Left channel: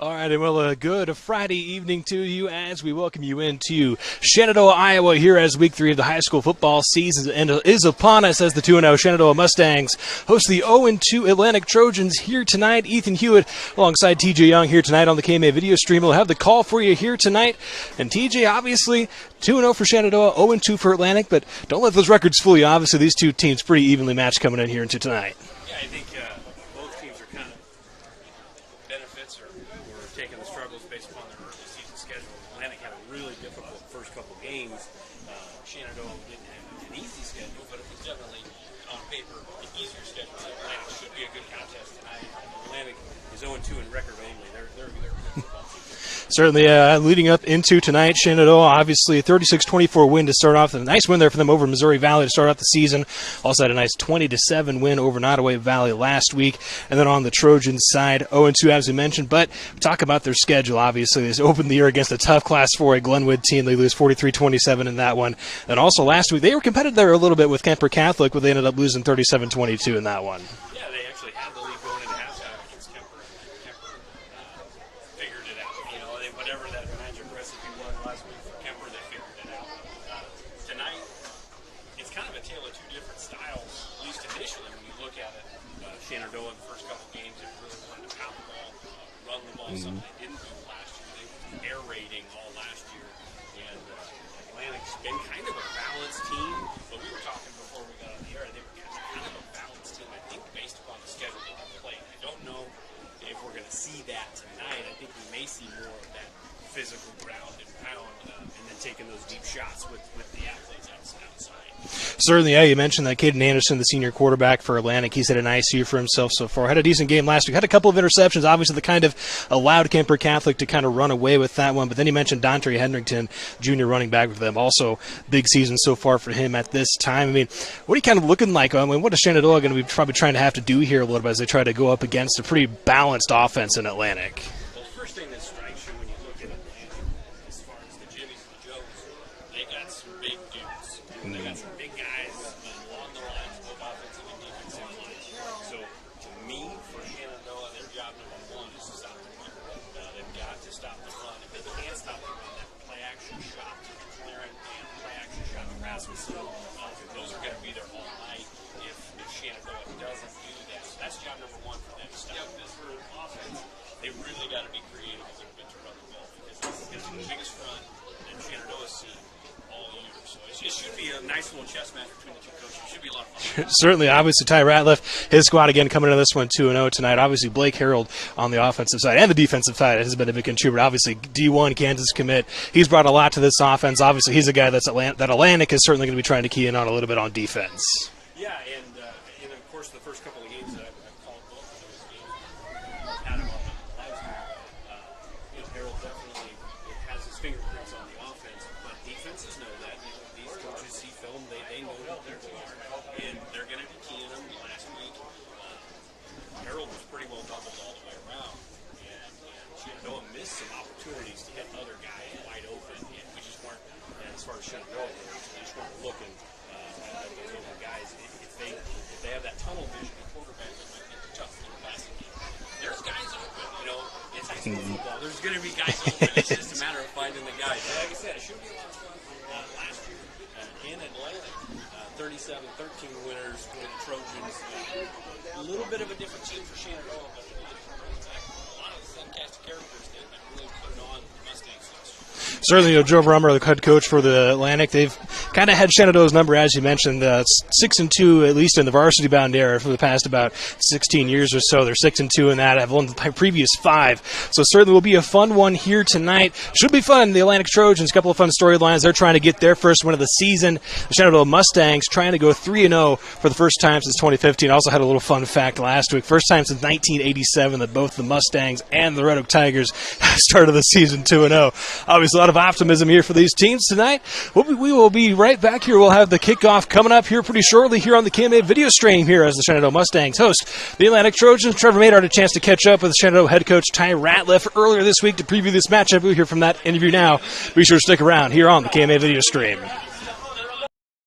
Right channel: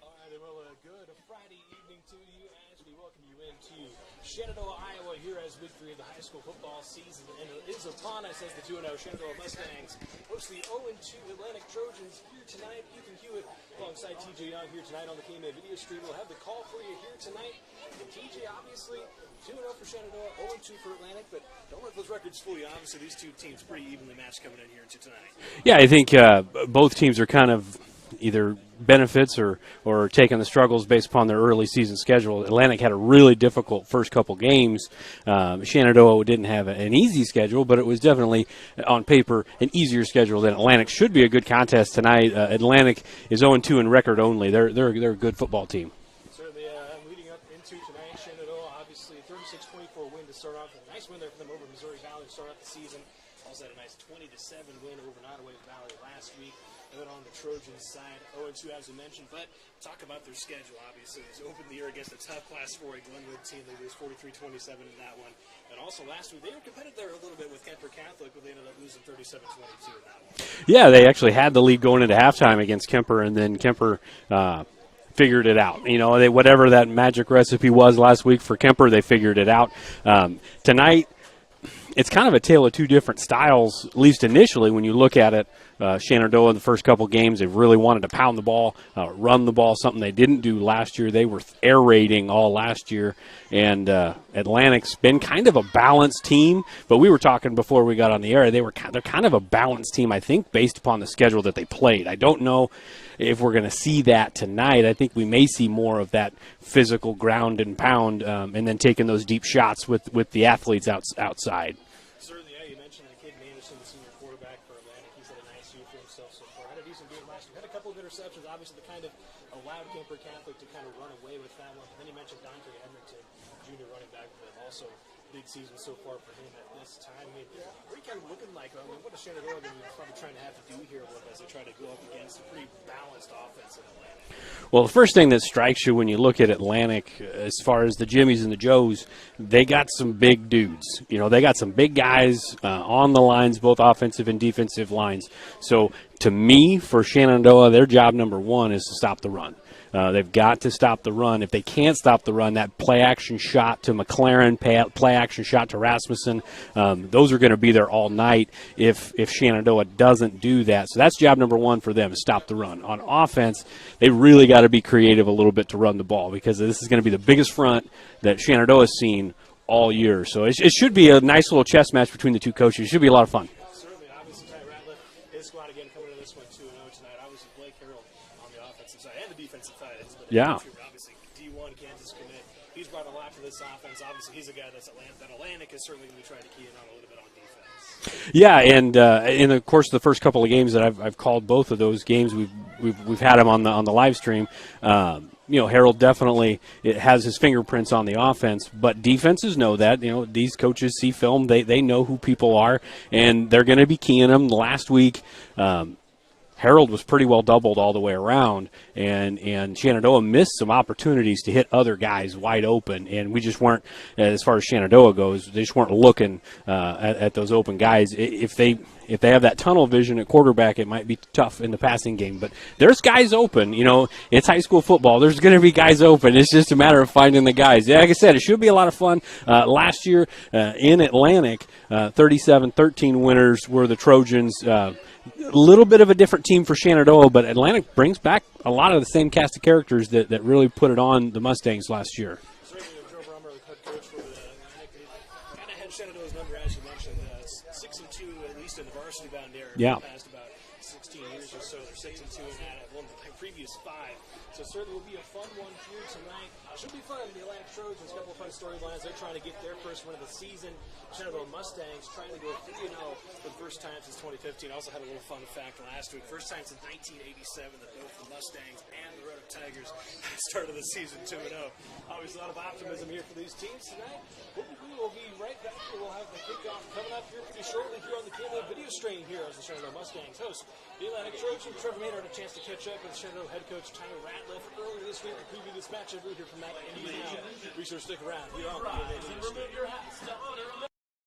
All right, and well, a good Friday evening to you as we welcome you into Shenandoah, Iowa, here as Week 3 of the high school football season is upon us as the 2-0 Shenandoah Mustangs host the 0-2 Atlantic Trojans here tonight. Ethan Hewitt alongside TJ Young here tonight on the KMA video stream. We'll have the call for you here tonight. And TJ, obviously, 2-0 for Shenandoah, 0-2 for Atlantic, but don't let those records fool you. Obviously, these two teams pretty evenly matched coming in here into tonight. Yeah, I think both teams are kind of either benefits or taking the struggles based upon their early season schedule. Atlantic had a really difficult first couple games. Shenandoah didn't have an easy schedule, but it was definitely, on paper, an easier schedule than Atlantic. Should be a good contest tonight. Atlantic is 0-2 in record only. They're a good football team. Certainly, leading up into tonight, Shenandoah, obviously a 36-24 win to start off. A nice win there for them over Missouri Valley to start off the season. Also had a nice 20-7 win over Nottoway Valley last week. And then on the Trojans side, 0-2 as we mentioned. But talk about their schedule, obviously. They opened the year against a tough Class 4A Glenwood team. They lose 43-27 in that one. And also last week, they were competitive there a little bit with Kemper Catholic, but they ended up losing 37-22 in that one. Yeah, they actually had the lead going into halftime against Kemper, and then Kemper figured it out. You know, whatever that magic recipe was last week for Kemper, they figured it out. Tonight, it's kind of a tale of two different styles, at least initially when you look at it. Shenandoah in the first couple games, they really wanted to pound the ball, run the ball, something they didn't do last year. They were air raiding all last year. And Atlantic's been kind of a balanced team, but we were talking before we got on the air. They're kind of a balanced team, I think, based upon the schedule that they played. I don't know if we're going to see that tonight. I think we may see more of that physical ground and pound, and then taking those deep shots with the athletes outside. Certainly, yeah, you mentioned that Caden Anderson, the senior quarterback for Atlantic. He's had a nice year for himself so far. Had a decent game last week. Had a couple of interceptions, obviously the kind of allowed Kemper Catholic to kind of run away with that one. But then you mentioned Dontre Hendrickson, junior running back for them. Also, big season so far for him at this time. I mean, what are you kind of looking like? I mean, what is Shenandoah going to be probably trying to have to do here a little bit as they try to go up against a pretty balanced offense in Atlantic? Well, the first thing that strikes you when you look at Atlantic, as far as the Jimmies and the Joes, they got some big dudes. You know, they got some big guys on the lines, both offensive and defensive lines. So, to me, for Shenandoah, their job number one is to stop the run. They've got to stop the run. If they can't stop the run, that play-action shot to McLaren, play-action shot to Rasmussen, those are going to be there all night if Shenandoah doesn't do that. So that's job number one for them, is stop the run. On offense, they really got to be creative a little bit to run the ball, because this is going to be the biggest front that Shenandoah has seen all year. So it should be a nice little chess match between the two coaches. It should be a lot of fun. Certainly, obviously, Ty Ratliff, his squad again coming into this one 2-0 tonight. Obviously, Blake Harold on the offensive side and the defensive side has been a big contributor. Obviously, D1 Kansas commit. He's brought a lot to this offense. Obviously, he's a guy that Atlantic is certainly going to be trying to key in on a little bit on defense. Yeah, and in the course of the first couple of games that I've called both of those games, we've had him on the live stream. You know, Harold definitely has his fingerprints on the offense, but defenses know that. You know, these coaches see film. They know who people are, and they're going to be keying them. Last week, Harold was pretty well doubled all the way around, and Shenandoah missed some opportunities to hit other guys wide open, and we just weren't, as far as Shenandoah goes, they just weren't looking at those open guys. If they have that tunnel vision at quarterback, it might be tough in the passing game. But there's guys open. You know, it's high school football. There's going to be guys open. It's just a matter of finding the guys. Yeah, like I said, it should be a lot of fun. Last year in Atlantic, 37-13 winners were the Trojans. A little bit of a different team for Shenandoah, but Atlantic brings back a lot of the same cast of characters that really put it on the Mustangs last year. Certainly, you know, Joe Brummer, the head coach for the Atlantic, they've kind of had Shenandoah's number, as you mentioned, 6-2, at least in the varsity bound era for the past about 16 years or so. They're 6-2 in that. Have won the previous 5. So certainly will be a fun one here tonight. Should be fun. The Atlantic Trojans, a couple of fun storylines. They're trying to get their first win of the season. The Shenandoah Mustangs trying to go 3-0 for the first time since 2015. Also had a little fun fact last week. First time since 1987 that both the Mustangs and the Red Oak Tigers started the season 2-0. Obviously, a lot of optimism here for these teams tonight. We will be right back here. We'll have the kickoff coming up here pretty shortly here on the KMA video stream here as the Shenandoah Mustangs host the Atlantic Trojans. Trevor Maynard had a chance to catch up with Shenandoah head coach Ty Ratliff earlier this week to preview this matchup. We'll hear from that interview now. Be sure to stick around here on the KMA video stream.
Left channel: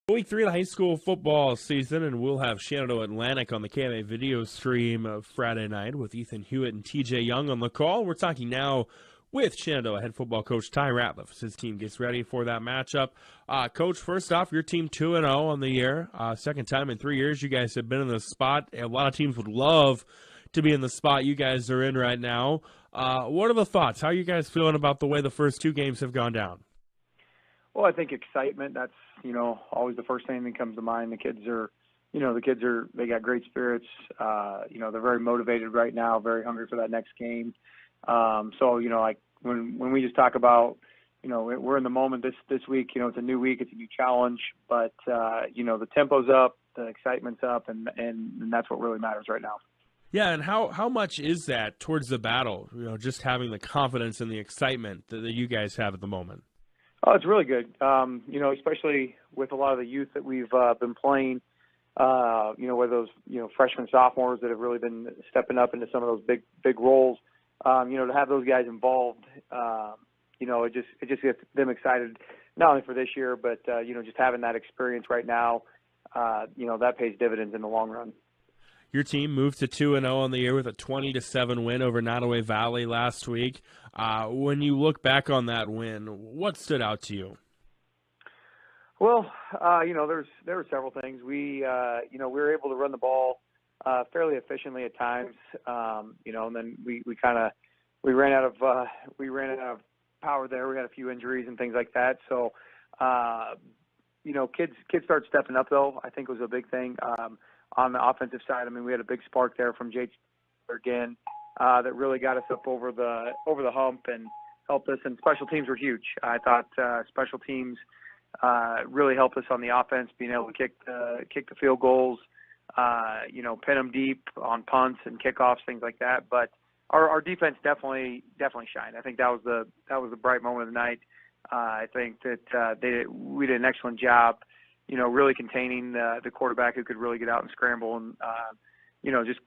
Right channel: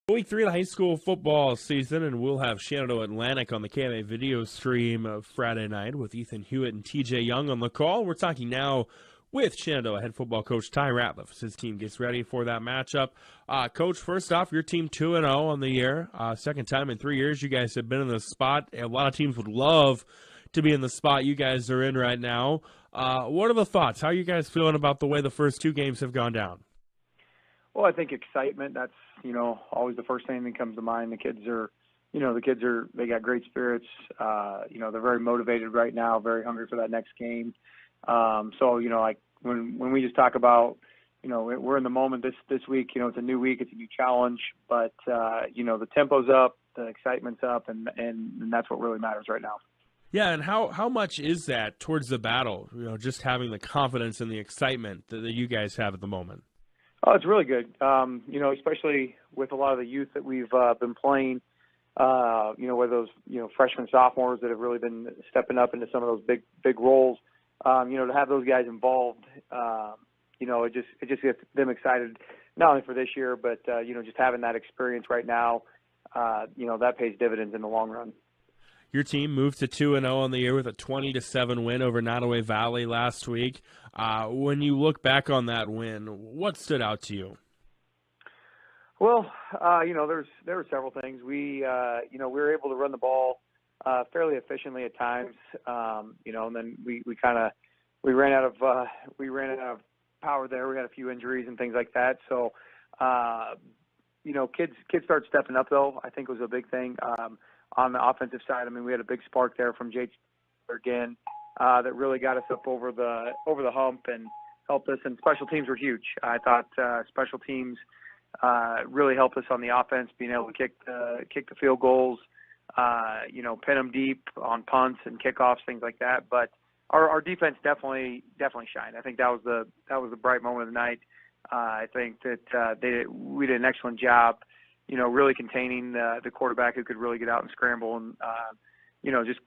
Week 3 of the high school football season, and we'll have Shenandoah Atlantic on the KMA video stream Friday night with Ethan Hewitt and TJ Young on the call. We're talking now with Shenandoah head football coach Ty Ratliff as his team gets ready for that matchup. Coach, first off, your team 2-0 on the year. Second time in 3 years you guys have been in the spot. A lot of teams would love to be in the spot you guys are in right now. What are the thoughts? How are you guys feeling about the way the first 2 games have gone down? Well, I think excitement, that's, always the first thing that comes to mind. The kids are, they got great spirits. They're very motivated right now, very hungry for that next game. Like when we just talk about, we're in the moment this week, it's a new week, it's a new challenge, but, the tempo's up, the excitement's up, and that's what really matters right now. Yeah, and how much is that towards the battle, just having the confidence and the excitement that you guys have at the moment? Oh, it's really good. Especially with a lot of the youth that we've been playing, whether those, freshmen, sophomores that have really been stepping up into some of those big roles, to have those guys involved, it just gets them excited, not only for this year, but, just having that experience right now, that pays dividends in the long run. Your team moved to 2-0 on the year with a 20-7 win over Nottoway Valley last week. When you look back on that win, what stood out to you? Well, there were several things. We were able to run the ball fairly efficiently at times, and then we ran out of power there. We had a few injuries and things like that. So, kids started stepping up, though, I think was a big thing. On the offensive side, we had a big spark there from Jake again that really got us up over the hump and helped us. And special teams were huge. I thought special teams really helped us on the offense, being able to kick the field goals, pin them deep on punts and kickoffs, things like that. But our defense definitely shined. I think that was the bright moment of the night. I think that we did an excellent job, really containing the quarterback who could really get out and scramble and,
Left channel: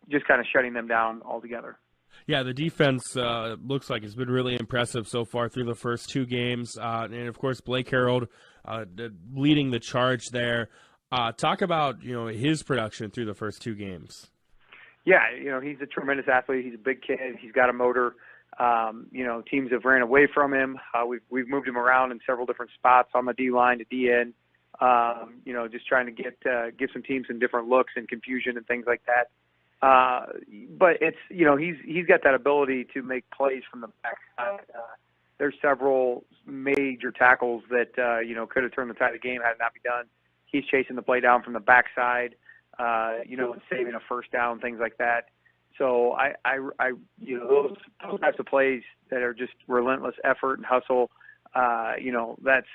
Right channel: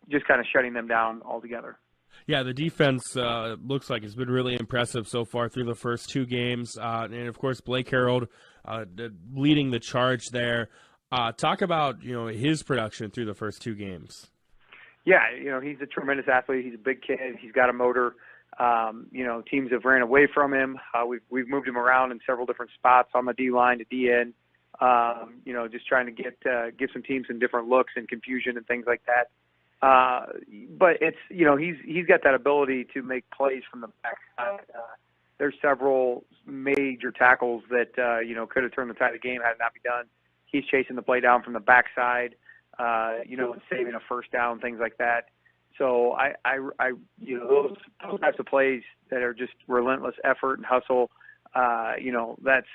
just kind of shutting them down altogether. Yeah, the defense looks like it's been really impressive so far through the first 2 games. And, of course, Blake Harold leading the charge there. Talk about, his production through the first 2 games. Yeah, he's a tremendous athlete. He's a big kid. He's got a motor. Teams have ran away from him. We've moved him around in several different spots on the D-line to D-end. Just trying to give some teams some different looks and confusion and things like that. But it's, he's got that ability to make plays from the backside. There's several major tackles that, could have turned the tide of the game had it not be done. He's chasing the play down from the backside, and saving a first down, things like that. So those types of plays that are just relentless effort and hustle, that's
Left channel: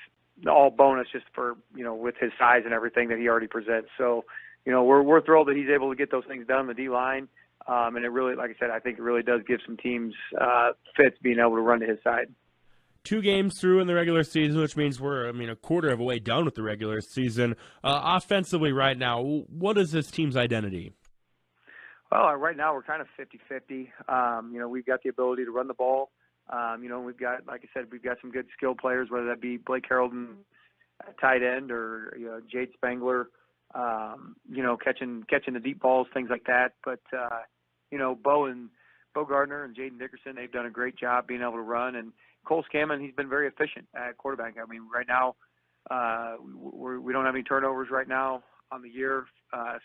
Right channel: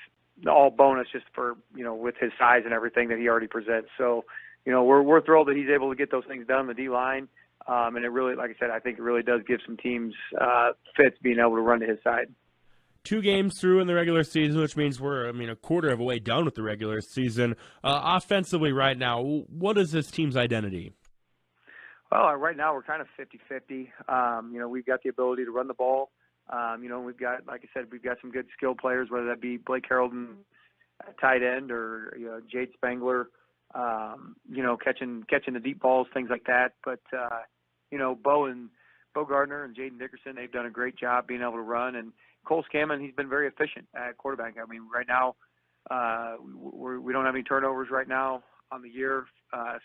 all bonus just for, with his size and everything that he already presents. So, we're thrilled that he's able to get those things done, the D-line. And it really, like I said, I think it really does give some teams fits being able to run to his side. 2 games through in the regular season, which means we're, a quarter of a way done with the regular season. Offensively right now, what is this team's identity? Well, right now we're kind of 50-50. We've got the ability to run the ball. We've got, like I said, we've got some good skill players, whether that be Blake Harold at tight end or Jade Spangler, catching the deep balls, things like that. But Bo Gardner and Jaden Dickerson, they've done a great job being able to run. And Cole Scammon, he's been very efficient at quarterback. Right now we don't have any turnovers right now on the year,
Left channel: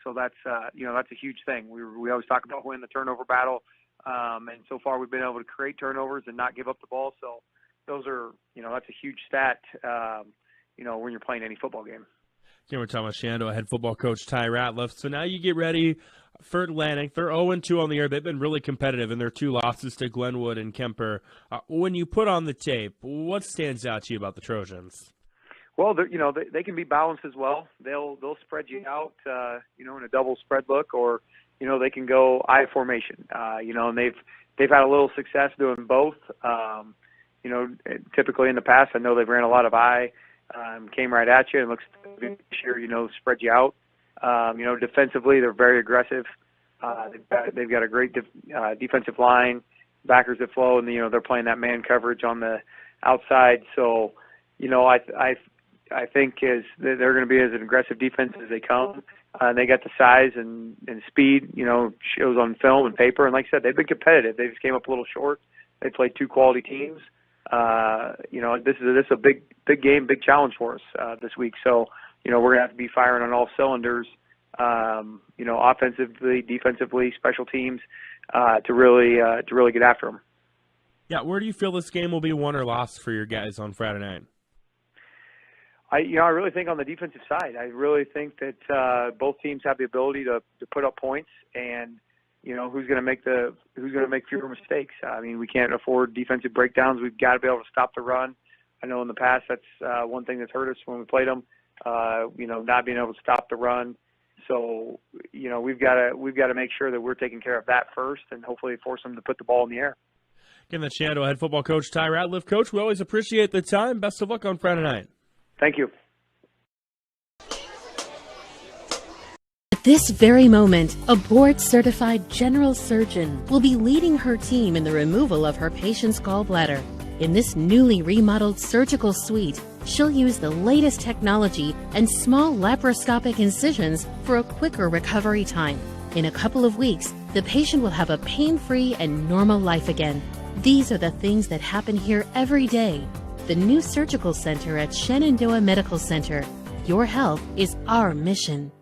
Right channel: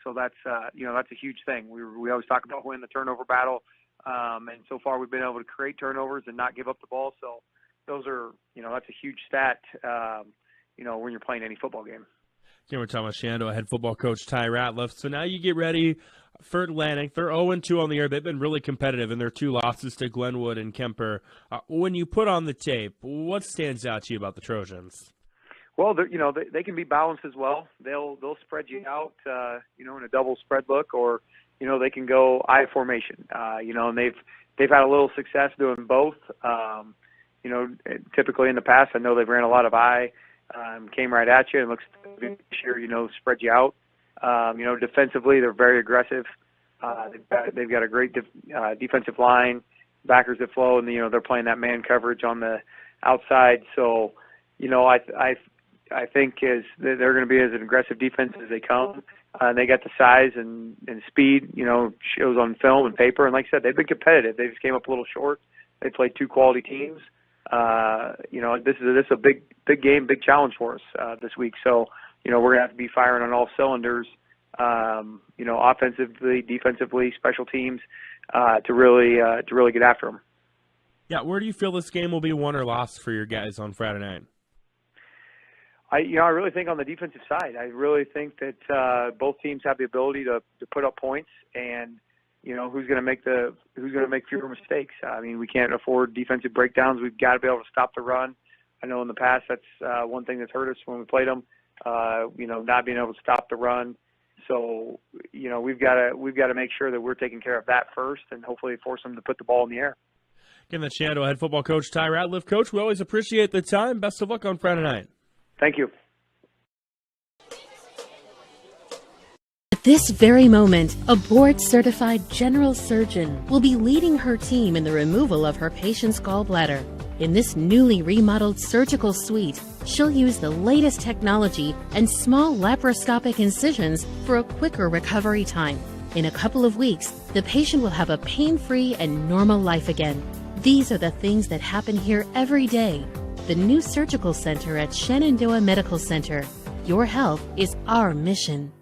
so that's a huge thing. We always talk about winning the turnover battle. And so far we've been able to create turnovers and not give up the ball. So those are, that's a huge stat, when you're playing any football game. Again, we're talking about Shenandoah head football coach Ty Ratliff. So now you get ready for Atlantic. They're 0-2 on the year. They've been really competitive in their 2 losses to Glenwood and Kemper. When you put on the tape, what stands out to you about the Trojans? Well, they can be balanced as well. They'll spread you out, in a double spread look, or they can go I formation. And they've had a little success doing both. Typically in the past, I know they've ran a lot of I, came right at you and looks to sure spread you out. Defensively they're very aggressive. They've got a great defensive line, backers that flow, and they're playing that man coverage on the outside. So I I think they're going to be as an aggressive defense as they come. They got the size and speed, shows on film and paper. And like I said, they've been competitive. They just came up a little short. They played two quality teams. This is a big game, big challenge for us this week. So, we're going to have to be firing on all cylinders, offensively, defensively, special teams, to really get after them. Yeah, where do you feel this game will be won or lost for your guys on Friday night? I really think on the defensive side, I really think that both teams have the ability to put up points, and who's going to make fewer mistakes. I mean, we can't afford defensive breakdowns. We've got to be able to stop the run. I know in the past that's one thing that's hurt us when we played them. Not being able to stop the run. So we've got to make sure that we're taking care of that first, and hopefully force them to put the ball in the air. Again, that's Shenandoah head football coach Ty Ratliff. Coach, we always appreciate the time. Best of luck on Friday night. Thank you. At this very moment, a board-certified general surgeon will be leading her team in the removal of her patient's gallbladder. In this newly remodeled surgical suite, she'll use the latest technology and small laparoscopic incisions for a quicker recovery time. In a couple of weeks, the patient will have a pain-free and normal life again. These are the things that happen here every day. The new surgical center at Shenandoah Medical Center. Your health is our mission.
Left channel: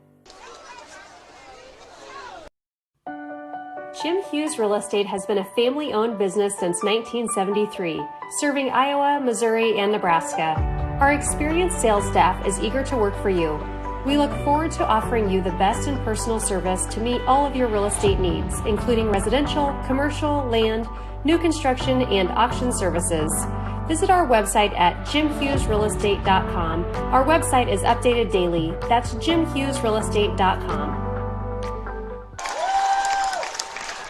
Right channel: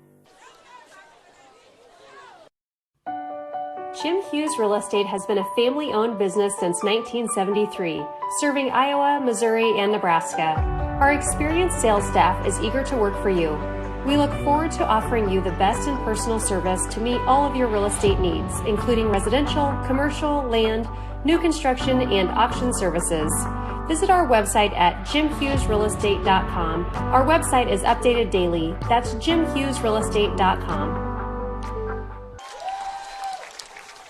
Jim Hughes Real Estate has been a family-owned business since 1973, serving Iowa, Missouri, and Nebraska. Our experienced sales staff is eager to work for you. We look forward to offering you the best in personal service to meet all of your real estate needs, including residential, commercial, land, new construction, and auction services. Visit our website at jimhughesrealestate.com. Our website is updated daily. That's jimhughesrealestate.com.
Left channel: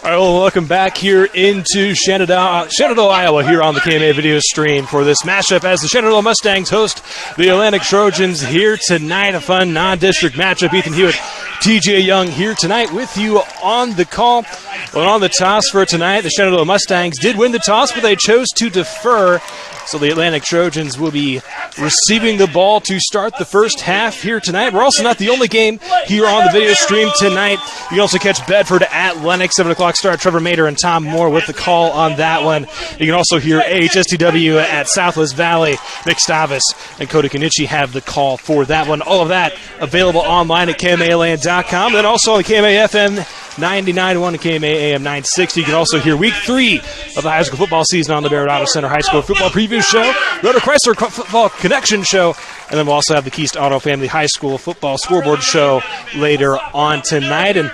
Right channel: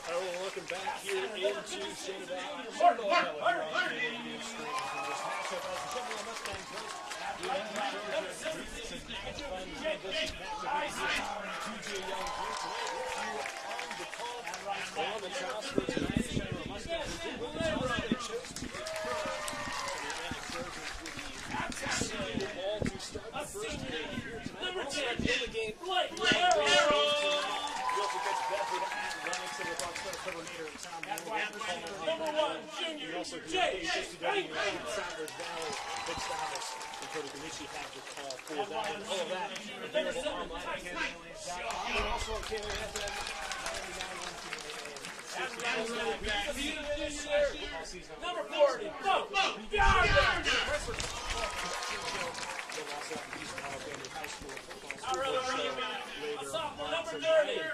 All right, well, welcome back here into Shenandoah, Iowa, here on the KMA video stream for this matchup as the Shenandoah Mustangs host the Atlantic Trojans here tonight. A fun non-district matchup. Ethan Hewitt, TJ Young here tonight with you on the call. Well, on the toss for tonight, the Shenandoah Mustangs did win the toss, but they chose to defer. So the Atlantic Trojans will be receiving the ball to start the first half here tonight. We're also not the only game here on the video stream tonight. You can also catch Bedford at Lennox, 7 o'clock start. Trevor Mader and Tom Moore with the call on that one. You can also hear AHSTW at Southwest Valley. Nick Stavis and Kota Kanichi have the call for that one. All of that available online at KMAland.com. Then also on the KMA FM 99.1 and KMA AM 960. You can also hear week 3 of the high school football season on the Barrett Auto Center High School Football Preview Show, Rotor Chrysler Football Connection Show, and then we'll also have the Keast Auto Family High School Football Scoreboard Show later on tonight. And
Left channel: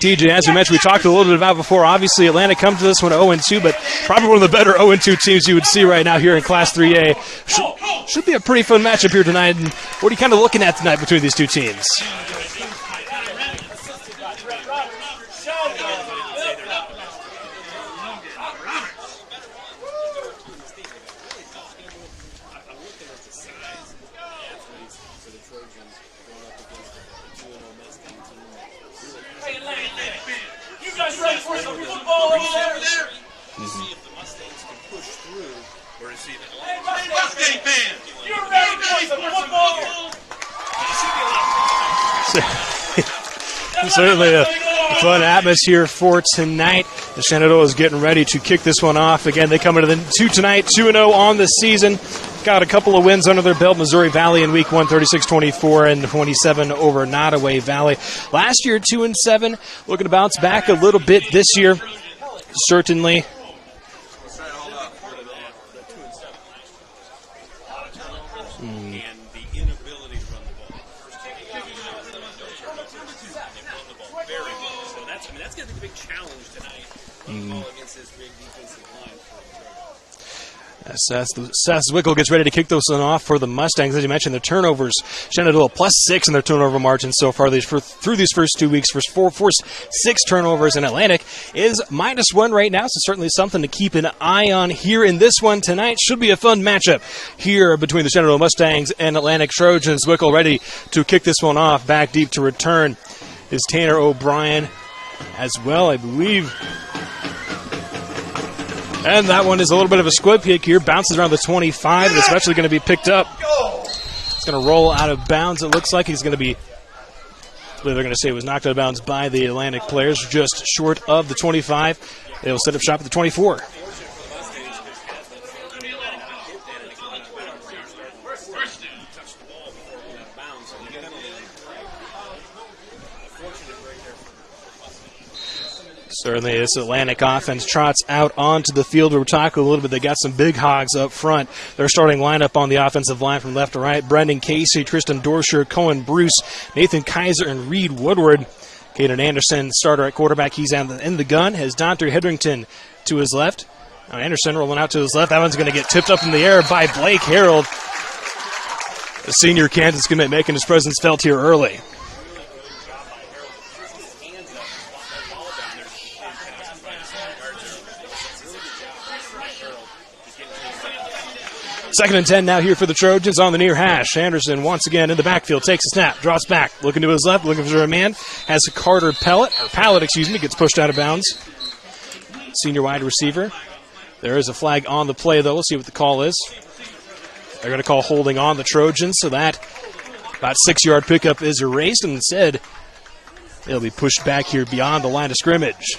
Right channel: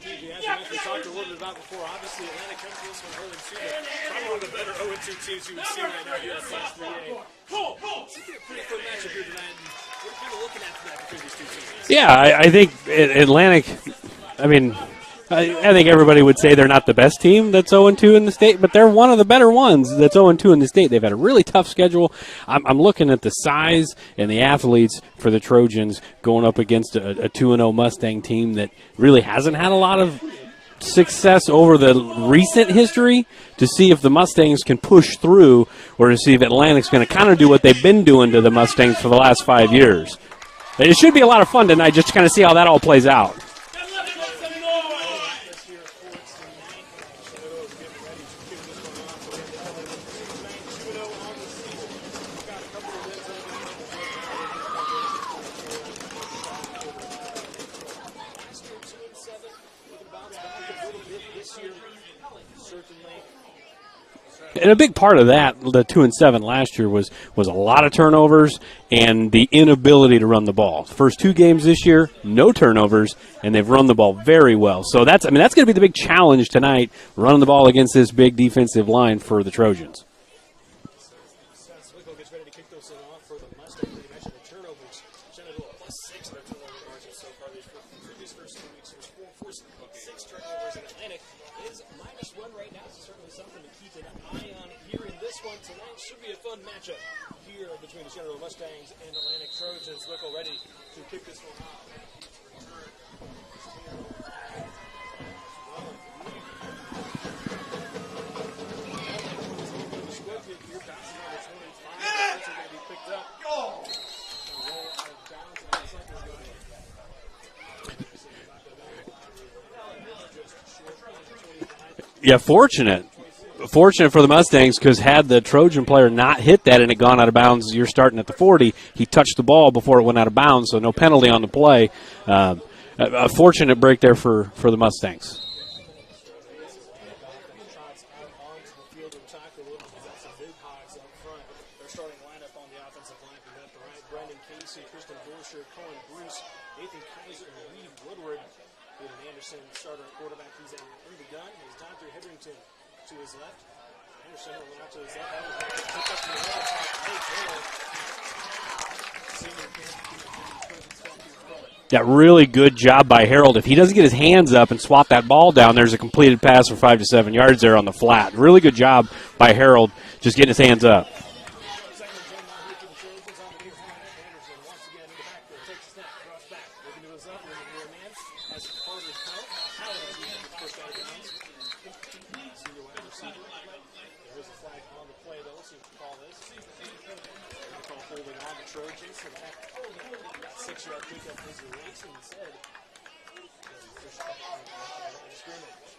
TJ, as we mentioned, we talked a little bit about before. Obviously, Atlanta comes to this one 0-2, but probably one of the better 0-2 teams you would see right now here in Class 3A. Should be a pretty fun matchup here tonight. And what are you kind of looking at tonight between these two teams? Yeah, I think Atlantic, I think everybody would say they're not the best team that's 0-2 in the state, but they're one of the better ones that's 0-2 in the state. They've had a really tough schedule. I'm looking at the size and the athletes for the Trojans going up against a 2-0 Mustang team that really hasn't had a lot of success over the recent history, to see if the Mustangs can push through, or to see if Atlantic's going to kind of do what they've been doing to the Mustangs for the last 5 years. And it should be a lot of fun tonight just to kind of see how that all plays out. Certainly a fun atmosphere for tonight. The Shenandoah is getting ready to kick this one off. Again, they come into the 2 tonight, 2-0 on the season. Got a couple of wins under their belt. Missouri Valley in week 1, 36-24 and 27 over Nottoway Valley. Last year, 2-7. Looking to bounce back a little bit this year, certainly. And a big part of that, the 2-7 last year, was a lot of turnovers and the inability to run the ball. First 2 games this year, no turnovers, and they've run the ball very well. So that's going to be the big challenge tonight, running the ball against this big defensive line for the Trojans. Seth Zwickel gets ready to kick this one off for the Mustangs. As you mentioned, the turnovers, Shenandoah +6 in their turnover margin so far through these first 2 weeks. Forced 6 turnovers, and Atlantic is -1 right now, so certainly something to keep an eye on here in this one tonight. Should be a fun matchup here between the Shenandoah Mustangs and Atlantic Trojans. Zwickel ready to kick this one off. Back deep to return is Tanner O'Brien as well, I believe. And that one is a little bit of a squib kick here. Bounces around the 25, and it's eventually going to be picked up. It's going to roll out of bounds. It looks like he's going to be, they're going to say it was knocked out of bounds by the Atlantic players, just short of the 25. Yeah, fortunate. Shot at the 24. Fortunate for the Mustangs, because had the Trojan player not hit that and it gone out of bounds, you're starting at the 40. He touched the ball before it went out of bounds, so no penalty on the play. A fortunate break there for the Mustangs. Certainly, this Atlantic offense trots out onto the field. We're talking a little bit. They got some big hogs up front. Their starting lineup on the offensive line from left to right: Brendan Casey, Tristan Dorsher, Cohen Bruce, Nathan Kaiser, and Reed Woodward. Caden Anderson, starter at quarterback. He's in the gun. Has Dante Hedrington to his left. Now Anderson rolling out to his left. That one's going to get tipped up in the air by Blake Harold. The senior Kansas commit making his presence felt here early. Yeah, really good job by Harold. If he doesn't get his hands up and swat that ball down, there's a completed pass for 5 to 7 yards there on the flat. Really good job by Harold just getting his hands up. 2nd and 10 now here for the Trojans on the near hash. Anderson once again in the backfield, takes a snap, drops back, looking to his left, looking for a man. Has a Carter Pallet, gets pushed out of bounds. Senior wide receiver. There is a flag on the play, though. We'll see what the call is. They're going to call holding on the Trojans, so that about 6-yard pickup is erased, and instead it'll be pushed back here beyond the line of scrimmage.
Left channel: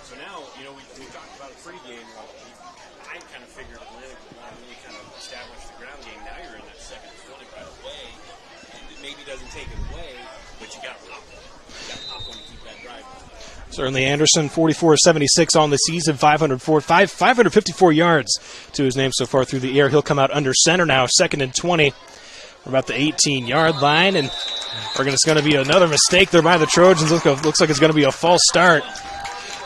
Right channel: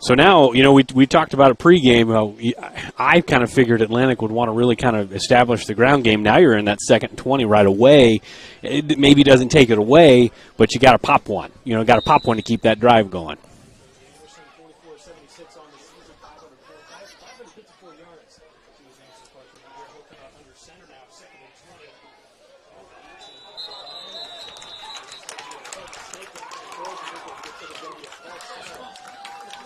So now, we talked about a pregame. I kind of figured Atlantic would want to really kind of establish the ground game. Now you're in that 2nd and 20 right away. It maybe doesn't take it away, but you got to pop one. Got to pop one to keep that drive going. Certainly Anderson, 44-76 on the season, 554 yards to his name so far through the air. He'll come out under center now, 2nd and 20. We're about the 18-yard line, and it's going to be another mistake there by the Trojans. Looks like it's going to be a false start.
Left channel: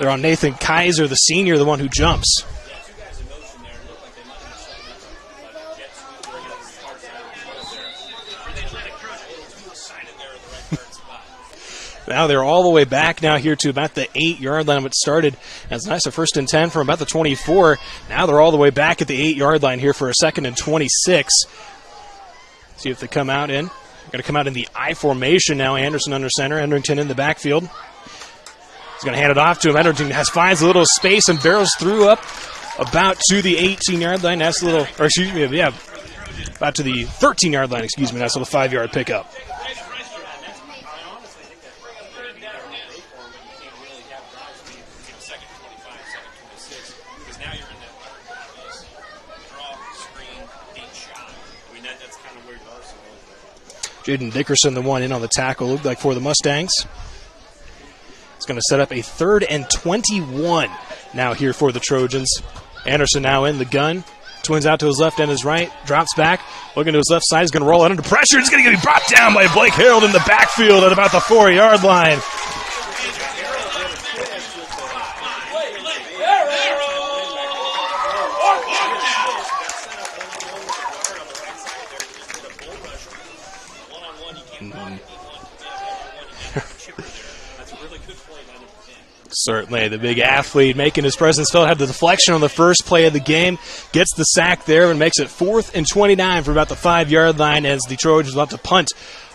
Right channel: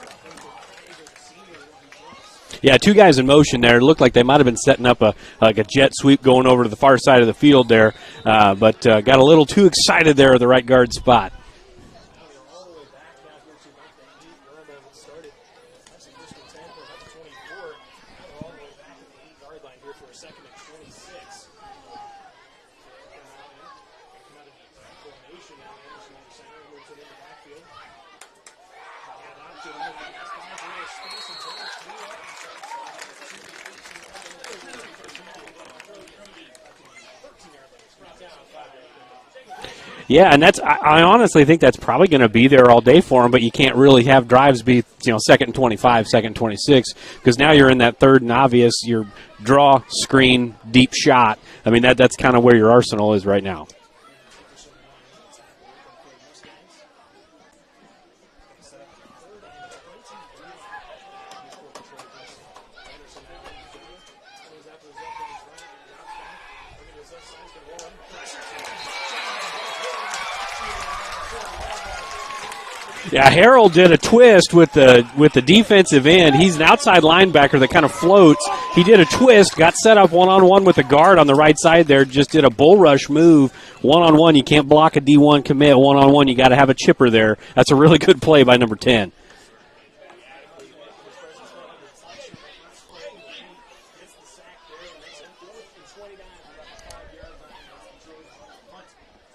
They're on Nathan Kaiser, the senior, the one who jumps. Yeah, 2 guys in motion there. It looked like they might have been setting up a jet sweep going over to the far side of the field there, but got a little too excited there at the right guard spot. Now they're all the way back now here to about the 8-yard line. It started as nice a 1st and 10 from about the 24. Now they're all the way back at the 8-yard line here for a 2nd and 26. See if they come out in. They're going to come out in the I formation now. Anderson under center, Hedrington in the backfield. He's going to hand it off to him. Hedrington finds a little space and barrels through up about to the 18-yard line. That's a little, about to the 13-yard line, That's a 5-yard pickup. Yeah, and I honestly think that's probably going to be there all day for him, but you can't really have drives be 2nd and 25, 2nd and 26, because now you're in that 3rd and obvious, your draw, screen, deep shot. That's kind of where your arsenal is right now. Jaden Dickerson, the one in on the tackle, looked like for the Mustangs. It's going to set up a 3rd and 21 now here for the Trojans. Anderson now in the gun. Twins out to his left and his right. Drops back. Looking to his left side. He's going to roll out under pressure. He's going to get brought down by Blake Harold in the backfield at about the 4-yard line. Yeah, Harold did a twist with the defensive end. He's an outside linebacker that kind of floats. He did a twist, got set up one-on-one with the guard on the right side there, just did a bull rush move. One-on-one, you can't block a D1 commit. One-on-one, you got to have a chipper there. That's a really good play by number 10. Certainly, the big athlete making his presence felt. Had the deflection on the first play of the game. Gets the sack there and makes it 4th and 29 for about the 5-yard line as the Trojans will have to punt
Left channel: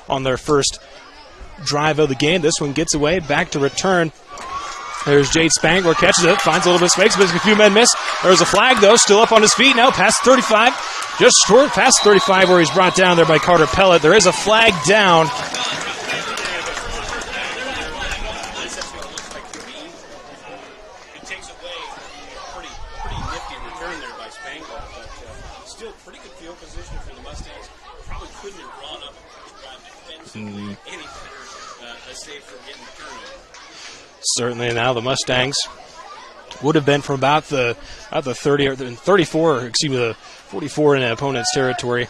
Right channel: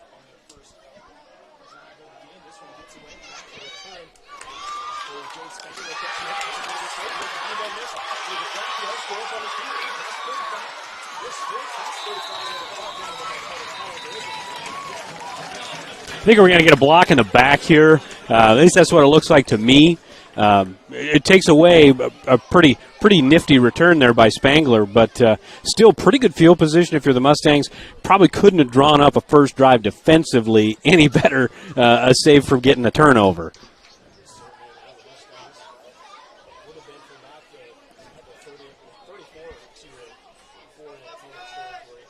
on their first drive of the game. This one gets away, back to return. There's Jade Spangler, catches it, finds a little bit of space, but a few men miss. There's a flag, though, still up on his feet now, past 35. Just short past 35 where he's brought down there by Carter Pellet. There is a flag down. I think we're going to get a block in the back here. At least that's what it looks like to me. It takes away a pretty nifty return there by Spangler, but still pretty good field position if you're the Mustangs. Probably couldn't have drawn up a first drive defensively any better, save from getting a turnover. Certainly now the Mustangs would have been from about the 30 or 34, the 44 in an opponent's territory.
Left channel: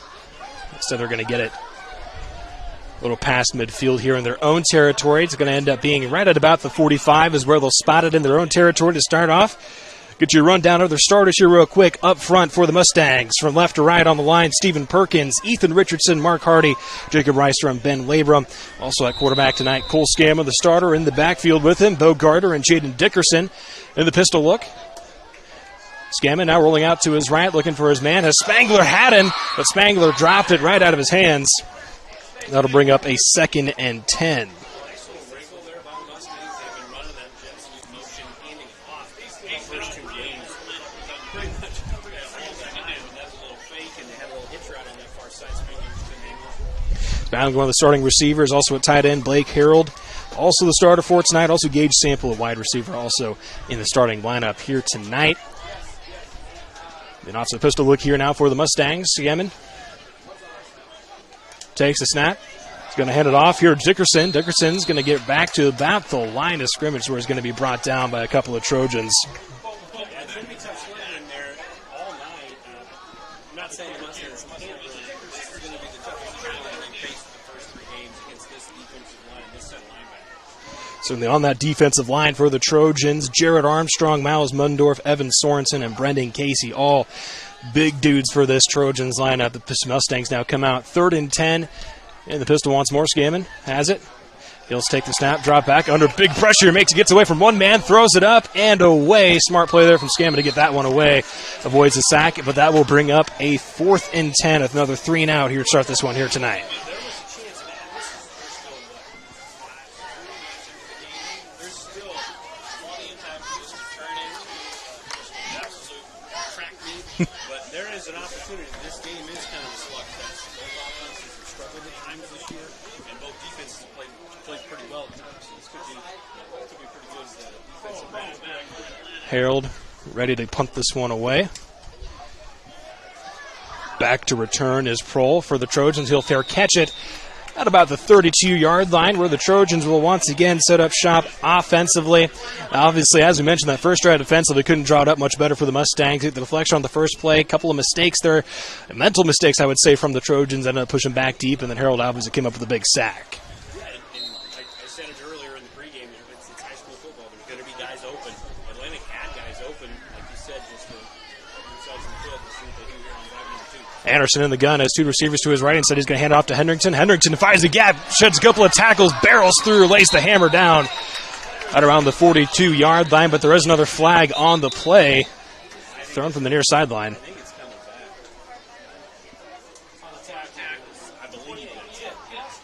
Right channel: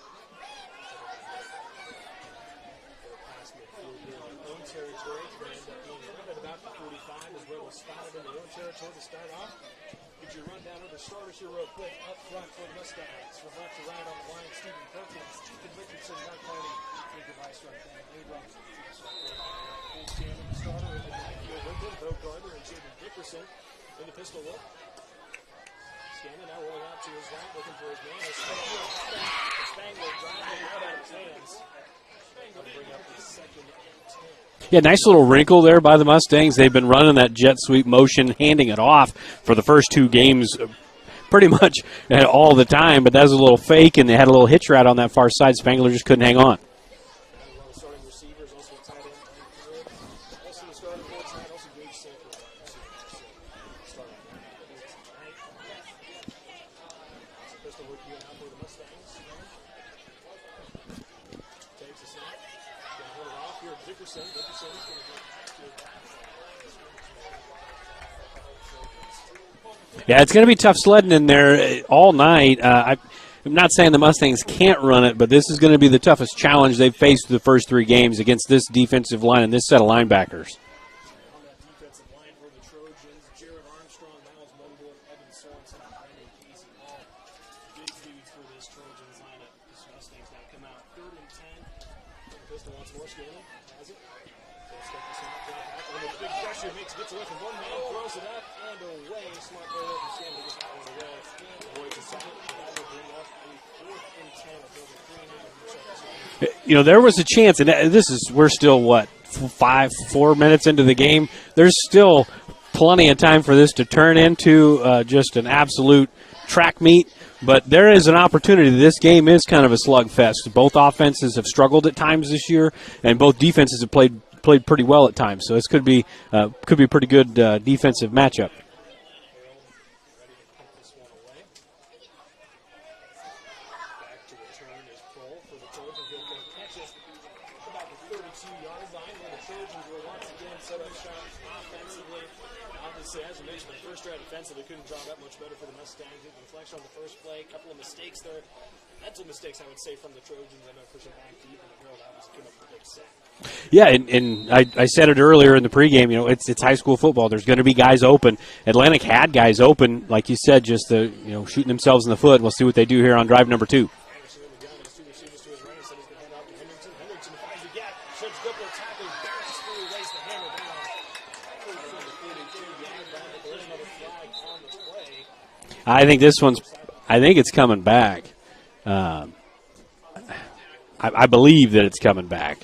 Instead they're going to get it a little past midfield here in their own territory. It's going to end up being right at about the 45 is where they'll spot it in their own territory to start off. Get your rundown of their starters here real quick. Up front for the Mustangs, from left to right on the line, Stephen Perkins, Ethan Richardson, Mark Hardy, Jacob Reister, and Ben Labrum. Also at quarterback tonight, Cole Scamma, the starter, in the backfield with him, Bo Gardner and Jaden Dickerson in the pistol look. Scamma now rolling out to his right, looking for his man. As Spangler had him, but Spangler dropped it right out of his hands. That'll bring up a 2nd and 10. Yeah, nice little wrinkle there by the Mustangs. They've been running that jet sweep motion, handing it off for the first 2 games pretty much all the time, but that was a little fake, and they had a little hitch route on that far side. Spangler just couldn't hang on. Spangler, one of the starting receivers, also at tight end, Blake Harold, also the starter for tonight. Also Gage Sample, a wide receiver, also in the starting lineup here tonight. Then off to the pistol look here now for the Mustangs. Yemen takes the snap. He's going to hand it off here to Dickerson. Dickerson's going to get back to about the line of scrimmage where he's going to be brought down by a couple of Trojans. Yeah, it's going to be tough sledding in there all night. I'm not saying the Mustangs can't run it, but this is going to be the toughest challenge they've faced the first 3 games against this defensive line and this set of linebackers. Certainly on that defensive line for the Trojans, Jared Armstrong, Miles Mundorf, Evan Sorensen, and Brendan Casey, all big dudes for this Trojans lineup. The Mustangs now come out 3rd and 10, and the pistol wants more. Scammon has it. He'll take the snap, drop back under big pressure, gets away from one man, throws it up and away. Smart play there from Scammon to get that one away. Avoids the sack, but that will bring up a 4th and 10 with another 3 and out here to start this one here tonight. There was a chance, and we're still, 4 minutes into the game. There's still plenty of time for this to turn into just an absolute track meet, but there is an opportunity. This game is kind of a slugfest. Both offenses have struggled at times this year, and both defenses have played pretty well at times. So this could be a pretty good defensive matchup. Harold ready to punt this one away. Back to return is Prohl for the Trojans. He'll fair catch it at about the 32-yard line, where the Trojans will once again set up shop offensively. Obviously, as we mentioned, that first drive defensively couldn't draw it up much better for the Mustangs. The deflection on the first play, a couple of mistakes there, mental mistakes, I would say, from the Trojans. Ended up pushing back deep, and then Harold obviously came up with a big sack. Yeah, and I said it earlier in the pregame, it's high school football. There's going to be guys open. Atlantic had guys open, like you said, just shooting themselves in the foot. We'll see what they do here on drive number 2. Anderson in the gun has 2 receivers to his right. Instead, he's going to hand it off to Hendrickson. Hendrickson finds the gap, sheds a couple of tackles, barrels through, lays the hammer down at around the 42-yard line, but there is another flag on the play. I think this one's near sideline. I think it's coming back. I believe that it's coming back.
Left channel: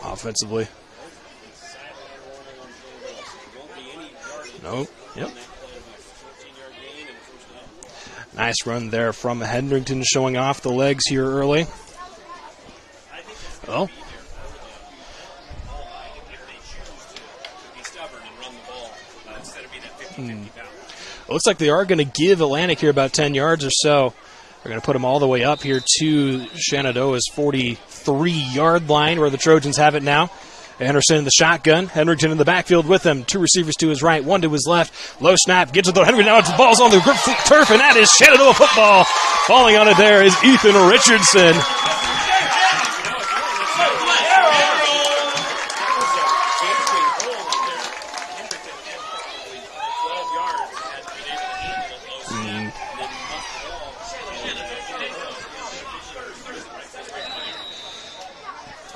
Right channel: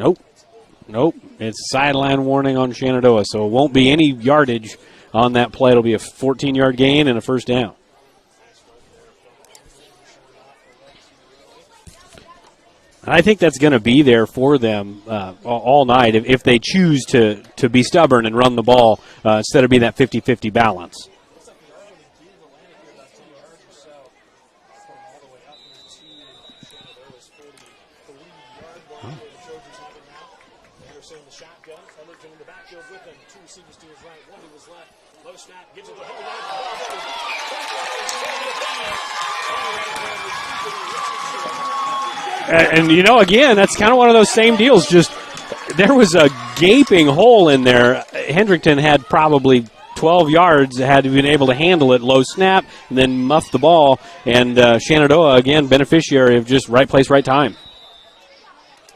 Nope. Offensively. Nope. It's sideline warning on Shenandoah, so it won't be any yardage on that play. It'll be a 14-yard gain and a first down. Nice run there from Hendrickson, showing off the legs here early. I think that's going to be there for them all night if they choose to be stubborn and run the ball instead of being that 50-50 balance. It looks like they are going to give Atlantic here about 10 yards or so. They're going to put them all the way up here to Shenandoah's 43-yard line, where the Trojans have it now. Anderson in the shotgun. Hendrickson in the backfield with him. 2 receivers to his right, 1 to his left. Low snap, gets it to Hendrickson. Now the ball's on the turf, and that is Shenandoah football. Falling on it there is Ethan Richardson. And again, that's kind of one of those same deals. Just there was a gaping hole in there. Hendrickson had probably 12 yards, had been able to handle it. Low snap, and then muffed the ball. And Shenandoah, again, beneficiary of just right place, right time.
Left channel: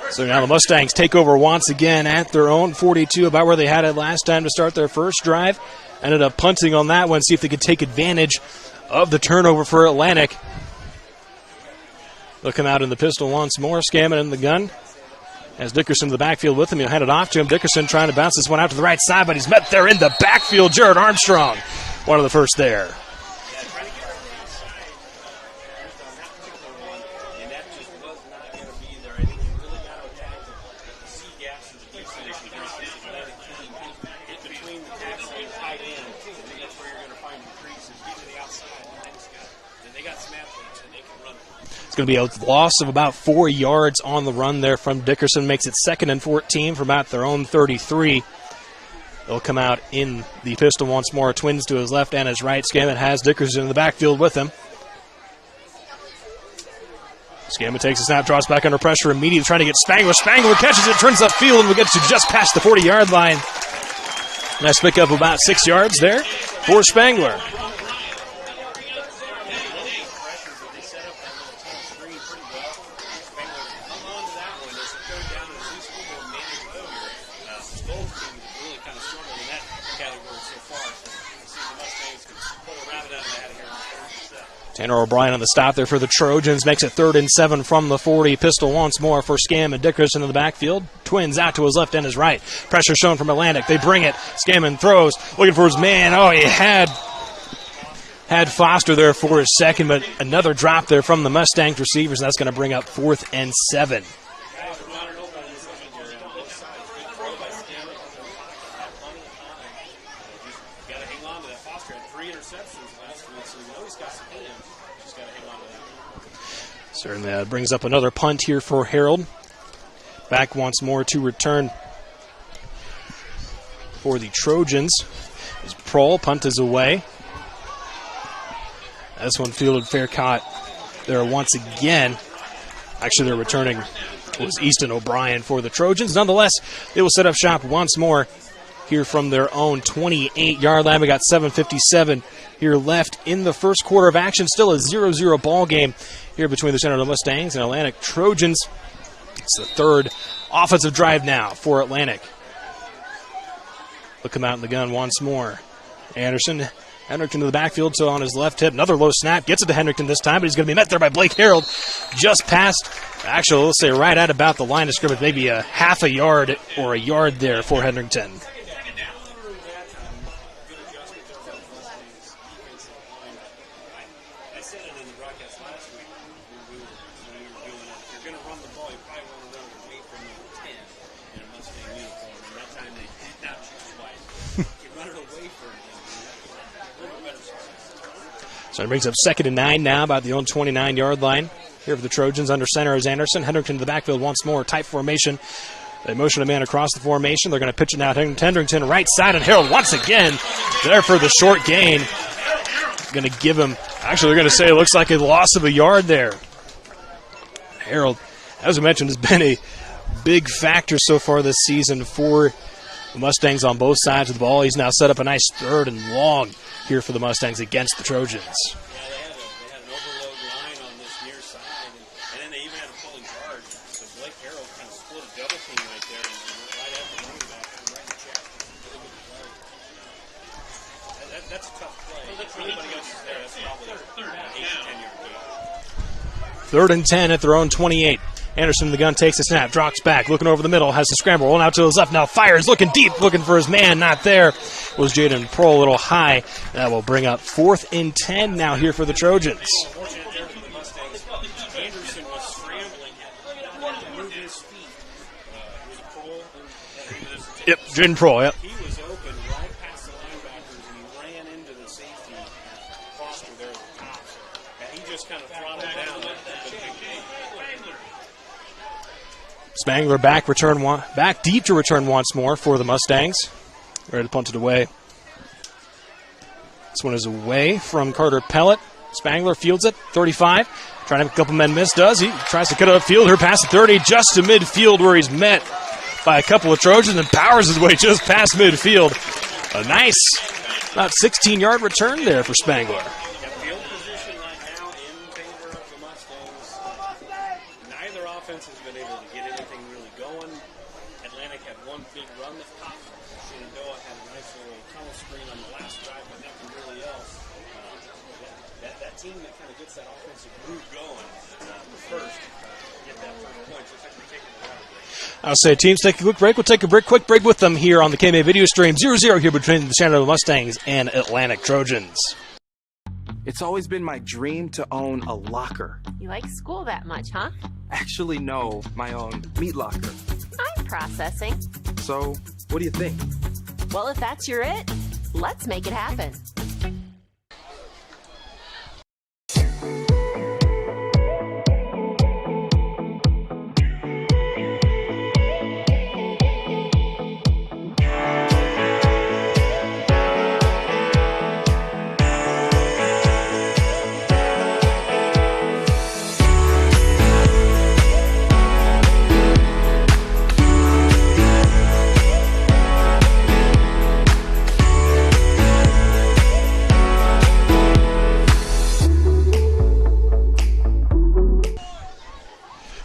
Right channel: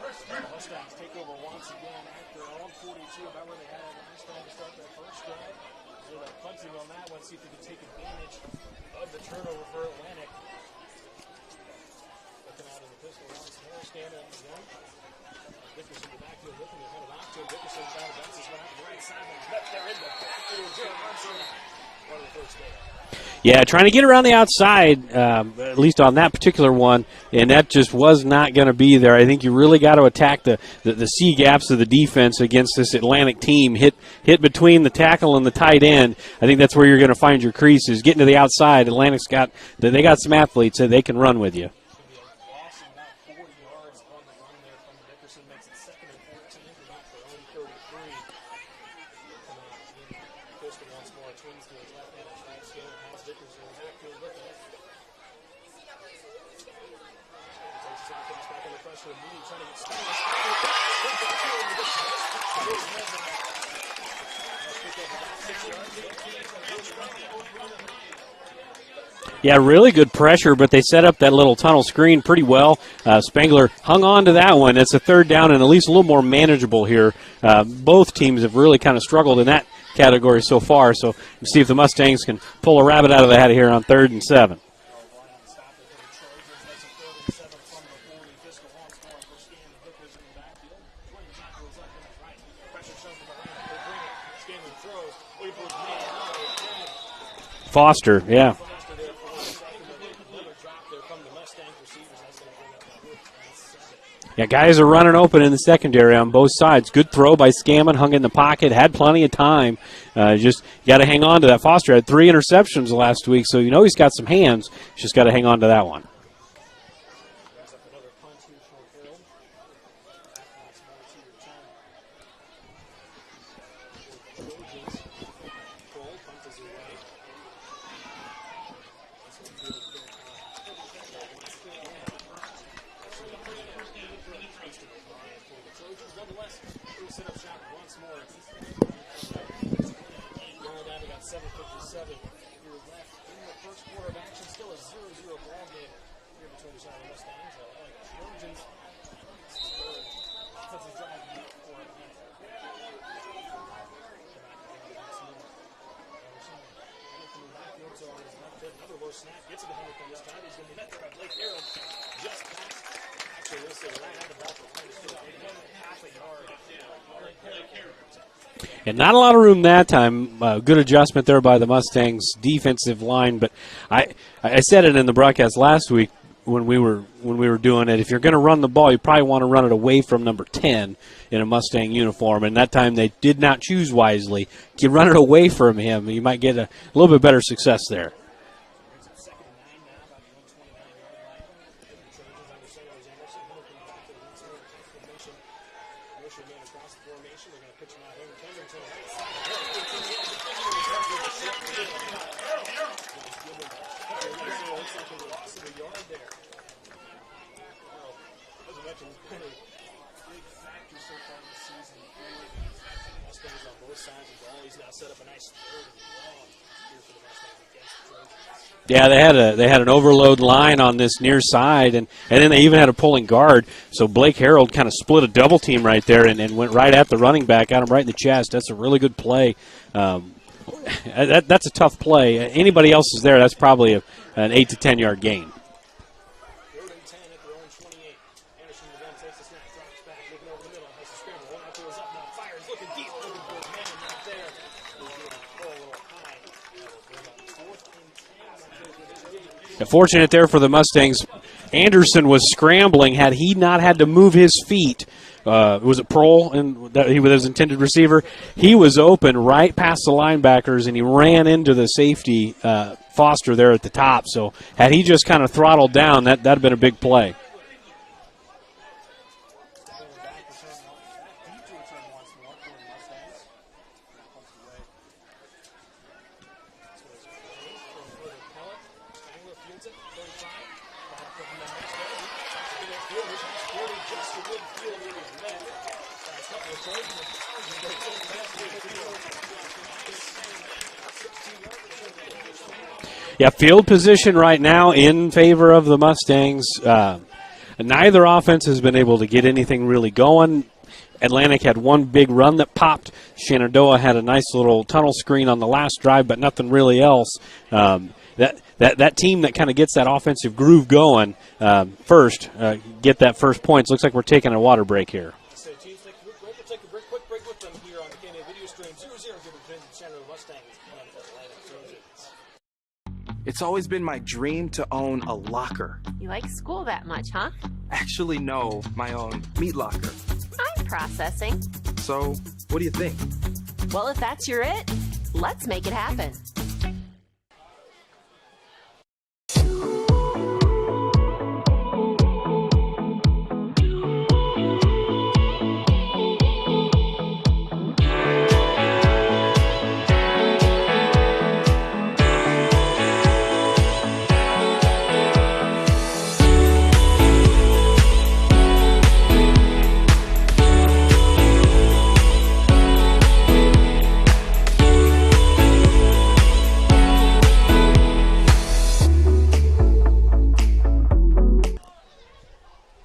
So now the Mustangs take over once again at their own 42, about where they had it last time to start their first drive. Ended up punting on that one, see if they could take advantage of the turnover for Atlantic. Looking out in the pistol once more. Scammon in the gun. As Dickerson in the backfield with him, he'll hand it off to him. Dickerson trying to bounce this one out to the right side, but he's met there in the backfield. Jared Armstrong, one of the first there. Yeah, trying to get around the outside, at least on that particular one, and that just was not going to be there. I think you really got to attack the C gaps of the defense against this Atlantic team. Hit between the tackle and the tight end. I think that's where you're going to find your creases. Getting to the outside, Atlantic's got some athletes that they can run with you. It's going to be a loss of about 4 yards on the run there from Dickerson. Makes it 2nd and 14 from about their own 33. They'll come out in the pistol once more. Twins to his left and his right. Scammon has Dickerson in the backfield with him. Scammon takes a snap, draws back under pressure immediately, trying to get Spangler. Spangler catches it, turns upfield, and will get to just past the 40-yard line. Nice pick up about 6 yards there for Spangler. Yeah, really good pressure, but they set up that little tunnel screen pretty well. Spangler hung on to that one. It's a 3rd down and at least a little more manageable here both teams have really kind of struggled in that category so far. So we'll see if the Mustangs can pull a rabbit out of the hat here on 3rd and 7. Tanner O'Brien on the stop there for the Trojans. Makes it 3rd and 7 from the 40. Pistol once more for Scam and Dickerson in the backfield. Twins out to his left and his right. Pressure shown from Atlantic. They bring it. Scammon throws. Looking for his man. Oh, he had Foster. Had Foster there for his second, but another drop there from the Mustangs receivers, and that's going to bring up 4th and 7. Yeah, guys are running open in the secondary on both sides. Good throw by Scammon, hung in the pocket, had plenty of time. Just got to hang on to that. Foster had 3 interceptions last week, so you know he's got some hands. Just got to hang on to that one. Certainly brings up another punt here for Harold. Back once more to return for the Trojans. As Prohl, punt is away. This one fielded fair caught there once again. Actually, they're returning. It was Easton O'Brien for the Trojans. Nonetheless, they will set up shop once more here from their own 28-yard line. We got 7:57 here left in the first quarter of action. Still a 0-0 ball game here between the Shenandoah Mustangs and Atlantic Trojans. It's the 3rd offensive drive now for Atlantic. Look him out in the gun once more. Hendrickson to the backfield, so on his left hip. Another low snap. Gets it to Hendrickson this time, but he's going to be met there by Blake Harold. Just past, actually, let's say right at about the line of scrimmage. Maybe a half a yard or a yard there for Hendrickson. And not a lot of room that time. Good adjustment there by the Mustangs defensive line. But I said it in the broadcast last week when we were doing it. If you're going to run the ball, you probably want to run it away from number 10 in a Mustang uniform. And that time they did not choose wisely. If you run it away from him, you might get a little bit better success there. So it brings up 2nd and 9 now, about the own 29-yard line. Here for the Trojans, under center is Anderson. Hendrickson to the backfield once more, tight formation. They motion a man across the formation. They're going to pitch it now to Hendrickson, right side, and Harold once again there for the short gain. Going to give him, actually they're going to say it looks like a loss of a yard there. Harold, as I mentioned, has been a big factor so far this season for the Mustangs on both sides of the ball. He's now set up a nice 3rd and long here for the Mustangs against the Trojans. Yeah, they had an overload line on this near side, and then they even had a pulling guard. So Blake Harold kind of split a double team right there and went right at the running back, got him right in the chest. That's a really good play. That's a tough play. Anybody else is there, that's probably an 8 to 10 yard gain. 3rd and 10 at their own 28. Anderson in the gun takes the snap, drops back, looking over the middle, has the scramble, rolling out to his left, now fires, looking deep, looking for his man, not there. Was Jaden Prohl a little high. That will bring up 4th and 10 now here for the Trojans. Fortunate there for the Mustangs. Anderson was scrambling. Had he not had to move his feet, was it Prohl? And he was his intended receiver? Prohl, yep. He was open right past the linebackers, and he ran into the safety, Foster, there at the top. So had he just kind of throttled down, that'd have been a big play. Spangler back deep to return once more for the Mustangs. Ready to punt it away. This one is away from Carter Pellet. Spangler fields it, 35. Trying to make a couple men miss, does he? Tries to cut it upfield, her past the 30, just to midfield where he's met by a couple of Trojans and powers his way just past midfield. A nice, about 16-yard return there for Spangler. Yeah, field position right now in favor of the Mustangs. Neither offense has been able to get anything really going. Atlantic had one big run that popped. Shenandoah had a nice little tunnel screen on the last drive, but nothing really else. That team that kind of gets that offensive groove going first, get that first points. Looks like we're taking a water break here. I'll say teams take a quick break. We'll take a quick break with them here on the KMA video stream. 0-0 here between the Shenandoah Mustangs and Atlantic Trojans. It's always been my dream to own a locker. You like school that much, huh? Actually, no, my own meat locker. I'm processing. So, what do you think? Well, if that's your it, let's make it happen.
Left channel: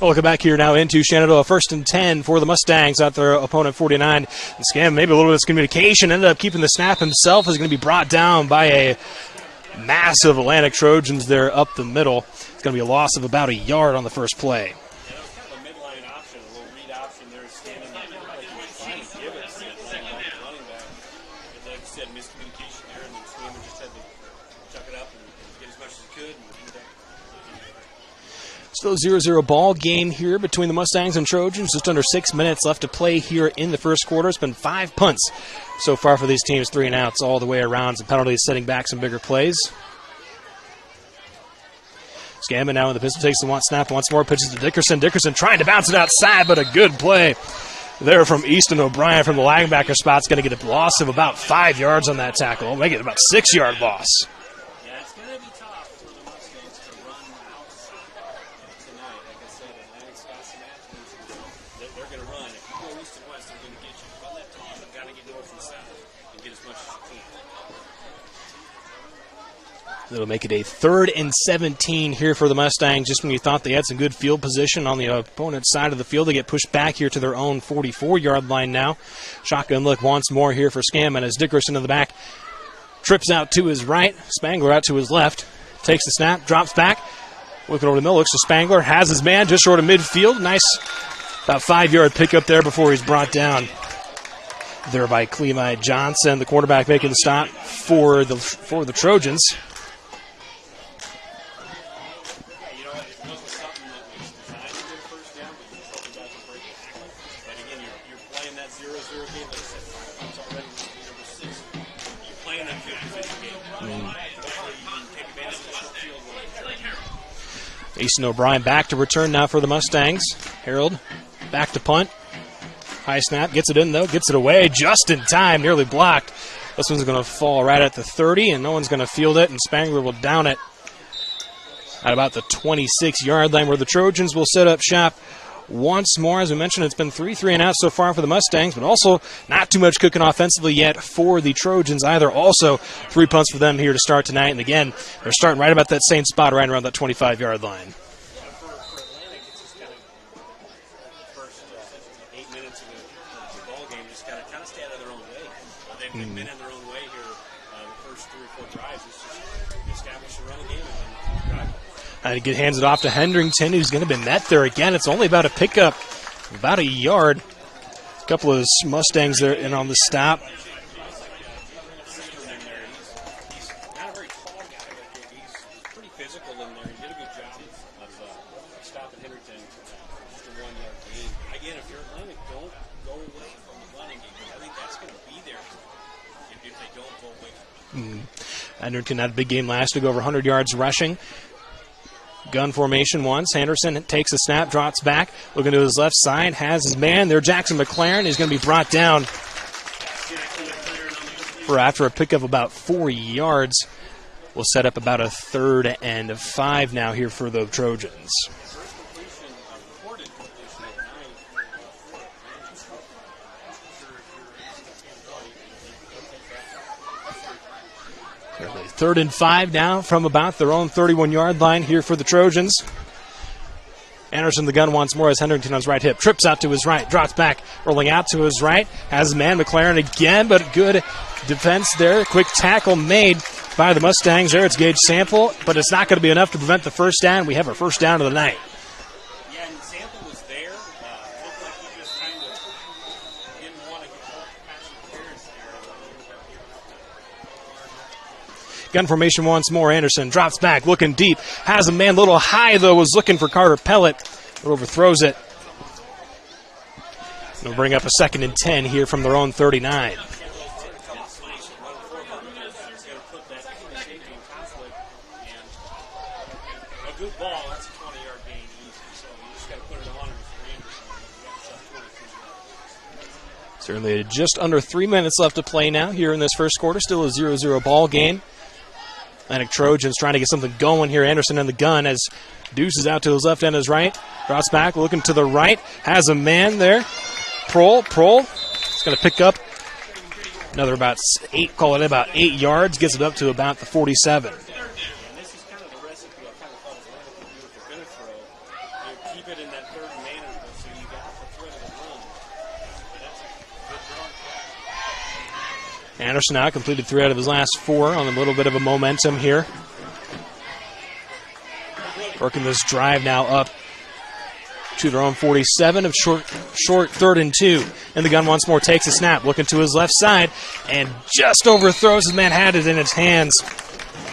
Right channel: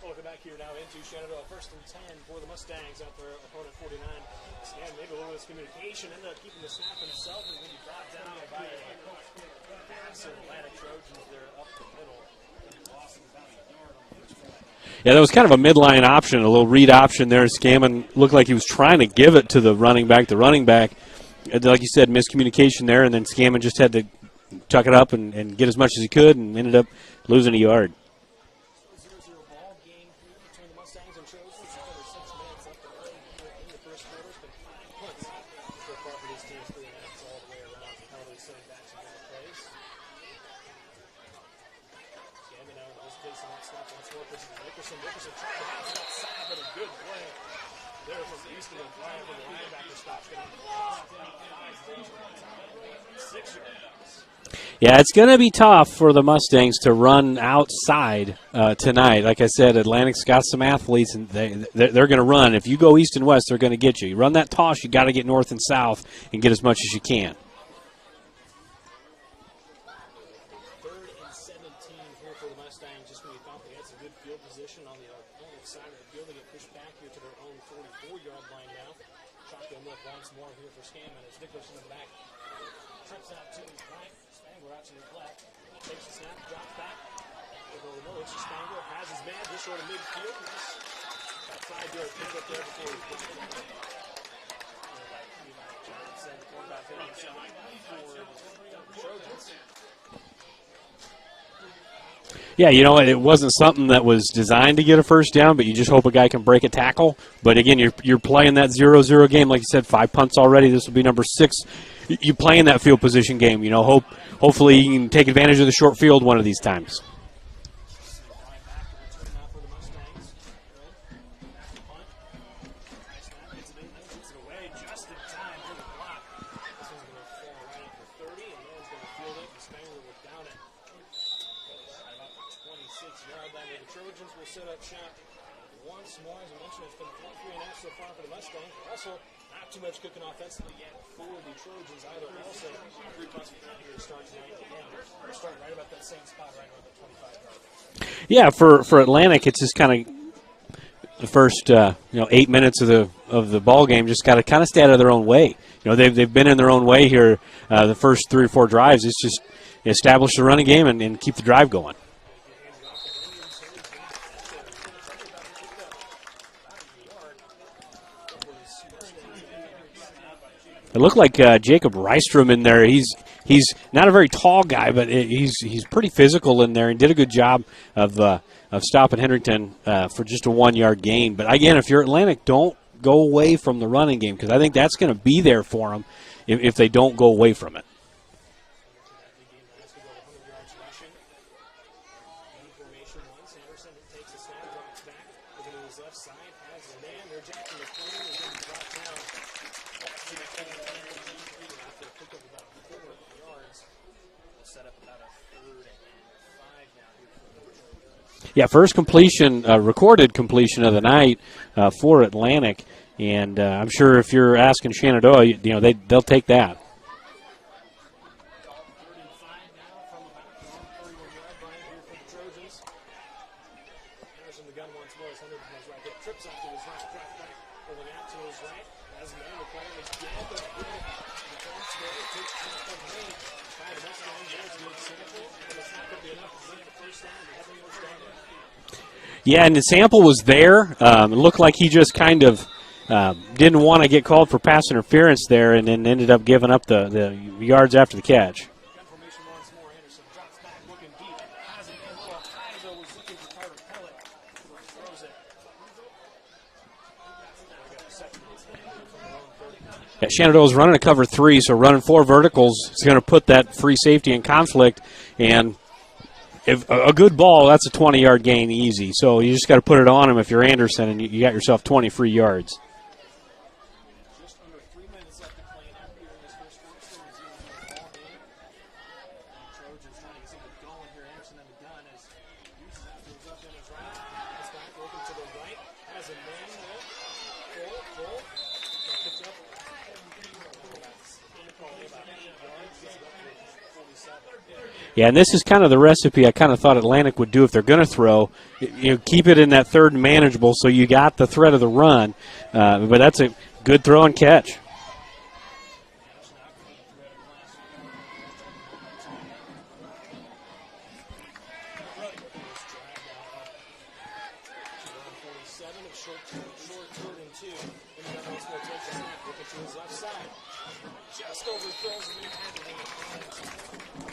We'll come back here now into Shenandoah. 1st and 10 for the Mustangs at their opponent 49. And Scam, maybe a little bit of miscommunication, ended up keeping the snap himself. Is going to be brought down by a massive Atlantic Trojans there up the middle. It's going to be a loss of about a yard on the first play. Yeah, that was kind of a midline option, a little read option there. Scammon looked like he was trying to give it to the running back. The running back, like you said, miscommunication there, and then Scammon just had to tuck it up and get as much as he could and ended up losing a yard. Still a 0-0 ball game here between the Mustangs and Trojans. Just under 6 minutes left to play here in the first quarter. It's been 5 punts so far for these teams, 3 and outs all the way around. Some penalties setting back some bigger plays. Scammon now in the pistol, takes the snap once more, pitches to Dickerson. Dickerson trying to bounce it outside, but a good play there from Easton O'Brien from the linebacker spot. It's going to get a loss of about 5 yards on that tackle. Make it about 6-yard loss. Yeah, it's going to be tough for the Mustangs to run outside tonight. Like I said, Atlantic's got some athletes, and they're going to run. If you go east and west, they're going to get you. You run that toss, you got to get north and south and get as much as you can. It'll make it a 3rd and 17 here for the Mustangs. Just when you thought they had some good field position on the opponent's side of the field, they get pushed back here to their own 44-yard line now. Shotgun look once more here for Scammon as Dickerson in the back trips out to his right, Spangler out to his left, takes the snap, drops back, looking over the middle, looks to Spangler, has his man just short of midfield. Nice about 5-yard pickup there before he's brought down there by Clemide Johnson, the quarterback making the stop for the Trojans. Yeah, you know, it wasn't something that was designed to get a first down, but you just hope a guy can break a tackle. But again, you're playing that 0-0 game. Like you said, 5 punts already. This will be number 6. You play in that field position game. You know, hopefully you can take advantage of the short field one of these times. Easton O'Brien back to return now for the Mustangs. Harold back to punt. High snap, gets it in though, gets it away just in time, nearly blocked. This one's going to fall right at the 30, and no one's going to field it, and Spangler will down it at about the 26-yard line, where the Trojans will set up shop once more. As we mentioned, it's been 3 and out so far for the Mustangs, but also not too much cooking offensively yet for the Trojans either. Also 3 punts for them here to start tonight, and again, they're starting right about that same spot, right around that 25-yard line. Yeah, for Atlantic, it's just kind of the first 8 minutes of the ball game. Just got to kind of stay out of their own way. You know, they've been in their own way here the first 3 or 4 drives. It's just establish the running game and keep the drive going. And he hands it off to Hendrington, who's going to be met there again. It's only about a pickup, about a yard. A couple of Mustangs there in on the stop. It looked like Jacob Rystrom in there. He's not a very tall guy, but he's pretty physical in there and did a good job of stopping Hendrington for just a 1-yard gain. But again, if you're Atlantic, don't go away from the running game, because I think that's going to be there for them if they don't go away from it. Hendrington had a big game last week, over 100 yards rushing. Gun formation once. Henderson takes a snap, drops back, looking to his left side, has his man there. Jackson McLaren is going to be brought down for after a pickup about 4 yards. We'll set up about a 3rd and 5 now here for the Trojans. Yeah, first completion, recorded completion of the night for Atlantic, and I'm sure if you're asking Shenandoah, they'll take that. 3rd and 5 now from about their own 31-yard line here for the Trojans. Anderson the gun once more as Hendrington on his right hip. Trips out to his right, drops back, rolling out to his right. Has man McLaren again, but good defense there. Quick tackle made by the Mustangs there. It's Gage Sample, but it's not going to be enough to prevent the first down. We have our first down of the night. Yeah, and the Sample was there. It looked like he just kind of didn't want to get called for pass interference there, and then ended up giving up the yards after the catch. Gun formation once more. Anderson drops back, looking deep. Has a man a little high, though. Was looking for Carter Pellet, but overthrows it. They'll bring up a 2nd and 10 here from their own 39. Shenandoah's running a cover 3, so running 4 verticals is going to put that free safety in conflict. And if a good ball, that's a 20-yard gain easy. So you just got to put it on him if you're Anderson, and you got yourself 20 free yards. Certainly just under 3 minutes left to play now here in this first quarter. Still a 0-0 ball game. Atlantic Trojans trying to get something going here. Anderson in the gun as Deuce is out to his left and his right. Drops back, looking to the right. Has a man there. Prohl. It's going to pick up another about 8 yards. Gets it up to about the 47. Yeah, and this is kind of the recipe I kind of thought Atlantic would do if they're going to throw. Keep it in that third and manageable so you got the threat of the run. But that's a good throw and catch. Anderson now completed 3 out of his last 4 on a little bit of a momentum here. Working this drive now up to their own 47 of short 3rd and 2. And the gun once more takes a snap, looking to his left side, and just overthrows his man, had it in its hands.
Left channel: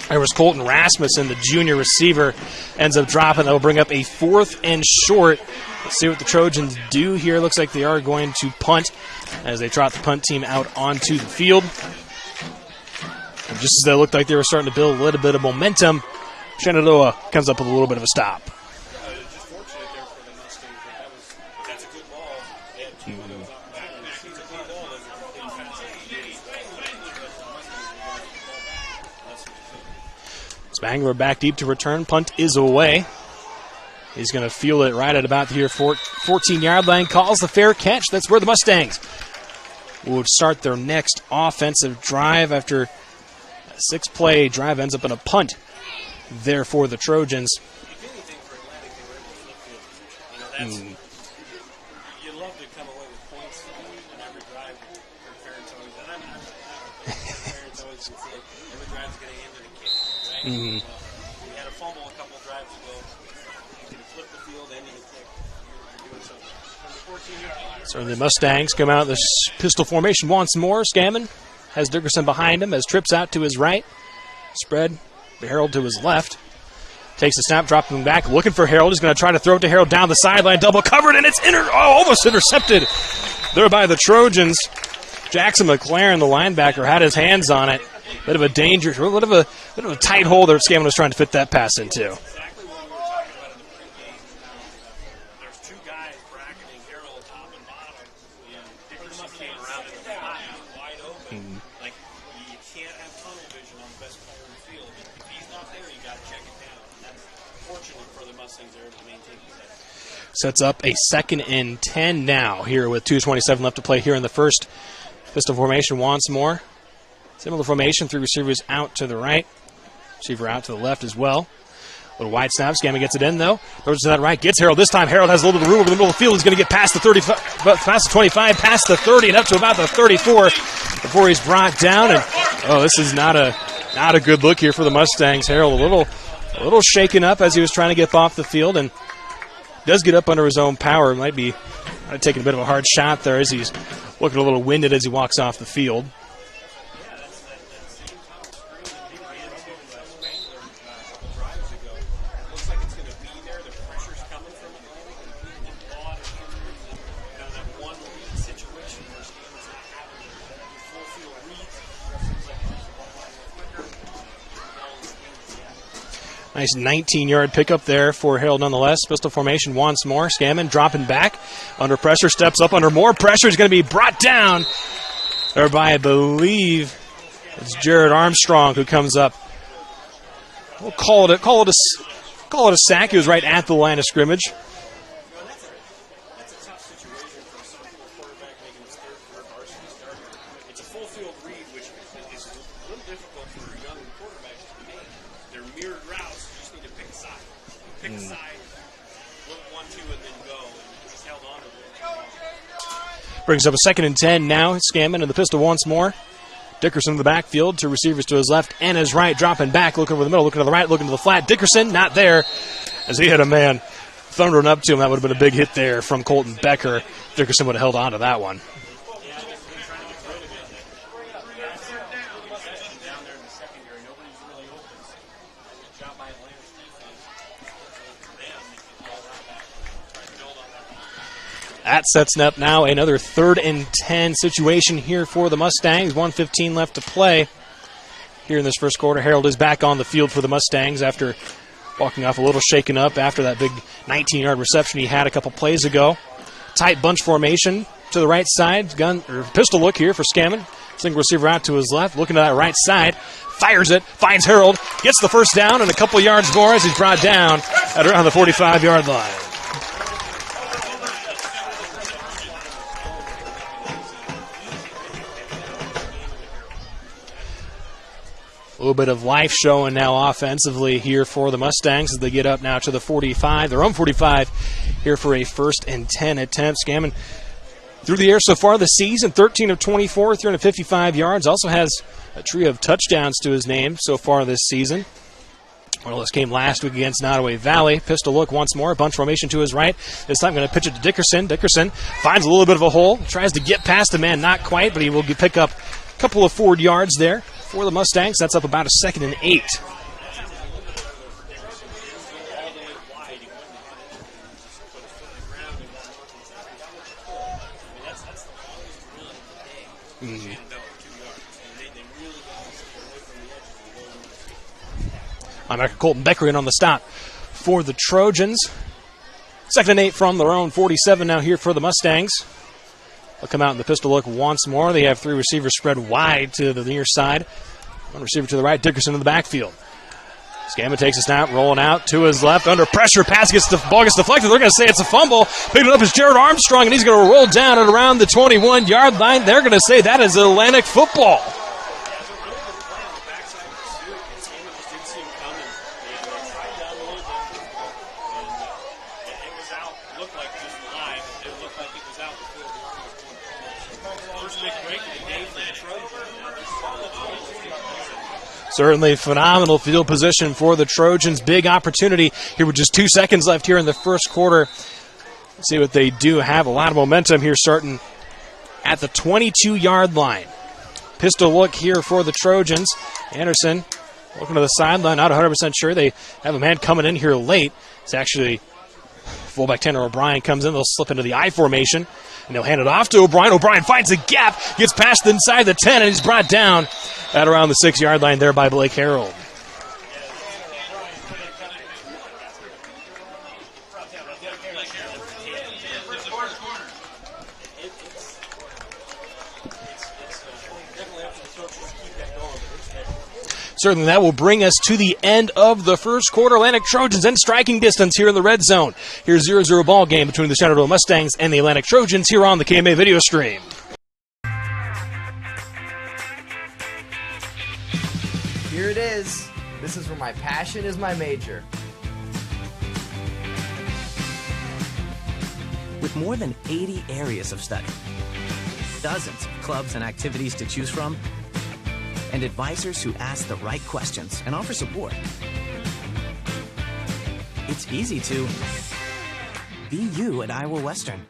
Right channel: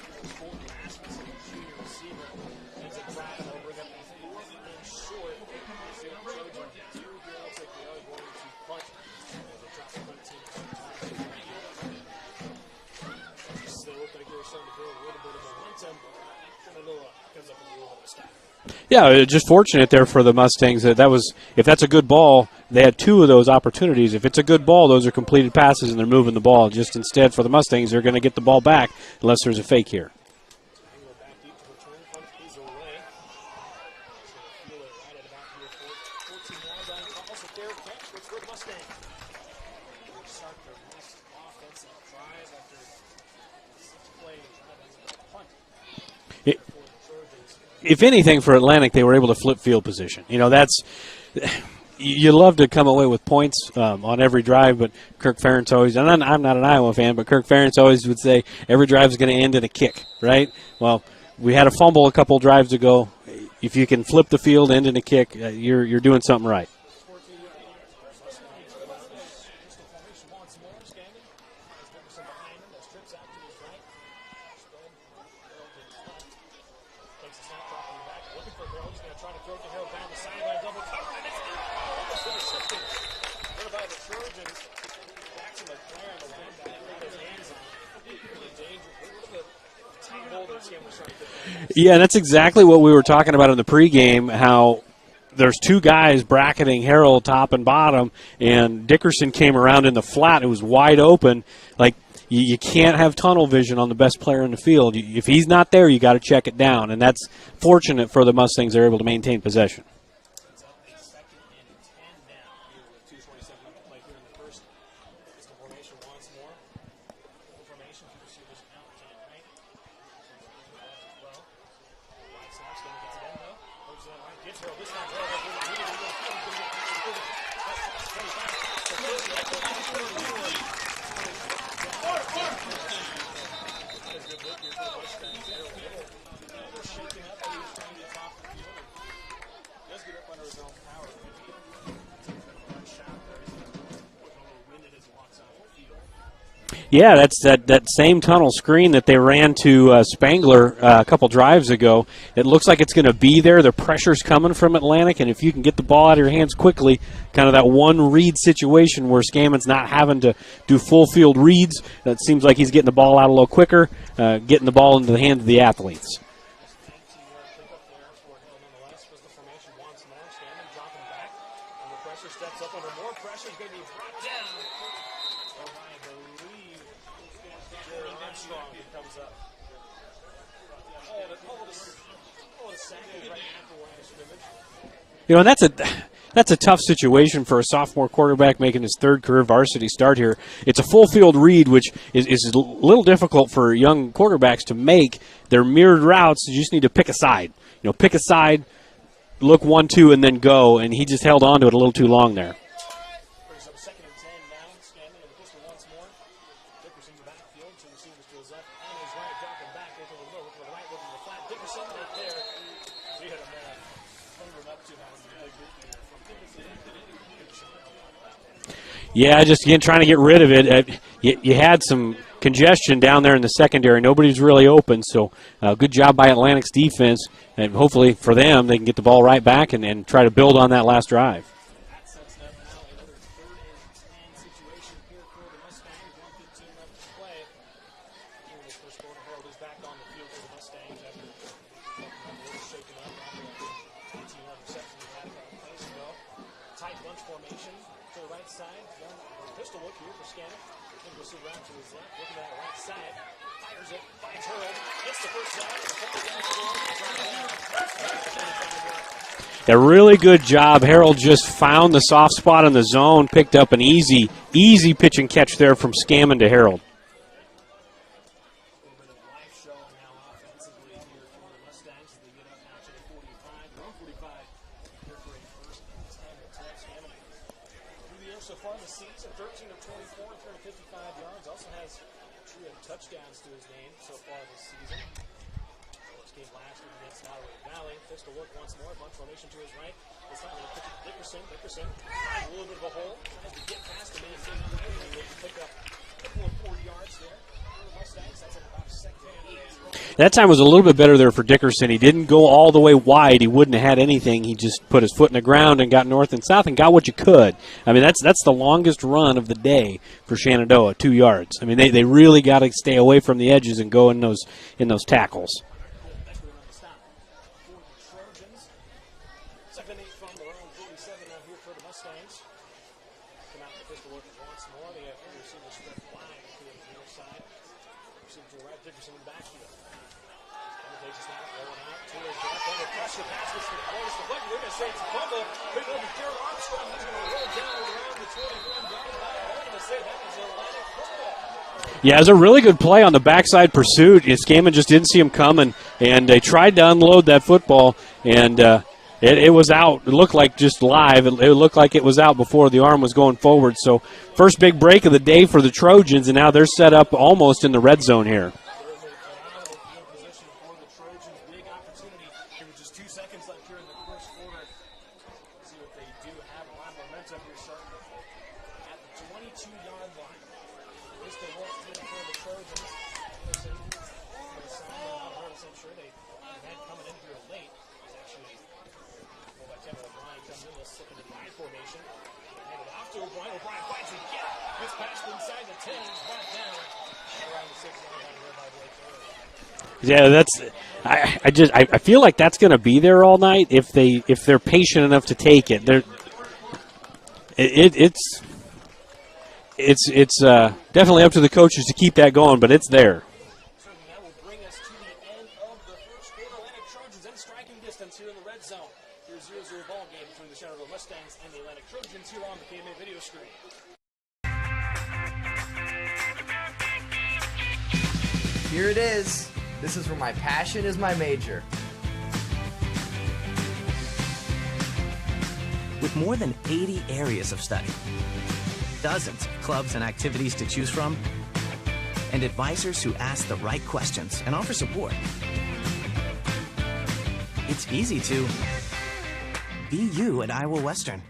There was Colton Rasmussen, the junior receiver, ends up dropping. That'll bring up a 4th and short. Let's see what the Trojans do here. Looks like they are going to punt as they trot the punt team out onto the field. And just as they looked like they were starting to build a little bit of momentum, Shenandoah comes up with a little bit of a stop. Yeah, just fortunate there for the Mustangs. That was, if that's a good ball, they had 2 of those opportunities. If it's a good ball, those are completed passes and they're moving the ball. Just instead for the Mustangs, they're going to get the ball back unless there's a fake here. Spangler back deep to return. Punt is away. He's going to field it right at about the 14-yard line. Calls the fair catch. That's where the Mustangs will start their next offensive drive after a 6-play drive ends up in a punt there for the Trojans. If anything, for Atlantic, they were able to flip field position. That's you love to come away with points on every drive, but Kirk Ferentz always, and I'm not an Iowa fan, but Kirk Ferentz always would say every drive is going to end in a kick, right? Well, we had a fumble a couple drives ago. If you can flip the field, end in a kick, you're doing something right. So the Mustangs come out this pistol formation once more. Scammon has Dickerson behind him as trips out to his right. Spread, Harold to his left. Takes the snap, dropping back, looking for Harold. He's going to try to throw it to Harold down the sideline, double covered, and it's almost intercepted there by the Trojans. Jackson McLaren, the linebacker, had his hands on it. Bit of a danger, bit of a tight hole there. Scammon was trying to fit that pass into. Yeah, that's exactly what we were talking about in the pregame, how there's 2 guys bracketing Harold top and bottom, and Dickerson came around in the flat. It was wide open. Like, you can't have tunnel vision on the best player in the field. If he's not there, you got to check it down, and that's fortunate for the Mustangs. They're able to maintain possession. Sets up a 2nd and 10 now here with 2:27 left to play here in the first. Pistol formation once more. Similar formation, 3 receivers out to the right. Receiver out to the left as well. Little wide snap. Scammon gets it in, though. Throws it to that right. Gets Harold. This time, Harold has a little bit of room over the middle of the field. He's going to get past the past the 25, past the 30, and up to about the 34 before he's brought down. And this is not a good look here for the Mustangs. Harold a little shaken up as he was trying to get off the field, and does get up under his own power. Might be taking a bit of a hard shot there as he's looking a little winded as he walks off the field. Yeah, that's that same tunnel screen that they ran to Spangler a couple drives ago. It looks like it's going to be there. The pressure's coming from Atlantic, and if you can get the ball out of your hands quickly, kind of that one read situation where Scammon's not having to do full field reads, that seems like he's getting the ball out a little quicker, getting the ball into the hands of the athletes. Nice 19-yard pickup there for Harold nonetheless. Pistol formation once more. Scammon dropping back. Under pressure, steps up under more pressure. He's going to be brought down there by, I believe, it's Jared Armstrong who comes up. We'll call it a sack. He was right at the line of scrimmage. And that's a tough situation for a sophomore quarterback making his 3rd career varsity start here. It's a full field read, which is a little difficult for young quarterbacks to make. They're mirrored routes. You just need to pick a side. Pick a side, look 1-2, and then go. And he just held on to it a little too long there. Brings up a 2nd and 10 now. Scammon in the pistol once more. Dickerson in the backfield, 2 receivers to his left and his right, dropping back, looking over the middle, looking to the right, looking to the flat. Dickerson not there as he had a man thundering up to him. That would have been a big hit there from Colton Becker. Dickerson would have held on to that one. Yeah, just again trying to get rid of it. You had some congestion down there in the secondary. Nobody's really open, so good job by Atlantic's defense. And hopefully for them, they can get the ball right back and try to build on that last drive. That sets up now another 3rd and 10 situation here for the Mustangs. 1:15 left to play here in this first quarter. Harold is back on the field for the Mustangs after walking off a little shaken up after that big 19-yard reception he had a couple plays ago. Tight bunch formation to the right side. Pistol look here for Scammon. Single receiver out to his left, looking to that right side. Fires it, finds Harold, gets the first down and a couple yards more as he's brought down at around the 45-yard line. A really good job. Harold just found the soft spot in the zone, picked up an easy pitch and catch there from Scammon to Harold. A little bit of life showing now offensively here for the Mustangs as they get up now to the 45, their own 45, here for a 1st and 10 attempt. Scammon through the air so far this season, 13 of 24, 355 yards. Also has a trio of touchdowns to his name so far this season. Well, this came last week against Nottoway Valley. Pistol look once more. Bunch formation to his right. This time going to pitch it to Dickerson. Dickerson finds a little bit of a hole. Tries to get past the man. Not quite, but he will pick up a couple of forward yards there for the Mustangs. That's up about a 2nd and 8. That time was a little bit better there for Dickerson. He didn't go all the way wide. He wouldn't have had anything. He just put his foot in the ground and got north and south and got what you could. I mean, that's the longest run of the day for Shenandoah, 2 yards. I mean, they really got to stay away from the edges and go in those tackles. Linebacker Colton Beckerian on the stop for the Trojans. 2nd and 8 from their own 47 now here for the Mustangs. They'll come out in the pistol look once more. They have 3 receivers spread wide to the near side. 1 receiver to the right, Dickerson in the backfield. Scammon takes a snap, rolling out to his left, under pressure, ball gets deflected. They're going to say it's a fumble. Picking it up is Jared Armstrong, and he's going to roll down at around the 21-yard line. They're going to say that is Atlantic football. Yeah, it was a really good play on the backside pursuit. Scammon just didn't see him coming, and they tried to unload that football, and it was out. It looked like just live. It looked like it was out before the arm was going forward. So first big break of the day for the Trojans, and now they're set up almost in the red zone here. Certainly phenomenal field position for the Trojans. Big opportunity here with just 2 seconds left here in the first quarter. Let's see what they do. Have a lot of momentum here starting at the 22-yard line. Pistol look here for the Trojans. Anderson looking to the sideline, not 100% sure. They have a man coming in here late. It's actually fullback Tanner O'Brien comes in. They'll slip into the I formation, and they'll hand it off to O'Brien. O'Brien finds a gap, gets past inside the 10, and he's brought down at around the 6-yard line there by Blake Harold. Yeah, that's. I feel like that's going to be there all night if they're patient enough to take it. It's definitely up to the coaches to keep that going, but it's there. Certainly that will bring us to the end of the first quarter. Atlantic Trojans in striking distance here in the red zone. Here's 0-0 ball game between the Shenandoah Mustangs and the Atlantic Trojans here on the KMA video stream. Here it is. This is where my passion is my major. With more than 80 areas of study, dozens of clubs and activities to choose from, and advisors who ask the right questions and offer support, it's easy to be you at Iowa Western.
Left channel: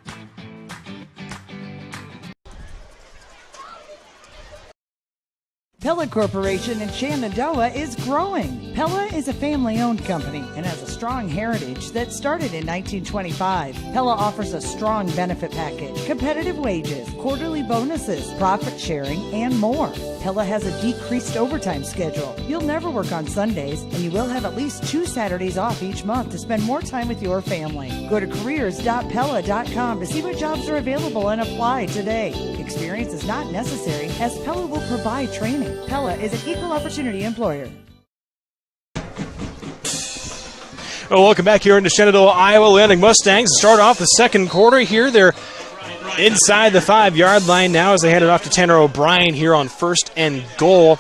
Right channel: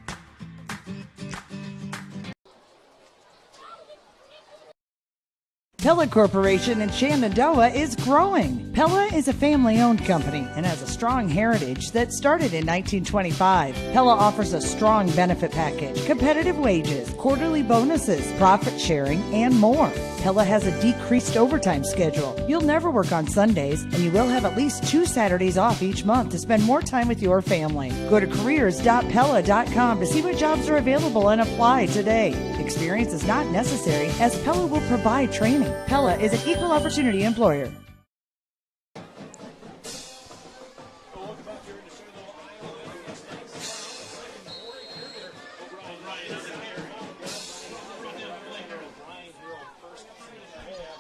Pella Corporation in Shenandoah is growing. Pella is a family-owned company and has a strong heritage that started in 1925. Pella offers a strong benefit package, competitive wages, quarterly bonuses, profit sharing, and more. Pella has a decreased overtime schedule. You'll never work on Sundays, and you will have at least 2 Saturdays off each month to spend more time with your family. Go to careers.pella.com to see what jobs are available and apply today. Experience is not necessary, as Pella will provide training. Pella is an equal opportunity employer. Well, welcome back here into Shenandoah, Iowa. Atlantic Mustangs start off the second quarter here. They're inside the 5-yard line now as they hand it off to Tanner O'Brien here on 1st and goal.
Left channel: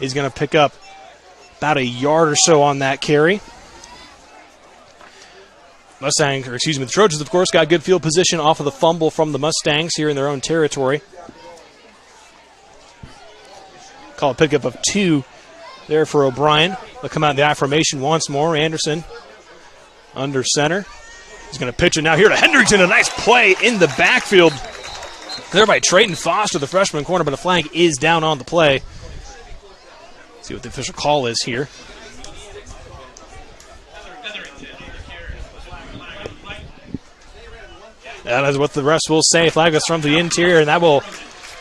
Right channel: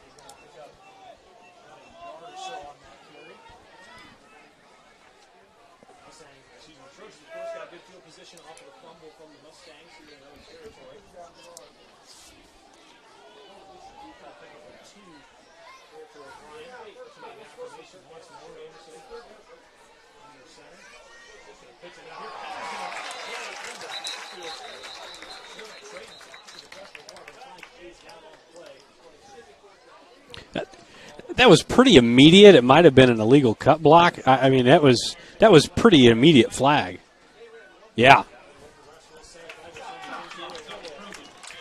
He's going to pick up about a yard or so on that carry. The Trojans, of course, got good field position off of the fumble from the Mustangs here in their own territory. Call a pickup of 2 there for O'Brien. They'll come out in the I formation once more. Anderson under center. He's going to pitch it now here to Hendrickson. A nice play in the backfield there by Trayton Foster, the freshman corner, but a flag is down on the play. Let's see what the official call is. That was pretty immediate. It might have been an illegal cut block. I mean, that was pretty immediate flag. Yeah. That is what the refs will say. Flag was from the interior, and that will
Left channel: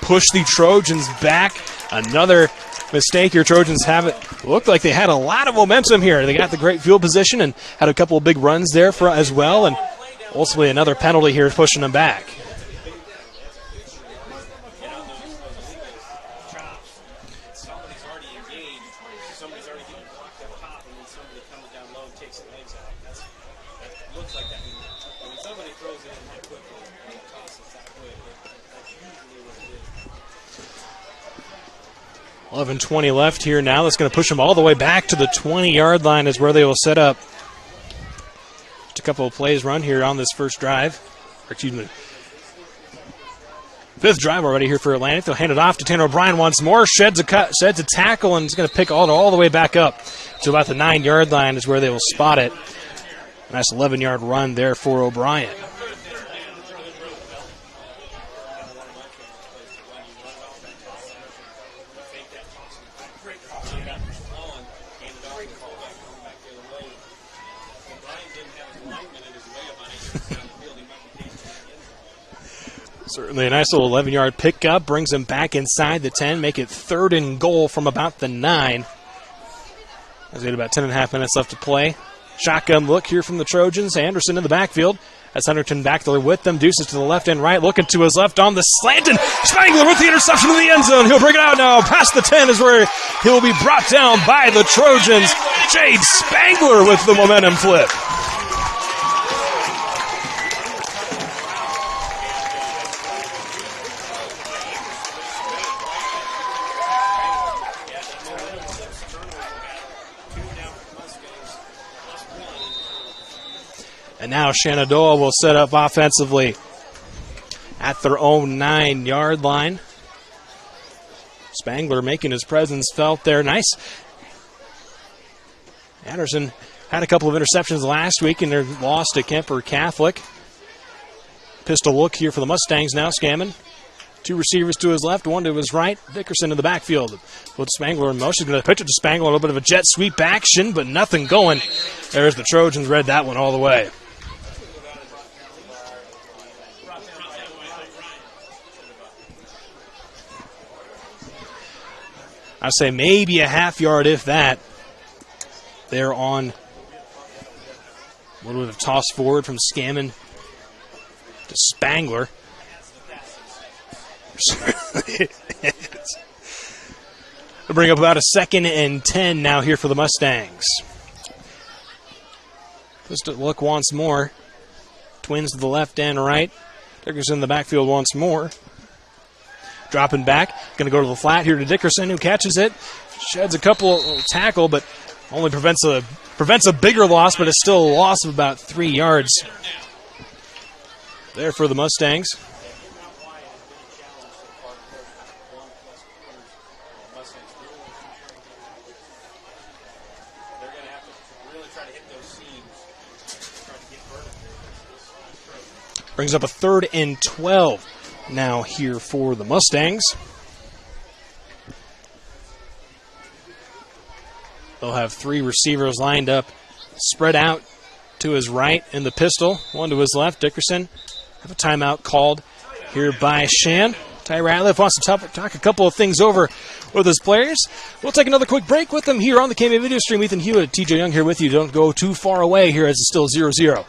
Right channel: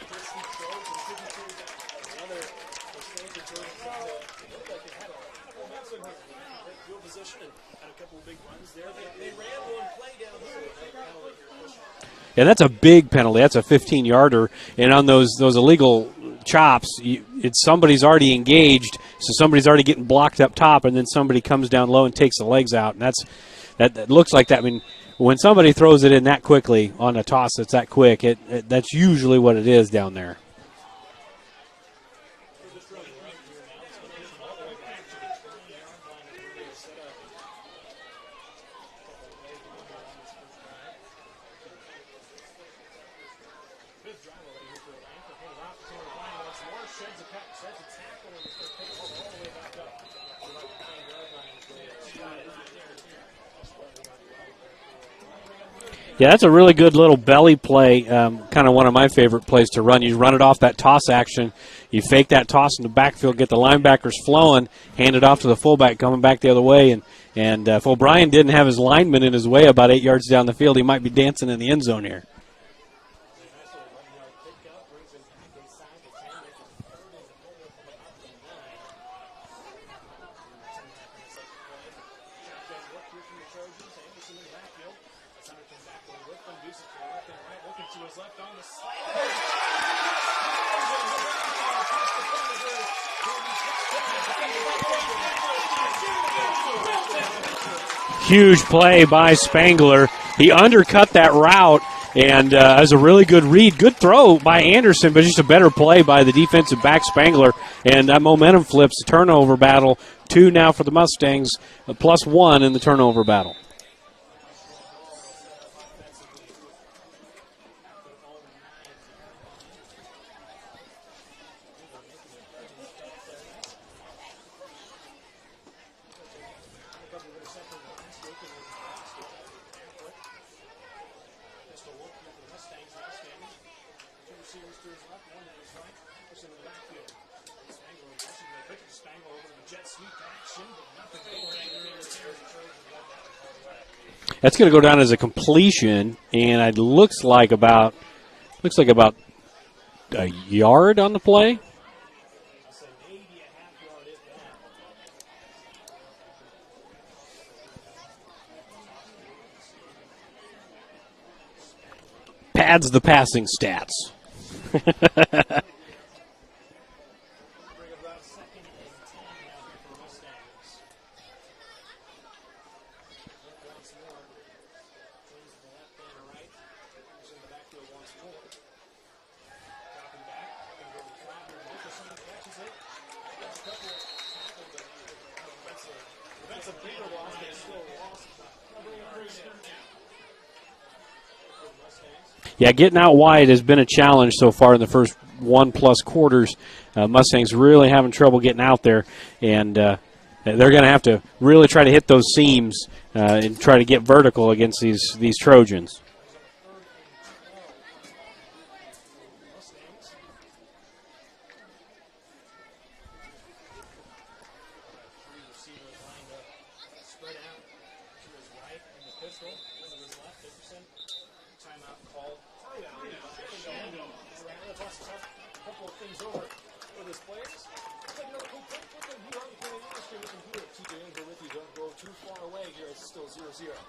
push the Trojans back. Another mistake here. Trojans have it. Looked like they had a lot of momentum here. They got the great field position and had a couple of big runs there as well, and ultimately another penalty here pushing them back. Yeah, that's a big penalty. That's a 15-yarder, and on those illegal chops, somebody's already engaged, so somebody's already getting blocked up top, and then somebody comes down low and takes the legs out, and that looks like that. I mean, when somebody throws it in that quickly on a toss that's that quick, that's usually what it is down there. 11:20 left here now. That's going to push them all the way back to the 20-yard line is where they will set up. Just a couple of plays run here on this first drive. Fifth drive already here for Atlantic. They'll hand it off to Tanner O'Brien once more. Sheds a tackle, and is going to pick all the way back up to about the 9-yard line is where they will spot it. Nice 11-yard run there for O'Brien. Yeah, that's a really good little belly play, kind of one of my favorite plays to run. You run it off that toss action. You fake that toss in the backfield, get the linebackers flowing, hand it off to the fullback coming back the other way. And if O'Brien didn't have his lineman in his way about 8 yards down the field, he might be dancing in the end zone here. Certainly a nice little 11-yard pickup. Brings him back inside the 10, make it 3rd and goal from about the 9. As we had about 10.5 minutes left to play. Shotgun look here from the Trojans. Anderson in the backfield. That's Hunterton back there with them. Deuces to the left and right. Looking to his left on the slant. And Spangler with the interception in the end zone. He'll bring it out now. Past the 10 is where he'll be brought down by the Trojans. Jade Spangler with the momentum flip. Huge play by Spangler. He undercut that route. And as a really good read, good throw by Anderson, but just a better play by the defensive back Spangler. And that momentum flips the turnover battle. 2 now for the Mustangs, +1 in the turnover battle. And now Shenandoah will set up offensively at their own 9-yard line. Spangler making his presence felt there. Nice. Anderson had a couple of interceptions last week in their loss to Kemper Catholic. Pistol look here for the Mustangs now. Scammon. 2 receivers to his left, 1 to his right. Dickerson in the backfield. Put Spangler in motion. Going to pitch it to Spangler. A little bit of a jet sweep action, but nothing going. There's the Trojans. Read that one all the way. That's going to go down as a completion, and it looks like about a yard on the play. I'd say maybe a half yard, if that. They're on a little bit of toss forward from Scammon to Spangler. Pads the passing stats. We'll bring up about a 2nd and 10 now here for the Mustangs. Just a look once more. Twins to the left and right. Dickerson in the backfield once more. Dropping back. Going to go to the flat here to Dickerson, who catches it. Sheds a couple tackle, but only prevents a bigger loss, but it's still a loss of about 3 yards. There for the Mustangs. Yeah, getting out wide has been a challenge so far in the first 1+ quarters. Mustangs really having trouble getting out there, and they're going to have to really try to hit those seams and try to get vertical against these Trojans. Brings up a 3rd and 12 now here for the Mustangs. They'll have 3 receivers lined up, spread out to his right in the pistol, 1 to his left. Dickerson. Have a timeout called here by Shan. Ty Ratliff wants to talk a couple of things over with his players. We'll take another quick break with them here on the KMA video stream. Ethan Hewitt, TJ Young here with you. Don't go too far away here as it's still 0-0.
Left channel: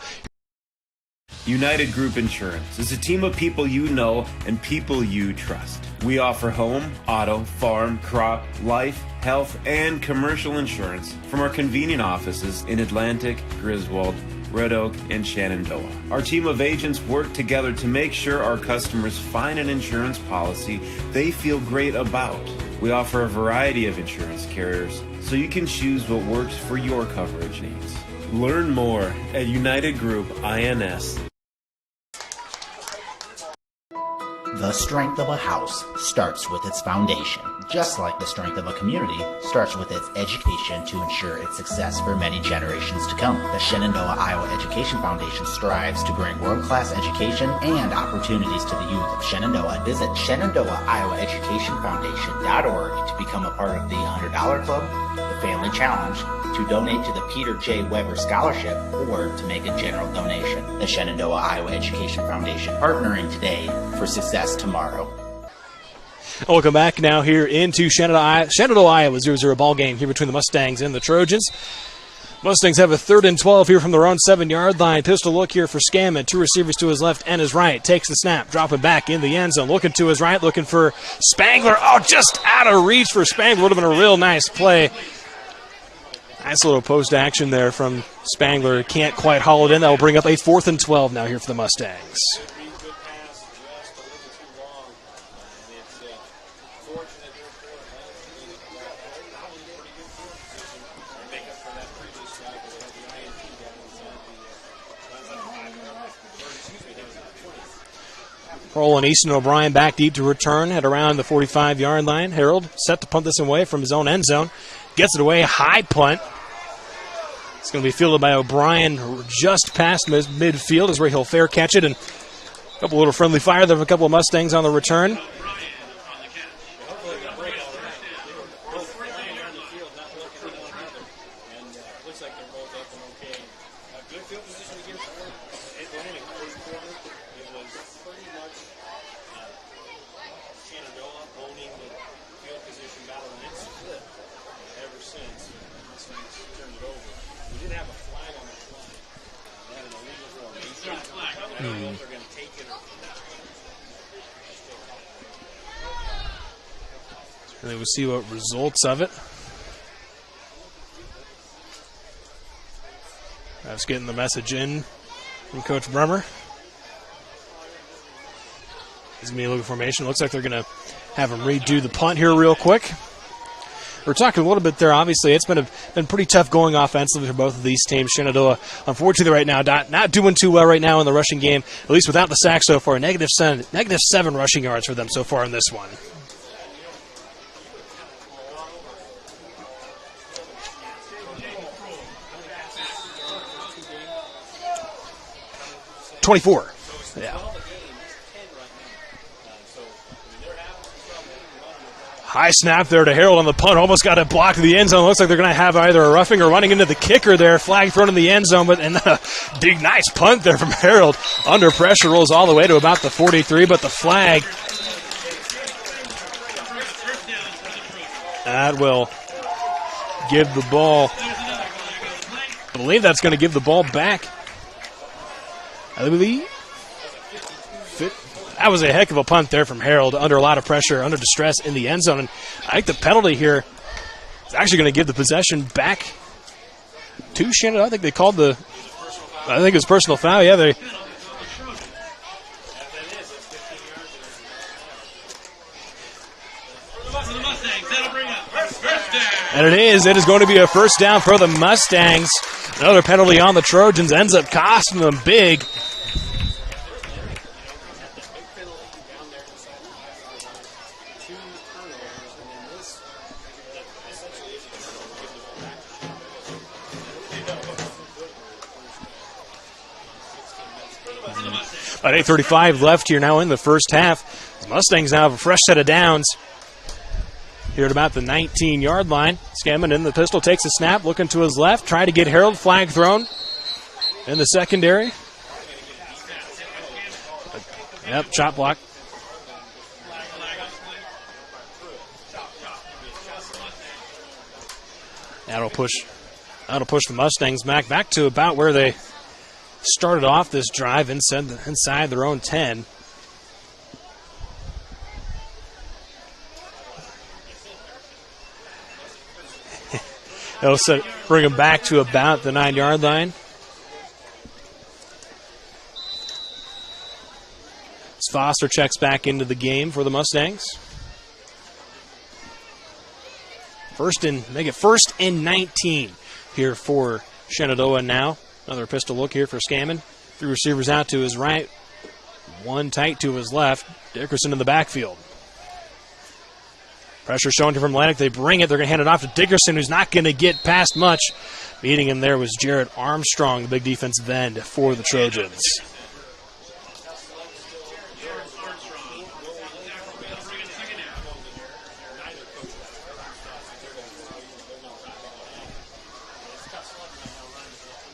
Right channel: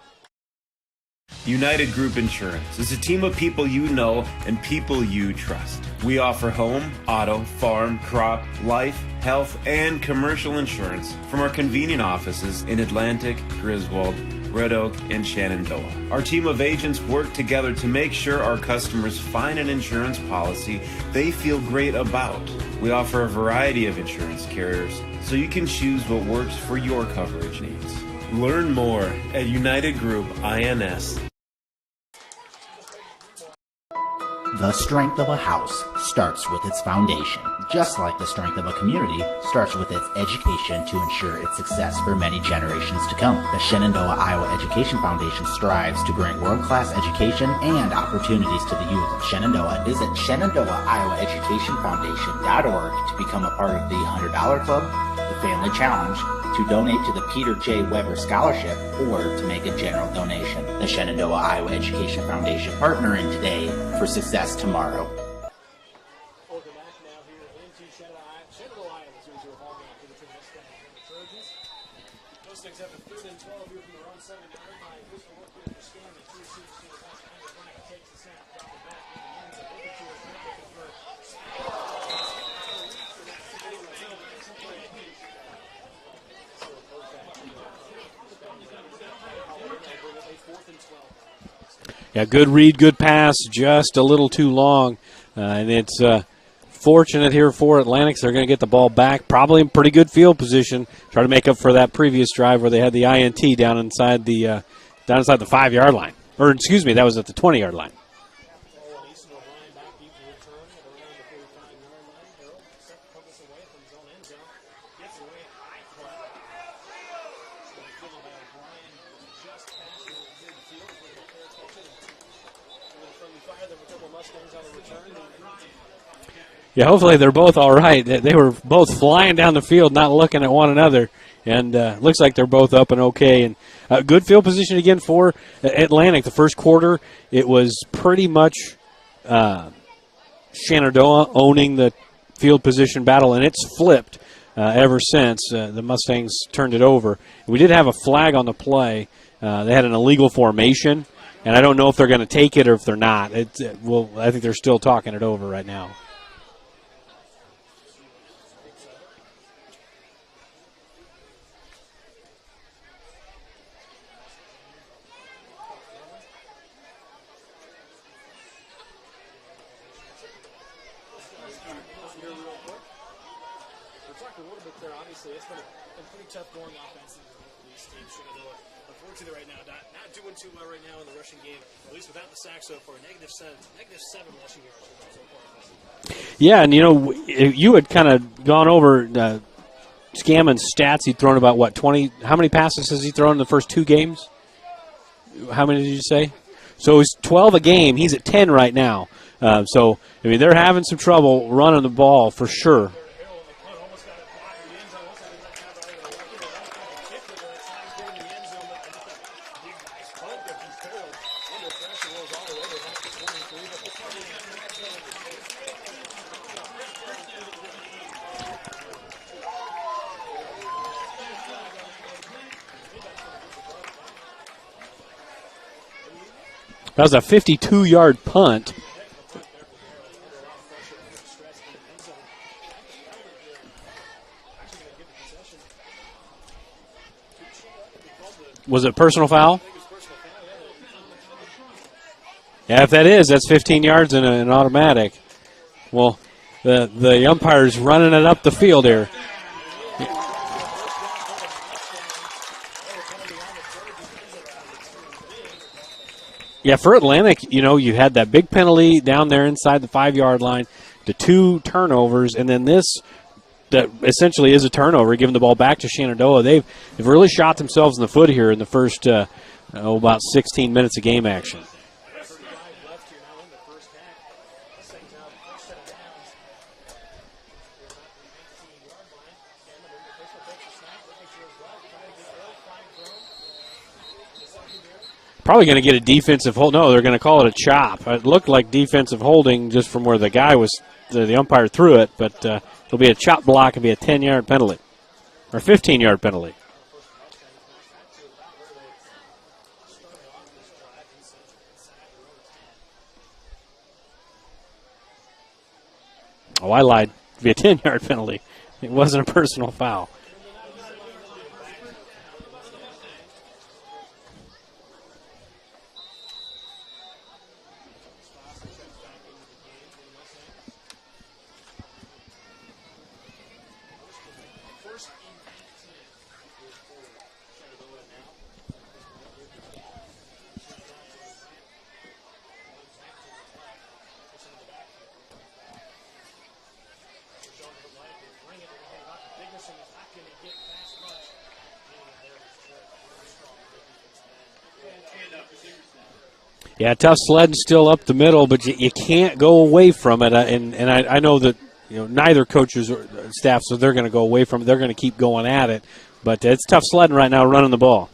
United Group Insurance is a team of people you know and people you trust. We offer home, auto, farm, crop, life, health, and commercial insurance from our convenient offices in Atlantic, Griswold, Red Oak, and Shenandoah. Our team of agents work together to make sure our customers find an insurance policy they feel great about. We offer a variety of insurance carriers, so you can choose what works for your coverage needs. Learn more at United Group INS. The strength of a house starts with its foundation, just like the strength of a community starts with its education to ensure its success for many generations to come. The Shenandoah, Iowa Education Foundation strives to bring world-class education and opportunities to the youth of Shenandoah. Visit ShenandoahIowaEducationFoundation.org to become a part of the $100 Club, the Family Challenge, to donate to the Peter J. Weber Scholarship, or to make a general donation. The Shenandoah, Iowa Education Foundation, partnering today for success tomorrow. Welcome back now here into Shenandoah, Iowa, 0-0 ball game here between the Mustangs and the Trojans. Mustangs have a 3rd and 12 here from their own 7-yard line. Pistol look here for Scammon. 2 receivers to his left and his right. Takes the snap, dropping back in the end zone. Looking to his right, looking for Spangler. Oh, just out of reach for Spangler. Would have been a real nice play. Nice little post action there from Spangler. Can't quite haul it in. That will bring up a 4th and 12 now here for the Mustangs. Yeah, good read, good pass, just a little too long. And it's unfortunate here for Atlantic. They're going to get the ball back, probably in pretty good field position. Try to make up for that previous drive where they had the INT down inside the 5-yard line. Or, excuse me, that was at the 20-yard line. Kroll and Easton O'Brien back deep to return at around the 45-yard line. Harold set to punt this away from his own end zone. Gets it away, high punt. It's going to be fielded by O'Brien just past midfield is where he'll fair catch it. And a couple little friendly fire there of a couple of Mustangs on the return. Yeah, hopefully they're both all right. They were both flying down the field, not looking at one another. And looks like they're both up and okay. And good field position again for Atlantic. The first quarter, it was pretty much Shenandoah owning the field position battle, and it's flipped ever since. The Mustangs turned it over. We did have a flag on the play. They had an illegal formation, and I don't know if they're going to take it or if they're not. I think they're still talking it over right now. And then we'll see what results of it. I was getting the message in from Coach Bremer. He's going to be looking formation. Looks like they're going to have him redo the punt here real quick. We're talking a little bit there. Obviously, it's been pretty tough going offensively for both of these teams. Shenandoah, unfortunately, right now not doing too well right now in the rushing game. At least without the sack so far. Negative 7 rushing yards for them so far in this one. Yeah, and you had kind of gone over Skamman's stats. He'd thrown about 20. How many passes has he thrown in the first 2 games? How many did you say? 24. So he's 12 a game. He's at 10 right now. They're having some trouble running the ball. High snap there to Harold on the punt. Almost got it blocked in the end zone. Looks like they're going to have either a roughing or running into the kicker there. Flag thrown in the end zone, and a big, nice punt there from Harold. Under pressure, rolls all the way to about the 43, but the flag. That will give the ball. I believe that's going to give the ball back. I believe. That was a 52-yard punt. That was a heck of a punt there from Harold under a lot of pressure, under distress in the end zone. And I think the penalty here is actually going to give the possession back to Shenandoah. I think they called the... Was it personal foul? I think it was personal foul, yeah. Yeah, if that is, that's 15 yards and an automatic. Well, the umpire's running it up the field here. And it is. It is going to be a first down for the Mustangs. Another penalty on the Trojans ends up costing them big. Yeah, for Atlantic, you had that big penalty down there inside the 5-yard line, the 2 turnovers, and then this that essentially is a turnover, giving the ball back to Shenandoah. They've really shot themselves in the foot here in the first about 16 minutes of game action. About 8:35 left here now in the first half. The Mustangs now have a fresh set of downs here at about the 19-yard line. Skamman in the pistol, takes a snap, looking to his left, try to get Harold. Flag thrown in the secondary. Probably going to get a defensive hold. No, they're going to call it a chop. Yep, it looked chop like block. Defensive holding just from where the guy was, the umpire threw it, but it'll be a chop block. It'll be a 10-yard penalty. A 15-yard penalty. That'll push the Mustangs back to about where they started off this drive, inside their own 10. Oh, I lied. It'll be a 10-yard penalty. It wasn't a personal foul. It'll bring them back to about the 9-yard line. Foster checks back into the game for the Mustangs. Make it first and 19 here for Shenandoah now. Another pistol look here for Skamman. 3 receivers out to his right, 1 tight to his left. Dickerson in the backfield. Pressure shown here from Atlantic. They bring it. They're going to hand it off to Dickerson, who's not going to get past much. Meeting him there was Jarrett Armstrong, the big defensive end for the Trojans. Yeah, tough sledding still up the middle, but you can't go away from it. And I know that neither coaches or staff, so they're going to go away from it. They're going to keep going at it. But it's tough sledding right now, running the ball.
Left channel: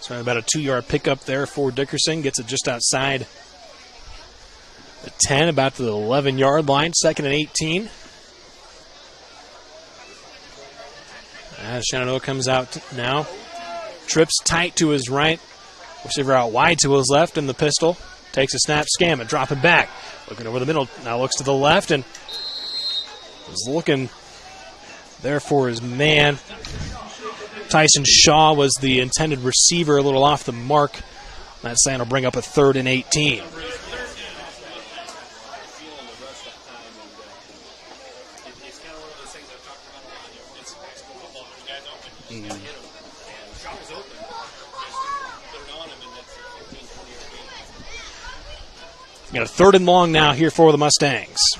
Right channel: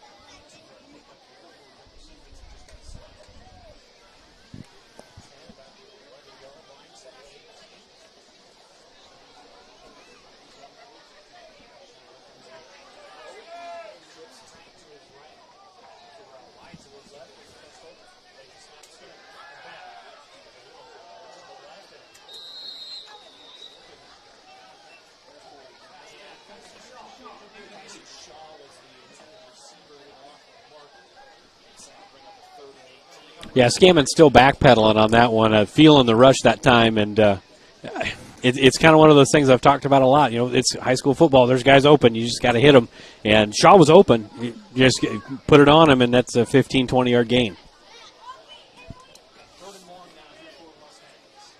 So about a 2-yard pickup there for Dickerson. Gets it just outside the 10, about to the 11-yard line. 2nd and 18. As Shenandoah comes out now. Trips tight to his right. Receiver out wide to his left in the pistol. Takes a snap, Skamman, drop it back. Looking over the middle, now looks to the left and is looking there for his man. Tyson Shaw was the intended receiver, a little off the mark. That sign will bring up a 3rd and 18. Yeah, Skamman's still backpedaling on that one, feeling the rush that time, and it's kind of one of those things I've talked about a lot. It's high school football. There's guys open. You just got to hit them. And Shaw was open. You just put it on him, and that's a 15, 20-yard gain. Got a 3rd and long now here for the Mustangs.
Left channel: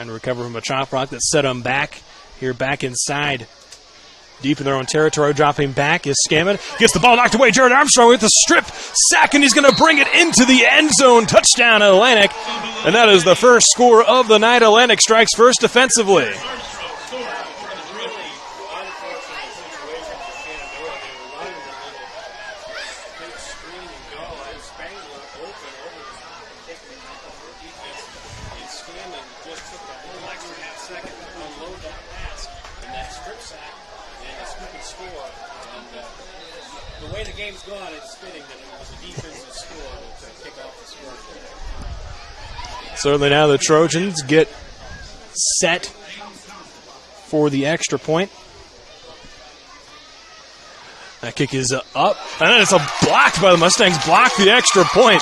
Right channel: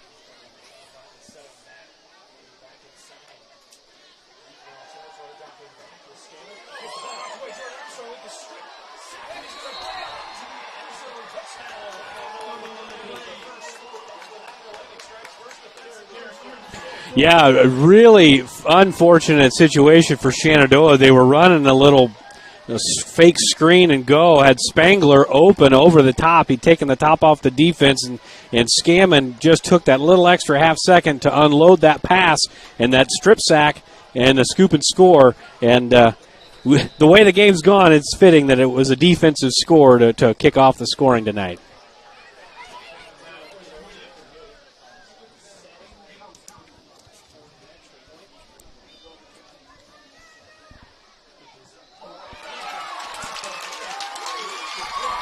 And recover from a chop block that set them back. Here back inside. Deep in their own territory, dropping back is Scammon. Gets the ball knocked away. Jared Armstrong with the strip sack, and he's going to bring it into the end zone. Touchdown, Atlantic. And that is the first score of the night. Atlantic strikes first defensively. Yeah, a really unfortunate situation for Shenandoah. They were running a little fake screen and go. Had Spangler open over the top. He'd taken the top off the defense, and Scammon just took that little extra half second to unload that pass and that strip sack and the scoop and score. And the way the game's gone, it's fitting that it was a defensive score to kick off the scoring tonight. Certainly now the Trojans get set for the extra point. That kick is up, and then it's blocked by the Mustangs. Block the extra point.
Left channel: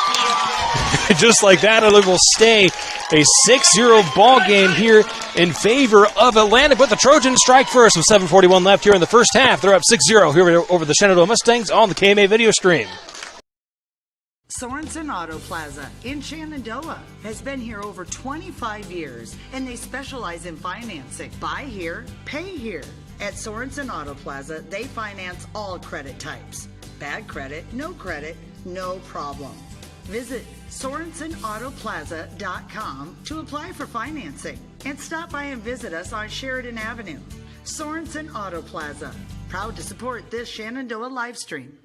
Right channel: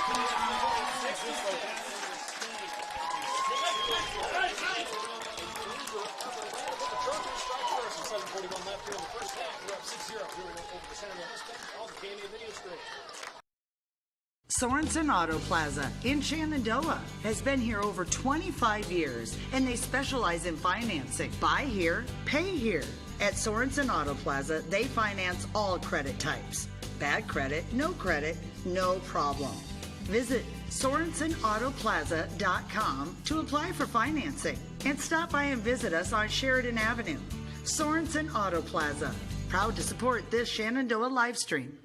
Just like that, it will stay a 6-0 ball game here in favor of Atlantic. But the Trojans strike first with 7:41 left here in the first half. They're up 6-0 here over the Shenandoah Mustangs on the KMA video stream. Sorensen Auto Plaza in Shenandoah has been here over 25 years, and they specialize in financing. Buy here, pay here. At Sorensen Auto Plaza, they finance all credit types. Bad credit, no problem. Visit SorensenAutoplaza.com to apply for financing and stop by and visit us on Sheridan Avenue. Sorensen Auto Plaza, proud to support this Shenandoah live stream.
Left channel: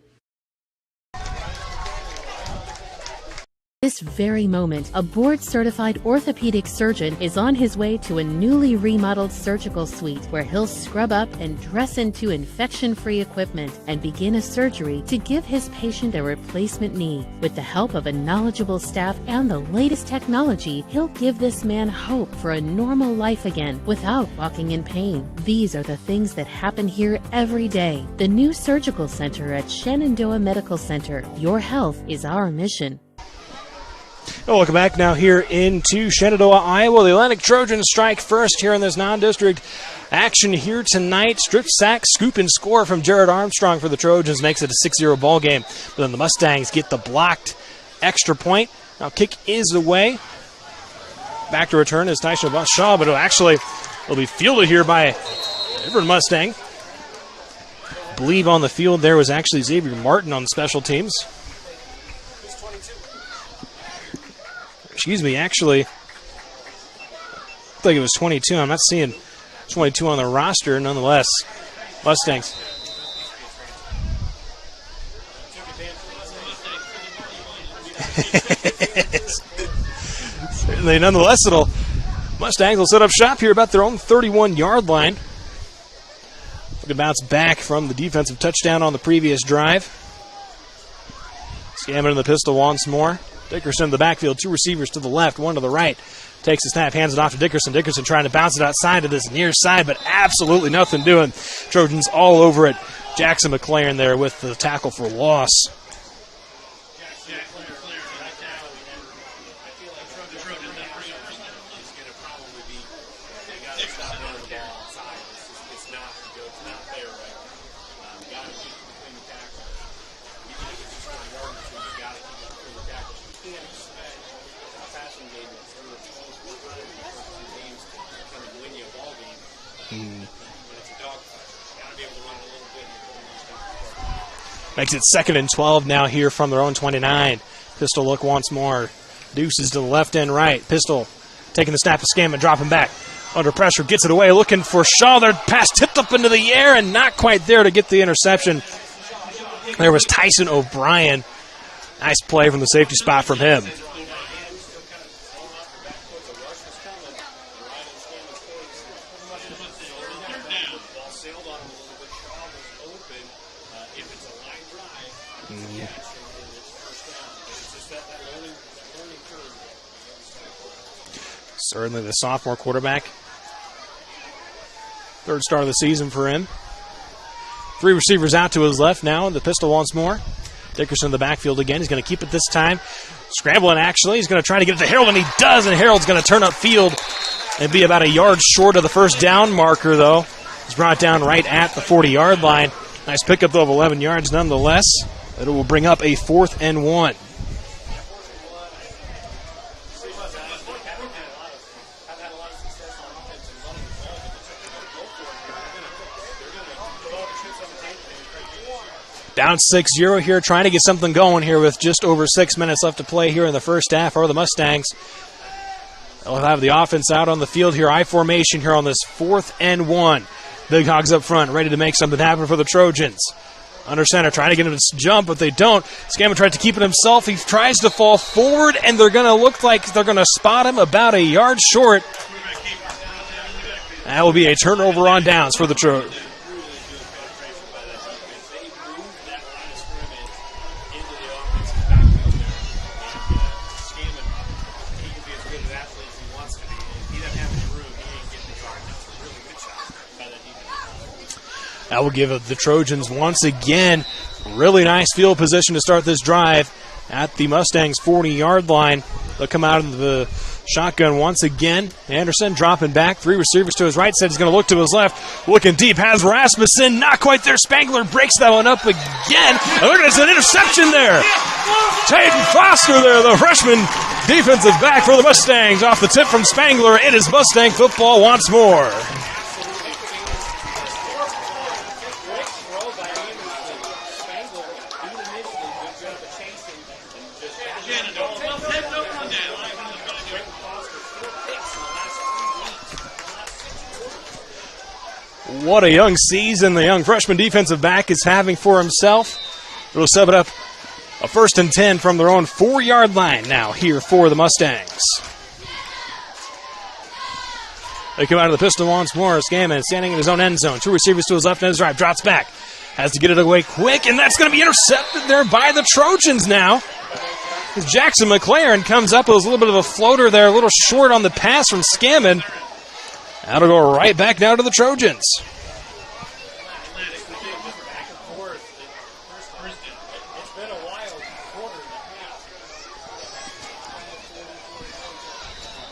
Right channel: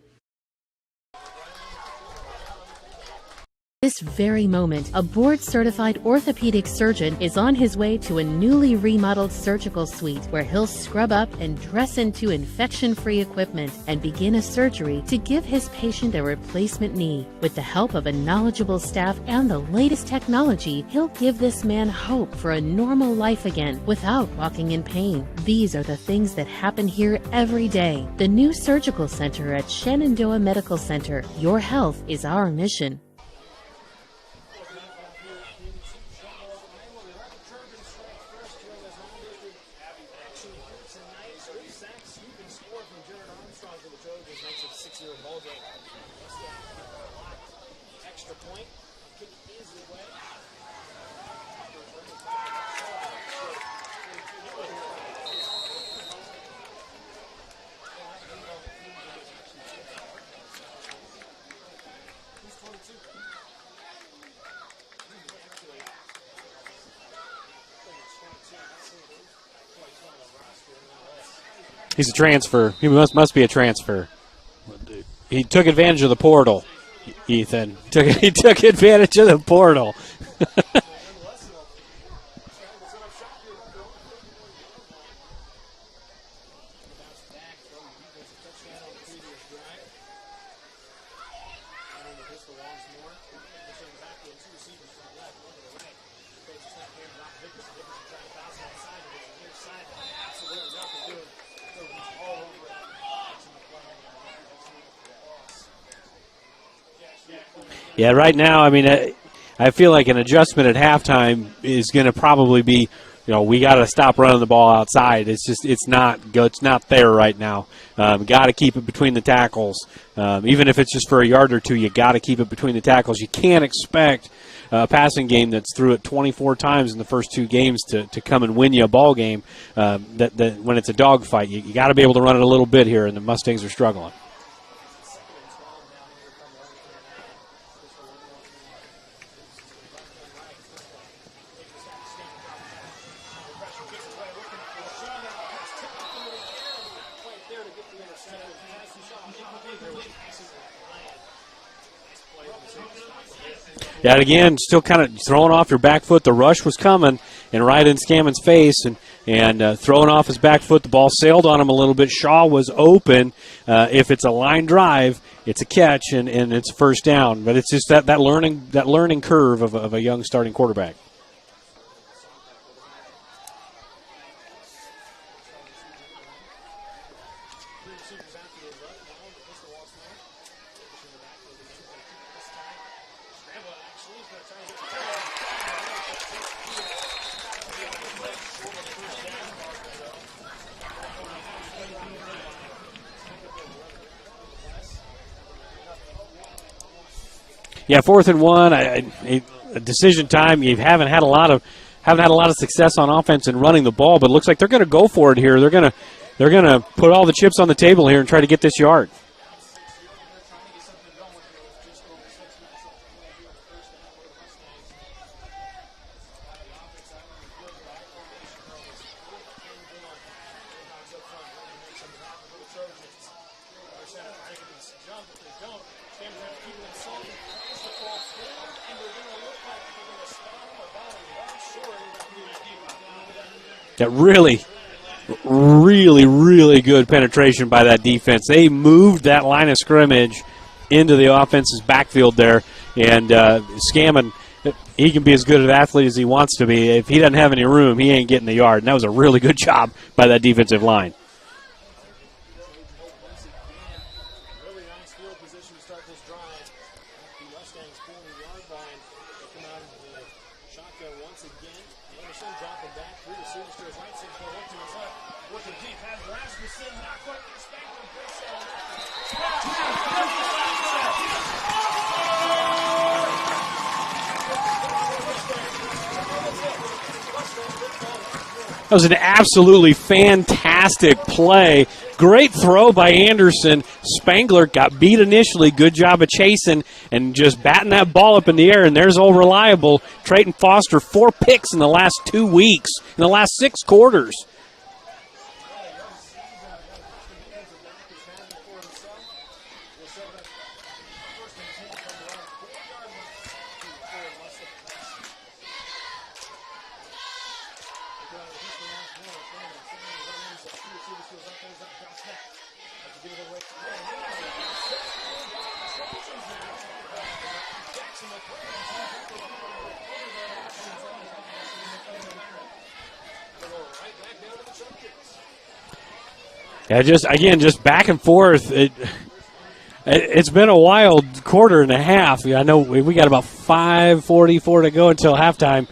This very moment, a board-certified orthopedic surgeon is on his way to a newly remodeled surgical suite where he'll scrub up and dress into infection-free equipment and begin a surgery to give his patient a replacement knee. With the help of a knowledgeable staff and the latest technology, he'll give this man hope for a normal life again without walking in pain. These are the things that happen here every day. The new surgical center at Shenandoah Medical Center. Your health is our mission. Welcome back now here into Shenandoah, Iowa. The Atlantic Trojans strike first here in this non-district action here tonight. Strip sack, scoop, and score from Jared Armstrong for the Trojans makes it a 6-0 ball game. But then the Mustangs get the blocked extra point. Now kick is away. Back to return is Tyson Shaw, but it'll be fielded here by a different Mustang. I believe on the field there was actually Xavier Martin on special teams. Excuse me, actually, I think it was 22. I'm not seeing 22 on the roster, nonetheless. He's a transfer. He must be a transfer. He took advantage of the portal, Ethan. He took advantage of the portal. Nonetheless, Mustangs will set up shop here about their own 31-yard line. Good bounce back from the defensive touchdown on the previous drive. Scammon in the pistol once more. Dickerson in the backfield, 2 receivers to the left, 1 to the right. Takes the snap, hands it off to Dickerson. Dickerson trying to bounce it outside to this near side, but absolutely nothing doing. Trojans all over it. Jackson McLaren there with the tackle for loss. Yeah, right now, I feel like an adjustment at halftime is going to probably be, we got to stop running the ball outside. It's not there right now. Got to keep it between the tackles. Even if it's just for a yard or two, you got to keep it between the tackles. You can't expect a passing game that's threw it 24 times in the first 2 games to come and win you a ball game. That when it's a dogfight, you got to be able to run it a little bit here, and the Mustangs are struggling. Makes it 2nd and 12 now here from their own 29. Pistol look once more. Deuces to the left and right. Pistol taking the snap of Scammon, dropping back. Under pressure, gets it away, looking for Shaw. Their pass tipped up into the air and not quite there to get the interception. There was Tyson O'Brien. Nice play from the safety spot from him. Yeah, again, still kind of throwing off your back foot. The rush was coming and right in Scammon's face and throwing off his back foot. The ball sailed on him a little bit. Shaw was open. If it's a line drive, it's a catch and it's first down. But it's just that learning curve of a young starting quarterback. Certainly the sophomore quarterback. 3rd start of the season for him. 3 receivers out to his left now, and the pistol once more. Dickerson in the backfield again. He's going to keep it this time. Scrambling, actually. He's going to try to get it to Harold, and he does, and Harold's going to turn up field and be about a yard short of the first down marker, though. He's brought down right at the 40-yard line. Nice pickup, though, of 11 yards nonetheless. It will bring up a 4th and 1. Yeah, 4th and 1. A decision time. You haven't had a lot of success on offense in running the ball, but it looks like they're going to go for it here. They're going to put all the chips on the table here and try to get this yard. Down 6-0 here, trying to get something going here with just over 6 minutes left to play here in the first half for the Mustangs. They'll have the offense out on the field here, I formation here on this 4th and 1. Big Hogs up front, ready to make something happen for the Trojans. Under center, trying to get him to jump, but they don't. Scammon tries to keep it himself. He tries to fall forward, and they're going to look like they're going to spot him about a yard short. That will be a turnover on downs for the Trojans. Really good penetration by that defense. They moved that line of scrimmage into the offense's backfield there, and Scammon, he can be as good an athlete as he wants to be. If he doesn't have any room, he ain't getting the yard. And that was a really good job by that defensive line. That will give the Trojans once again really nice field position to start this drive at the Mustangs' 40-yard line. They'll come out in the shotgun once again. Anderson dropping back. 3 receivers to his right side. He's going to look to his left. Looking deep. Has Rasmussen. Not quite there. Spangler breaks that one up again. And look, there's an interception there. Taden Foster there, the freshman defensive back for the Mustangs. Off the tip from Spangler. It is Mustang football once more. That was an absolutely fantastic play. Great throw by Anderson. Spangler got beat initially. Good job of chasing and just batting that ball up in the air. And there's old reliable Trayton Foster. 4 picks in the last 2 weeks, in the last 6 quarters. What a young season the young freshman defensive back is having for himself. It'll set it up a 1st and 10 from their own 4-yard line now here for the Mustangs. They come out of the pistol once more. Scammon standing in his own end zone. 2 receivers to his left and his right. Drops back. Has to get it away quick, and that's going to be intercepted there by the Trojans now. Jackson McLaren comes up with a little bit of a floater there, a little short on the pass from Scammon. That'll go right back now to the Trojans. Yeah, just back and forth. It's been a wild quarter and a half. I know we got about 5:44 to go until halftime.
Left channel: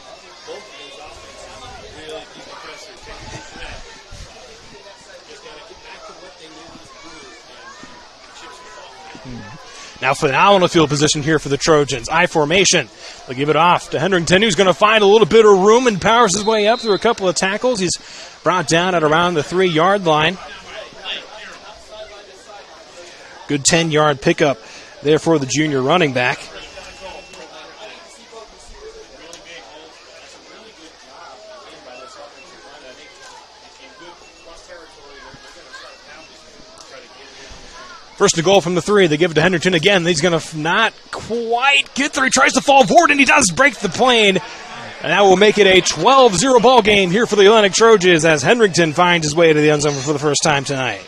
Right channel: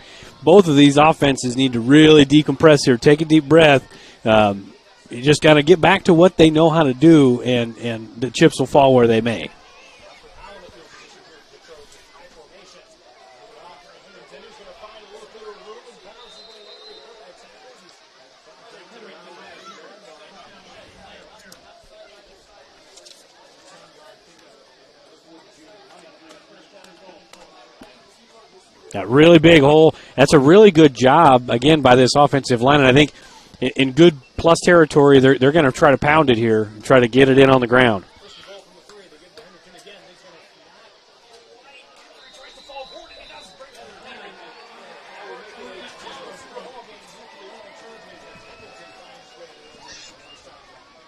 Both of these offenses need to really decompress here. Take a deep breath. You just got to get back to what they know how to do, and the chips will fall where they may. Now phenomenal field position here for the Trojans. I formation. They'll give it off to Hendrington, who's going to find a little bit of room and powers his way up through a couple of tackles. He's brought down at around the 3-yard line. Good 10-yard pickup there for the junior running back. That really big hole. That's a really good job, again, by this offensive line. And I think in good plus territory, they're going to try to pound it here, try to get it in on the ground. First and goal from the 3. They give it to Hendrington again. He's going to not quite get there. He tries to fall forward, and he does break the plane. And that will make it a 12-0 ball game here for the Atlantic Trojans as Hendrington finds his way to the end zone for the first time tonight.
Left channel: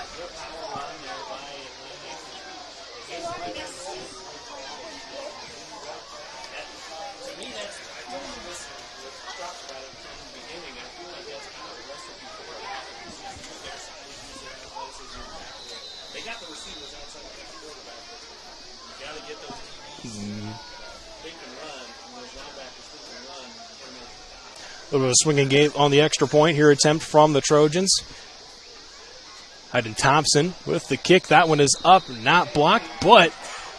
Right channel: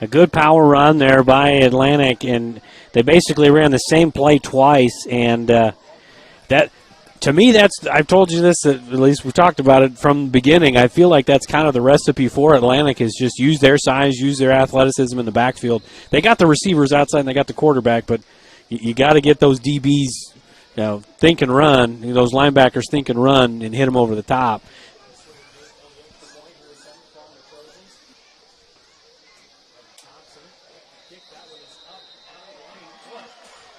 A good power run there by Atlantic, and they basically ran the same play twice. And that, to me, I've told you this, at least we talked about it from the beginning. I feel like that's kind of the recipe for Atlantic, is just use their size, use their athleticism in the backfield. They got the receivers outside and they got the quarterback, but you got to get those DBs, think and run, those linebackers think and run and hit them over the top. A little bit of a swinging game on the extra point here, attempt from the Trojans. Hayden Thompson with the kick. That one is up, not blocked, but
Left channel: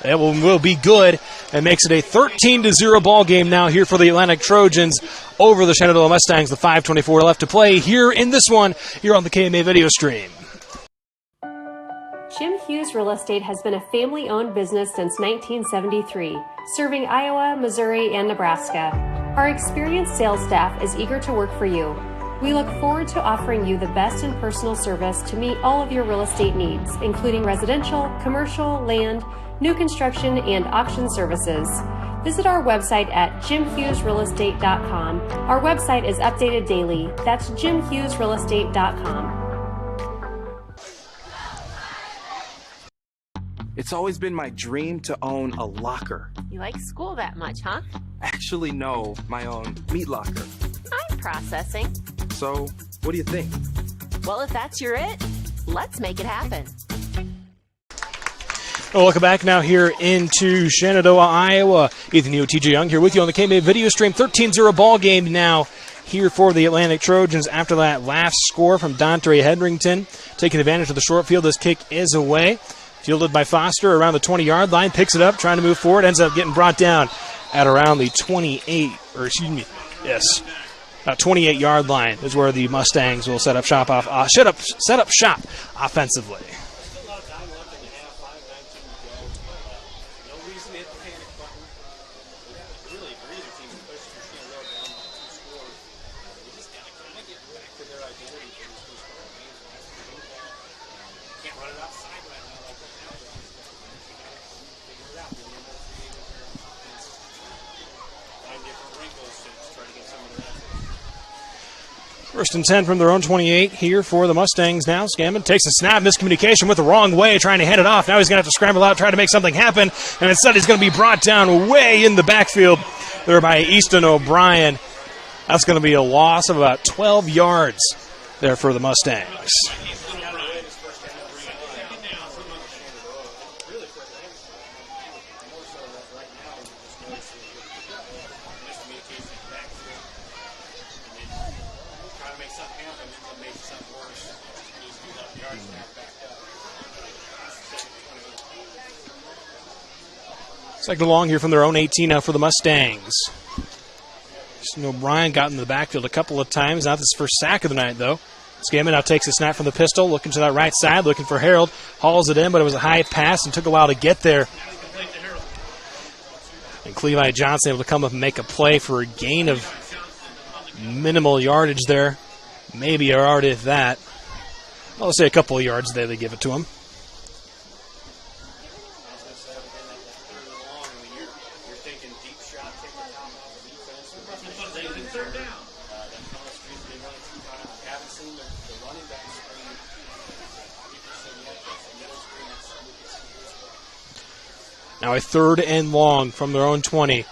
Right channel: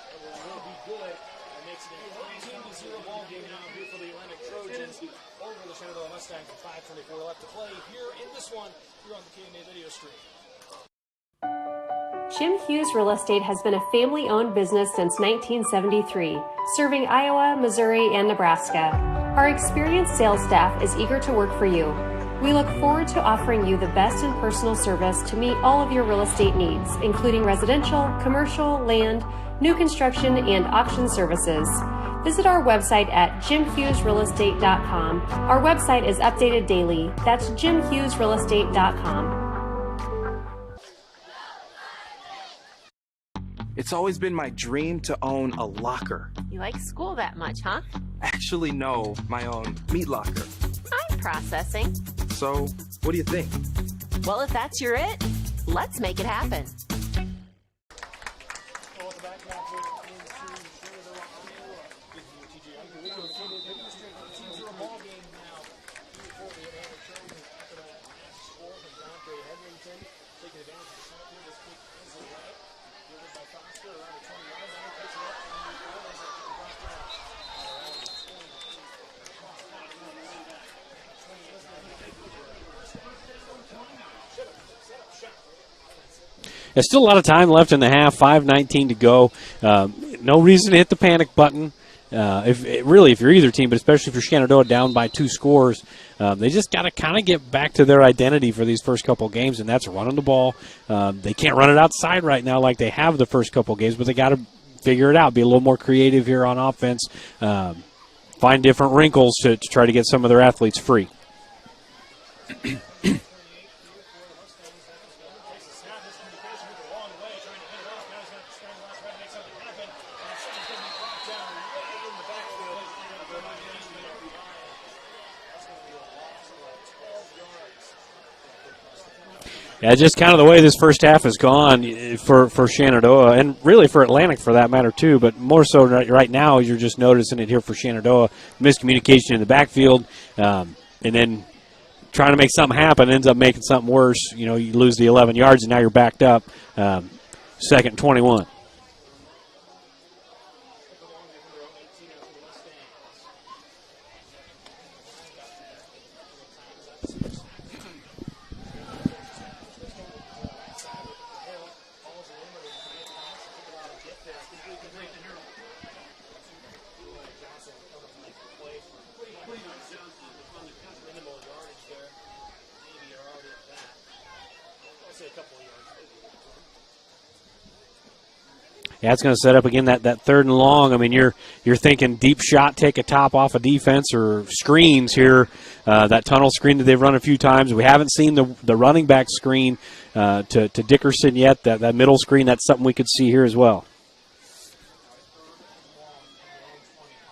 it will be good and makes it a 13-0 ball game now here for the Atlantic Trojans over the Shenandoah Mustangs. The 5:24 left to play here in this one here on the KMA video stream. Jim Hughes Real Estate has been a family-owned business since 1973, serving Iowa, Missouri, and Nebraska. Our experienced sales staff is eager to work for you. We look forward to offering you the best in personal service to meet all of your real estate needs, including residential, commercial, land, new construction, and auction services. Visit our website at jimhughesrealestate.com. Our website is updated daily. That's jimhughesrealestate.com. It's always been my dream to own a locker. You like school that much, huh? Actually, no, my own meat locker. I'm processing. So, what do you think? Well, if that's your it, let's make it happen. Well, welcome back now here into Shenandoah, Iowa. Ethan Hewitt, TJ Young here with you on the KMA video stream. 13-0 ball game now here for the Atlantic Trojans after that last score from Dontre Hedrington. Taking advantage of the short field, this kick is away. Fielded by Foster around the 20-yard line, picks it up, trying to move forward, ends up getting brought down at around the 28-yard line is where the Mustangs will set up shop offensively. There's still a lot of time left in the half, 5:19 to go. No reason to hit the panic button. If you're either team, but especially if you're Shenandoah down by 2 scores, they just got to kind of get back to their identity for these first couple games, and that's running the ball. They can't run it outside right now like they have the first couple games, but they got to figure it out, be a little more creative here on offense, find different wrinkles to try to get some of their athletes free. First and 10 from their own 28 here for the Mustangs now. Scammon takes a snap, miscommunication with the wrong way, trying to hand it off. Now he's going to have to scramble out, try to make something happen, and instead he's going to be brought down way in the backfield there by Easton O'Brien. That's going to be a loss of about 12 yards there for the Mustangs. Yeah, just kind of the way this first half has gone for Shenandoah, and really for Atlantic for that matter too, but more so right now you're just noticing it here for Shenandoah. Miscommunication in the backfield, and then trying to make something happen ends up making something worse. You lose the 11 yards, and now you're backed up. Second 21. Second along here from their own 18 now for the Mustangs. Easton O'Brien got in the backfield a couple of times. Not his first sack of the night, though. Scammon now takes a snap from the pistol, looking to that right side, looking for Harold. Hauls it in, but it was a high pass and took a while to get there. And Clevi Johnson able to come up and make a play for a gain of minimal yardage there. Maybe a yard if that. I'll say a couple of yards there they give it to him. Yeah, it's going to set up again that third and long. I mean, you're thinking deep shot, take a top off of defense, or screens here. That tunnel screen that they've run a few times. We haven't seen the running back screen to Dickerson yet. That middle screen, that's something we could see here as well. Now a third and long from their own 20.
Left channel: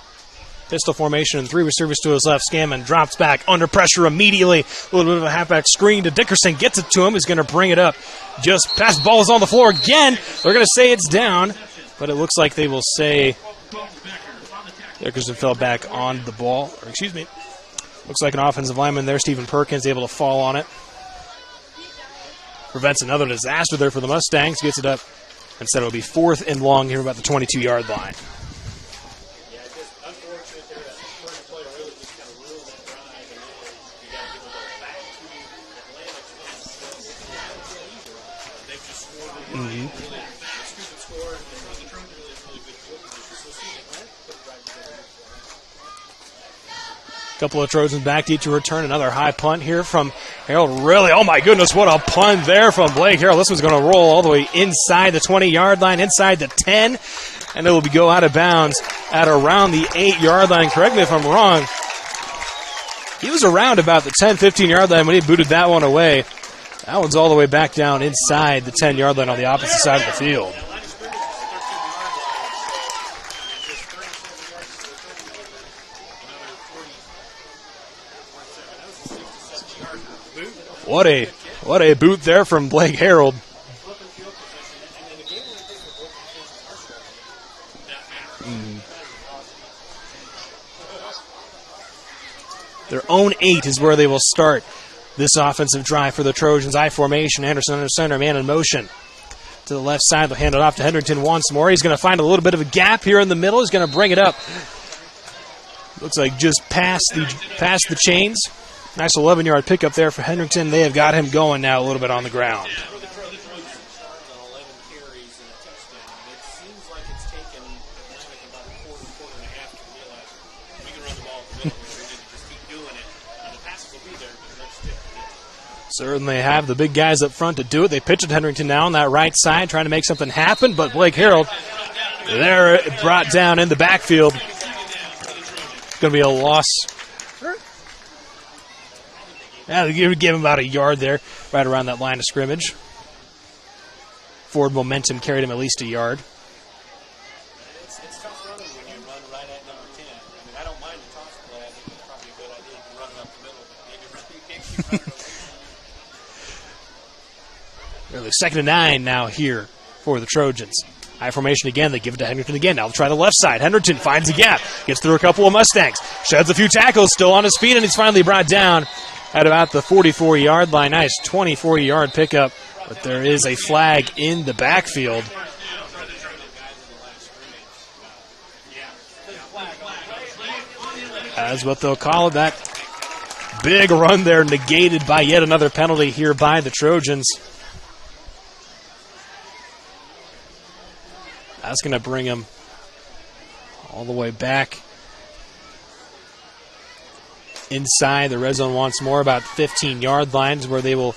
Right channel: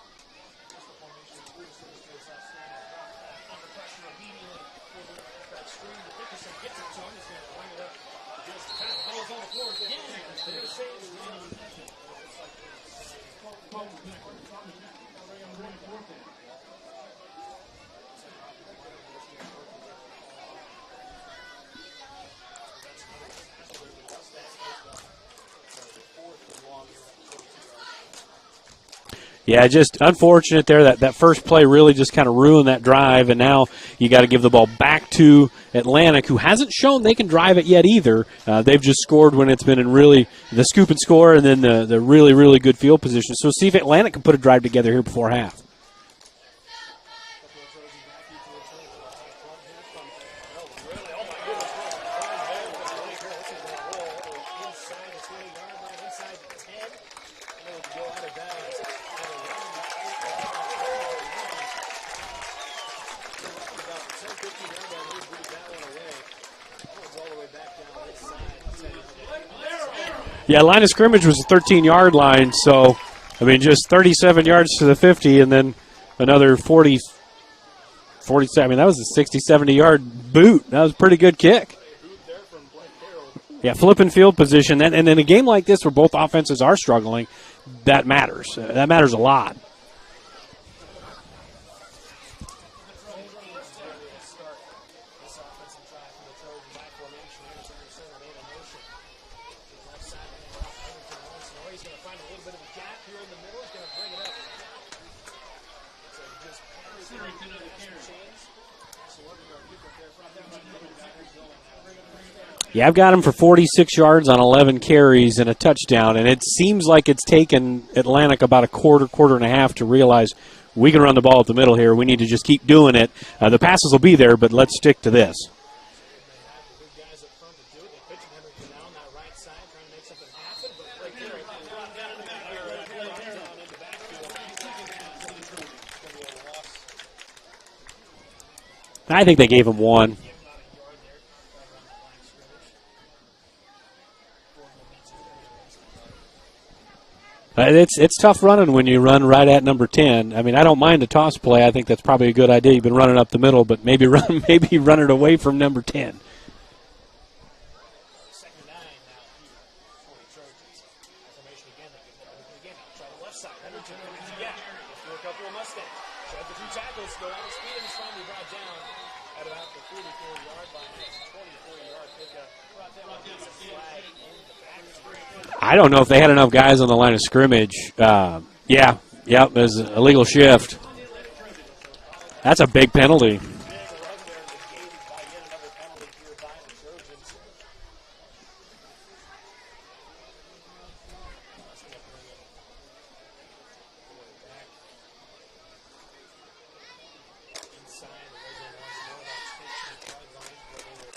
Pistol formation and 3 receivers to his left. Scammon drops back under pressure immediately. A little bit of a halfback screen to Dickerson. Gets it to him. He's going to bring it up. Just past ball is on the floor again. They're going to say it's down, but it looks like they will say Dickerson fell back on the ball. Looks like an offensive lineman there. Stephen Perkins able to fall on it. Prevents another disaster there for the Mustangs. Gets it up. Instead, it'll be 4th and long here about the 22-yard line. Yeah, just unfortunate there. That first play really just kind of ruined that drive, and now you got to give the ball back to Atlantic, who hasn't shown they can drive it yet either. They've just scored when it's been in really the scoop and score and then the really, really good field position. So see if Atlantic can put a drive together here before half. Couple of Trojans back to each return. Another high punt here from Harold. Really, oh my goodness, what a punt there from Blake Harold. This one's going to roll all the way inside the 20-yard line, inside the 10. And it will go out of bounds at around the 8-yard line. Correct me if I'm wrong. He was around about the 10, 15-yard line when he booted that one away. That one's all the way back down inside the 10-yard line on the opposite side of the field. Yeah, line of scrimmage was the 13-yard line. So, I mean, just 37 yards to the 50 and then another 47. I mean, that was a 60, 70-yard boot. That was a pretty good kick. What a boot there from Blake Harold. Yeah, flipping field position. And in a game like this where both offenses are struggling, that matters. That matters a lot. Their own 8 is where they will start this offensive drive for the Trojans. I formation, Anderson under center, man in motion. To the left side, they'll hand it off to Hendrington once more. He's going to find a little bit of a gap here in the middle. He's going to bring it up. Looks like just past the chains. Nice 11-yard pickup there for Hendrington. They have got him going now a little bit on the ground. Yeah, I've got him for 46 yards on 11 carries and a touchdown, and it seems like it's taken Atlantic about a quarter and a half to realize we can run the ball at the middle here. We need to just keep doing it. The passes will be there, but let's stick to this. Certainly have the big guys up front to do it. They pitch it Hendrington now on that right side, trying to make something happen, but Blake Harold there brought down in the backfield. It's going to be a loss. I think they gave him one. They would give him about a yard there, right around that line of scrimmage. Forward momentum carried him at least a yard. It's tough running when you run right at number 10. I mean, I don't mind a toss play. I think that's probably a good idea. You've been running up the middle, but maybe run it away from number 10. Really, 2nd and 9 now here for the Trojans. High formation again. They give it to Henderson again. Now they'll try the left side. Henderson finds a gap. Gets through a couple of Mustangs. Sheds a few tackles. Still on his feet, and he's finally brought down at about the 44-yard line. Nice 24-yard pickup. But there is a flag in the backfield. I don't know if they had enough guys on the line of scrimmage. There's an illegal shift. That's what they'll call it. That's a big penalty. Big run there, negated by yet another penalty here by the Trojans. That's going to bring him all the way back inside the red zone once more, about 15-yard lines where they will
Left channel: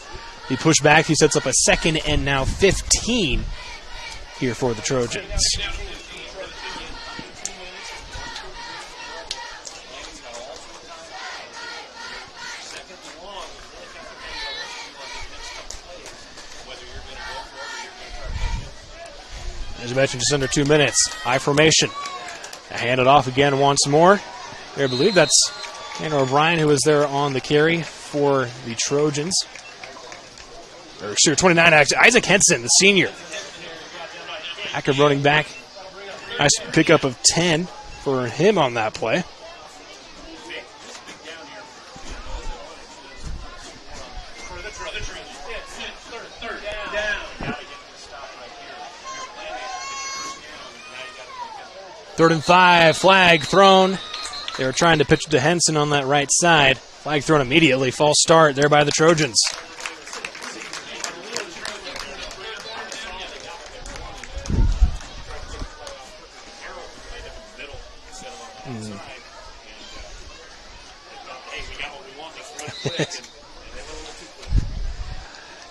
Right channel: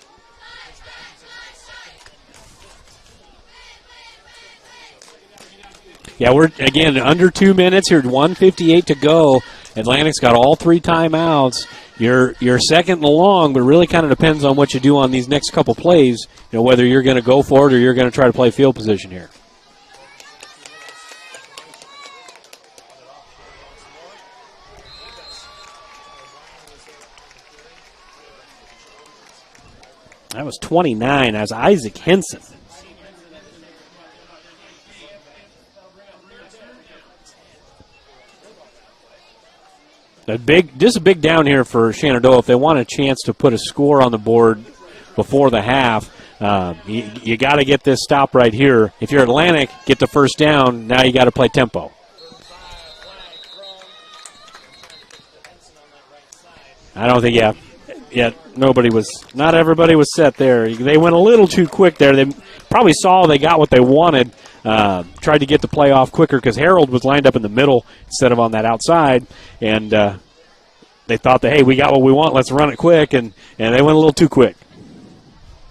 be pushed back. He sets up a 2nd and now 15 here for the Trojans. Yeah, we're, again, under 2 minutes here, 1:58 to go. Atlantic's got all 3 timeouts. You're second and long, but it really kind of depends on what you do on these next couple plays, whether you're going to go for it or you're going to try to play field position here. As I mentioned, just under 2 minutes. High formation. Hand it off again once more. I believe that's Tanner O'Brien who was there on the carry for the Trojans. That was 29. Sure, 29. Isaac Henson, the senior. Active running back. Nice pickup of 10 for him on that play. Just a big down here for Shenandoah. If they want a chance to put a score on the board before the half, you got to get this stop right here. If you're Atlantic, get the first down. Now you got to play tempo. 3rd and 5, flag thrown. They were trying to pitch it to Henson on that right side. I don't think immediately false start there by the Trojans. Not everybody was set there. They went a little too quick there. They probably saw they got what they wanted. Tried to get the play off quicker because Harold was lined up in the middle instead of on that outside, and they thought that, hey, we got what we want. Let's run it quick, and they went a little too quick.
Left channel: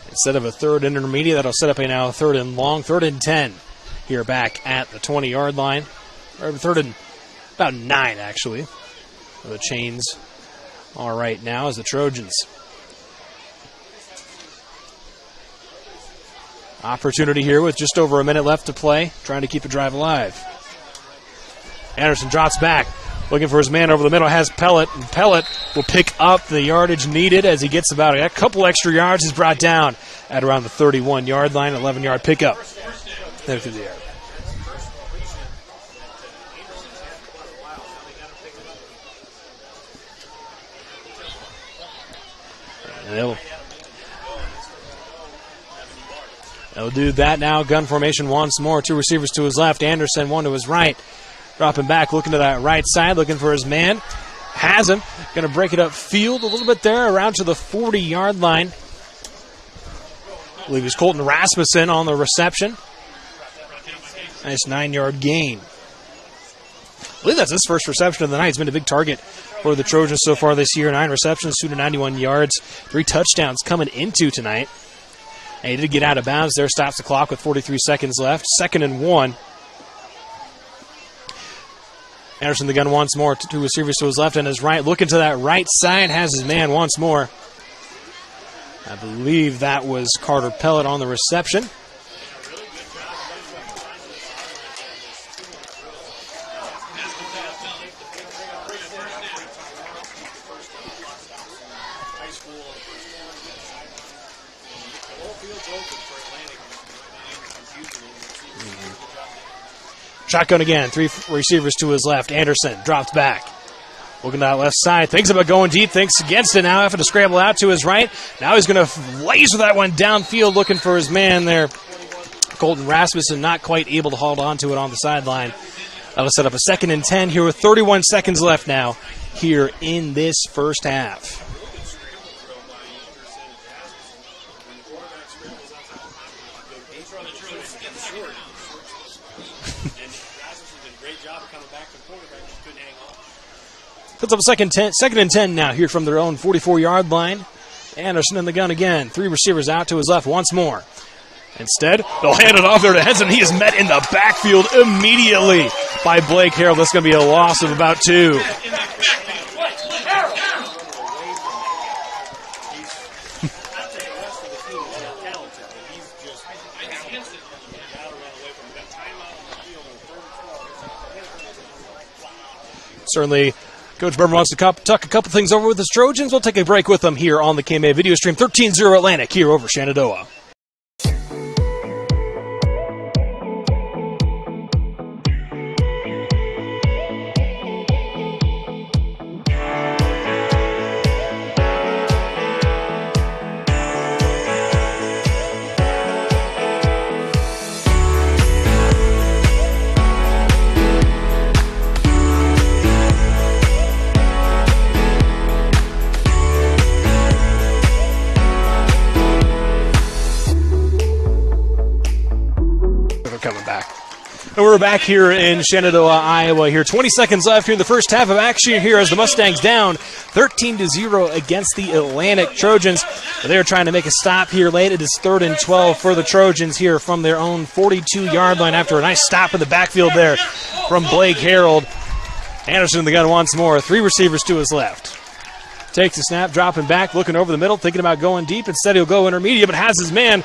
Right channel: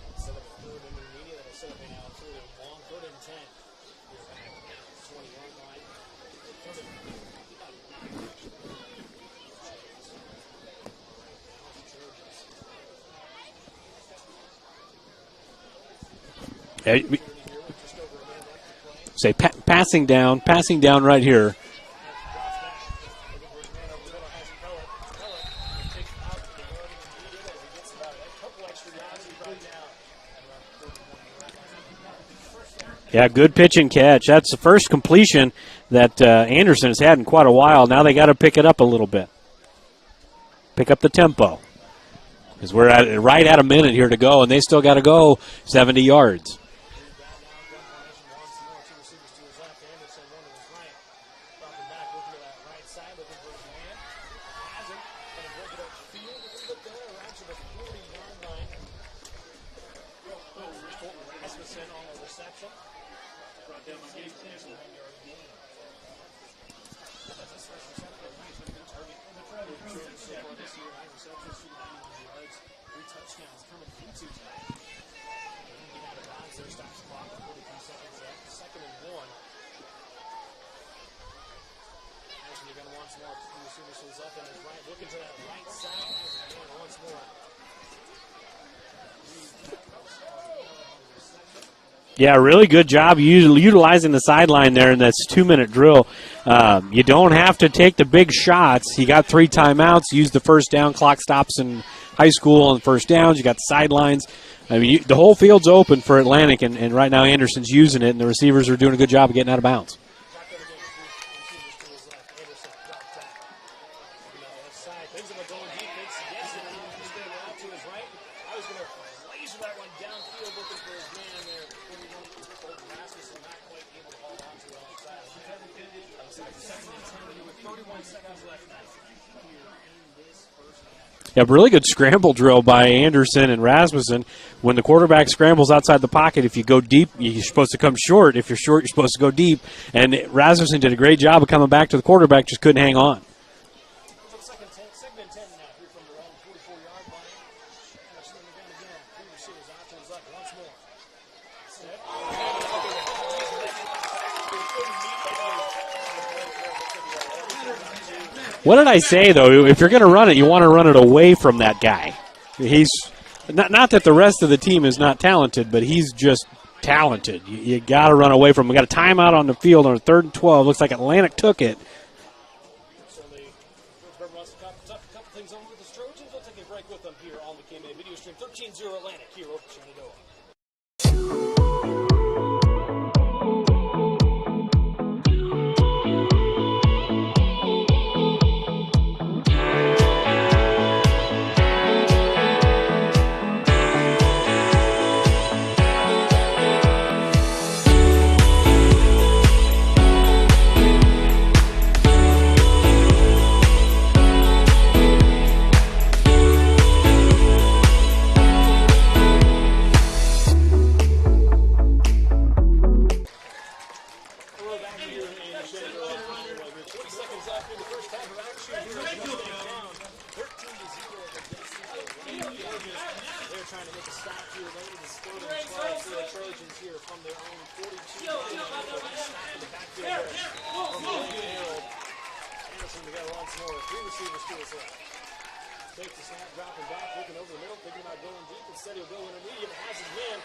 Instead of a 3rd and intermediate, that'll set up a now 3rd and long, 3rd and 10 here back at the 20-yard line. Or 3rd and about 9, actually. The chains are right now as the Trojans. Opportunity here with just over a minute left to play. Trying to keep the drive alive. Passing down right here. Anderson drops back. Looking for his man over the middle, has Pellet, and Pellet will pick up the yardage needed as he gets about a couple extra yards. He's brought down at around the 31-yard line, 11-yard pickup. Yeah, good pitch and catch. That's the first completion that Anderson has had in quite a while. Now they got to pick it up a little bit. Pick up the tempo. Because we're right at a minute here to go, and they still got to go 70 yards. They'll do that now. Gun formation once more. 2 receivers to his left. Anderson, 1 to his right. Dropping back, looking to that right side, looking for his man. Has him. Going to break it up field a little bit there, around to the 40-yard line. I believe it's Colton Rasmussen on the reception. Nice 9-yard gain. I believe that's his first reception of the night. He's been a big target for the Trojans so far this year. 9 receptions, 291 yards, 3 touchdowns coming into tonight. And he did get out of bounds there, stops the clock with 43 seconds left. 2nd and 1. Anderson the gun once more, 2 receivers to his left and his right. Looking to that right side, has his man once more. I believe that was Carter Pellet on the reception. Yeah, really good job utilizing the sideline there in this 2-minute drill. You don't have to take the big shots. You got 3 timeouts. Use the first down. Clock stops in high school on first downs. You got the sidelines. I mean, the whole field's open for Atlantic, and right now Anderson's using it, and the receivers are doing a good job of getting out of bounds. Shotgun again. 3 receivers to his left. Anderson drops back. Looking to that left side. Thinks about going deep. Thinks against it now. Having to scramble out to his right. Now he's going to laser that one downfield looking for his man there. Colton Rasmussen not quite able to hold on to it on the sideline. That'll set up a 2nd and 10 here with 31 seconds left now here in this first half. Yeah, really good scramble drill by Anderson and Rasmussen. When the quarterback scrambles outside the pocket, if you go deep, you're supposed to come short. If you're short, you're supposed to go deep. And Rasmussen did a great job of coming back to the quarterback, just couldn't hang on. Puts up a 2nd and 10 now here from their own 44-yard line. Anderson in the gun again. 3 receivers out to his left once more. Instead, they'll hand it off there to Henson. He is met in the backfield immediately by Blake Harold. That's going to be a loss of about 2. What did I say, though? If you're going to run it, you want to run it away from that guy. He's not that the rest of the team is not talented, but he's just talented. You got to run away from him. We got a timeout on the field on 3rd and 12. Looks like Atlantic took it. Certainly, Coach Berman wants to tuck a couple things over with his Trojans. We'll take a break with them here on the KMA video stream. 13-0 Atlantic here over Shenandoah. And we're back here in Shenandoah, Iowa. Here, 20 seconds left here in the first half of action here as the Mustangs down 13-0 against the Atlantic Trojans. They're trying to make a stop here late. It is 3rd and 12 for the Trojans here from their own 42-yard line after a nice stop in the backfield there from Blake Harold. Anderson in the gun once more. 3 receivers to his left. Takes the snap, dropping back, looking over the middle, thinking about going deep. Instead, he'll go intermediate, but has his man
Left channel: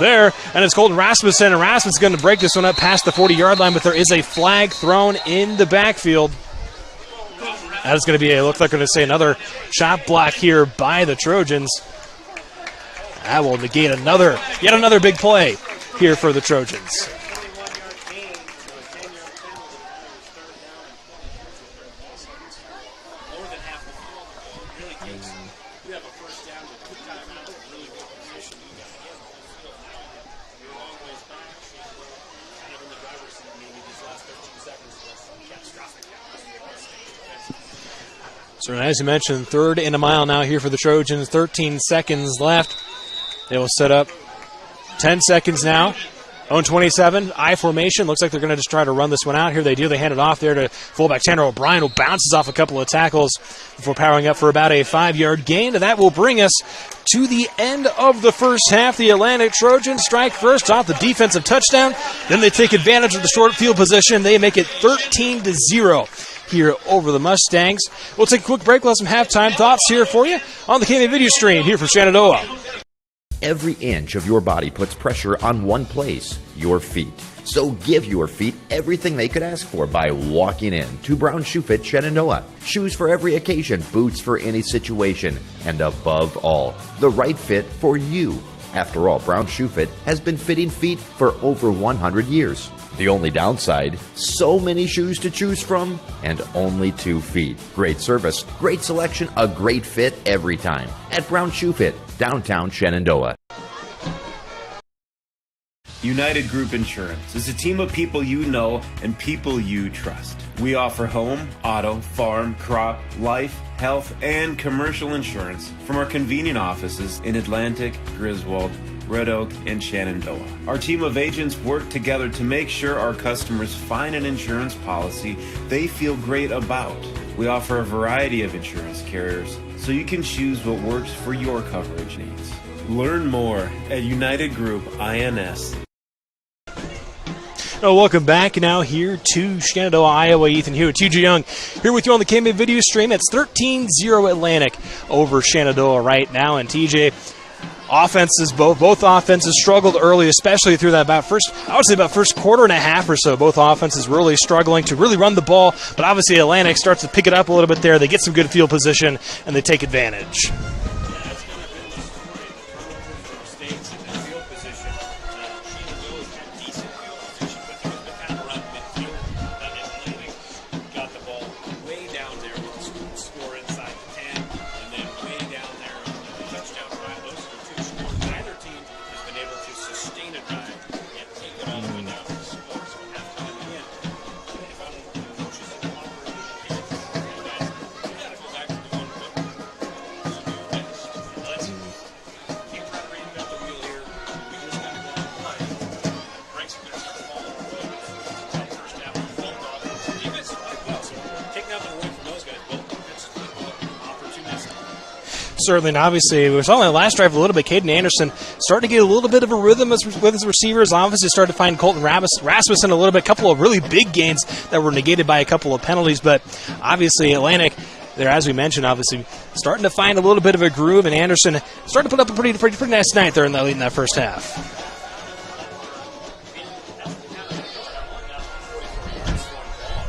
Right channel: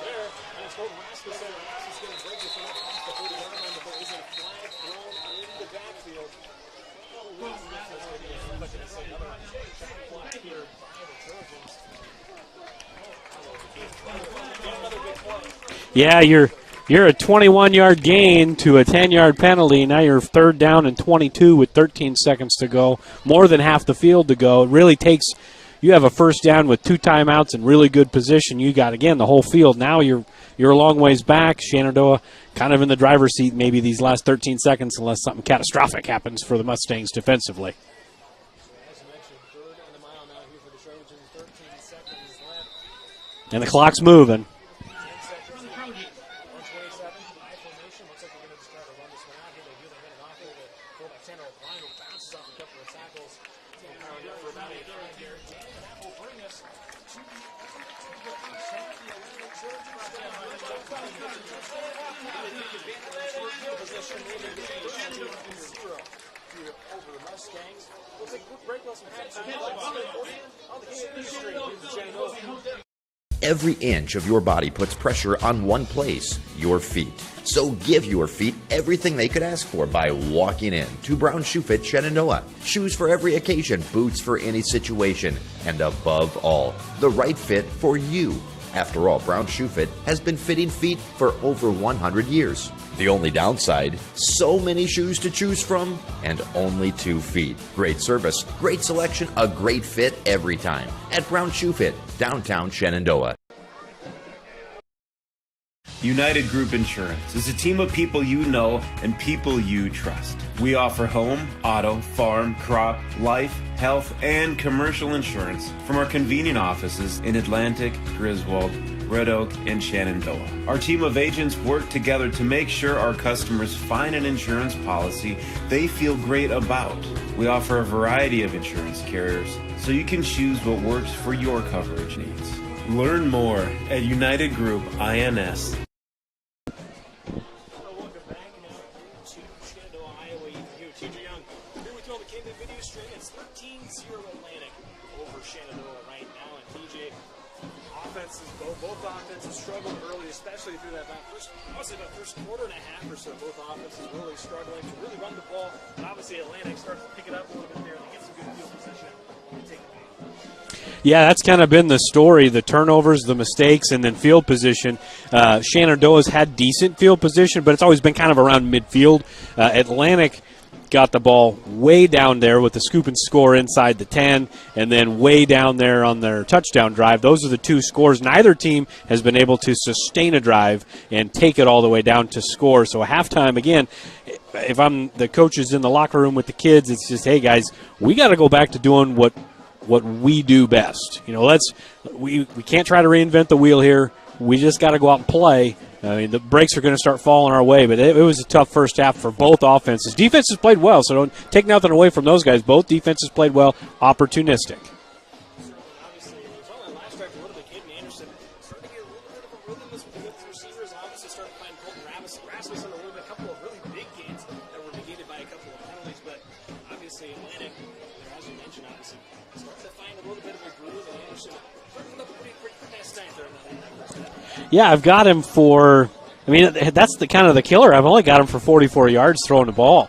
there. And it's Colton Rasmussen, and Rasmussen's going to break this one up past the 40-yard line, but there is a flag thrown in the backfield. That is going to be, looks like going to say another shot block here by the Trojans. That will negate yet another big play. Yeah, you're a 21-yard gain to a 10-yard penalty. Now you're 3rd down and 22 with 13 seconds to go. More than half the field to go. It really takes – you have a first down with 2 timeouts and really good position. You got, again, the whole field. Now you're a long ways back. Shenandoah kind of in the driver's seat maybe these last 13 seconds unless something catastrophic happens for the Mustangs defensively. So as you mentioned, 3rd and a mile now here for the Trojans. 13 seconds left. And the clock's moving. 10 seconds now. Own 27, I formation. Looks like they're going to just try to run this one out here. They do. They hand it off there to fullback Tanner O'Brien, who bounces off a couple of tackles before powering up for about a 5-yard gain. And that will bring us to the end of the first half. The Atlantic Trojans strike first off the defensive touchdown. Then they take advantage of the short field position. They make it 13-0 here over the Mustangs. We'll take a quick break. We'll have some halftime thoughts here for you on the KMA video stream here from Shenandoah. Every inch of your body puts pressure on one place, your feet. So give your feet everything they could ask for by walking in to Brown Shoe Fit Shenandoah. Shoes for every occasion, boots for any situation, and above all, the right fit for you. After all, Brown Shoe Fit has been fitting feet for over 100 years. The only downside, so many shoes to choose from and only 2 feet. Great service, great selection, a great fit every time at Brown Shoe Fit, downtown Shenandoah. United Group Insurance is a team of people you know and people you trust. We offer home, auto, farm, crop, life, health, and commercial insurance from our convenient offices in Atlantic, Griswold, Red Oak, and Shenandoah. Our team of agents work together to make sure our customers find an insurance policy they feel great about. We offer a variety of insurance carriers, so you can choose what works for your coverage needs. Learn more at United Group INS. Welcome back now here to Shenandoah, Iowa. Ethan Hewitt, TJ Young here with you on the KMA video stream. It's 13-0 Atlantic over Shenandoah right now. And TJ, offenses, both offenses struggled early, especially through that first quarter and a half or so. Both offenses really struggling to really run the ball, but obviously Atlantic starts to pick it up a little bit there. They get some good field position, and they take advantage. Yeah, that's kind of been the story, the turnovers, the mistakes, and then field position. Shenandoah's had decent field position, but it's always been kind of around midfield. Atlantic got the ball way down there with the scoop and score inside the 10, and then way down there on their touchdown drive. Those are the 2 scores. Neither team has been able to sustain a drive and take it all the way down to score. So at halftime, again, if I'm the coaches in the locker room with the kids, it's just, hey, guys, we got to go back to doing what we do best. You know, we can't try to reinvent the wheel here. We just got to go out and play. I mean, the breaks are going to start falling our way, but it was a tough first half for both offenses. Defenses played well, so don't take nothing away from those guys. Both defenses played well, opportunistic. Certainly, and obviously, we saw on the last drive a little bit, Caden Anderson starting to get a little bit of a rhythm with his receivers. Obviously, started to find Colton Rasmussen a little bit, a couple of really big gains that were negated by a couple of penalties, but obviously Atlantic, there, as we mentioned, obviously starting to find a little bit of a groove, and Anderson starting to put up a pretty nice night there in that first half. Yeah, I've got him for, I mean, that's the kind of the killer. I've only got him for 44 yards throwing the ball.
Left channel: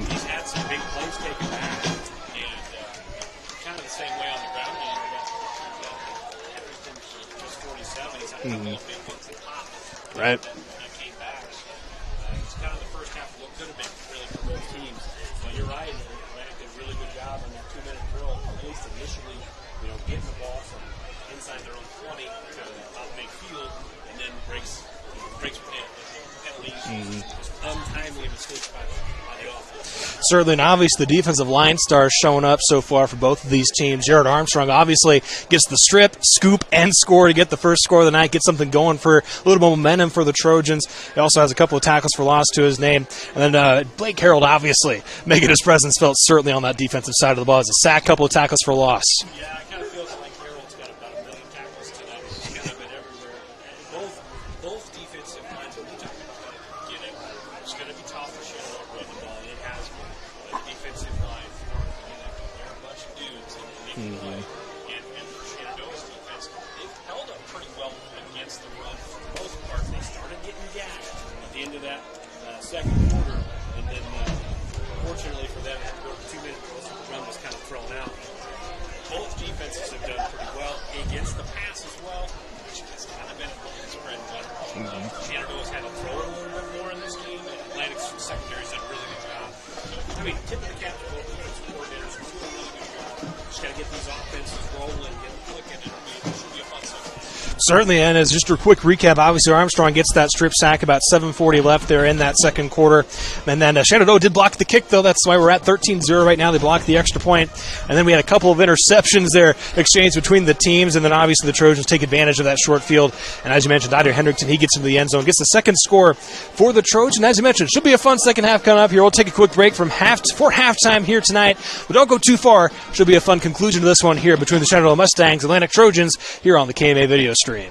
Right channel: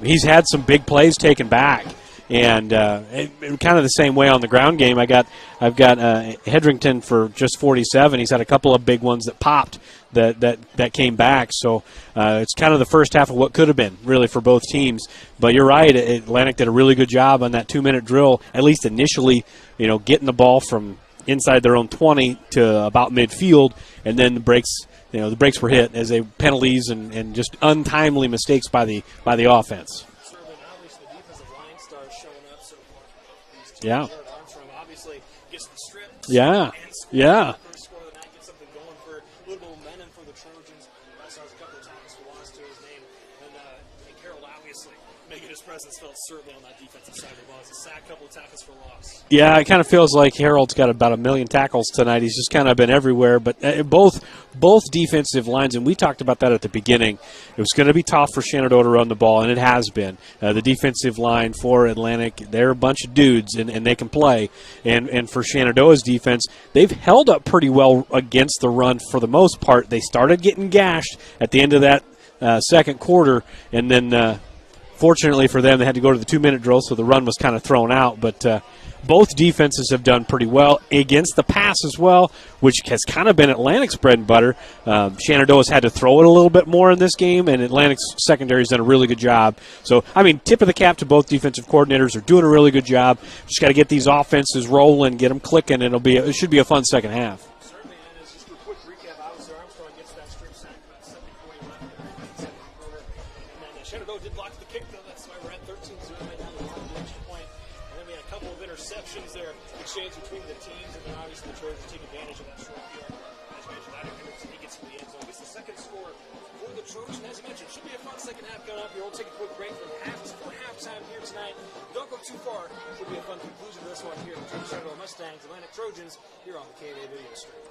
He's had some big plays taken back, and kind of the same way on the ground game. I've got Hedrington for just 47. He's had a couple of big ones that popped that came back. So it's kind of the first half of what could have been, really, for both teams. But you're right, Atlantic did a really good job on that 2-minute drill, at least initially, getting the ball from inside their own 20 to about midfield, and then the breaks the brakes were hit as penalties and just untimely mistakes by the offense. Certainly, and obviously the defensive line stars showing up so far for both of these teams. Yeah. Jared Armstrong obviously gets the strip, scoop, and score to get the first score of the night, get something going for a little momentum for the Trojans. He also has a couple of tackles for loss to his name. And then Blake Harold obviously making his presence felt certainly on that defensive side of the ball. As a sack, couple of tackles for loss. Yeah, it kind of feels like Harold's got about 1 million tackles tonight. He's just kind of been everywhere. But both defensive lines, and we talked about that at the beginning, it was going to be tough for Shenandoah to run the ball, and it has been. The defensive line for Atlantic, they're a bunch of dudes, and they can play. And for Shenandoah's defense, they've held up pretty well against the run for the most part. They started getting gashed at the end of that second quarter, and then fortunately for them, they had to go to the 2-minute drill, so the run was kind of thrown out. But both defenses have done pretty well against the pass as well, which has kind of been Atlantic's bread and butter. Shenandoah's had to throw it a little bit more in this game, and Atlantic's secondary has done a really good job. So, tip of the cap to both defensive coordinators. They're doing a really good job. Just got to get these offenses rolling, get them clicking. It should be a fun second half. Certainly, and as just a quick recap, obviously Armstrong gets that strip sack, about 7:40 left there in that second quarter. And then Shenandoah did block the kick, though. That's why we're at 13-0 right now. They blocked the extra point. And then we had a couple of interceptions there exchanged between the teams, and then obviously the Trojans take advantage of that short field. And as you mentioned, Dyer Hendrickson, he gets into the end zone, gets the second score for the Trojans. As you mentioned, it should be a fun second half coming up here. We'll take a quick break for halftime here tonight, but don't go too far. Should be a fun conclusion to this one here between the Shenandoah Mustangs, Atlantic Trojans, here on the KMA video stream.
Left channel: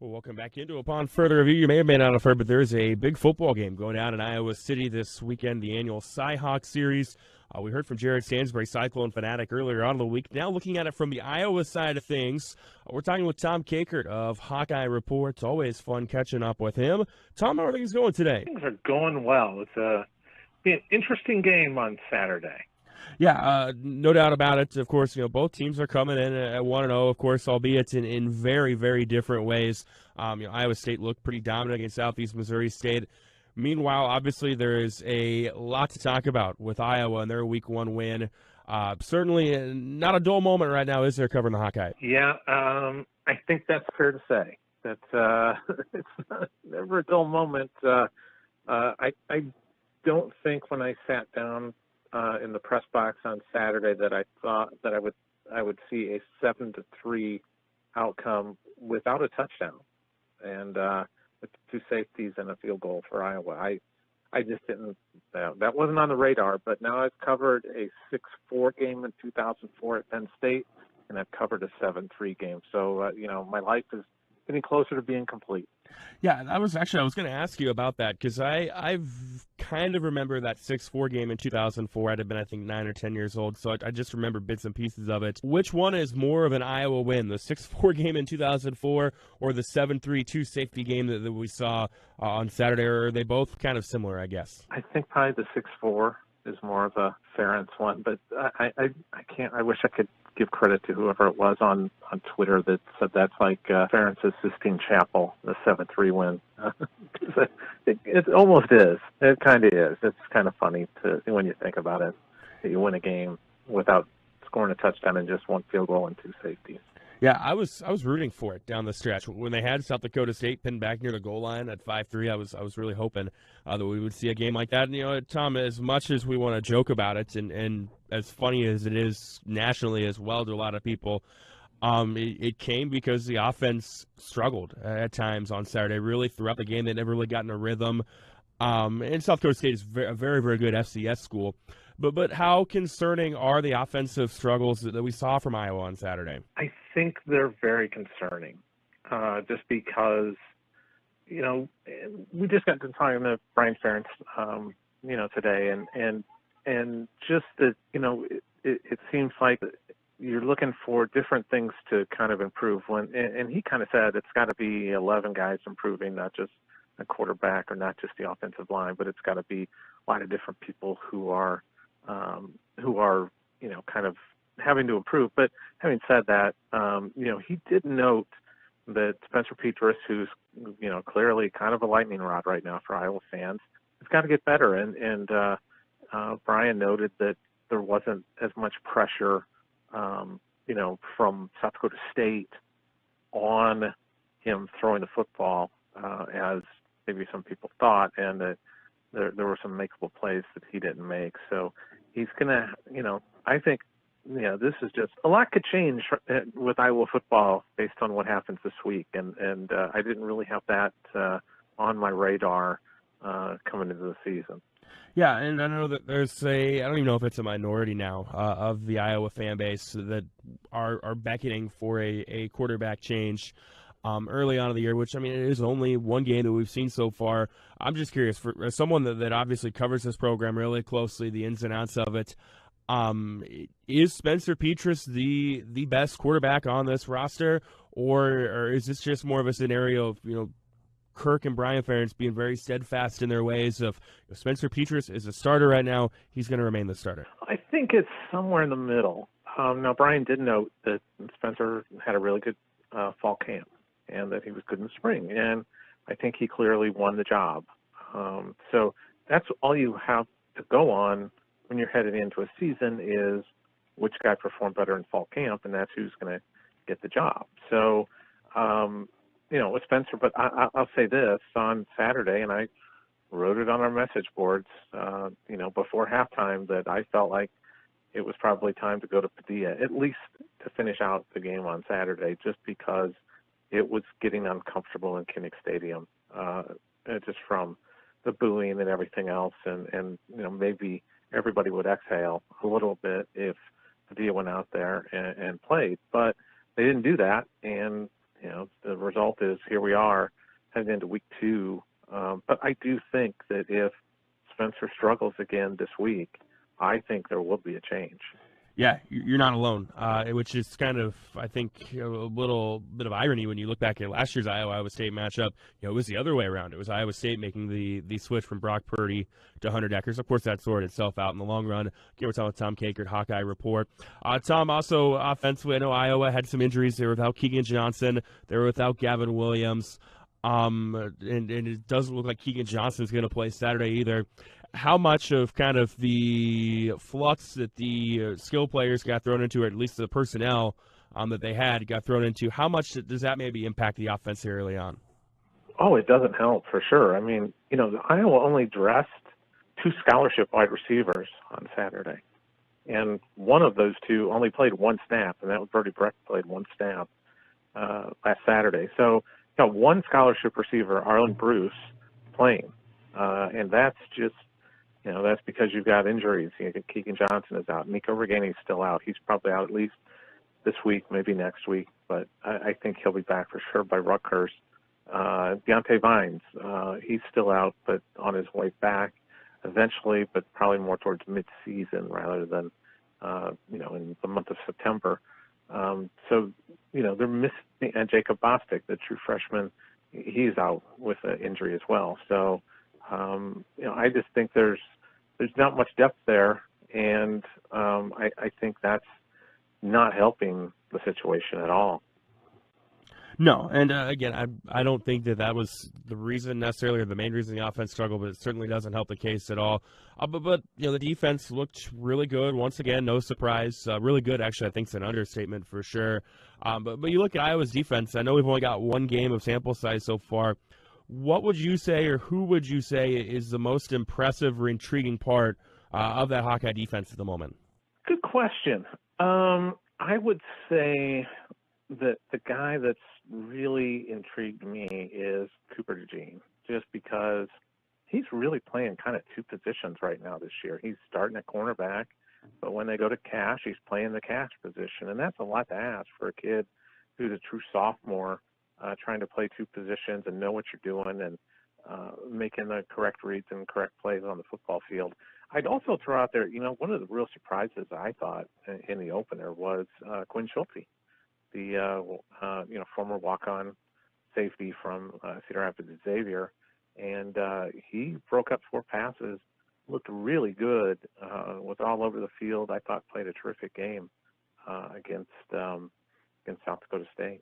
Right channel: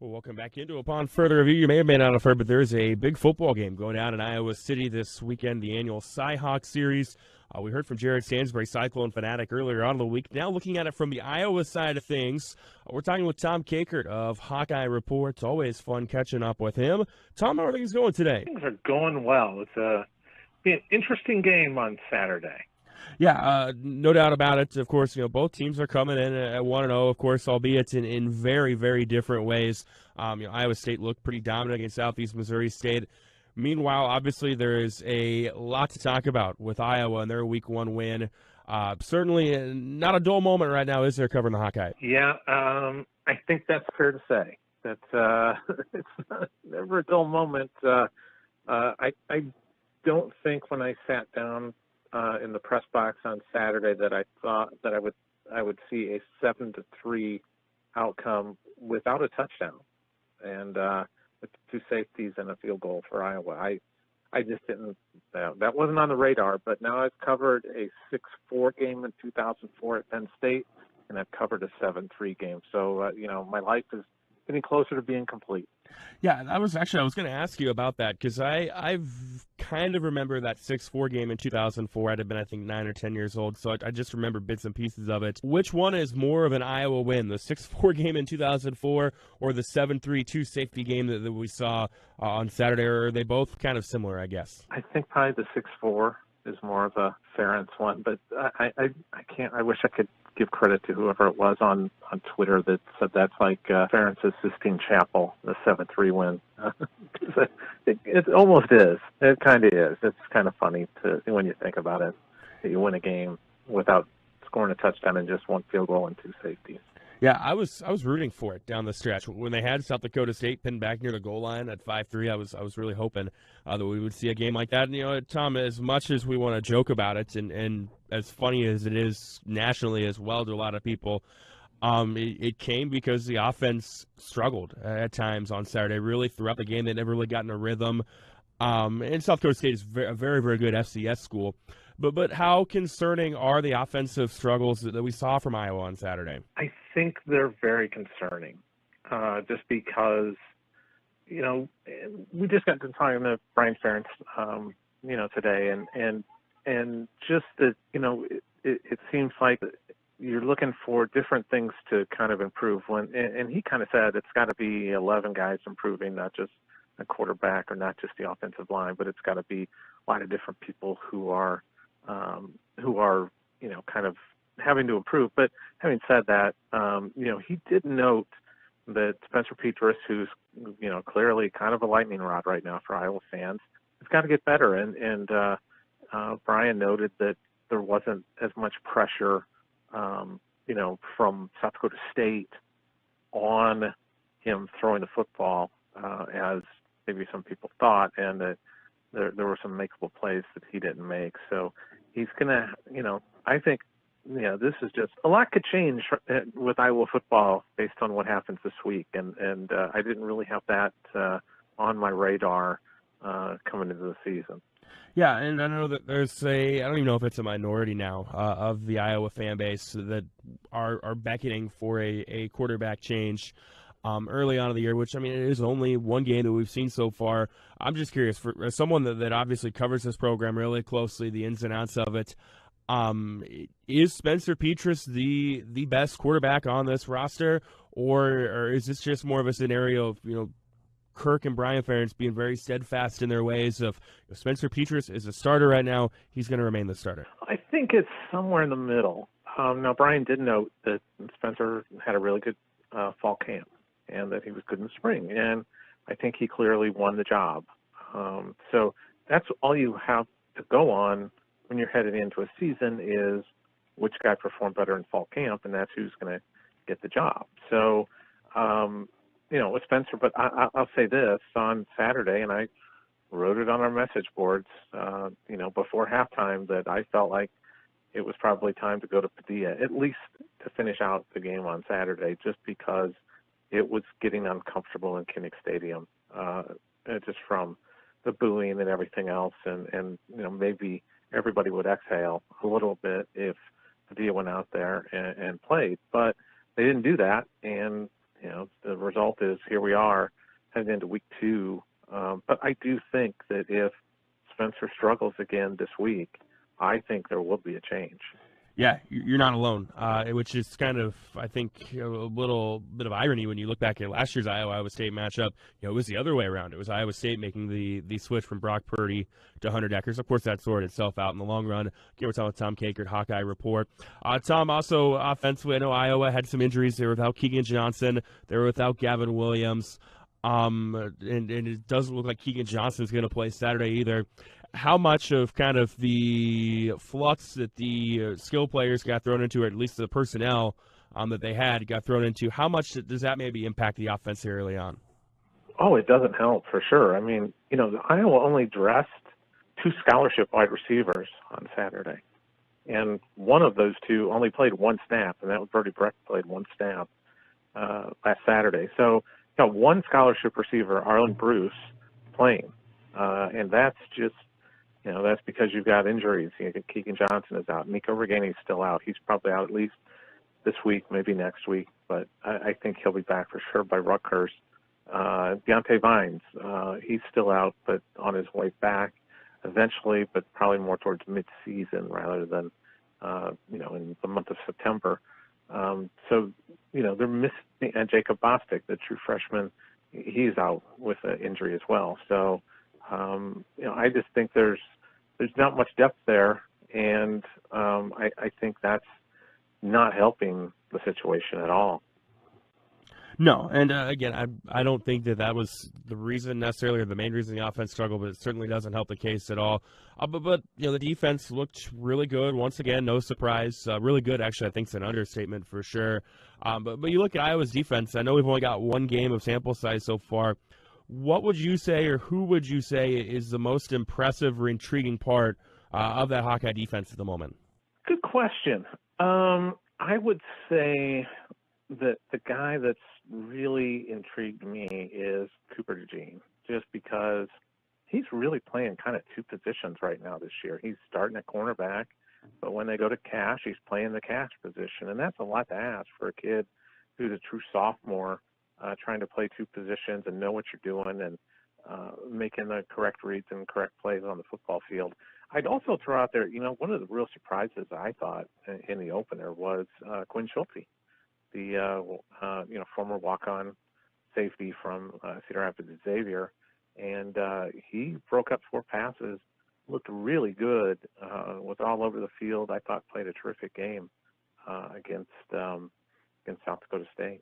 Well, welcome back into Upon Further Review. You may or may not have heard, but there's a big football game going down in Iowa City this weekend, the annual Cy-Hawk Series. We heard from Jared Stansbury, Cyclone fanatic, earlier on in the week. Now looking at it from the Iowa side of things, we're talking with Tom Kakert of Hawkeye Report. It's always fun catching up with him. Tom, how are things going today? Things are going well. It's be an interesting game on Saturday. Yeah, no doubt about it. Of course, both teams are coming in at 1-0, of course, albeit in very, very different ways. Iowa State looked pretty dominant against Southeast Missouri State. Meanwhile, obviously, there is a lot to talk about with Iowa and their Week 1 win. Certainly not a dull moment right now, is there, covering the Hawkeye? Yeah, I think that's fair to say. That it's never a dull moment. I don't think when I sat down in the press box on Saturday that I thought that I would see a 7-3 outcome without a touchdown, and with 2 safeties and a field goal for Iowa. I just didn't. That wasn't on the radar. But now I've covered a 6-4 game in 2004 at Penn State, and I've covered a 7-3 game. So my life is getting closer to being complete. Yeah, I was going to ask you about that because I've kind of remember that 6-4 game in 2004. I'd have been, I think, 9 or 10 years old, so I just remember bits and pieces of it. Which one is more of an Iowa win, the 6-4 game in 2004 or the 7-3 2-safety game that we saw on Saturday, or are they both kind of similar, I guess? I think probably the 6-4 is more of a Ferentz one, but I can't. I wish I could give credit to whoever it was on Twitter that said that's like Ferentz's Sistine Chapel, the 7-3 win. It almost is. It kind of is. It's kind of funny when you think about it, that you win a game without scoring a touchdown and just 1 field goal and 2 safeties. Yeah, I was rooting for it down the stretch. When they had South Dakota State pinned back near the goal line at 5-3, I was really hoping that we would see a game like that. And, Tom, as much as we want to joke about it, and as funny as it is nationally as well to a lot of people, it came because the offense struggled at times on Saturday. Really, throughout the game, they never really got in a rhythm. And South Dakota State is a very, very good FCS school. But how concerning are the offensive struggles that we saw from Iowa on Saturday? I think they're very concerning, just because, we just got to talking to Brian Ferentz, today, and just that, it seems like you're looking for different things to kind of improve. And he kind of said it's got to be 11 guys improving, not just a quarterback or not just the offensive line, but it's got to be a lot of different people who are kind of having to improve. But having said that, he did note that Spencer Petras, who's, clearly kind of a lightning rod right now for Iowa fans, has got to get better. And Brian noted that there wasn't as much pressure, from South Dakota State on him throwing the football as maybe some people thought, and that there were some makeable plays that he didn't make. So he's going to, I think, this is just a lot could change with Iowa football based on what happens this week, and I didn't really have that on my radar coming into the season. Yeah, and I know that there's I don't even know if it's a minority now of the Iowa fan base that are beckoning for a quarterback change early on in the year, which, I mean, it is only one game that we've seen so far. I'm just curious, for someone that obviously covers this program really closely, the ins and outs of it, is Spencer Petras the best quarterback on this roster, or is this just more of a scenario of, Kirk and Brian Ferentz being very steadfast in their ways of, if Spencer Petras is a starter right now, he's going to remain the starter? I think it's somewhere in the middle. Now, Brian did note that Spencer had a really good fall camp and that he was good in the spring, and I think he clearly won the job. So that's all you have to go on when you're headed into a season is which guy performed better in fall camp, and that's who's going to get the job. So, with Spencer, but I'll say this on Saturday, and I wrote it on our message boards, before halftime, that I felt like it was probably time to go to Padilla, at least to finish out the game on Saturday, just because it was getting uncomfortable in Kinnick Stadium, just from the booing and everything else, and maybe everybody would exhale a little bit if Padilla went out there and played, but they didn't do that, and the result is here we are heading into week 2. But I do think that if Spencer struggles again this week, I think there will be a change. Yeah, you're not alone, which is kind of, I think, a little bit of irony when you look back at last year's Iowa State matchup. It was the other way around. It was Iowa State making the switch from Brock Purdy to Hunter Dekkers. Of course, that sorted itself out in the long run. Again, we're talking with Tom Kakert, Hawkeye Report. Tom, also offensively, I know Iowa had some injuries. They were without Keegan Johnson. They were without Gavin Williams. And it doesn't look like Keegan Johnson's going to play Saturday either. How much of kind of the flux that the skill players got thrown into, or at least the personnel that they had got thrown into, how much does that maybe impact the offense here early on? Oh, it doesn't help for sure. I mean, Iowa only dressed 2 scholarship wide receivers on Saturday, and one of those 2 only played 1 snap, and that was Brody Brecht, played 1 snap last Saturday. So, 1 scholarship receiver, Arlen Bruce, playing, and that's just, that's because you've got injuries. Keegan Johnson is out. Nico Reganey is still out. He's probably out at least this week, maybe next week, but I think he'll be back for sure by Rutgers. Deontay Vines, he's still out, but on his way back eventually, but probably more towards mid-season rather than, in the month of September. So, they're missing, and Jacob Bostic, the true freshman, he's out with an injury as well. So, I just think there's not much depth there, and I think that's not helping the situation at all. No, and again, I don't think that was the reason necessarily, or the main reason the offense struggled, but it certainly doesn't help the case at all. But the defense looked really good once again, no surprise. Really good, actually, I think it's an understatement for sure. But you look at Iowa's defense. I know we've only got 1 game of sample size so far. What would you say, or who would you say is the most impressive or intriguing part of that Hawkeye defense at the moment? Good question. I would say that the guy that's really intrigued me is Cooper DeJean, just because he's really playing kind of 2 positions right now this year. He's starting at cornerback, but when they go to cash, he's playing the cash position, and that's a lot to ask for a kid who's a true sophomore, trying to play 2 positions and know what you're doing and making the correct reads and correct plays on the football field. I'd also throw out there, one of the real surprises I thought in the opener was Quinn Schulte, the former walk-on safety from Cedar Rapids Xavier, and he broke up 4 passes, looked really good, was all over the field. I thought played a terrific game against South Dakota State.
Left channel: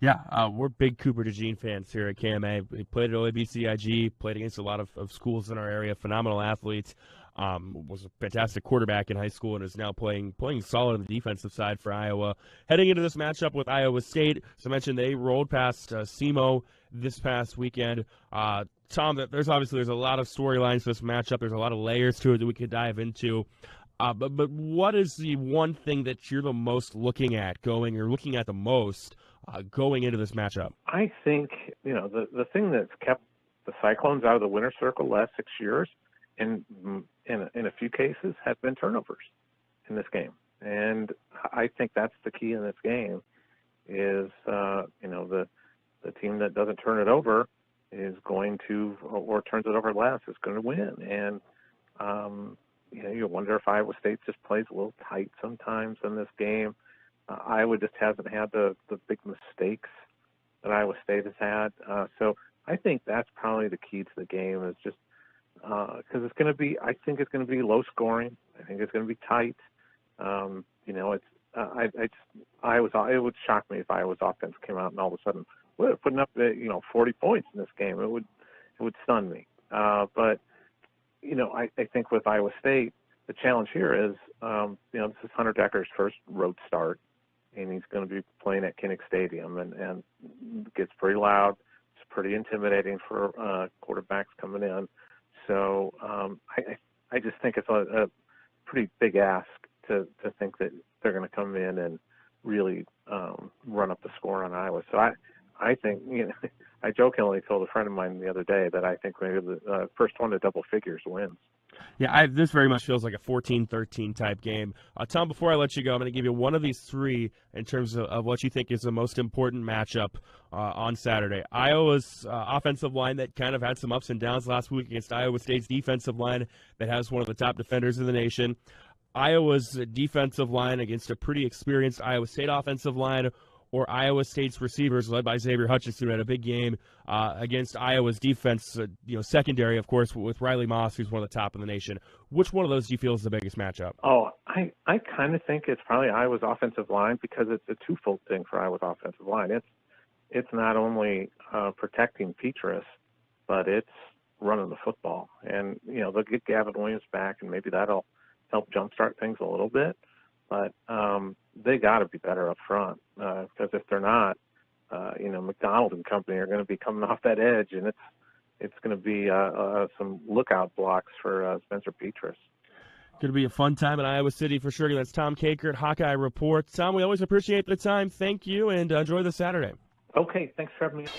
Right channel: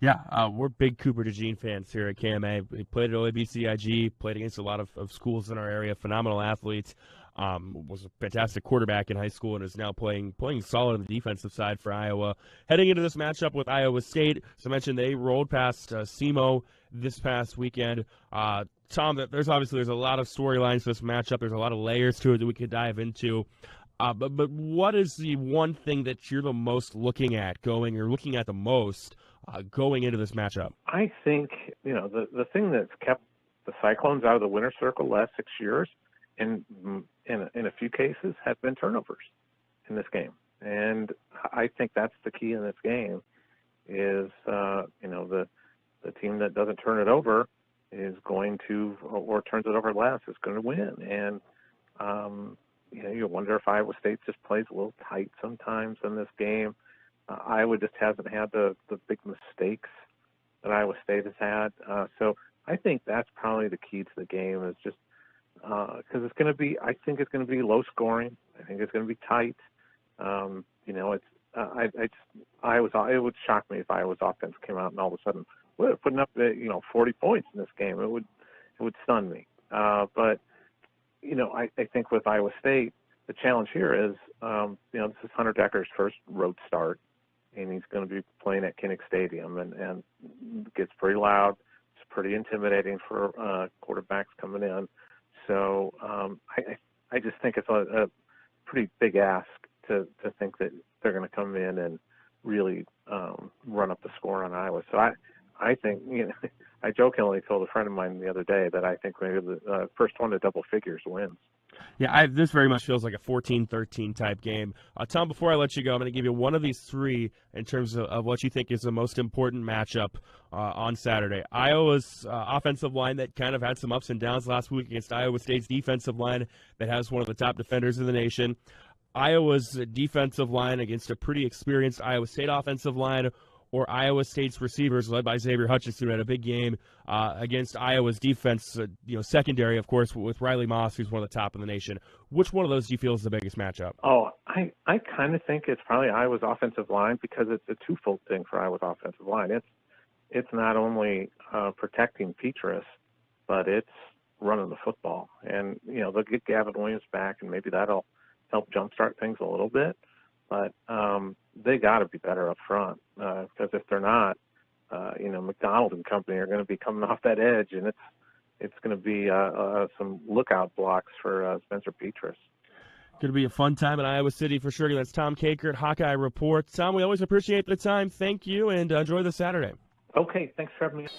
Yeah, we're big Cooper DeJean fans here at KMA. He played at OABCIG, played against a lot of schools in our area, phenomenal athletes. was a fantastic quarterback in high school and is now playing solid on the defensive side for Iowa. Heading into this matchup with Iowa State, as I mentioned, they rolled past SEMO this past weekend. Tom, there's a lot of storylines for this matchup. There's a lot of layers to it that we could dive into. But what is the one thing that you're the most looking at going the most going into this matchup? I think, the thing that's kept the Cyclones out of the winner's circle the last 6 years, and in a few cases, have been turnovers in this game. And I think that's the key in this game is, the team that doesn't turn it over is going to, or turns it over less, is going to win. And, you wonder if Iowa State just plays a little tight sometimes in this game. Iowa just hasn't had the big mistakes that Iowa State has had. So I think that's probably the key to the game is just because it's going to be, I think it's going to be low scoring. I think it's going to be tight. It would shock me if Iowa's offense came out and all of a sudden we're putting up 40 points in this game. It would stun me. But I think with Iowa State, the challenge here is, this is Hunter Decker's first road start, and he's going to be playing at Kinnick Stadium, and it gets pretty loud. It's pretty intimidating for quarterbacks coming in. So I just think it's a pretty big ask to think that they're going to come in and really run up the score on Iowa. So I think, I jokingly told a friend of mine the other day that I think maybe the first one to double figures wins. Yeah, this very much feels like a 14-13 type game. Tom, before I let you go, I'm going to give you one of these three in terms of what you think is the most important matchup on Saturday. Iowa's offensive line that kind of had some ups and downs last week against Iowa State's defensive line that has one of the top defenders in the nation. Iowa's defensive line against a pretty experienced Iowa State offensive line, or Iowa State's receivers led by Xavier Hutchinson, who had a big game against Iowa's defense, secondary, of course, with Riley Moss, who's one of the top in the nation. Which one of those do you feel is the biggest matchup? Oh, I kind of think it's probably Iowa's offensive line because it's a twofold thing for Iowa's offensive line. It's not only protecting Petrus, but it's running the football. And, they'll get Gavin Williams back, and maybe that'll help jumpstart things a little bit. But they got to be better up front because if they're not, McDonald and company are going to be coming off that edge, and it's going to be some lookout blocks for Spencer Petrus. Going to be a fun time in Iowa City for sure. That's Tom Kakert, Hawkeye Report. Tom, we always appreciate the time. Thank you, and enjoy the Saturday. Okay, thanks for having me.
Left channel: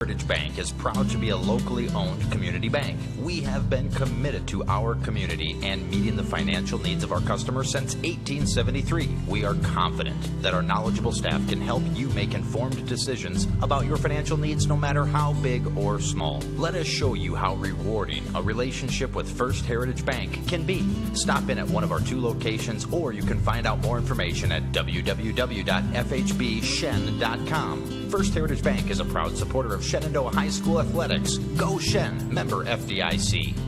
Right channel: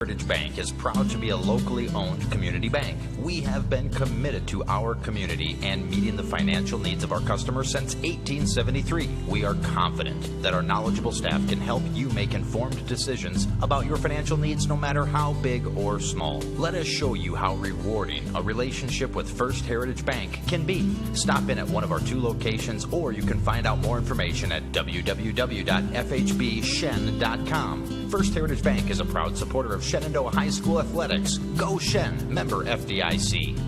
Heritage Bank is proud to be a locally owned community bank. We have been committed to our community and meeting the financial needs of our customers since 1873. We are confident that our knowledgeable staff can help you make informed decisions about your financial needs no matter how big or small. Let us show you how rewarding a relationship with First Heritage Bank can be. Stop in at one of our 2 locations, or you can find out more information at www.fhbshen.com. First Heritage Bank is a proud supporter of Shenandoah High School Athletics. Go Shen, member FDIC.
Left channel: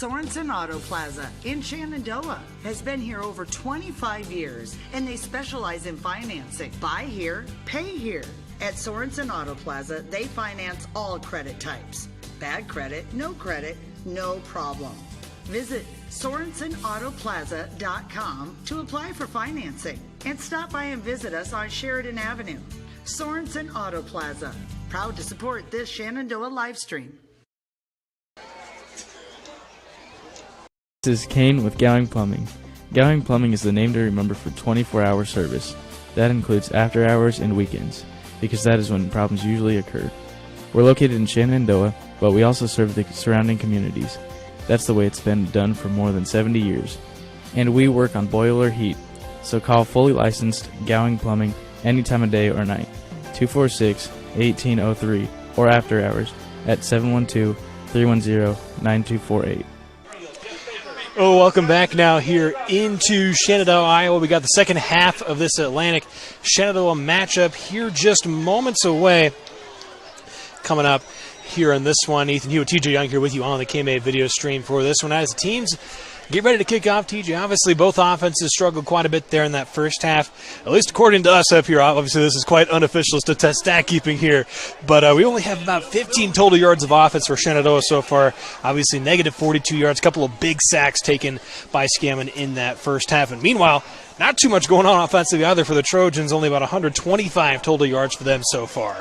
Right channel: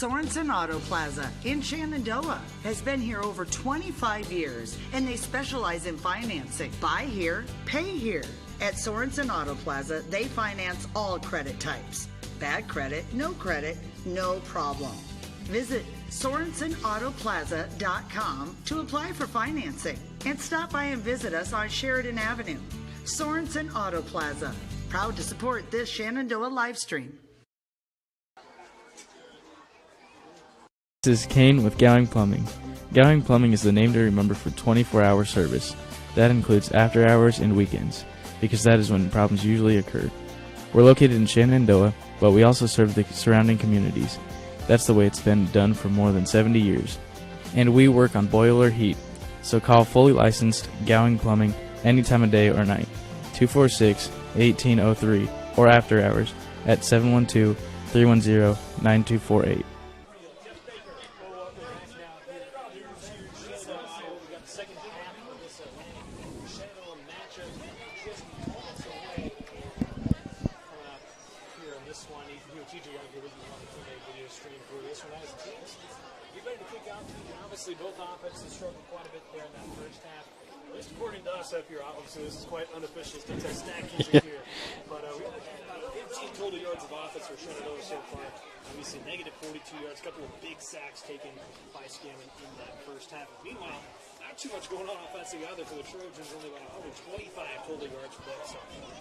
Sorensen Auto Plaza in Shenandoah has been here over 25 years, and they specialize in financing. Buy here, pay here. At Sorensen Auto Plaza, they finance all credit types. Bad credit, no problem. Visit SorensenAutoplaza.com to apply for financing, and stop by and visit us on Sheridan Avenue. Sorensen Auto Plaza, proud to support this Shenandoah live stream. This is Kane with Gowing Plumbing. Gowing Plumbing is the name to remember for 24-hour service. That includes after hours and weekends, because that is when problems usually occur. We're located in Shenandoah, but we also serve the surrounding communities. That's the way it's been done for more than 70 years. And we work on boiler heat, so call fully licensed Gowing Plumbing any time of day or night. 246-1803 or after hours at 712-310-9248. Oh, welcome back now here into Shenandoah, Iowa. We got the second half of this Atlantic Shenandoah matchup here just moments away. Coming up here on this one, Ethan Hewitt, TJ Young here with you on the KMA video stream for this one. As the teams get ready to kick off, TJ. Obviously, both offenses struggled quite a bit there in that first half, at least according to us up here. Obviously, this is quite unofficial stat keeping here, but we only have about 15 total yards of offense for Shenandoah so far. Obviously, negative 42 yards, a couple of big sacks taken by Scammon in that first half. And meanwhile, not too much going on offensively either for the Trojans, only about 125 total yards for them so far.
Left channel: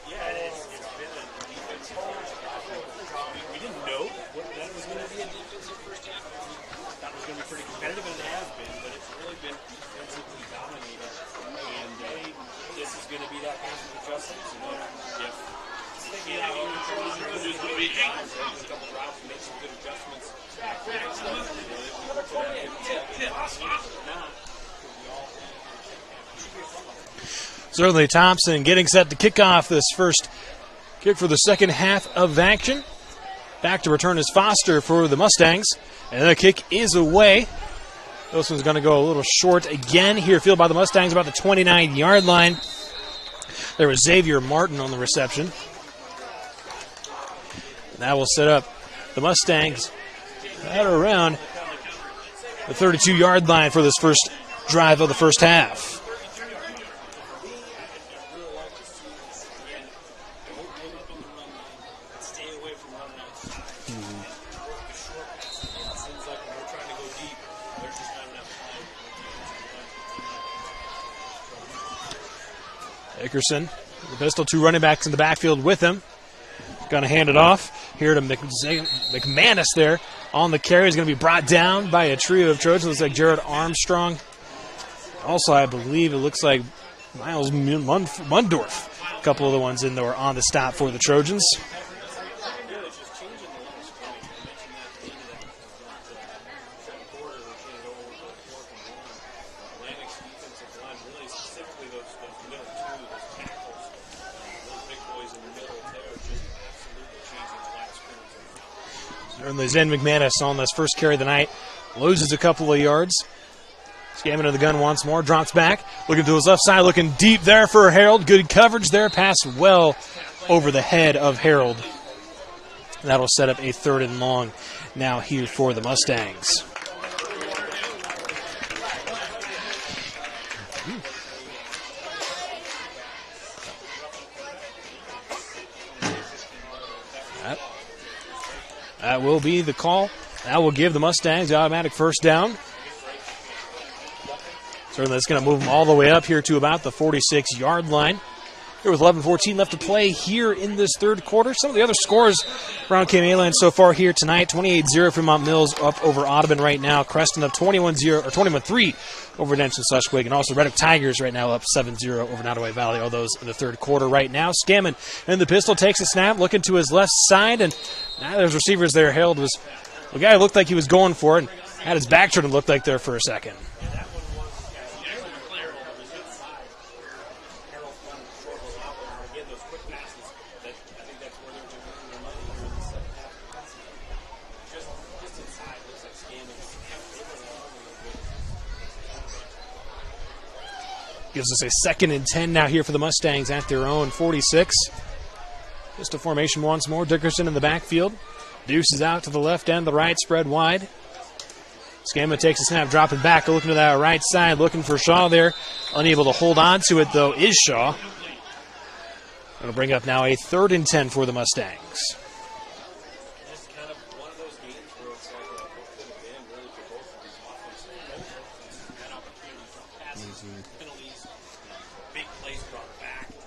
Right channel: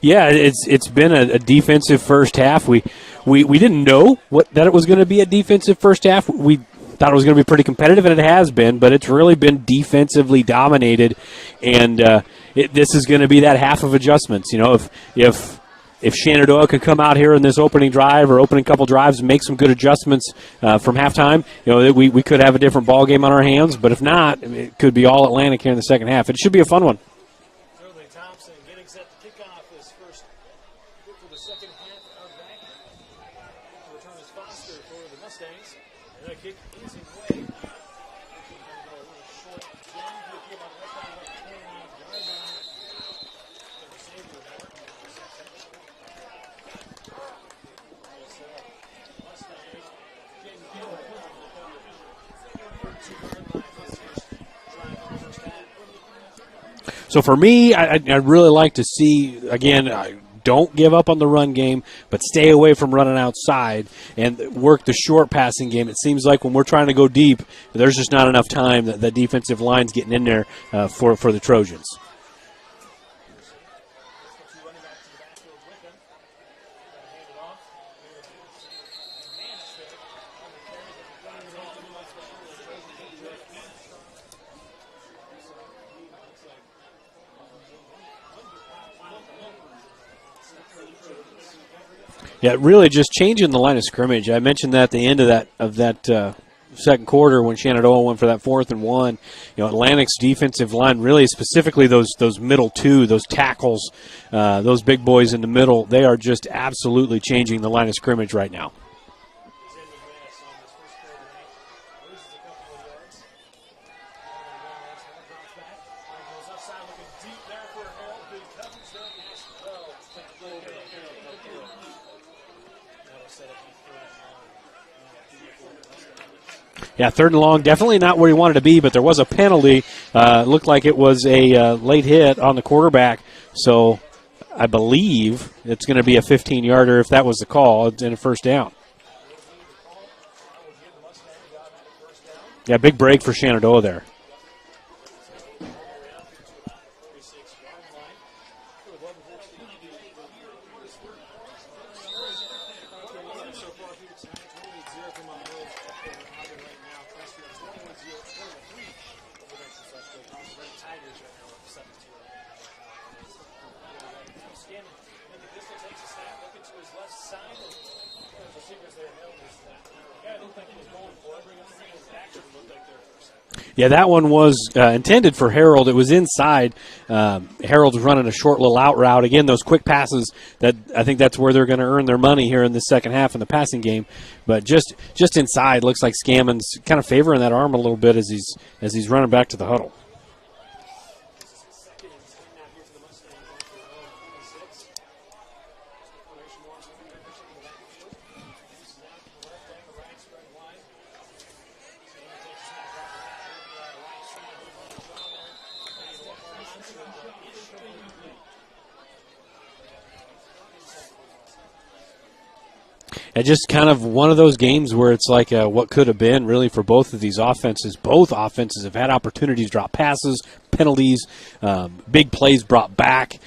Yeah, it's been a defensive first half. We didn't know that it was going to be a defensive first half. We thought it was going to be pretty competitive, and it has been, but it's really been defensively dominated, and this is going to be that half of adjustments. You know, if Shenandoah could come out here in this opening drive or opening couple drives and make some good adjustments from halftime, you know, we could have a different ball game on our hands. But if not, it could be all Atlantic here in the second half. It should be a fun one. Certainly, Thompson getting set to kick off this first kick for the second half of action. Back to return is Foster for the Mustangs. And the kick is away. This one's going to go a little short again here. Field by the Mustangs about the 29-yard line. There was Xavier Martin on the reception. That will set up the Mustangs at around the 32-yard line for this first drive of the first half. So for me, I'd really like to see, again, don't give up on the run game, but stay away from running outside and work the short passing game. It seems like when we're trying to go deep, there's just not enough time that the defensive line's getting in there for the Trojans. Dickerson, the pistol, 2 running backs in the backfield with him. Going to hand it off here to McManus there on the carry. He's going to be brought down by a trio of Trojans. Looks like Jared Armstrong. Also, I believe it looks like Miles Mundorf. A couple of the ones in there on the stop for the Trojans. Yeah, really just changing the line of scrimmage. I mentioned that at the end of that second quarter when Shenandoah went for that 4th and 1. You know, Atlantic's defensive line, really specifically those middle two, those tackles, those big boys in the middle, they are just absolutely changing the line of scrimmage right now. Certainly Zen McManus on this first carry of the night loses a couple of yards. Scammon to the gun once more, drops back, looking to his left side, looking deep there for Harold. Good coverage there, pass well over the head of Harold. That'll set up a 3rd and long now here for the Mustangs. Yeah, 3rd and long, definitely not where he wanted to be, but there was a penalty. Looked like it was a late hit on the quarterback, so I believe it's going to be a 15-yarder if that was the call and a first down. That will be the call. That will give the Mustangs the automatic first down. Yeah, big break for Shenandoah there. Certainly it's going to move them all the way up here to about the 46-yard line. Here with 11:14 left to play here in this third quarter. Some of the other scores around KMA land so far here tonight. 28-0 for Mount Mills up over Audubon right now. Creston up 21-0 or 21-3 over Denton-Schleswig. And also Red Oak Tigers right now up 7-0 over Nottoway Valley. All those in the third quarter right now. Scammon in the pistol takes a snap, looking to his left side. And now there's receivers there. Harold was the guy looked like he was going for it. Had his back turned and looked like there for a second. Yeah, that one was intended for Harold. It was inside. Harold's running a short little out route. Again, those quick passes, that I think that's where they're going to earn their money here in the second half in the passing game. But just inside, looks like Scammon's kind of favoring that arm a little bit as he's running back to the huddle. Gives us a 2nd and 10 now here for the Mustangs at their own 46. Just a formation once more. Dickerson in the backfield. Deuce is out to the left and the right, spread wide. Scammon takes a snap, dropping back, looking to that right side, looking for Shaw there. Unable to hold on to it, though, is Shaw. It'll bring up now a 3rd and 10 for the Mustangs. And just kind of one of those games where it's like what could have been, really, for both of these offenses. Both offenses have had opportunities, drop passes, penalties, big plays brought back.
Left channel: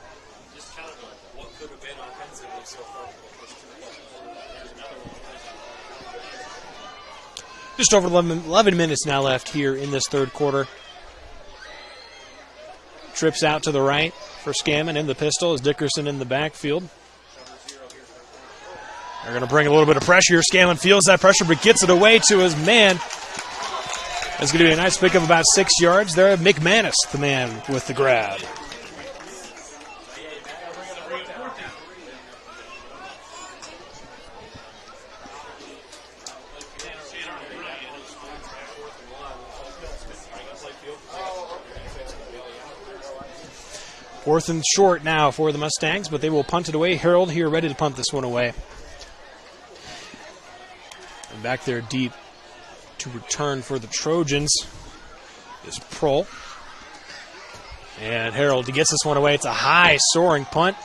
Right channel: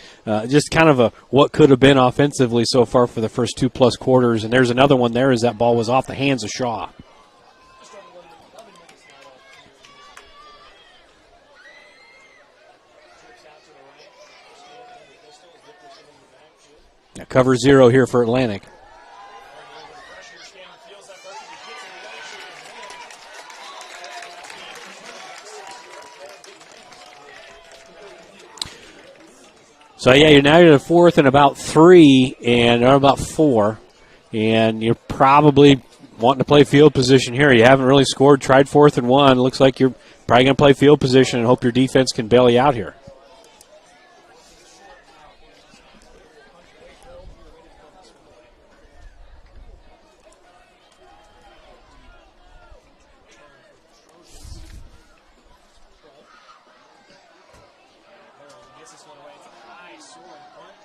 Just kind of a what could have been offensively so far for the first 2+ quarters. And there's another one there as that ball was off the hands of Shaw. Just over 11 minutes now left here in this third quarter. Trips out to the right for Scammon in the pistol as Dickerson in the backfield. Now cover 0 here for Atlantic. They're going to bring a little bit of pressure here. Scammon feels that pressure but gets it away to his man. That's going to be a nice pick of about 6 yards there. McManus, the man with the grab. So, yeah, you're now at 4th and about 3 or about 4. And you're probably wanting to play field position here. You haven't really scored, tried 4th and 1. Looks like you're probably going to play field position and hope your defense can bail you out here. 4th and short now for the Mustangs, but they will punt it away. Harold here ready to punt this one away. And back there deep to return for the Trojans is Prohl. And Harold, he gets this one away. It's a high soaring punt.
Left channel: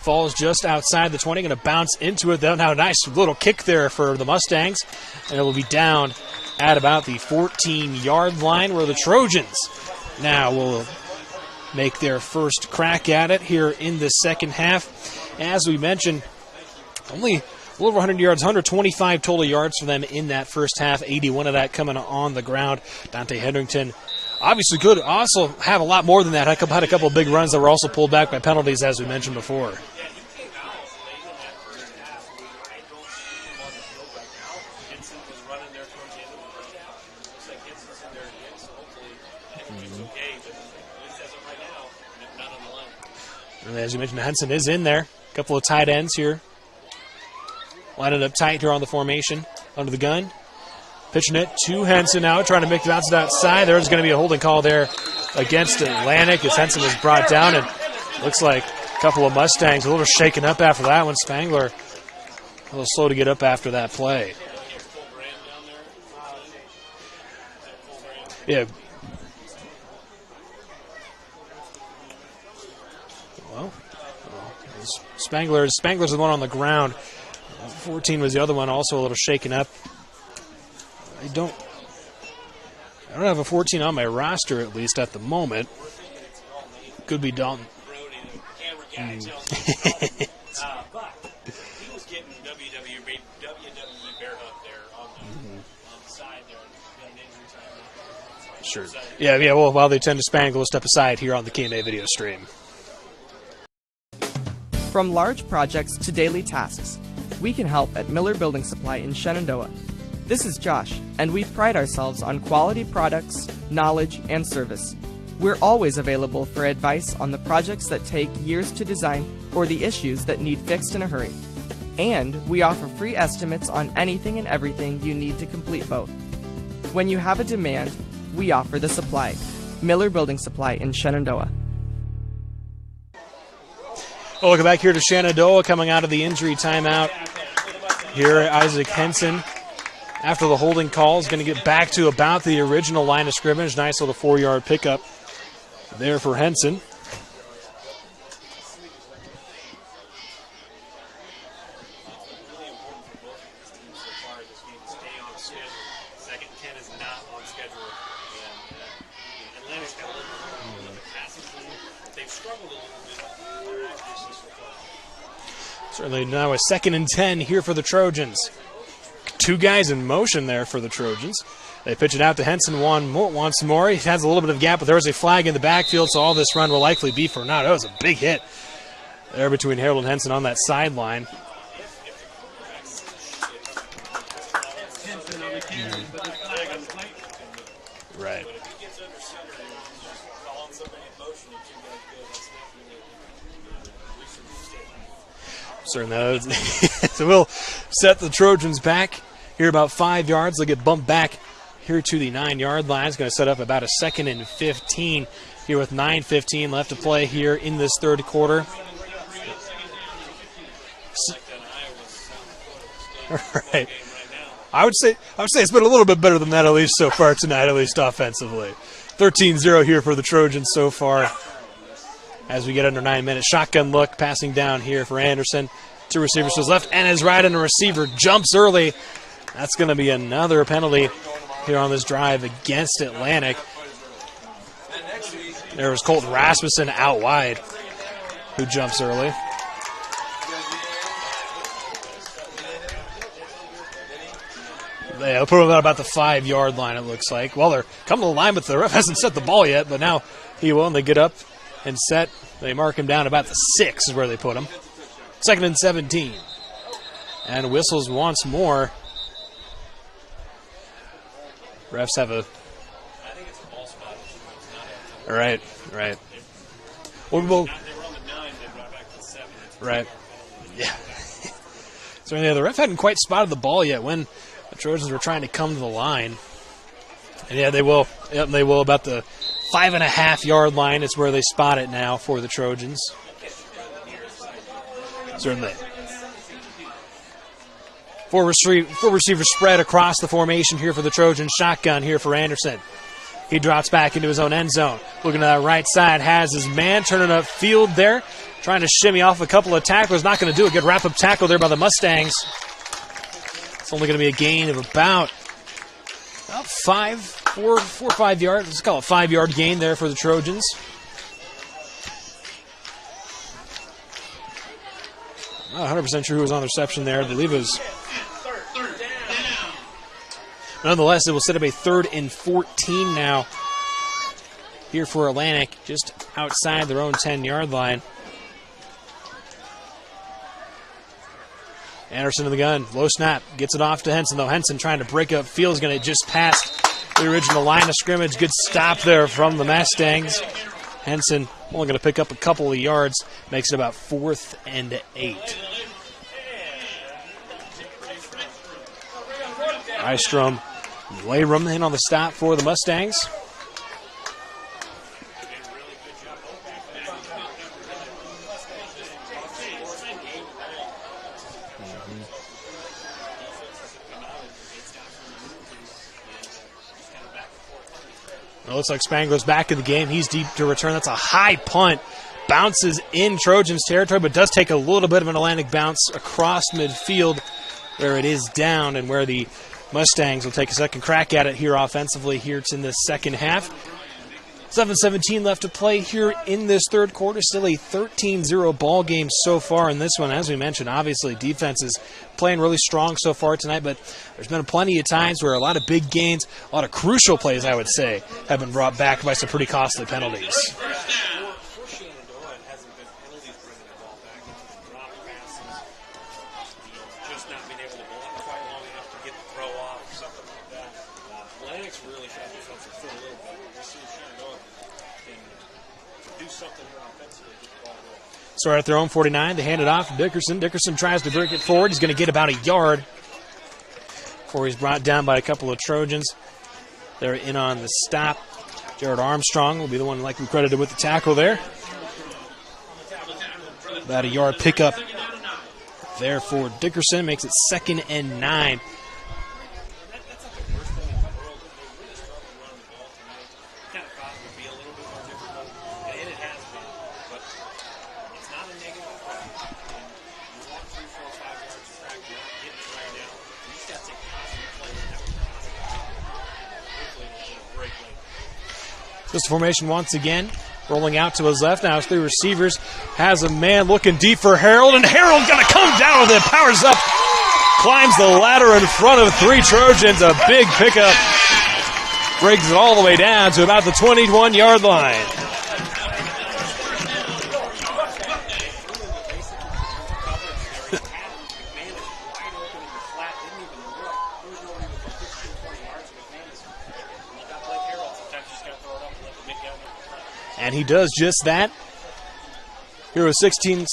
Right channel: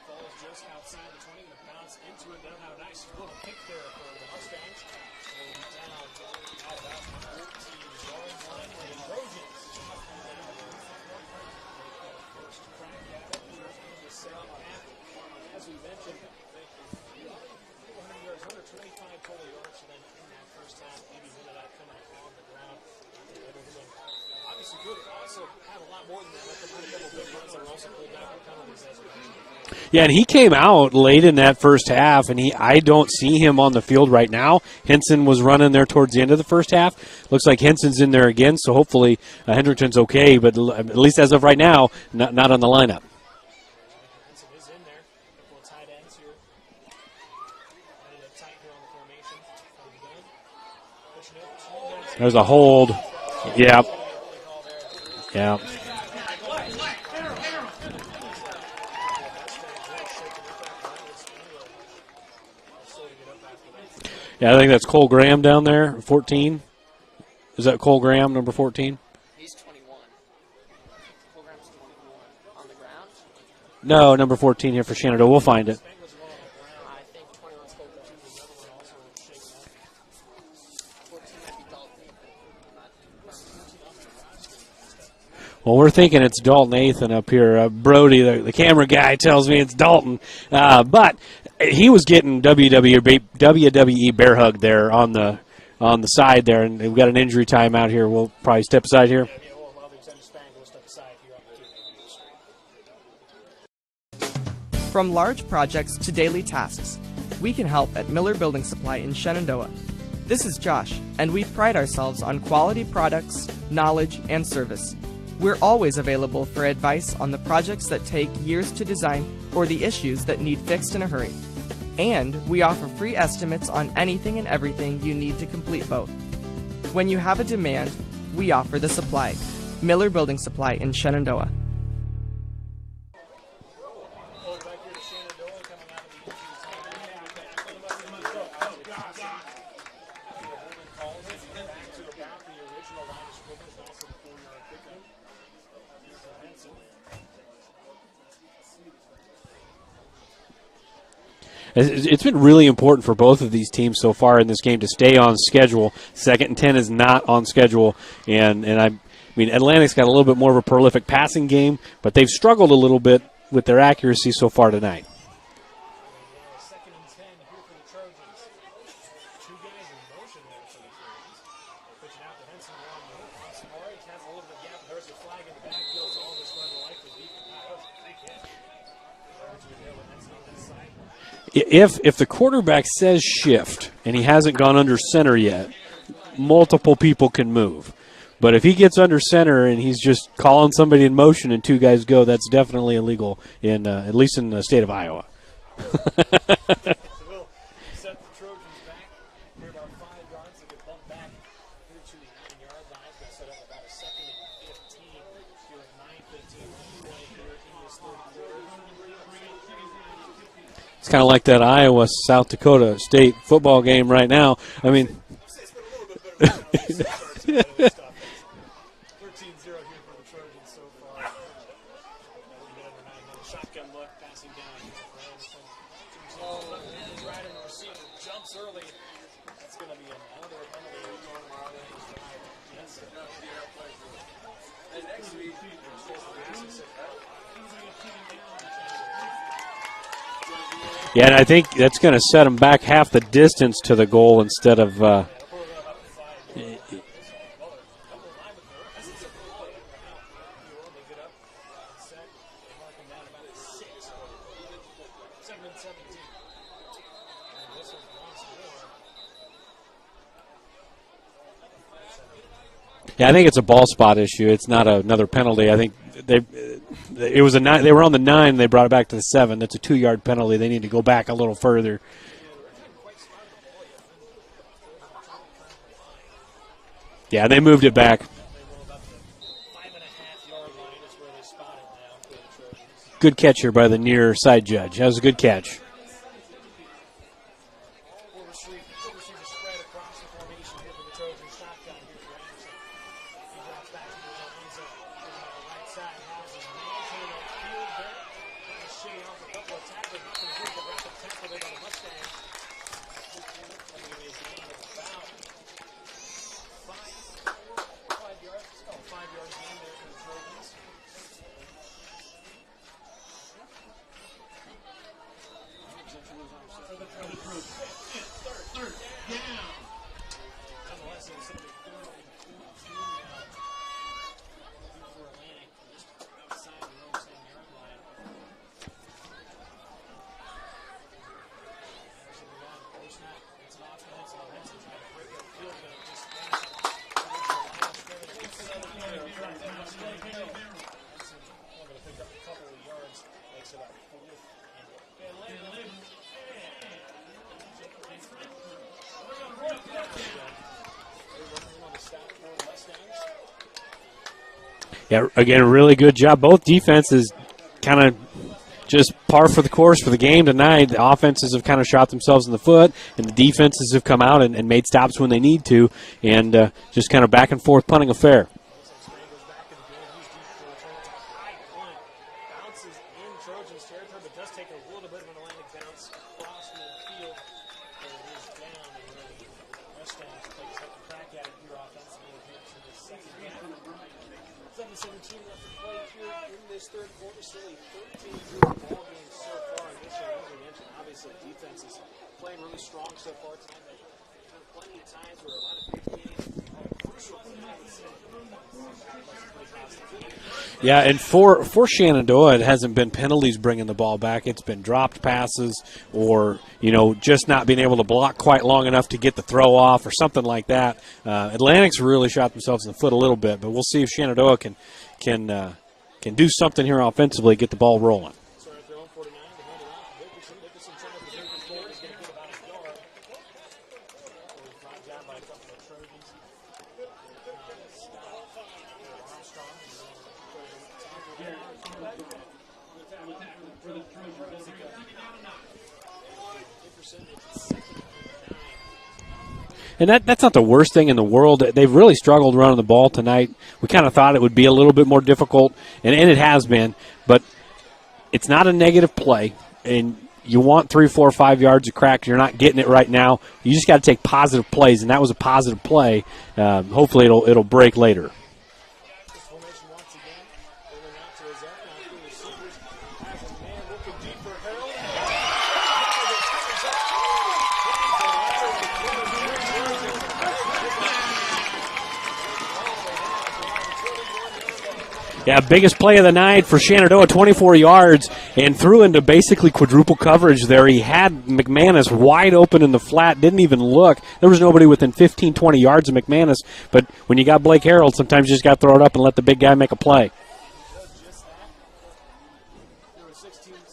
Falls just outside the 20. Going to bounce into it, though. Now a nice little kick there for the Mustangs. And it will be down at about the 14-yard line, where the Trojans now will make their first crack at it here in the second half. As we mentioned, only a little over 100 yards, 125 total yards for them in that first half, 81 of that coming on the ground. Dante Hendrickson obviously could also have a lot more than that. Had a couple of big runs that were also pulled back by penalties, as we mentioned before. Yeah, and he came out late in that first half, and I don't see him on the field right now. Henson was running there towards the end of the first half. Looks like Henson's in there again, so hopefully Hendrickson's okay, but at least as of right now, not on the lineup. And as you mentioned, Henson is in there. A couple of tight ends here. Lining up tight here on the formation, under the gun. Pitching it to Henson now, trying to make Johnson outside. Yeah. There's going to be a holding call there against Atlantic as Henson was brought down, and looks like a couple of Mustangs a little shaken up after that one. Spangler a little slow to get up after that play. Yeah, I think that's Cole Graham down there, 14. Is that Cole Graham, number 14? Well, no, number 14 here for Shenandoah. We'll find it. Spangler's the one on the ground. 14 was the other one, also a little shaken up. I don't have a 14 on my roster, at least at the moment. Well, we're thinking it's Dalton Nathan Could up be here. Dalton. Brody, the camera guy, tells me it's Dalton. But he was getting WWE bear hug there on the side there, and we've got an injury timeout here. We'll probably step aside here. Yeah. Well, while they tend to Spangler, we'll step aside here on the KMA video stream. From large projects to daily tasks, we can help at Miller Building Supply in Shenandoah. This is Josh, and we pride ourselves on quality products, knowledge, and service. We're always available for advice on the projects that take years to design or the issues that need fixed in a hurry. And we offer free estimates on anything and everything you need to complete both. When you have a demand, we offer the supply. Miller Building Supply in Shenandoah. Well, welcome back here to Shenandoah, coming out of the injury timeout. Here, Isaac Henson, after the holding call, is going to get back to about the original line of scrimmage. Nice little 4-yard pickup there for Henson. It's been really important for both of these teams so far in this game to stay on schedule. 2nd and 10 is not on schedule, and I mean Atlantic's got a little bit more of a prolific passing game, but they've struggled a little bit with their accuracy so far tonight. Certainly now a 2nd and 10 here for the Trojans. 2 guys in motion there for the Trojans. They pitch it out to Henson once more. He has a little bit of gap, but there is a flag in the backfield, so all this run will likely be for naught. That was a big hit there between Harold and Henson on that sideline. If the quarterback says shift and he hasn't gone under center yet, multiple people can move. Right. But if he gets under center and he's just calling somebody in motion and 2 guys go, that's definitely illegal, at least in the state of Iowa. So we'll set the Trojans back here about 5 yards. They'll get bumped back here to the 9-yard line. It's going to set up about a 2nd and 15 here with 9:15 left to play here in this third quarter. It's kind of like that Iowa-South Dakota State football game right now. I would say it's been a little bit better than that, at least so far tonight, at least offensively. 13-0 here for the Trojans so far. As we get under 9 minutes, shotgun look, passing down here for Anderson. 2 receivers to his left and his right, and the receiver jumps early. That's going to be another penalty here on this drive against Atlantic. There was Colton Rasmussen out wide, who jumps early. Yeah, and I think that's going to set him back half the distance to the goal instead of... Yeah, they'll put him at about the 5-yard line, it looks like. Well, they're coming to the line, but the ref hasn't set the ball yet, but now he will, and they get up and set. They mark him down about the 6 is where they put him. 2nd and 17. And whistles once more. Refs have a... Yeah, I think it's a ball spot issue. It's not another penalty. Right, I think right. it was a 9. They were on the 9. They brought it back to the 7. That's a 2-yard penalty. They need to go back a little further. So yeah, the ref hadn't quite spotted the ball yet when the Trojans were trying to come to the line. Yeah, they moved it back. Yep, they will about the 5.5-yard line is where they spot it now for the Trojans. Good catch here by the near side judge. That was a good catch. Four receiver spread across the formation here for the Trojans. Shotgun here for Anderson. He drops back into his own end zone. Looking to that right side, has his man turning up field there. Trying to shimmy off a couple of tacklers. Not going to do a good wrap-up tackle there by the Mustangs. It's only going to be a gain of about 4 or 5 yards. Let's call it a 5-yard gain there for the Trojans. Not 100% sure who was on the reception there. I believe it was. Nonetheless, it will set up a 3rd and 14 now here for Atlantic, just outside their own 10-yard line. Anderson in the gun, low snap, gets it off to Henson, though Henson trying to break up field is going to just pass the original line of scrimmage. Good stop there from the Mustangs. Henson only going to pick up a couple of yards, makes it about 4th and 8. Nystrom, Layram in on the stop for the Mustangs. Yeah, again, really good job. Both defenses kind of just par for the course for the game tonight. The offenses have kind of shot themselves in the foot, and the defenses have come out and made stops when they need to, and just kind of back and forth punting affair. It looks like Spangler's back in the game. He's deep to return. That's a high punt. Bounces in Trojans territory, but does take a little bit of an Atlantic bounce across midfield where it is down and where the Mustangs will take a second crack at it here offensively. Here it's in the second half. 7:17 left to play here in this third quarter. Still a 13-0 ball game so far in this one. As we mentioned, obviously defense is playing really strong so far tonight, but there's been plenty of times where a lot of big gains, a lot of crucial plays, I would say, have been brought back by some pretty costly penalties. Yeah, and for Shenandoah, it hasn't been penalties bringing the ball back. It's been dropped passes or, just not being able to block quite long enough to get the throw off or something like that. Atlantic's really shot themselves in the foot a little bit, but we'll see if Shenandoah can do something here offensively, get the ball rolling. Start at their own 49. They hand it off to Dickerson. Dickerson tries to break it forward. He's going to get about a yard before he's brought down by a couple of Trojans. They're in on the stop. Jared Armstrong will be the one likely credited with the tackle there. About a yard pickup there for Dickerson. Makes it 2nd and 9. And that's not the worst thing in the world. They've really struggled running the ball tonight. We kind of thought it would be a little bit more difficult, and it has been. But it's not a negative play, and you want 3, 4, 5 yards of crack. You're not getting it right now. You just got to take positive plays, and that was a positive play. Hopefully it'll break later. This formation once again. Rolling out to his left now. His 3 receivers. Has a man looking deep for Harold, and Harold going to come down with it. Powers up. Climbs the ladder in front of 3 Trojans. A big pickup. Brings it all the way down to about the 21-yard line. Yeah, biggest play of the night for Shenandoah, 24 yards, and threw into basically quadruple coverage there. He had McManus wide open in the flat, didn't even look. There was nobody within 15, 20 yards of McManus, but when you got Blake Harold, sometimes you just got to throw it up and let the big guy make a play. And he does just that. Here with 16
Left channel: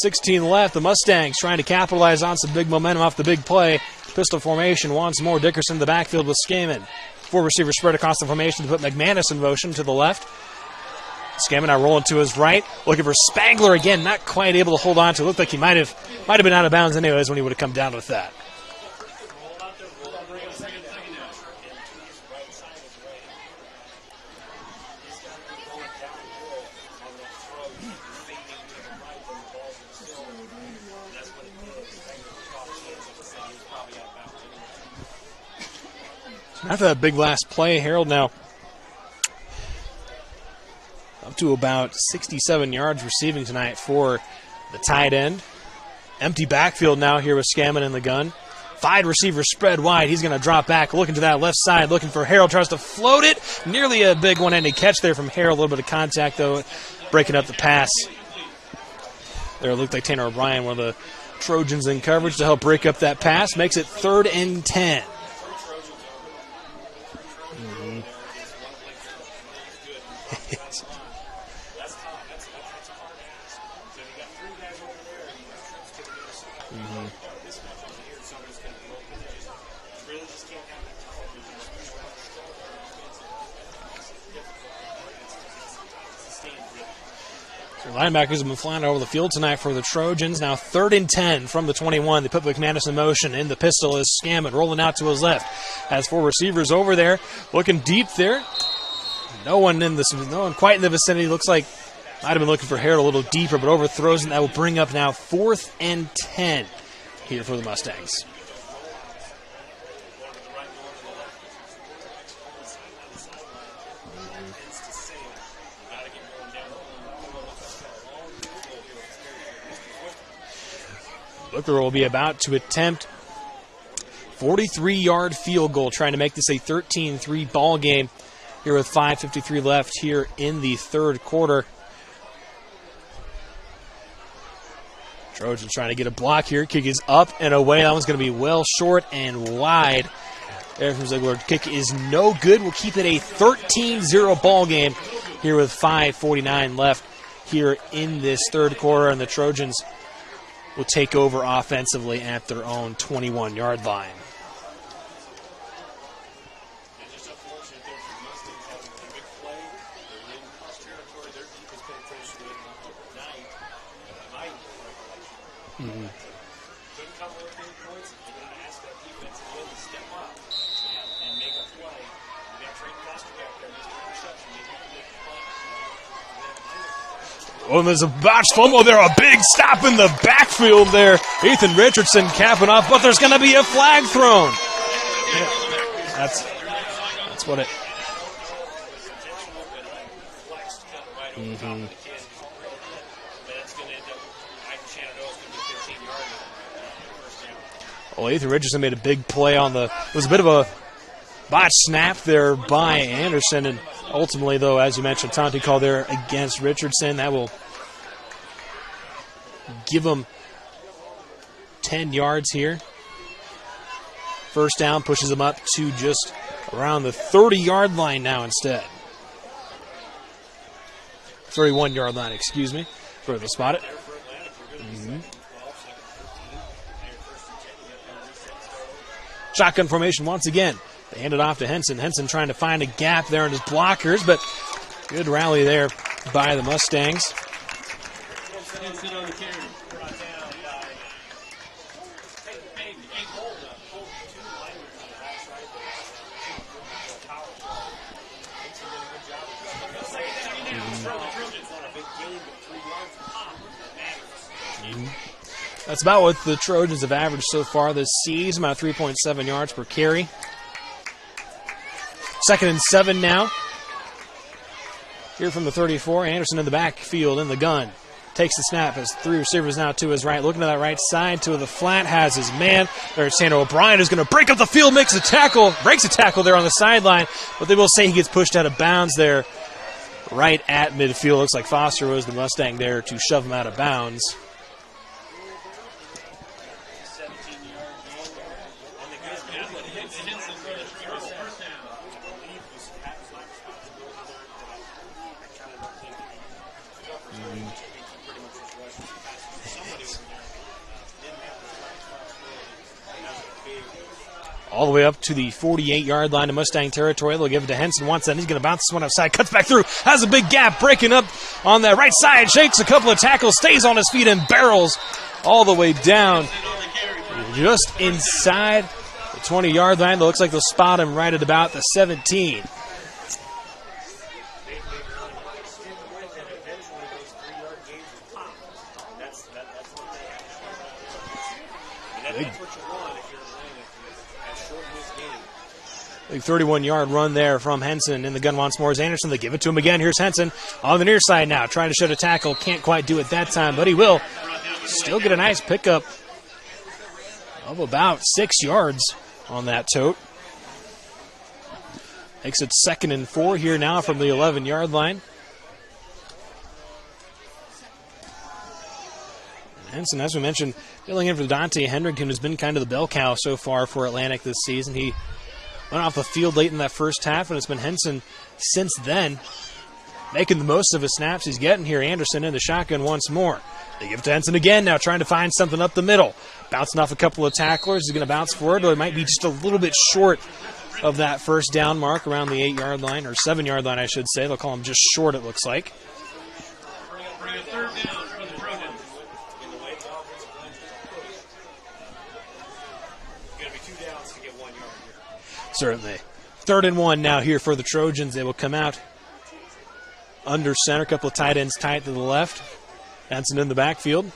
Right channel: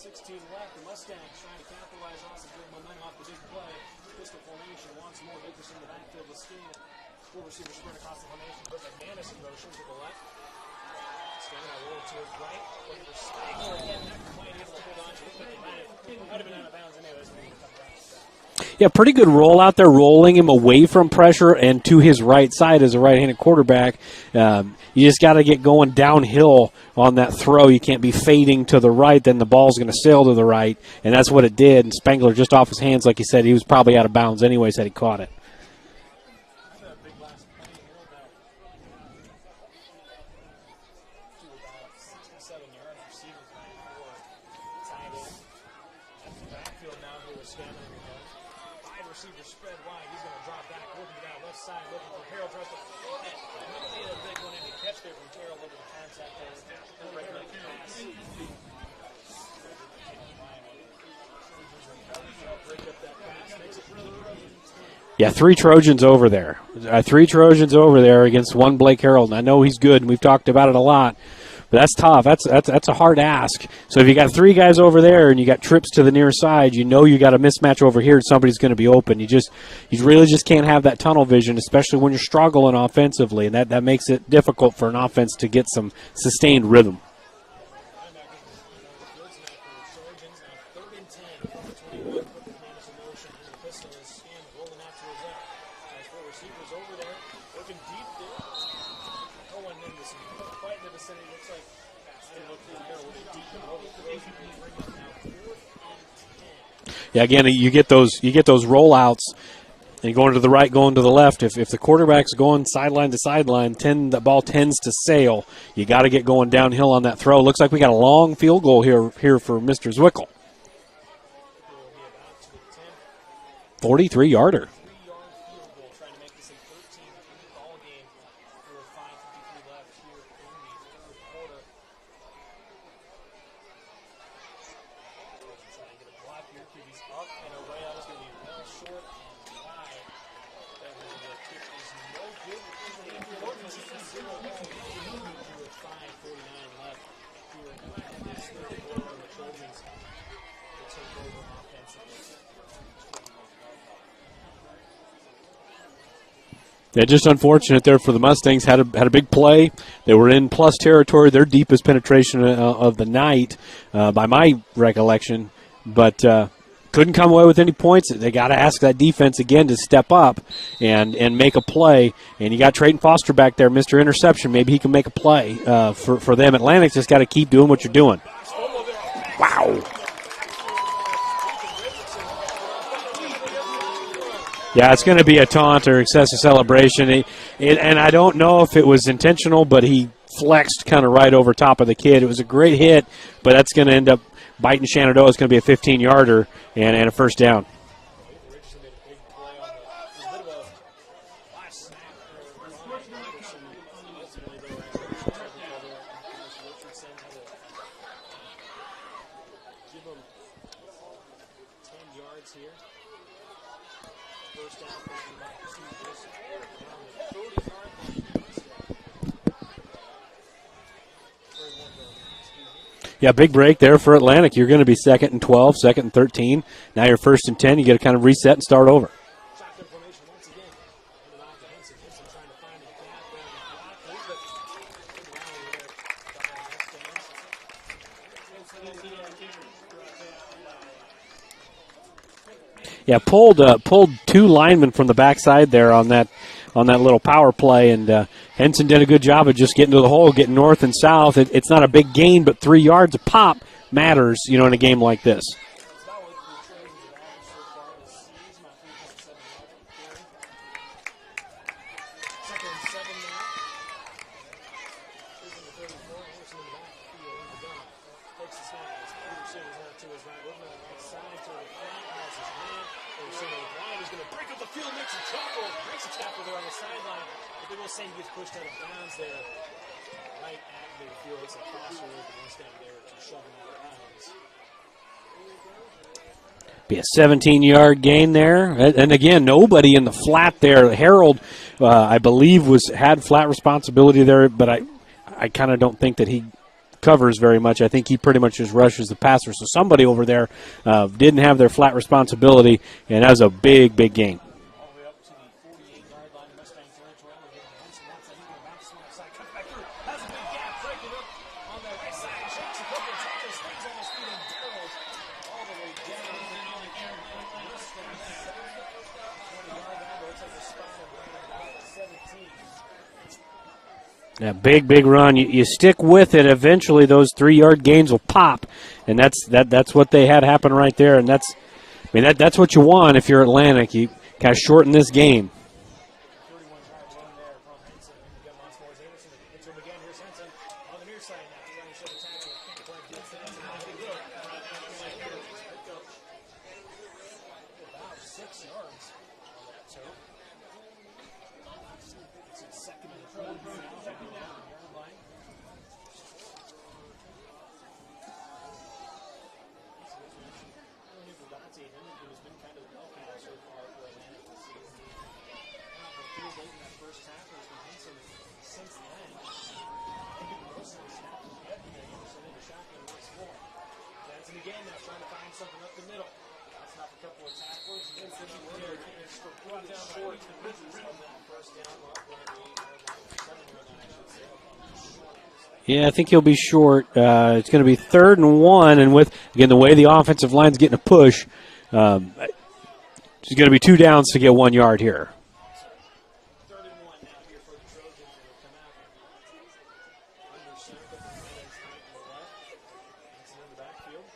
left, the Mustangs trying to capitalize on some big momentum off the big play. Pistol formation once more. Dickerson in the backfield with Skaman. 4 receivers spread across the formation to put McManus in motion to the left. Skaman now rolling to his right, looking for Spangler again, not quite able to hold on to it. Looked like he might have been out of bounds anyways when he would have come down with that. Yeah, pretty good roll out there, rolling him away from pressure and to his right side as a right-handed quarterback. You just got to get going downhill on that throw. You can't be fading to the right, then the ball's going to sail to the right, and that's what it did. And Spangler just off his hands, like he said, he was probably out of bounds anyways had he caught it. After that big last play, Harold now up to about 67 yards receiving tonight for the tight end. Empty backfield now here with Skaman in the gun. 5 receivers spread wide. He's going to drop back, looking to that left side, looking for Harold. Tries to float it. Nearly a big one-handed catch there from Harold. A little bit of contact, though, breaking up the pass. There it looked like Tanner O'Brien, one of the Trojans in coverage to help break up that pass. Makes it 3rd and 10. Yeah, 3 Trojans over there. 3 Trojans over there against 1 Blake Harold. And I know he's good, and we've talked about it a lot. But that's tough. That's a hard ask. So if you got 3 guys over there and you got trips to the near side, you know you got a mismatch over here and somebody's going to be open. You really just can't have that tunnel vision, especially when you're struggling offensively, and that makes it difficult for an offense to get some sustained rhythm. Linebackers have been flying over the field tonight for the Trojans. Now 3rd and 10 from the 21. They put McManus in motion. In the pistol is Scammon rolling out to his left. Has 4 receivers over there, looking deep there. No one quite in the vicinity. Looks like might have been looking for Harold a little deeper, but overthrows, and that will bring up now 4th and 10. Yeah, again, you get those rollouts. And going to the right, going to the left. If the quarterback's going sideline to sideline, the ball tends to sail. You got to get going downhill on that throw. Looks like we got a long field goal here for Mr. Zwickel. Booker will be about to attempt 43-yard field goal, trying to make this a 13-3 ball game here with 5:53 left here in the 3rd quarter. Trojans trying to get a block here. Kick is up and away. That one's going to be well short and wide. There from Ziegler. Kick is no good. We'll keep it a 13-0 ball game here with 5:49 left here in this 3rd quarter. And the Trojans will take over offensively at their own 21-yard line. Yeah, just unfortunate there for the Mustangs. Had a big play. They were in plus territory, their deepest penetration of the night, by my recollection, but couldn't come away with any points. They got to ask that defense again to step up and make a play. And you got Trayton Foster back there, Mr. Interception. Maybe he can make a play for them. Atlantic's just got to keep doing what you're doing. There's a botched fumble there, a big stop in the backfield there. Ethan Richardson capping off, but there's going to be a flag thrown. Yeah, it's going to be a taunt or excessive celebration. And I don't know if it was intentional, but he flexed kind of right over top of the kid. It was a great hit, but that's going to end up biting Shenandoah. It's going to be a 15-yarder and a 1st down. Well, Ethan Richardson made a big play it was a bit of a botch snap there by Anderson, and ultimately, though, as you mentioned, taunting call there against Richardson. That will give him 10 yards here. 1st down pushes him up to just around the 30-yard line now instead. 31-yard line, excuse me. Yeah, big break there for Atlantic. You're going to be 2nd and 12, 2nd and 13. Now you're 1st and 10. You got to kind of reset and start over. Shotgun formation once again. They hand it off to Henson. Henson trying to find a gap there in his blockers, but good rally there by the Mustangs. Yeah, pulled 2 linemen from the backside there on that little power play, and Henson did a good job of just getting to the hole, getting north and south. It's not a big gain, but 3 yards a pop matters, in a game like this. That's about what the Trojans have averaged so far this season, about 3.7 yards per carry. 2nd and 7 now. Here from the 34, Anderson in the backfield in the gun. Takes the snap, has 3 receivers now to his right. Looking to that right side to the flat, has his man. There's Sandro O'Brien, who's going to break up the field, breaks a tackle there on the sideline, but they will say he gets pushed out of bounds there right at midfield. Looks like Foster was the Mustang there to shove him out of bounds. Be a 17-yard gain there. And again, nobody in the flat there. Harold, I believe, had flat responsibility there, but I kind of don't think that he covers very much. I think he pretty much just rushes the passer. So somebody over there didn't have their flat responsibility, and that was a big, big gain. All the way up to the 48-yard line of Mustang territory. They'll give it to Henson once, then he's going to bounce this one outside, cuts back through, has a big gap, breaking up on that right side, shakes a couple of tackles, stays on his feet, and barrels all the way down just inside the 20-yard line. It looks like they'll spot him right at about the 17. Yeah, big run. You stick with it. Eventually, those 3-yard gains will pop, and that's what they had happen right there. And that's what you want if you're Atlantic. You kind of shorten this game. Big 31-yard run there from Henson in the gun once more as Anderson. They give it to him again. Here's Henson on the near side now, trying to shed a tackle. Can't quite do it that time, but he will. Still get a nice pickup of about 6 yards on that tote. Makes it 2nd and 4 here now from the 11-yard line. Henson, as we mentioned, filling in for Dante Hendrickson, has been kind of the bell cow so far for Atlantic this season. He went off the field late in that first half, and it's been Henson since then, making the most of his snaps he's getting here. Anderson in the shotgun once more. They give it to Henson again now, trying to find something up the middle. Bouncing off a couple of tacklers. He's going to bounce forward, but it might be just a little bit short of that first down mark around the 8-yard line, or 7-yard line, I should say. They'll call him just short, it looks like. Yeah, I think he'll be short. It's going to be 3rd and 1, and with, again, the way the offensive line's getting a push, it's going to be 2 downs to get 1 yard here. Certainly. 3rd and 1 now here for the Trojans. They will come out under center, a couple of tight ends tight to the left. Henson in the backfield.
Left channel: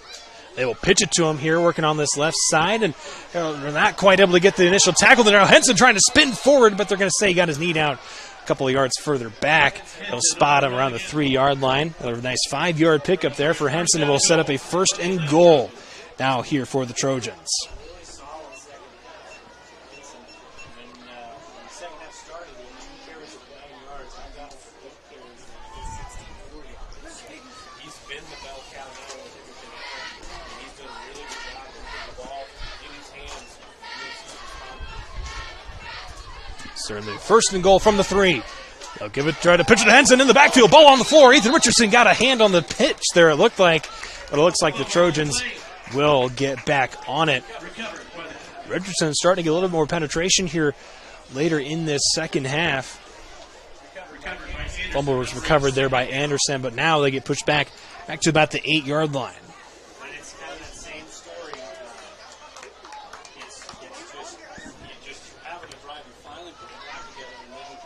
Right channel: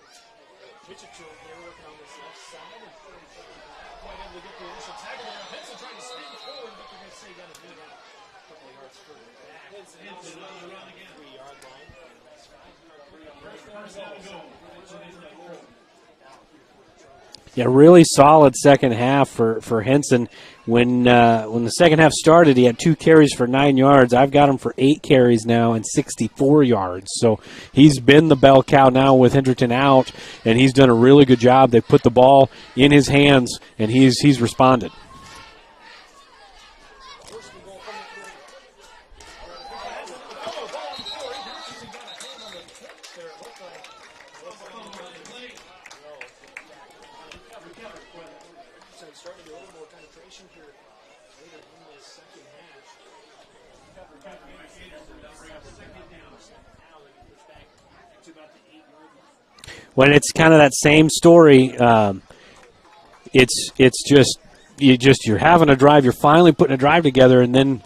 They will pitch it to him here, working on this left side, and they're not quite able to get the initial tackle. Now Henson trying to spin forward, but they're going to say he got his knee down a couple of yards further back. They'll spot him around the 3-yard line. Another nice 5-yard pickup there for Henson, and will set up a 1st and goal now here for the Trojans. Yeah, really solid second half for Henson. When the second half started, he had 2 carries for 9 yards. I've got him for 8 carries now and 64 yards. So he's been the bell cow now with Hendrickson out, and he's done a really good job. They put the ball in his hands, and he's responded. Certainly. 1st and goal from the 3. They'll try to pitch it to Henson in the backfield. Ball on the floor. Ethan Richardson got a hand on the pitch there, it looked like. But it looks like the Trojans will get back on it. Richardson starting to get a little more penetration here later in this second half. Fumble was recovered there by Anderson, but now they get pushed back to about the 8-yard line. When it's kind of that same story, it's just you're having a drive, you're finally putting a drive together, and then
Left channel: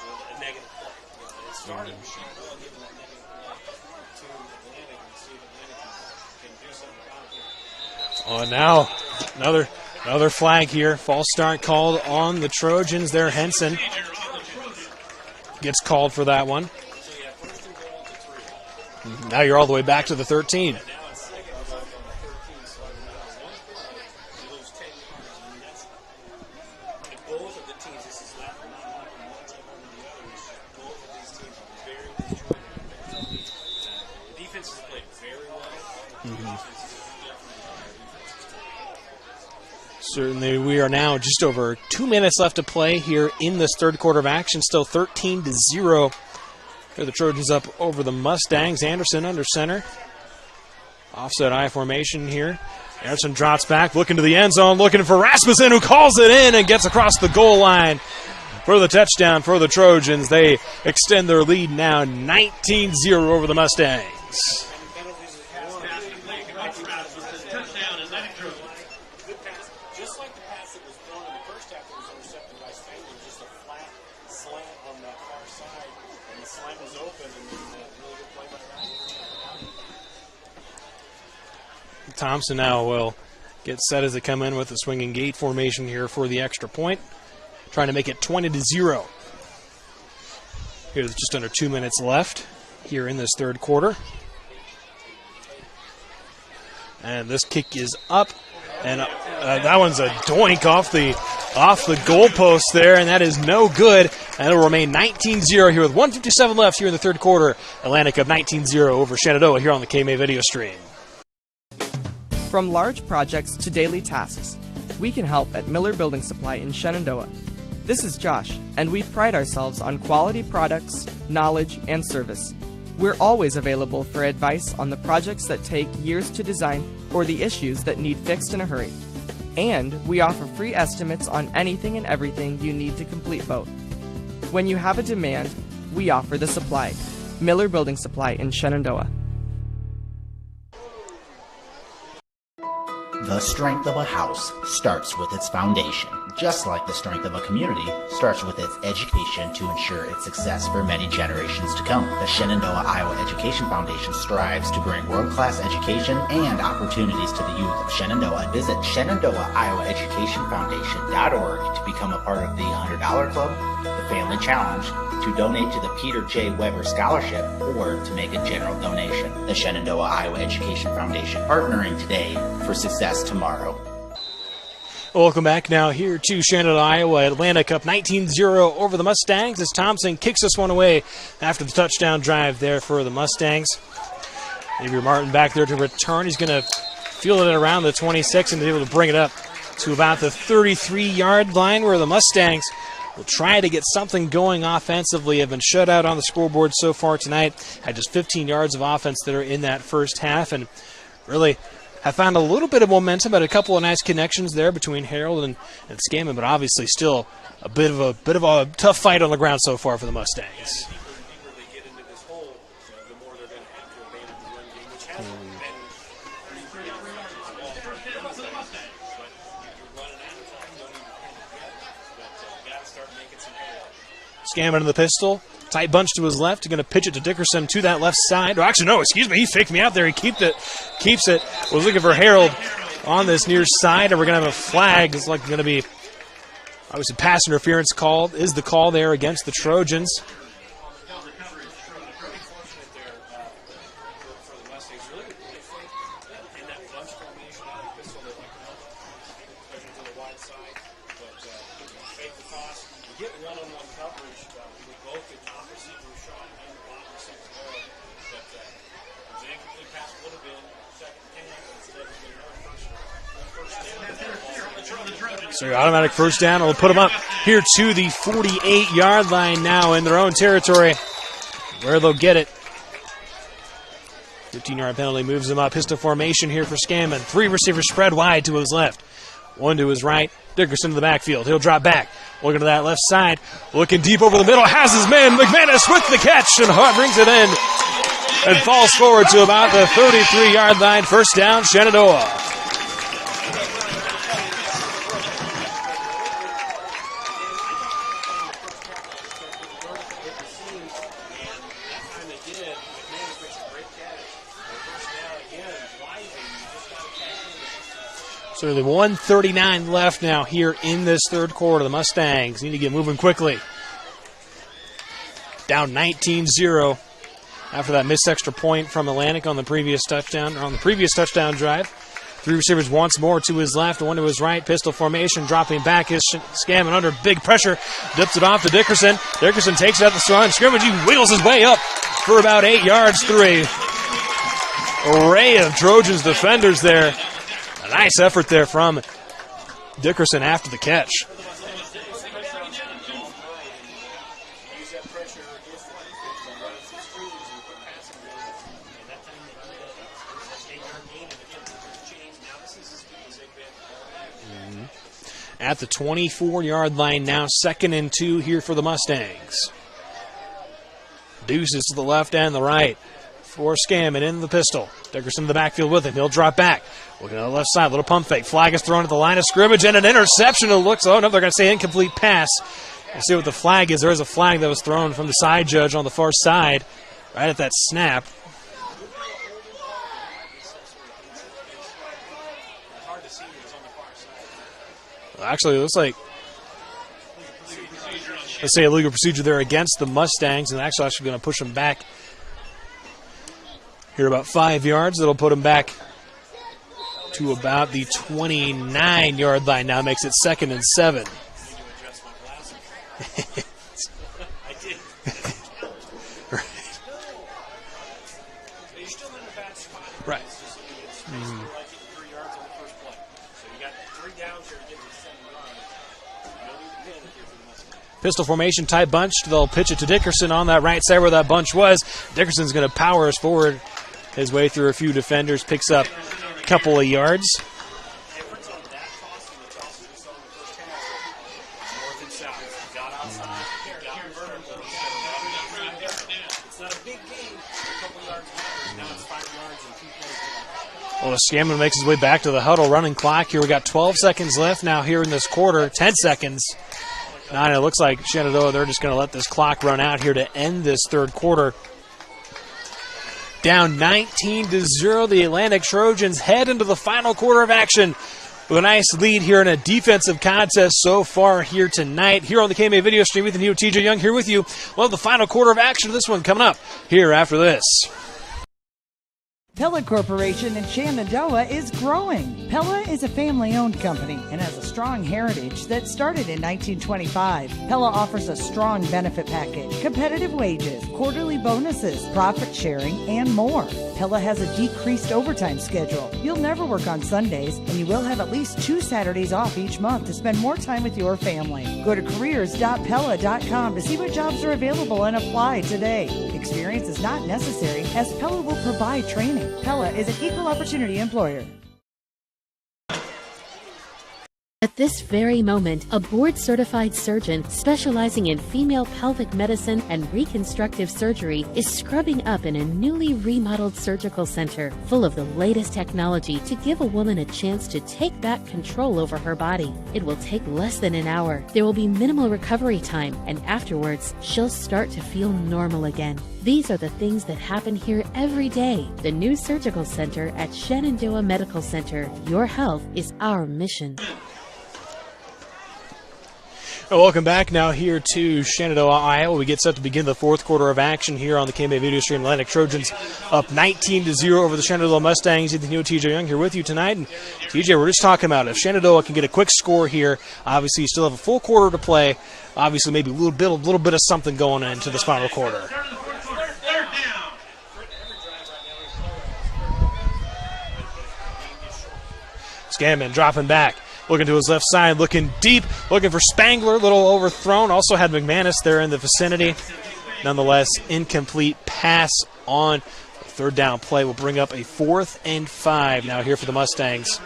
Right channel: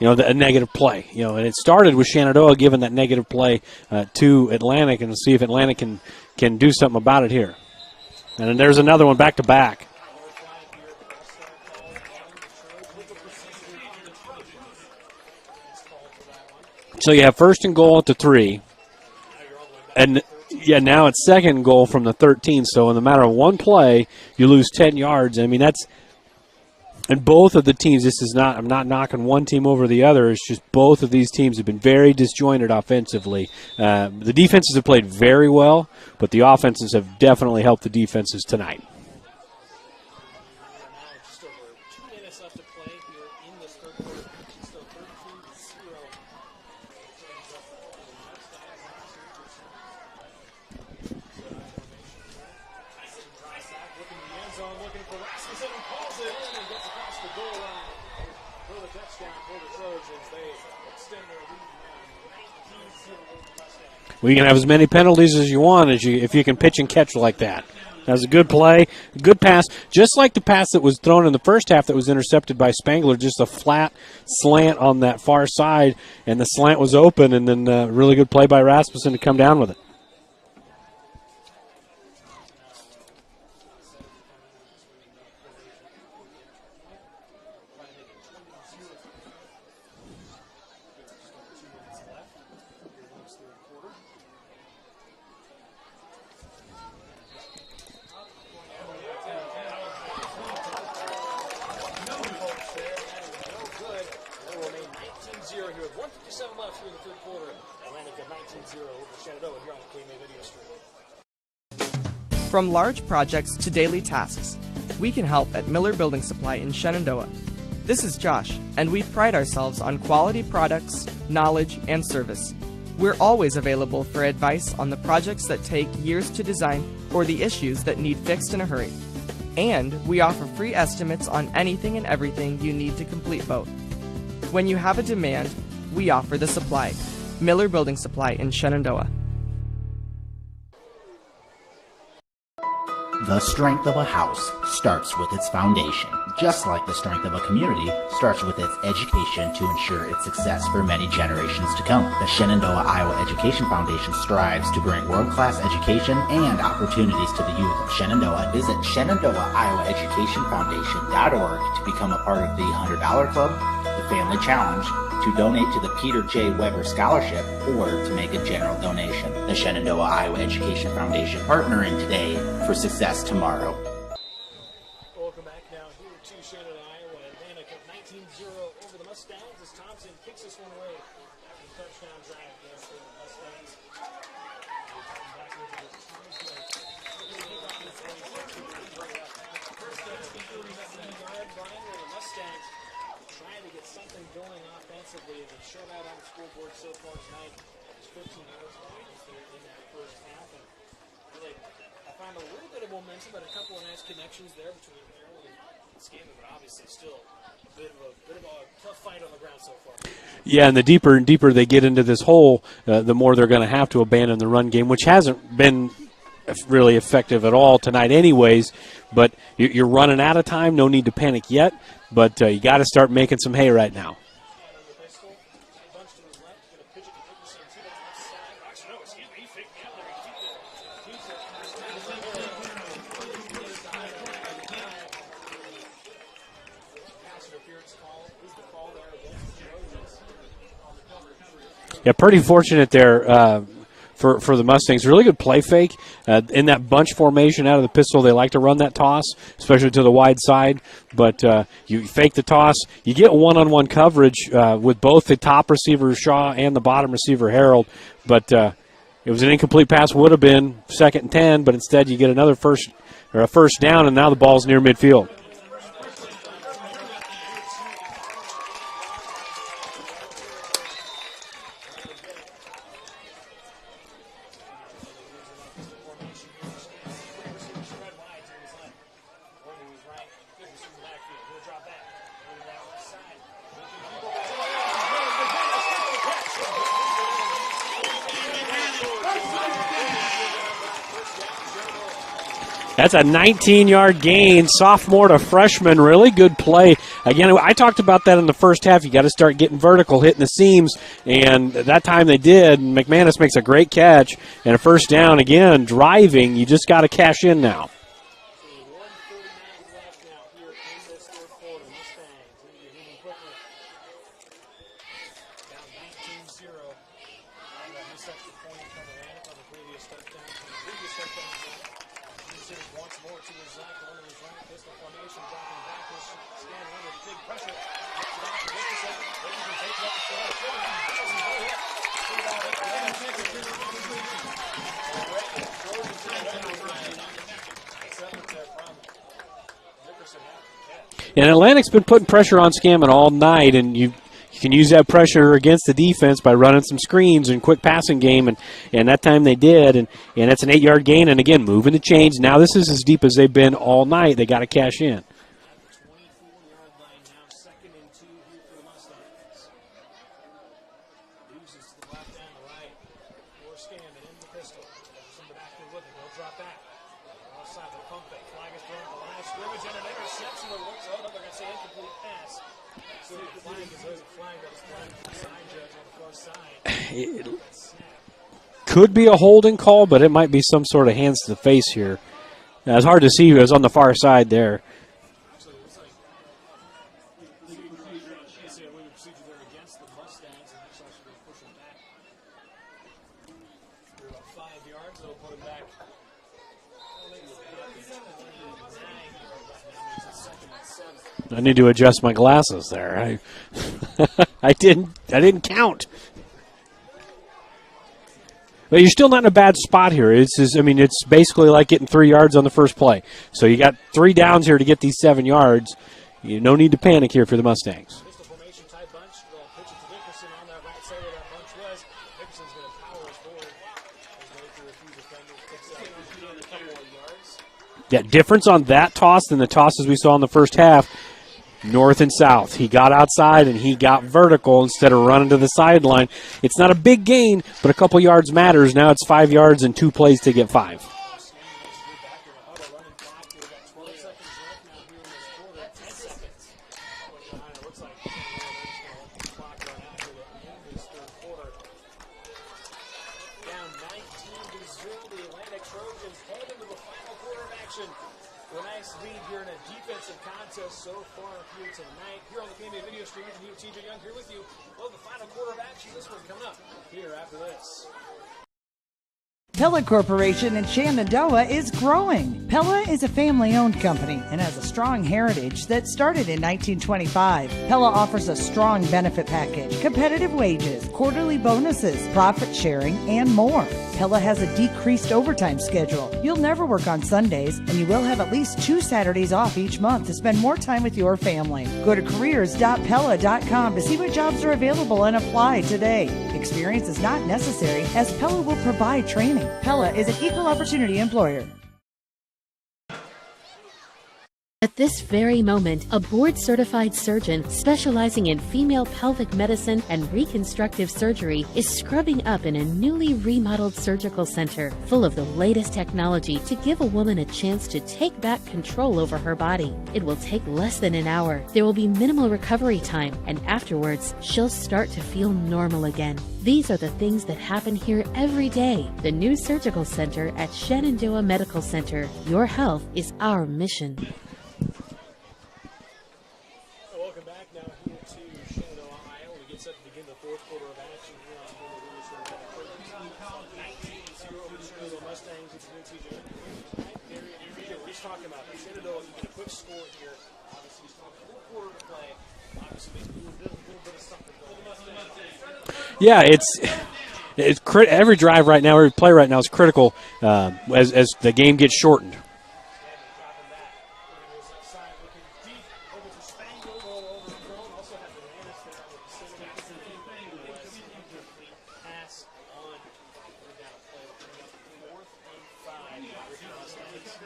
a negative play. And it started with Shenandoah giving that negative play to Atlantic, and to see if Atlantic can do something about it here. And there's another one back to back. Another flag here. False start called on the Trojans there. Henson gets called for that one. So you have 1st and goal at the 3. Now you're all the way back to the 13. Yeah, now it's 2nd and goal from the 13. So in the matter of one play, you lose 10 yards. I mean, that's – and both of the teams, I'm not knocking one team over the other. It's just both of these teams have been very disjointed offensively. The defenses have played very well, but the offenses have definitely helped the defenses tonight. Certainly, we are now just over 2 minutes left to play here in this 3rd quarter of action. Still 13-0. Here the Trojans up over the Mustangs. Anderson under center. Offset I formation here. Anderson drops back, looking to the end zone, looking for Rasmussen, who calls it in and gets across the goal line for the touchdown for the Trojans. They extend their lead now 19-0 over the Mustangs. We can have as many penalties as you want if you can pitch and catch like that. That was a good play, good pass, just like the pass that was thrown in the first half that was intercepted by Spangler, just a flat slant on that far side, and the slant was open, and then a really good play by Rasmussen to come down with it. Thompson now will get set as they come in with the swinging gate formation here for the extra point, trying to make it 20-0. Here's just under 2 minutes left here in this 3rd quarter. And this kick is up, and that one's a doink off the goalpost there, and that is no good. And it'll remain 19-0 here with 1:57 left here in the 3rd quarter. Atlantic up 19-0 over Shenandoah here on the KMA video stream. From large projects to daily tasks, we can help at Miller Building Supply in Shenandoah. This is Josh, and we pride ourselves on quality products, knowledge, and service. We're always available for advice on the projects that take years to design or the issues that need fixed in a hurry. And we offer free estimates on anything and everything you need to complete both. When you have a demand, we offer the supply. Miller Building Supply in Shenandoah. The strength of a house starts with its foundation, just like the strength of a community starts with its education to ensure its success for many generations to come. The Shenandoah Iowa Education Foundation strives to bring world-class education and opportunities to the youth of Shenandoah. Visit ShenandoahIowaEducationFoundation.org to become a part of the $100 Club, the Family Challenge, to donate to the Peter J. Weber Scholarship, or to make a general donation. The Shenandoah Iowa Education Foundation, partnering today for success tomorrow. Welcome back now here to Shenandoah, Iowa. Atlantic up 19-0 over the Mustangs as Thompson kicks this one away after the touchdown drive there for the Mustangs. Xavier Martin back there to return. He's going to field it around the 26 and be able to bring it up to about the 33-yard line where the Mustangs will try to get something going offensively. Have been shut out on the scoreboard so far tonight. Had just 15 yards of offense that are in that first half, and really have found a little bit of momentum, but a couple of nice connections there between Harold and Scammon, but obviously still a bit of a tough fight on the ground so far for the Mustangs. Yeah, and the deeper and deeper they get into this hole, the more they're going to have to abandon the run game, which hasn't been really effective at all tonight anyways. But you're running out of time. No need to panic yet, but you got to start making some hay right now. Scammon in the pistol. Tight bunch to his left. He's going to pitch it to Dickerson to that left side. Oh, actually, no, excuse me. He faked me out there. He keeps it. Was looking for Harold on this near side, and we're going to have a flag. It's like going to be, obviously, pass interference called. Is the call there against the Trojans? Yeah, pretty fortunate there for the Mustangs. Really good play fake. In that bunch formation out of the pistol, they like to run that toss, especially to the wide side. But you fake the toss. You get one-on-one coverage with both the top receiver, Shaw, and the bottom receiver, Harold. But it was an incomplete pass. Would have been 2nd and 10, but instead you get a first down, and now the ball's near midfield. So your automatic first down will put them up here to the 48-yard line now in their own territory, where they'll get it. 15-yard penalty moves them up. Pistol formation here for Scammon. 3 receivers spread wide to his left. 1 to his right. Dickerson to the backfield. He'll drop back. Looking to that left side. Looking deep over the middle. Has his man. McManus with the catch. And Hart brings it in. And falls forward to about the 33-yard line. First down, Shenandoah. That's a 19-yard gain. Sophomore to freshman. Really good play. Again, I talked about that in the first half. You got to start getting vertical, hitting the seams, and that time they did. McManus makes a great catch and a first down. Again, driving. You just got to cash in now. So the 1:39 left now here in this third quarter. The Mustangs need to get moving quickly. Down 19-0 after that missed extra point from Atlantic on the previous touchdown drive. 3 receivers once more to his left, 1 to his right. Pistol formation, dropping back is Scammon under big pressure. Dips it off to Dickerson. Dickerson takes it at the line of scrimmage. He wheels his way up for about 8 yards through a array of Trojans defenders there. A nice effort there from Dickerson after the catch. And Atlantic's been putting pressure on Scammon all night, and you can use that pressure against the defense by running some screens and quick passing game, and that time they did, and that's an 8-yard gain, and again, moving the chains. Now this is as deep as they've been all night. They got to cash in. At the 24-yard line now, 2nd and 2 here for the Mustangs. Deuces to the left and the right for Scammon in the pistol. Dickerson in the backfield with him. He'll drop back. Looking at the left side, little pump fake. Flag is thrown at the line of scrimmage, and an interception. It looks, oh no, they're going to say incomplete pass. We'll see what the flag is. There is a flag that was thrown from the side judge on the far side right at that snap. Could be a holding call, but it might be some sort of hands to the face here. Now, it's hard to see who was on the far side there. Actually, it looks like, let's say, a legal procedure there against the Mustangs, and actually going to push them back here about 5 yards. That'll put them back to about the 29-yard line. Now makes it 2nd and 7. I need to adjust my glasses there. I didn't count. But you're still not in a bad spot here. It's basically like getting 3 yards on the first play. So you got 3 downs here to get these 7 yards. No need to panic here for the Mustangs. Pistol formation, tight bunch. They'll pitch it to Dickerson on that right side where that bunch was. Dickerson's going to power us forward his way through a few defenders, picks up a couple of yards. Yeah, difference on that toss than the tosses we saw in the first half. North and south. He got outside and he got vertical instead of running to the sideline. It's not a big gain, but a couple yards matters. Now it's 5 yards and 2 plays to get 5. Well, Scammon makes his way back to the huddle, running clock. Here we got 12 seconds left now here in this quarter, 10 seconds. Now it looks like Shenandoah, they're just going to let this clock run out here to end this third quarter. Down 19-0, the Atlantic Trojans head into the final quarter of action with a nice lead here in a defensive contest so far here tonight. Here on the KMA video stream with TJ Young here with you. We'll have the final quarter of action of this one coming up here after this. Pella Corporation in Shenandoah is growing. Pella is a family-owned company and has a strong heritage that started in 1925. Pella offers a strong benefit package, competitive wages, quarterly bonuses, profit sharing, and more. Pella has a decreased overtime schedule. You'll never work on Sundays, and you will have at least 2 Saturdays off each month to spend more time with your family. Go to careers.pella.com to see what jobs are available and apply today. Experience is not necessary, as Pella will provide training. Pella is an equal opportunity employer. At this very moment, a board-certified surgeon specializing in female pelvic medicine and reconstructive surgery is scrubbing up in a newly remodeled surgical center full of the latest technology to give a woman a chance to take back control over her body. It will take less than an hour. There will be minimal recovery time, and afterwards, she'll start to feel normal again. These are the things that happen here every day. The new surgical center at Shenandoah Medical Center. Your health is our mission. Welcome back now here to Shenandoah, Iowa. We get set to begin the fourth quarter of action here on the KMA Video Stream. Atlantic Trojans up 19-0 over the Shenandoah Mustangs. Ethan Hewitt, TJ Young here with you tonight. And TJ, we're just talking about if Shenandoah can get a quick score here, obviously you still have a full quarter to play. Obviously maybe a little bit of something going into this final quarter. Yeah, it's every drive right now, every play right now is critical as the game gets shortened. Scanman dropping back. Looking to his left side, looking deep, looking for Spangler, little overthrown. Also had McManus there in the vicinity. Nonetheless, incomplete pass on third down play will bring up a 4th and 5 now here for the Mustangs.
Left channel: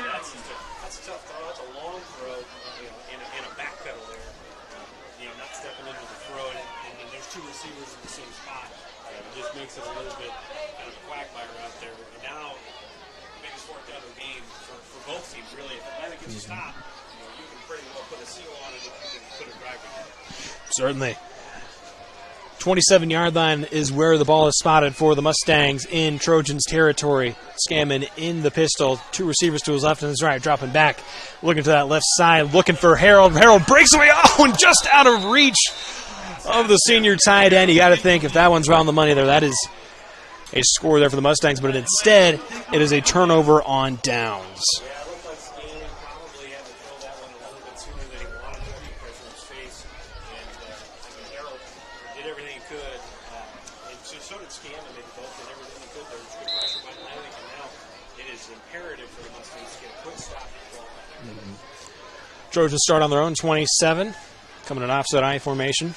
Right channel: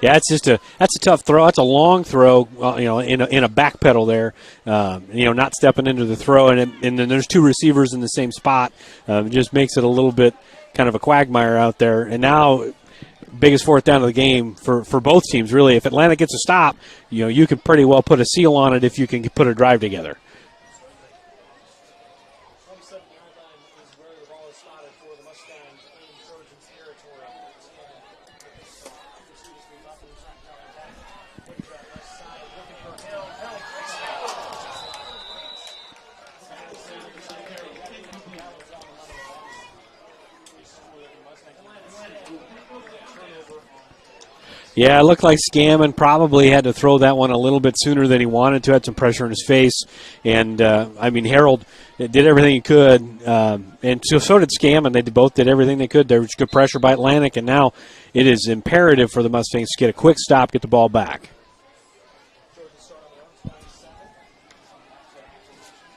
Yeah, that's a tough throw. That's a long throw, in a back pedal there. Not stepping into the throw, and then there's two receivers in the same spot. It just makes it a little bit kind of a quagmire out there. And now, biggest 4th down of the game for both teams, really. If Atlanta gets a stop, you can pretty well put a seal on it if you can put a drive together. Certainly. 27-yard line is where the ball is spotted for the Mustangs in Trojans territory. Scammon in the pistol. Two receivers to his left and his right, dropping back. Looking to that left side, looking for Harold. Harold breaks away, and just out of reach of the senior tight end. You got to think if that one's around the money there, that is a score there for the Mustangs, but instead it is a turnover on downs. Yeah, it looked like Scammon probably had to throw that one a little bit sooner than he wanted to. Had some pressure in his face, and Harold did everything he could, and so did Scammon. They both did everything they could. There was good pressure by Atlantic, and now it is imperative for the Mustangs to get a quick stop, get the ball back. Trojans start on their own 27, coming in offset I formation.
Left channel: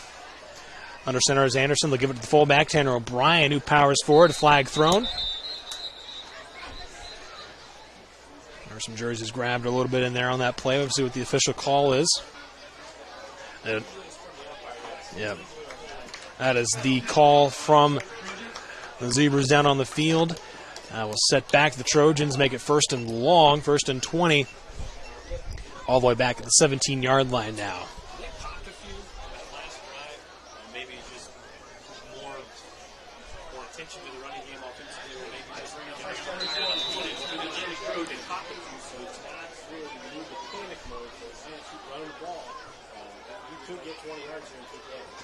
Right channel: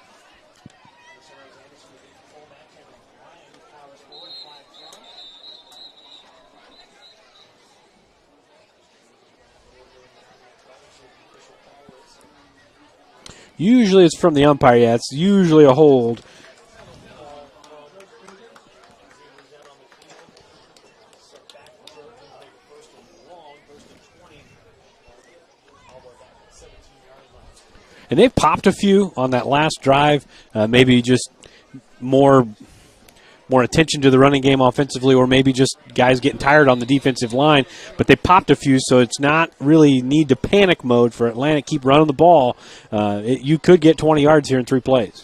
Under center is Anderson. They'll give it to the fullback, Tanner O'Brien, who powers forward. Flag thrown. There's some jerseys grabbed a little bit in there on that play. We'll see what the official call is. Usually it's from the umpire. Yeah, it's usually a hold. That is the call from the Zebras down on the field. We'll set back the Trojans, make it 1st and long, 1st and 20. All the way back at the 17-yard line now. And they popped a few on that last drive, maybe just more attention to the running game offensively, or maybe just guys getting tired on the defensive line. But they popped a few, so it's not really need to panic mode for Atlanta. Keep running the ball. You could get 20 yards here in 3 plays.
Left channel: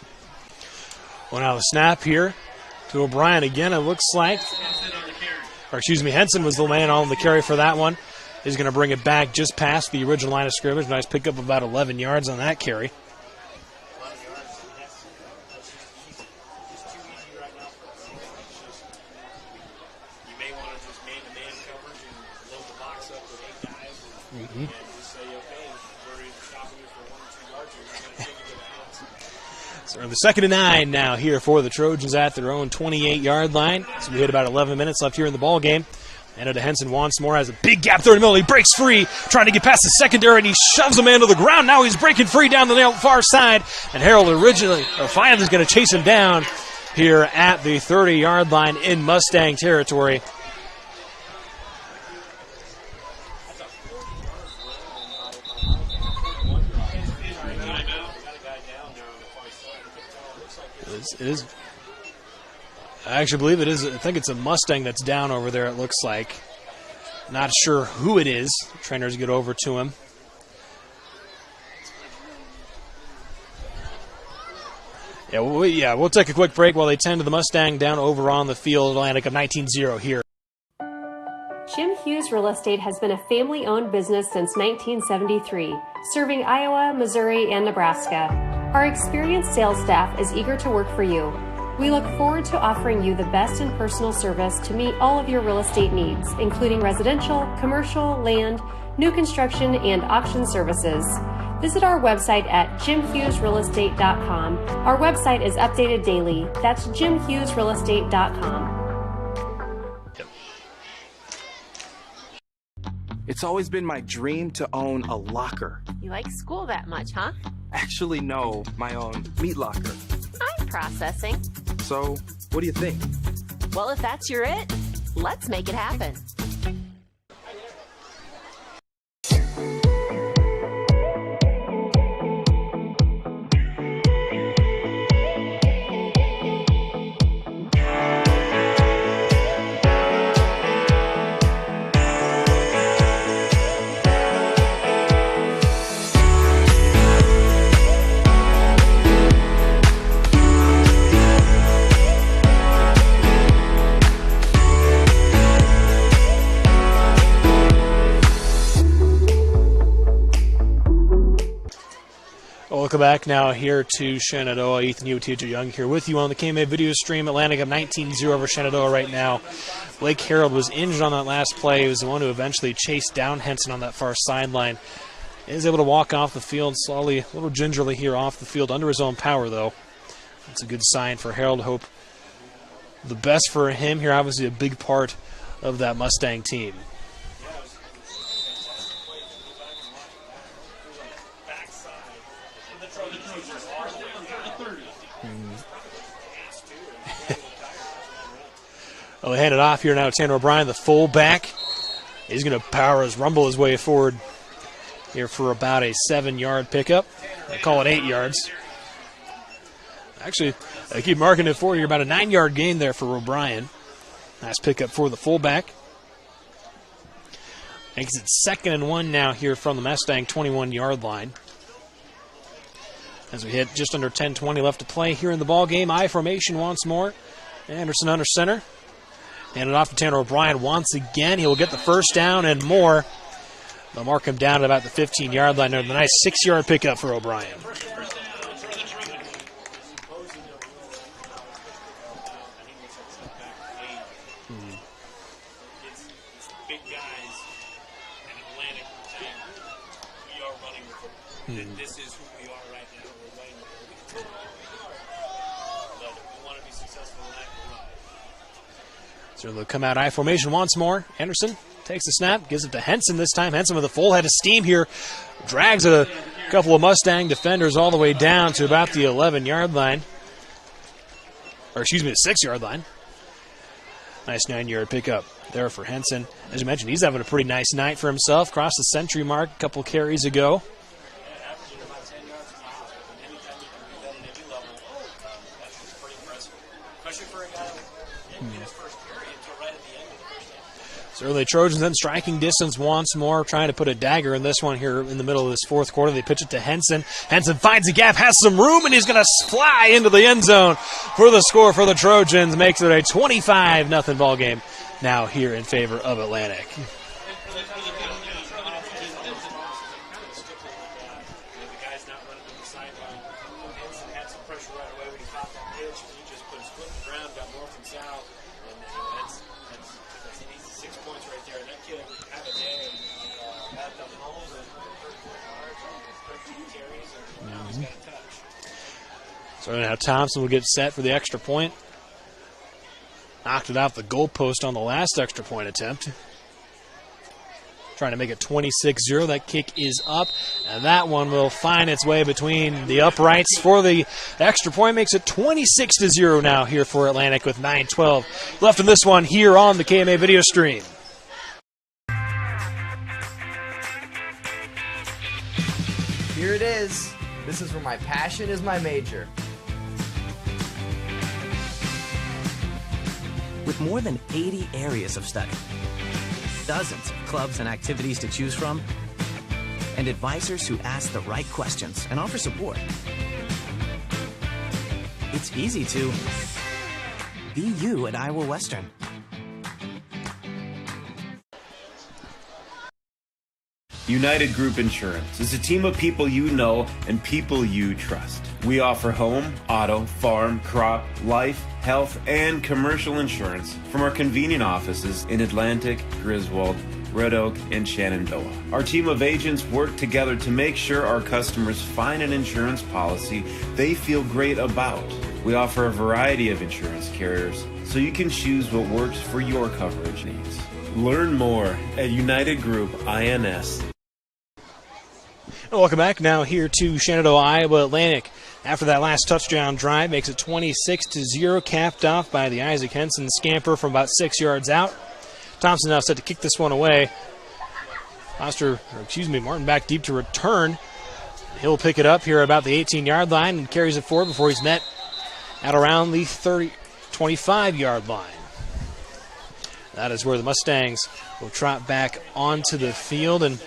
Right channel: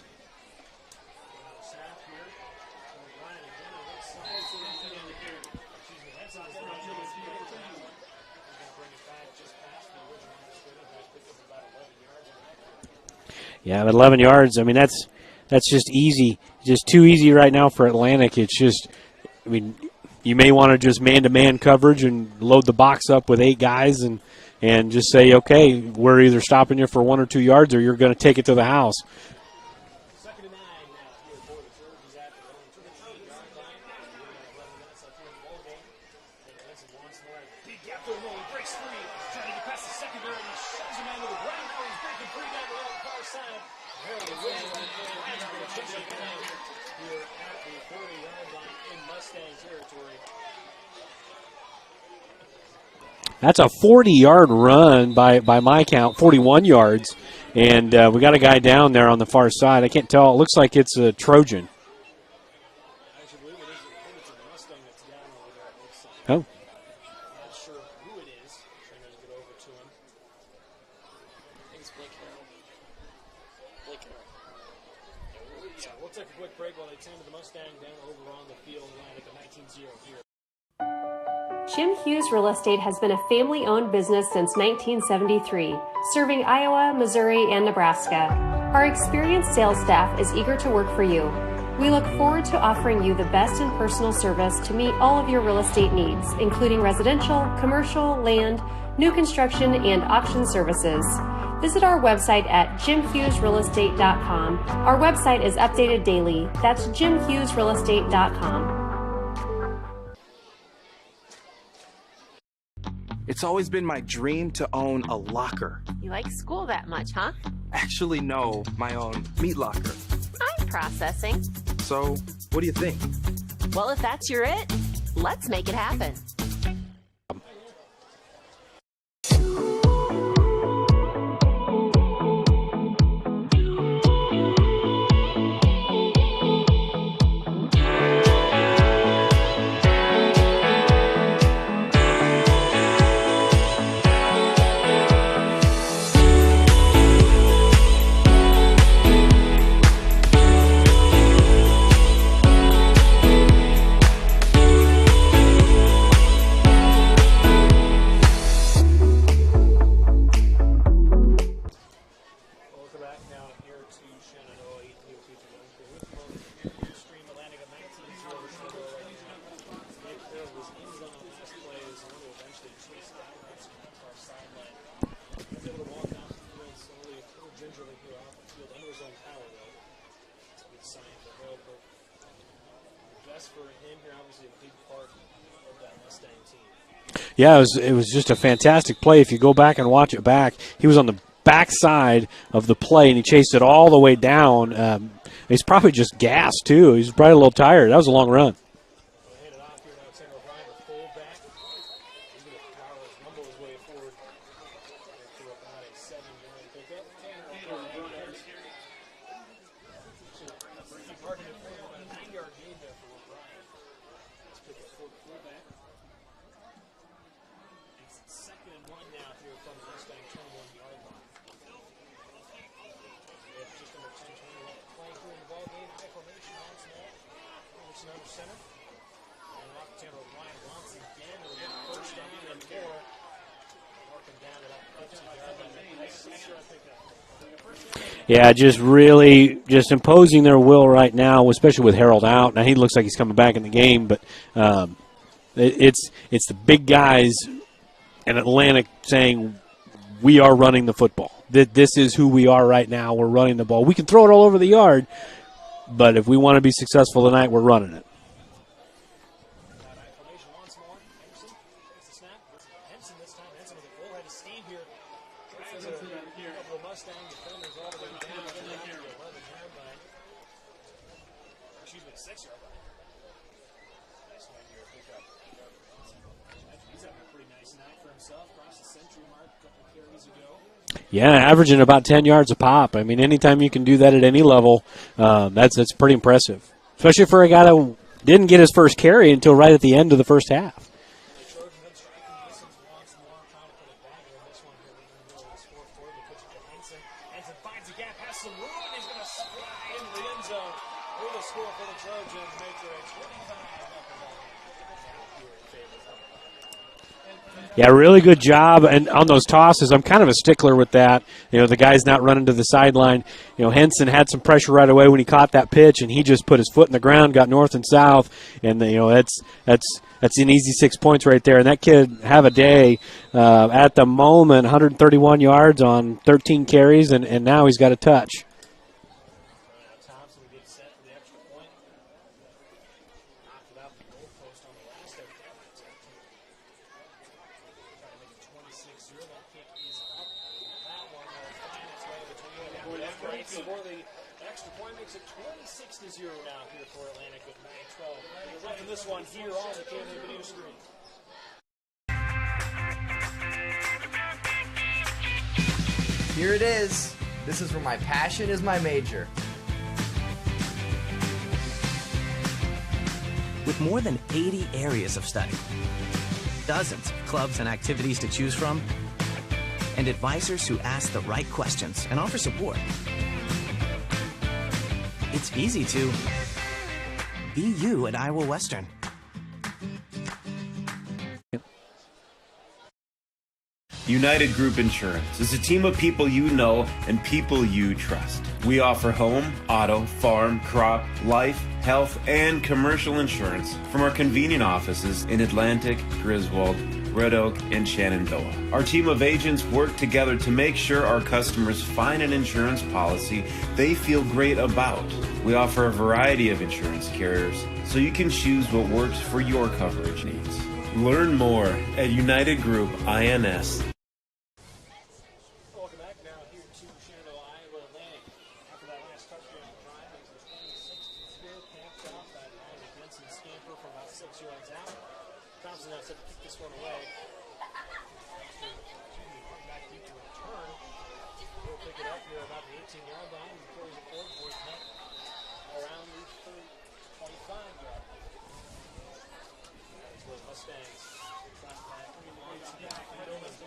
Well, now the snap here to O'Brien again, it looks like. Henson was the man on the carry for that one. He's going to bring it back just past the original line of scrimmage. Nice pickup of about 11 yards on that carry. Yeah, but 11 yards, that's just easy. Just too easy right now for Atlantic. It's just, you may want to just man-to-man coverage and load the box up with 8 guys and just say, okay, we're either stopping you for 1 or 2 yards or you're going to take it to the house. So the 2nd and 9 now here for the Trojans at their own 28-yard line. So we hit about 11 minutes left here in the ball game. And to Henson once more, has a big gap there in the middle. He breaks free, trying to get past the secondary, and he shoves a man to the ground. Now he's breaking free down the far side. And Harold finally is going to chase him down here at the 30-yard line in Mustang territory. That's a 40-yard run by my count, 41 yards. And we got a guy down there on the far side. I can't tell. It looks like it's a Trojan. I actually believe it is. I think it's a Mustang that's down over there, it looks like. Oh. Not sure who it is. Trainers get over to him. We'll take a quick break while they tend to the Mustang down over on the field. Atlantic of 19-0 here. Jim Hughes Real Estate has been a family-owned business since 1973, serving Iowa, Missouri, and Nebraska. Our experienced sales staff is eager to work for you. We look forward to offering you the best in personal service to meet all of your real estate needs, including residential, commercial, land, new construction, and auction services. Visit our website at jimhughesrealestate.com. Our website is updated daily. That's jimhughesrealestate.com. It's always been my dream to own a locker. You like school that much, huh? Actually, no, my own meat locker. I'm processing. So, what do you think? Well, if that's your it, let's make it happen. Welcome back now here to Shenandoah. Ethan Hewitt, TJ Young here with you on the KMA video stream. Atlantic up 19-0 over Shenandoah right now. Blake Harold was injured on that last play. He was the one who eventually chased down Henson on that far sideline. He was able to walk off the field slowly, a little gingerly here off the field under his own power, though. That's a good sign for Harold. Hope the best for him here. Obviously a big part of that Mustang team. Yeah, it was just a fantastic play. If you go back and watch it back, he was on the backside of the play, and he chased it all the way down. He's probably just gassed, too. He's probably a little tired. That was a long run. Well, they hand it off here now to Tanner O'Brien, the fullback. He's going to rumble his way forward here for about a 7-yard pickup. I call it 8 yards. Actually, I keep marking it for you. About a 9-yard gain there for O'Brien. Nice pickup for the fullback. Makes it 2nd and 1 now here from the Mustang 21-yard line. As we hit just under 10:20 left to play here in the ball game. I formation once more. Anderson under center. Hand it off to Tanner O'Brien once again. He will get the first down and more. They'll mark him down at about the 15-yard line. A nice 6-yard pickup for O'Brien. Yeah, just really just imposing their will right now, especially with Harold out. Now he looks like he's coming back in the game, but it's the big guys in Atlantic saying, we are running the football. This is who we are right now. We're running the ball. We can throw it all over the yard, but if we want to be successful tonight, we're running it. So they'll come out I formation once more. Anderson takes the snap, gives it to Henson this time. Henson with a full head of steam here. Drags a couple of Mustang defenders all the way down to about the 11-yard line. Or excuse me, the 6-yard line. Nice 9-yard pickup there for Henson. As you mentioned, he's having a pretty nice night for himself. Crossed the century mark a couple carries ago. Yeah, averaging about 10 yards a pop. I mean, anytime you can do that at any level, that's pretty impressive. Especially for a guy that didn't get his first carry until right at the end of the first half. So the Trojans then striking distance once more, trying to put a dagger in this one here in the middle of this fourth quarter. They pitch it to Henson. Henson finds a gap, has some room, and he's going to fly into the end zone for the score for the Trojans. Makes it a 25-0 ball game now here in favor of Atlantic. Yeah, really good job. And on those tosses, I'm kind of a stickler with that. You know, the guy's not running to the sideline. You know, Henson had some pressure right away when he caught that pitch, and he just put his foot in the ground, got north and south, and you know that's an easy 6 points right there. And that kid have a day at the moment, 131 yards on 13 carries, and now he's got a touch. So now Thompson will get set for the extra point. Knocked it off the goalpost on the last extra point attempt. Trying to make it 26-0. That kick is up, and that one will find its way between the uprights for the extra point. Makes it 26-0 now here for Atlantic with 9:12 left in this one here on the KMA video stream. Here it is. This is where my passion is my major. With more than 80 areas of study, dozens of clubs and activities to choose from, and advisors who ask the right questions and offer support, it's easy to be you at Iowa Western. United Group Insurance is a team of people you know and people you trust. We offer home, auto, farm, crop, life, health, and commercial insurance from our convenient offices in Atlantic, Griswold, Red Oak, and Shenandoah. Our team of agents work together to make sure our customers find an insurance policy they feel great about. We offer a variety of insurance carriers, so you can choose what works for your coverage needs. Learn more at United Group INS. Welcome back now here to Shenandoah, Iowa Atlantic. After that last touchdown drive, makes it 26-0, capped off by the Isaac Henson scamper from about 6 yards out. Thompson now set to kick this one away. Martin back deep to return. He'll pick it up here about the 18-yard line and carries it forward before he's met at around the 25-yard line. That is where the Mustangs will trot back onto the field. And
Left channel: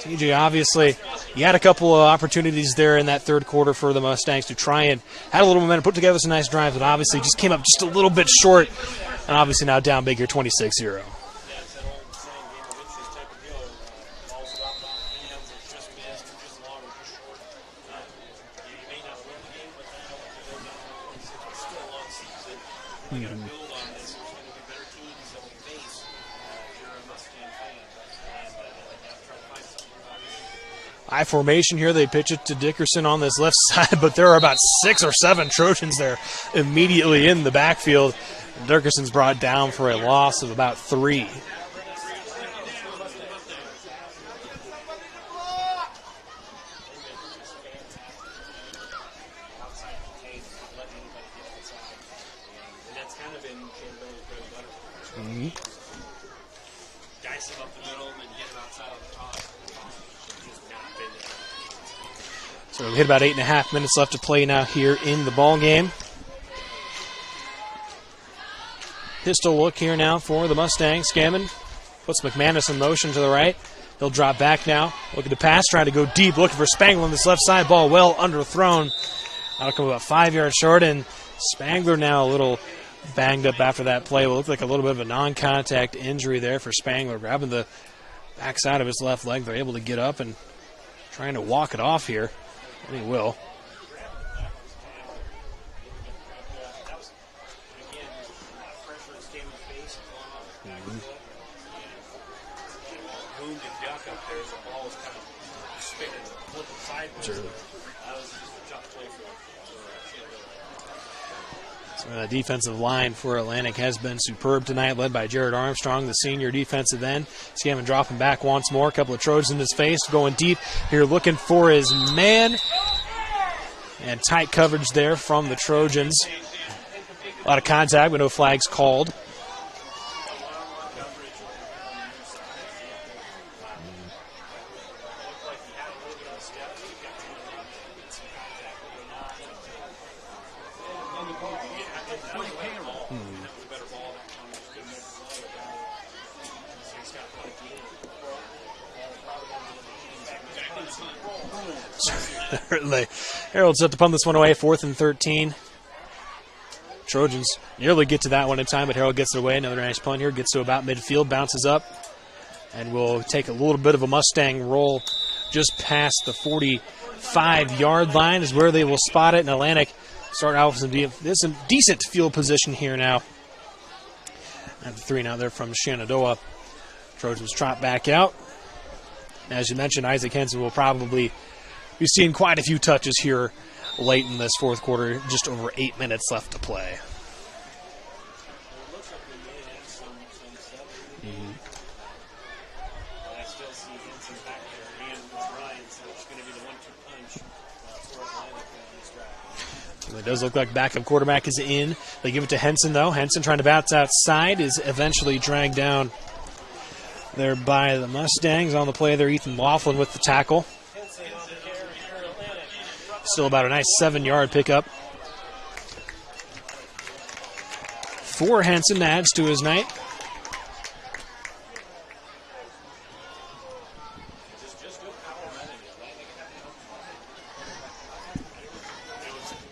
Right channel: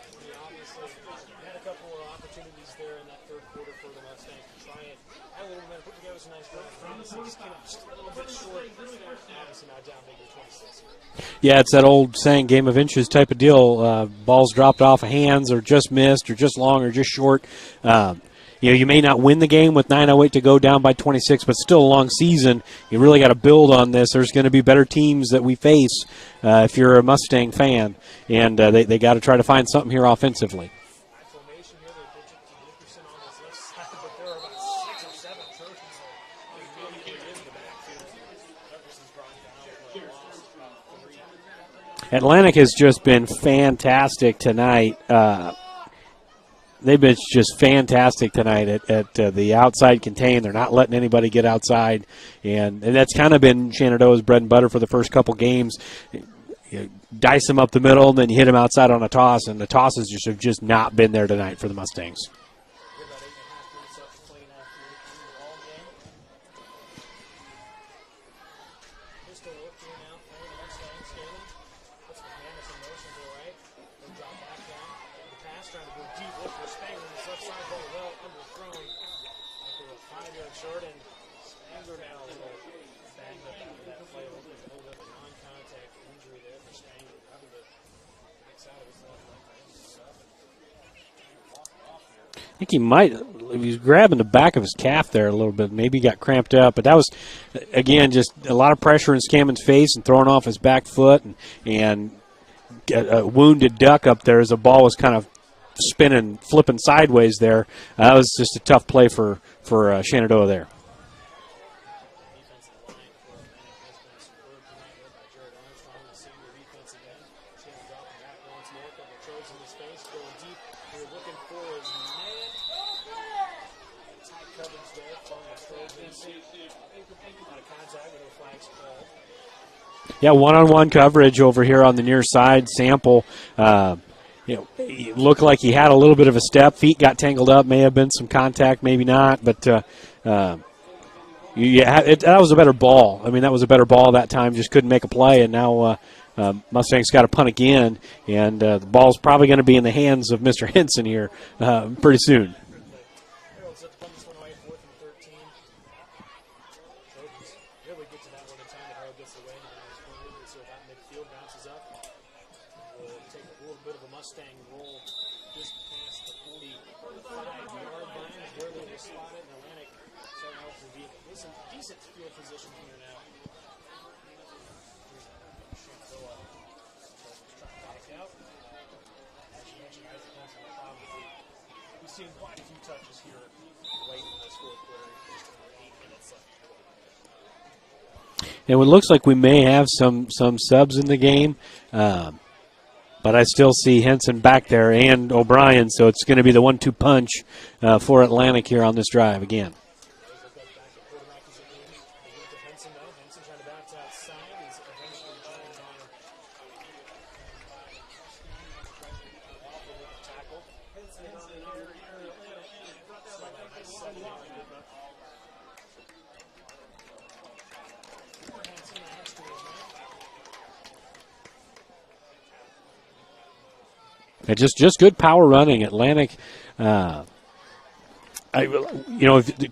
TJ, obviously, he had a couple of opportunities there in that third quarter for the Mustangs to try and had a little momentum, put together some nice drives, but obviously just came up just a little bit short. And obviously now down big here, 26-0. Yeah, it's that old saying, game of inches type of deal. Balls dropped off of hands or just missed or just long or just short. You may not win the game with 9:08 to go down by 26, but still a long season. You really got to build on this. There's going to be better teams that we face if you're a Mustang fan, and they got to try to find something here offensively. I formation here. They pitch it to Dickerson on this left side, but there are about 6 or 7 Trojans there immediately in the backfield. Dickerson's brought down for a loss of about 3. Atlantic has just been fantastic tonight. They've been just fantastic tonight at the outside contain. They're not letting anybody get outside, and that's kind of been Shenandoah's bread and butter for the first couple games. You dice them up the middle, and then you hit them outside on a toss, and the tosses have just not been there tonight for the Mustangs. So we hit about 8.5 minutes left to play now here in the ball game. Pistol look here now for the Mustangs. Scammon puts McManus in motion to the right. He'll drop back now. Looking to pass, trying to go deep, looking for Spangler on this left side. Ball well underthrown. That'll come about 5 yards short, and Spangler now a little banged up after that play. Will look like a little bit of a non-contact injury there for Spangler. Grabbing the backside of his left leg. They're able to get up and trying to walk it off here. I think he might. He's grabbing the back of his calf there a little bit. Maybe he got cramped up. But that was, again, just a lot of pressure in Scammon's face and throwing off his back foot. And a wounded duck up there as the ball was kind of spinning, flipping sideways there. That was just a tough play for Shenandoah there. So the defensive line for Atlantic has been superb tonight, led by Jared Armstrong, the senior defensive end. Scammon dropping back once more. A couple of Trojans in his face, going deep here, looking for his man. And tight coverage there from the Trojans. A lot of contact, but no flags called. Yeah, one-on-one coverage over here on the near side. Sample, it looked like he had a little bit of a step. Feet got tangled up. May have been some contact, maybe not. But that was a better ball. I mean, that was a better ball that time. Just couldn't make a play. And now Mustangs got to punt again. And the ball's probably going to be in the hands of Mr. Henson here pretty soon. Certainly. Harold's set to punt this one away, 4th and 13. Trojans nearly get to that one in time, but Harold gets it away. Another nice punt here. Gets to about midfield, bounces up, and will take a little bit of a Mustang roll just past the 45-yard line is where they will spot it. And Atlantic start out with some decent field position here now. At the 3 now there from Shenandoah. Trojans trot back out. As you mentioned, Isaac Henson will probably be seeing quite a few touches here late in this fourth quarter, just over 8 minutes left to play. And it looks like we may have some subs in the game, but I still see Henson back there and O'Brien, so it's going to be the 1-2 punch for Atlantic here on this drive again. It does look like backup quarterback is in. They give it to Henson, though. Henson trying to bounce outside is eventually dragged down there by the Mustangs. On the play there, Ethan Laughlin with the tackle. Still about a nice 7-yard pickup for Henson. Adds to his night. And just good power running. Atlantic,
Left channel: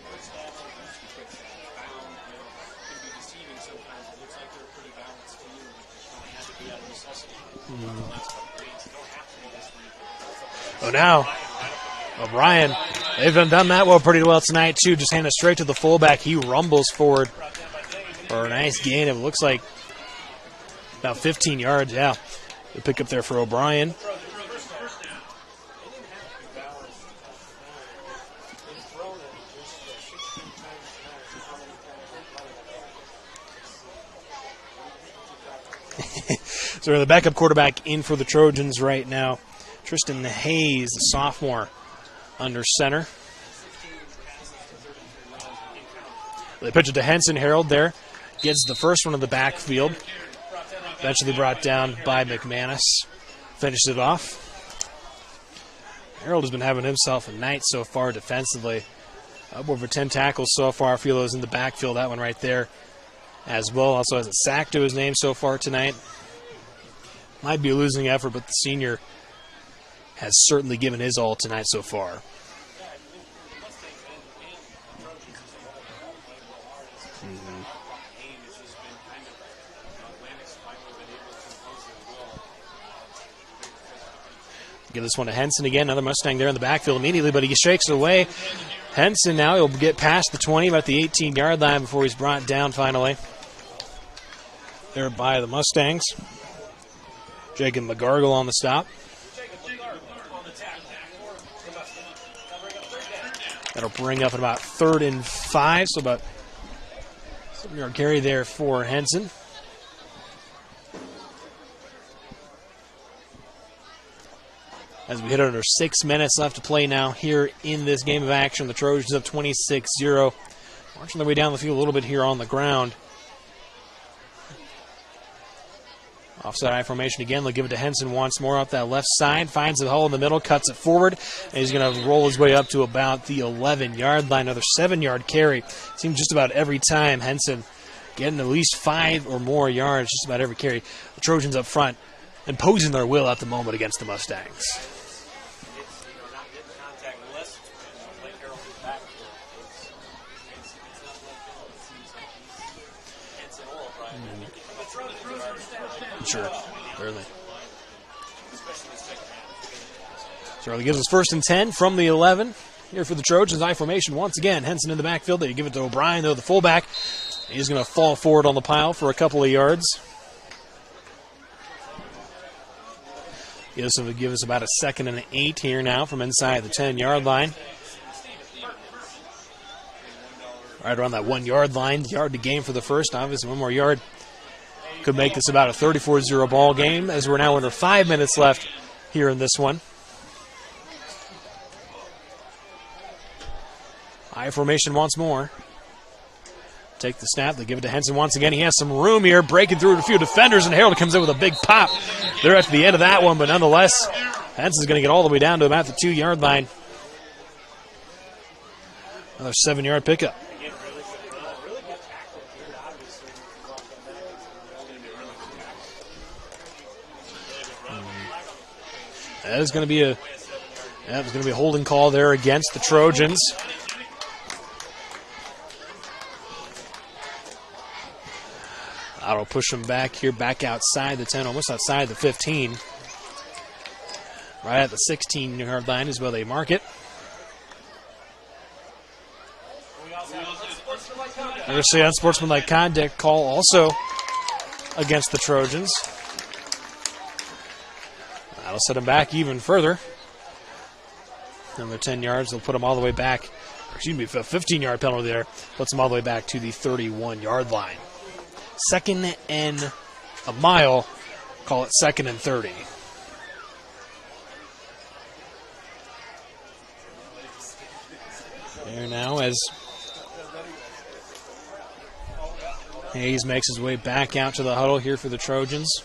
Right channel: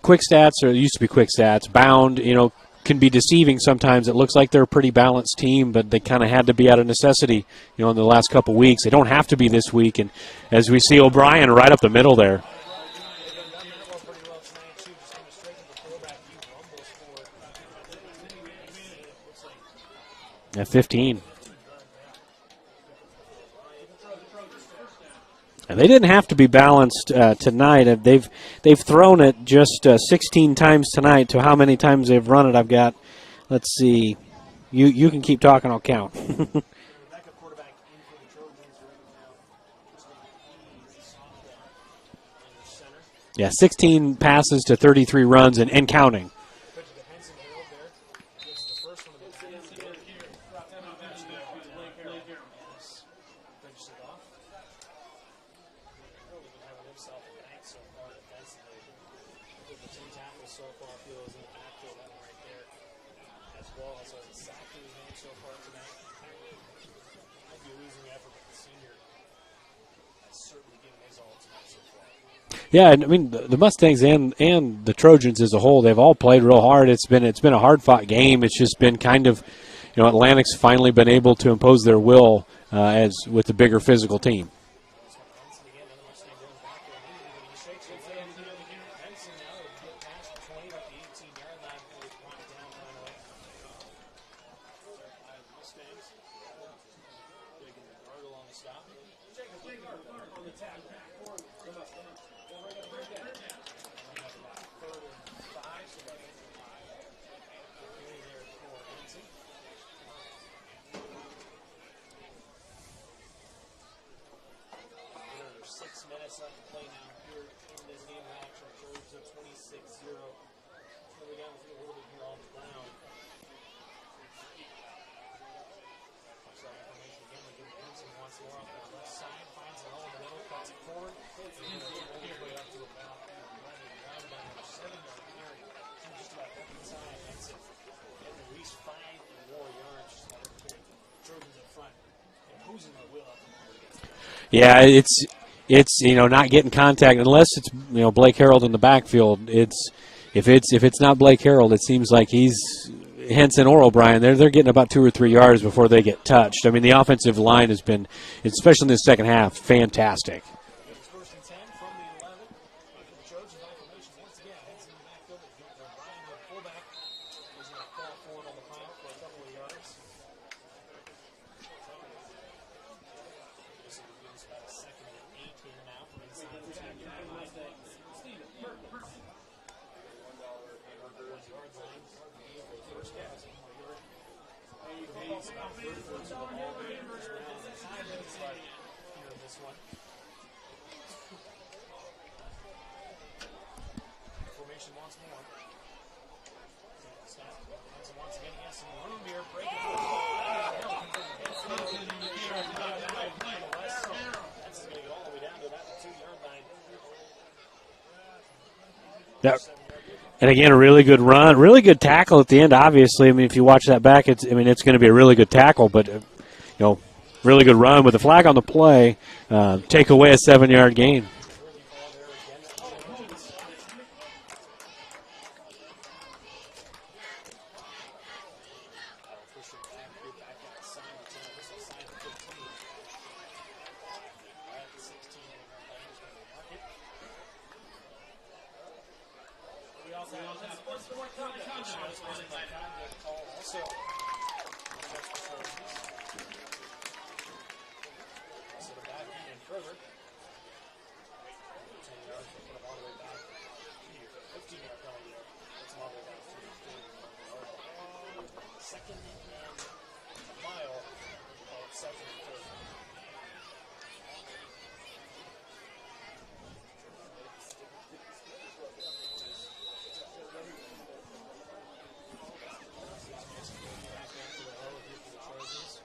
quick stats, or it used to be quick stats, bound, can be deceiving sometimes. It looks like they're a pretty balanced team, but they kind of had to be out of necessity, in the last couple weeks. They don't have to be this week. And as we see O'Brien right up the middle there. O'Brien, they've done that pretty well tonight, too. Just hand it straight to the fullback. He rumbles forward for a nice gain. It looks like 15. About 15 yards, yeah. The pick up there for O'Brien. And they didn't have to be balanced tonight. They've thrown it just 16 times tonight. To how many times they've run it, I've got, let's see. You can keep talking, I'll count. So the backup quarterback in for the Trojans right now. Tristan Hayes, the sophomore, under center. Yeah, 16 passes to 33 runs and counting. They pitch it to Henson. Harold there gets the first one in the backfield. Eventually brought down by McManus. Finished it off. Harold has been having himself a night so far defensively. Up over 10 tackles so far. A few of those in the backfield. That one right there as well. Also has a sack to his name so far tonight. Might be a losing effort, but the senior has certainly given his all tonight so far. Yeah, I mean the Mustangs and the Trojans as a whole, they've all played real hard. It's been a hard-fought game. It's just been kind of, Atlantic's finally been able to impose their will as with the bigger physical team. Give this one to Henson again. Another Mustang there in the backfield immediately, but he shakes it away. Henson now, he'll get past the 20, about the 18-yard line before he's brought down finally. There by the Mustangs. Jacob McGargle on the stop. That'll bring up at about 3rd and 5, so about 7-yard carry there for Henson. As we hit under 6 minutes left to play now here in this game of action. The Trojans up 26-0. Marching their way down the field a little bit here on the ground. Offside eye formation again. They'll give it to Henson once more up that left side. Finds the hole in the middle, cuts it forward. And he's going to roll his way up to about the 11-yard line. Another 7-yard carry. Seems just about every time Henson getting at least 5 or more yards just about every carry. The Trojans up front imposing their will at the moment against the Mustangs. Yeah, it's not getting contact unless it's Blake Harold in the backfield. If it's not Blake Harold, it seems like he's Henson or O'Brien. They're getting about 2 or 3 yards before they get touched. I mean, the offensive line has been, especially in the second half, fantastic. So he gives us 1st and 10 from the 11 here for the Trojans. I formation once again. Henson in the backfield. They give it to O'Brien, though, the fullback. He's going to fall forward on the pile for a couple of yards. This will give us about a 2nd and 8 here now from inside the 10-yard line. Right around that 1-yard line, yard to gain for the first. Obviously, 1 more yard could make this about a 34-0 ball game, as we're now under 5 minutes left here in this one. I formation once more. Take the snap. They give it to Henson once again. He has some room here, breaking through a few defenders, and Harold comes in with a big pop. They're at the end of that one, but nonetheless, Henson's going to get all the way down to about the 2-yard line. Another 7-yard pickup. And again, a really good run, really good tackle at the end. Obviously, I mean, if you watch that back, it's going to be a really good tackle, but really good run with a flag on the play. Take away a 7-yard gain. There's going to be a holding call there against the Trojans. That'll push him back here, back outside the 10, almost outside the 15. Right at the 16-yard line is where they mark it. I'm going to say unsportsmanlike conduct call also against the Trojans. That'll set him back even further. Another 10 yards, they'll put him all the way back. Excuse me, a 15-yard penalty there. Puts him all the way back to the 31-yard line. 2nd and a mile. Call it 2nd and 30. There now as Hayes makes his way back out to the huddle here for the Trojans.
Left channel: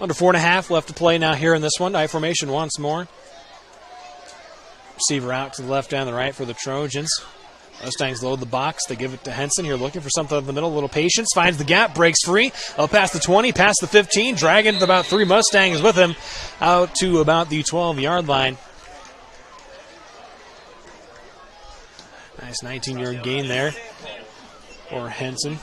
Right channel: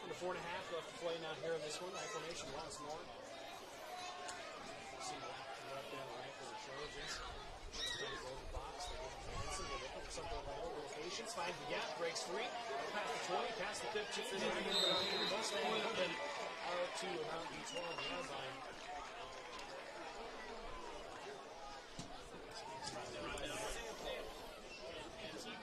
Under 4.5 left to play now here in this one. I formation once more. Receiver out to the left and the right for the Trojans. Mustangs load the box. They give it to Henson here, looking for something in the middle. A little patience. Finds the gap. Breaks free. Up past the 20, past the 15. Dragging about 3 Mustangs with him out to about the 12-yard line. Nice 19-yard gain there for Henson.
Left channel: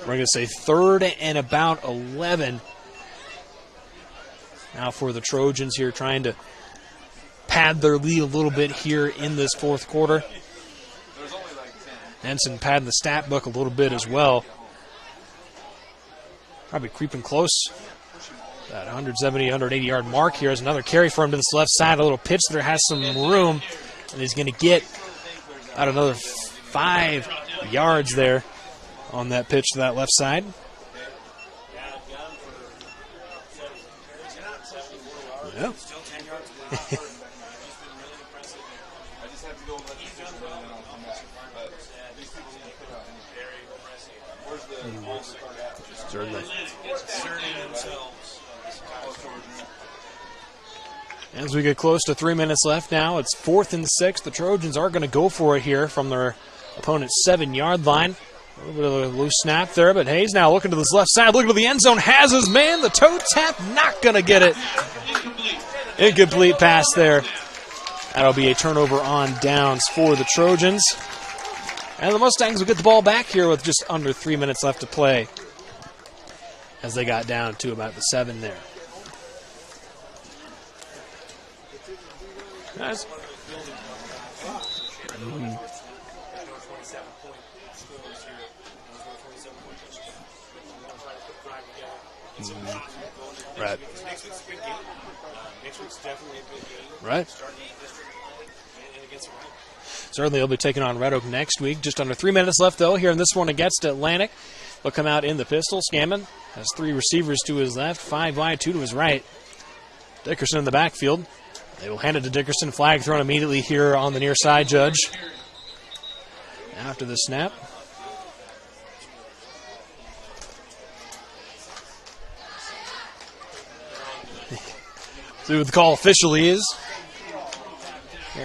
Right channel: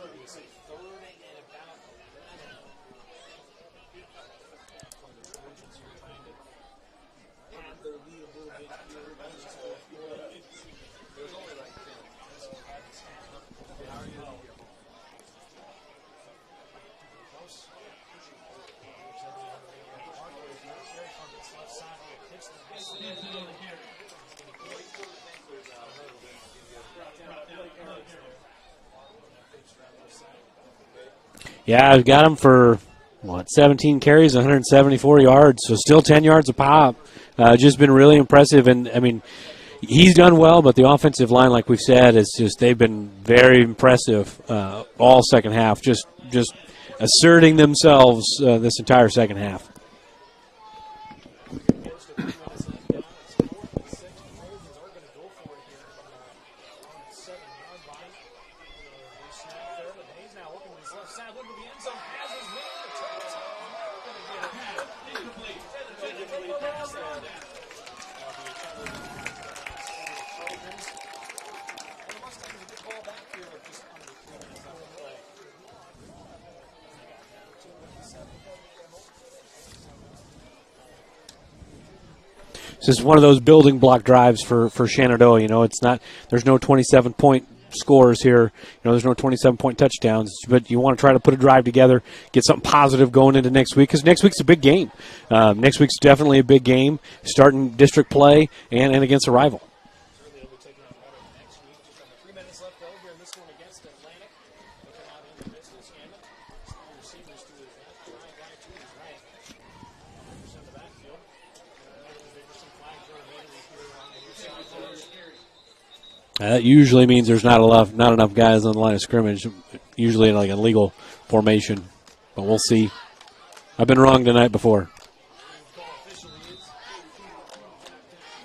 We're going to say 3rd and about 11. Now for the Trojans here, trying to pad their lead a little bit here in this 4th quarter. Henson padding the stat book a little bit as well. probably creeping close. That 170, 180-yard mark here is another carry for him to this left side. A little pitch there has some room, and he's going to get out another 5 yards there on that pitch to that left side. Yeah, I've got him for, 17 carries, 174 yards, so still 10 yards a pop. Just been really impressive, and, I mean, he's done well, but the offensive line, like we've said, is just they've been very impressive all second half, just asserting themselves this entire second half. As we get close to 3 minutes left now, it's 4th and 6. The Trojans are going to go for it here from their opponent's 7-yard line. A little bit of a loose snap there, but Hayes now looking to this left side, looking to the end zone, has his man, the toe tap, not going to get it. Incomplete pass there. That'll be a turnover on downs for the Trojans. And the Mustangs will get the ball back here with just under 3 minutes left to play, as they got down to about the 7 there. This is one of those building block drives for Shenandoah. You know, it's not, there's no 27-point scores here. You know, there's no 27-point touchdowns, but you want to try to put a drive together, get something positive going into next week, because next week's a big game. Next week's definitely a big game, starting district play and against a rival. Certainly they'll be taking on Red Oak next week. Just under 3 minutes left, though, here in this one against Atlantic. They'll come out in the pistol. Scammon has 3 receivers to his left, 5 wide, 2 to his right. Dickerson in the backfield. They will hand it to Dickerson. Flag thrown immediately here on the near side, Judge. That usually means there's not enough guys on the line of scrimmage, usually in like a legal formation. But we'll see. I've been wrong tonight before. See what the call officially is.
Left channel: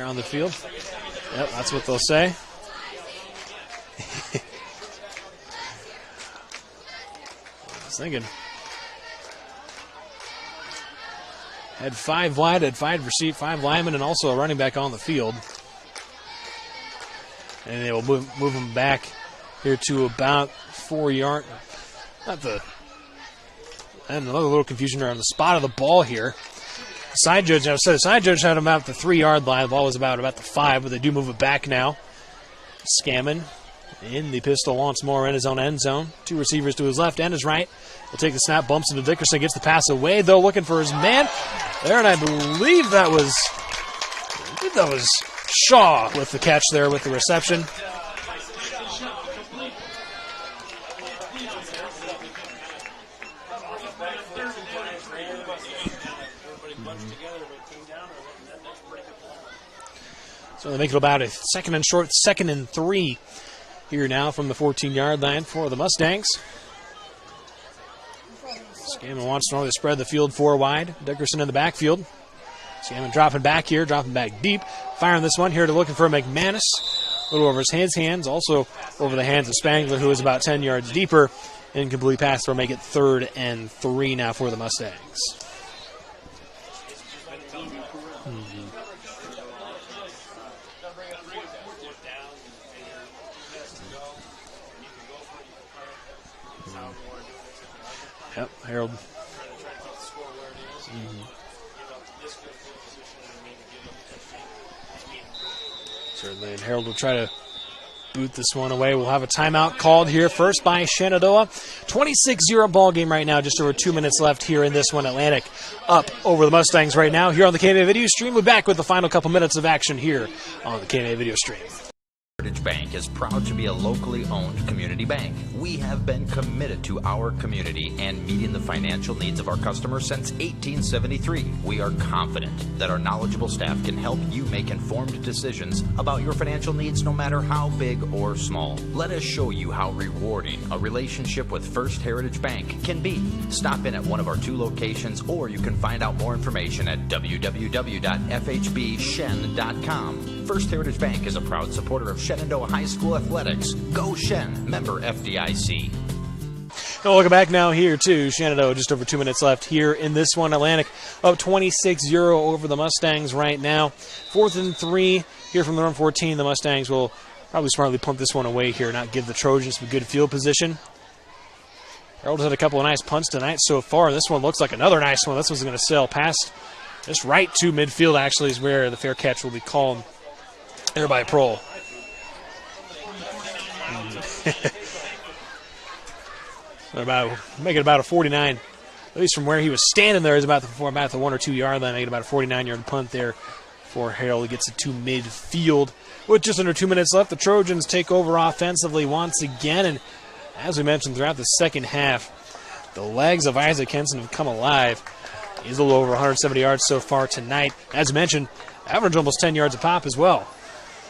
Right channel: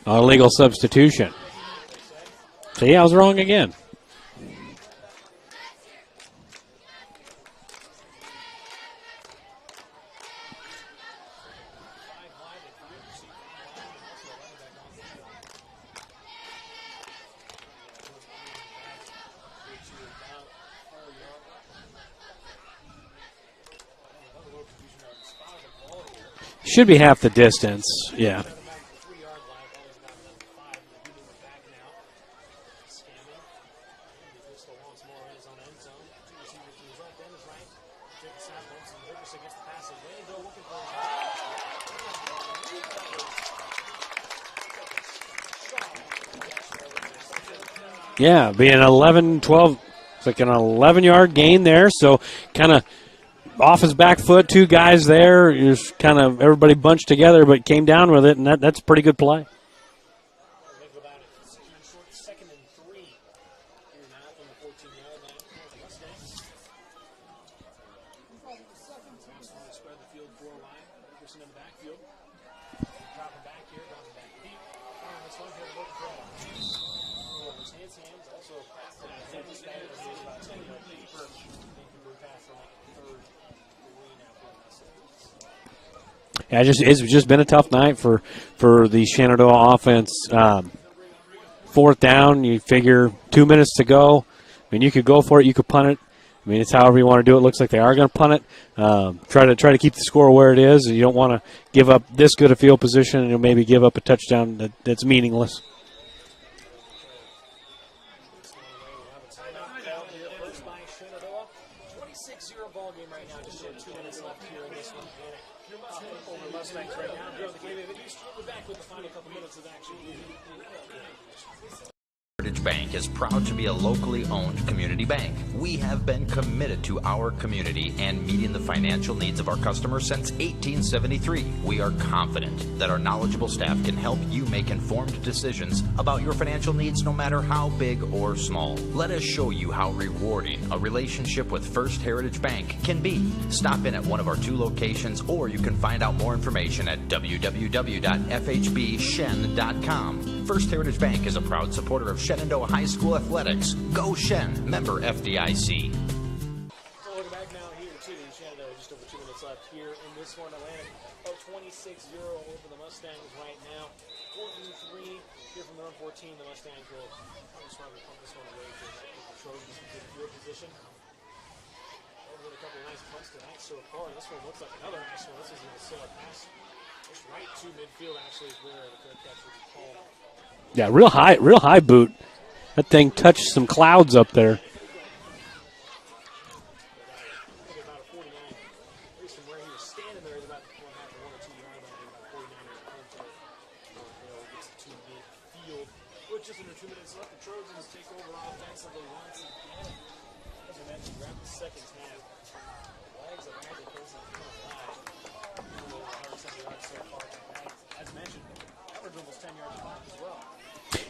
A legal substitution. Yep, that's what they'll say. See, I was wrong again. I was thinking. Had 5 wide, had 5 linemen, and also a running back on the field. And they will move them back here to about 4 yards. And another little confusion around the spot of the ball here. Should be half the distance. The side judge had him about the 3-yard line. The ball was about the 5, but they do move it back now. Scammon in the pistol once more in his own end zone. 2 receivers to his left and his right. He'll take the snap, bumps into Dickerson, gets the pass away, though, looking for his man there, and I believe that was Shaw with the catch there with the reception. Yeah, being 11, 12, it's like an 11-yard gain there, so kind of off his back foot, 2 guys there, just kind of everybody bunched together, but came down with it, and that's a pretty good play. So they make it about a 2nd and short, 2nd and 3 here now from the 14-yard line for the Mustangs. Scammon wants to normally spread the field 4 wide. Dickerson in the backfield. Scammon dropping back here, dropping back deep. Firing this one here to looking for McManus. A little over his hands, also over the hands of Spangler, who is about 10 yards deeper. Incomplete pass will make it 3rd and 3 now for the Mustangs. Yeah, it's just been a tough night for the Shenandoah offense. 4th down, you figure 2 minutes to go. I mean, you could go for it, you could punt it. I mean, it's however you want to do it. Looks like they are going to punt it. Try to keep the score where it is. You don't want to give up this good a field position and maybe give up a touchdown that's meaningless. Certainly, and Harold will try to boot this one away. We'll have a timeout called here first by Shenandoah. 26-0 ball game right now. Just over 2 minutes left here in this one. Atlantic up over the Mustangs right now here on the KMA Video Stream. We're back with the final couple minutes of action here on the KMA Video Stream. Heritage Bank is proud to be a locally owned community bank. We have been committed to our community and meeting the financial needs of our customers since 1873. We are confident that our knowledgeable staff can help you make informed decisions about your financial needs no matter how big or small. Let us show you how rewarding a relationship with First Heritage Bank can be. Stop in at one of our 2 locations, or you can find out more information at www.fhbshen.com. First Heritage Bank is a proud supporter of Shenandoah High School athletics. Go Shen, member FDIC. Welcome back now here to Shenandoah. Just over 2 minutes left here in this one. Atlantic up 26-0 over the Mustangs right now. 4th and 3 here from the run 14. The Mustangs will probably smartly punt this one away here, not give the Trojans some good field position. Harold had a couple of nice punts tonight so far. This one looks like another nice one. This one's going to sail past just right to midfield, actually, is where the fair catch will be called. Yeah, real high boot. That thing touched some clouds up there. Make it about a 49. At least from where he was standing there is about the 1 or 2 yard line. Make it about a 49-yard punt there for Harold. He gets it to midfield. With just under 2 minutes left, the Trojans take over offensively once again. And as we mentioned throughout the second half, the legs of Isaac Henson have come alive. He's a little over 170 yards so far tonight. As mentioned, average almost 10 yards a pop as well.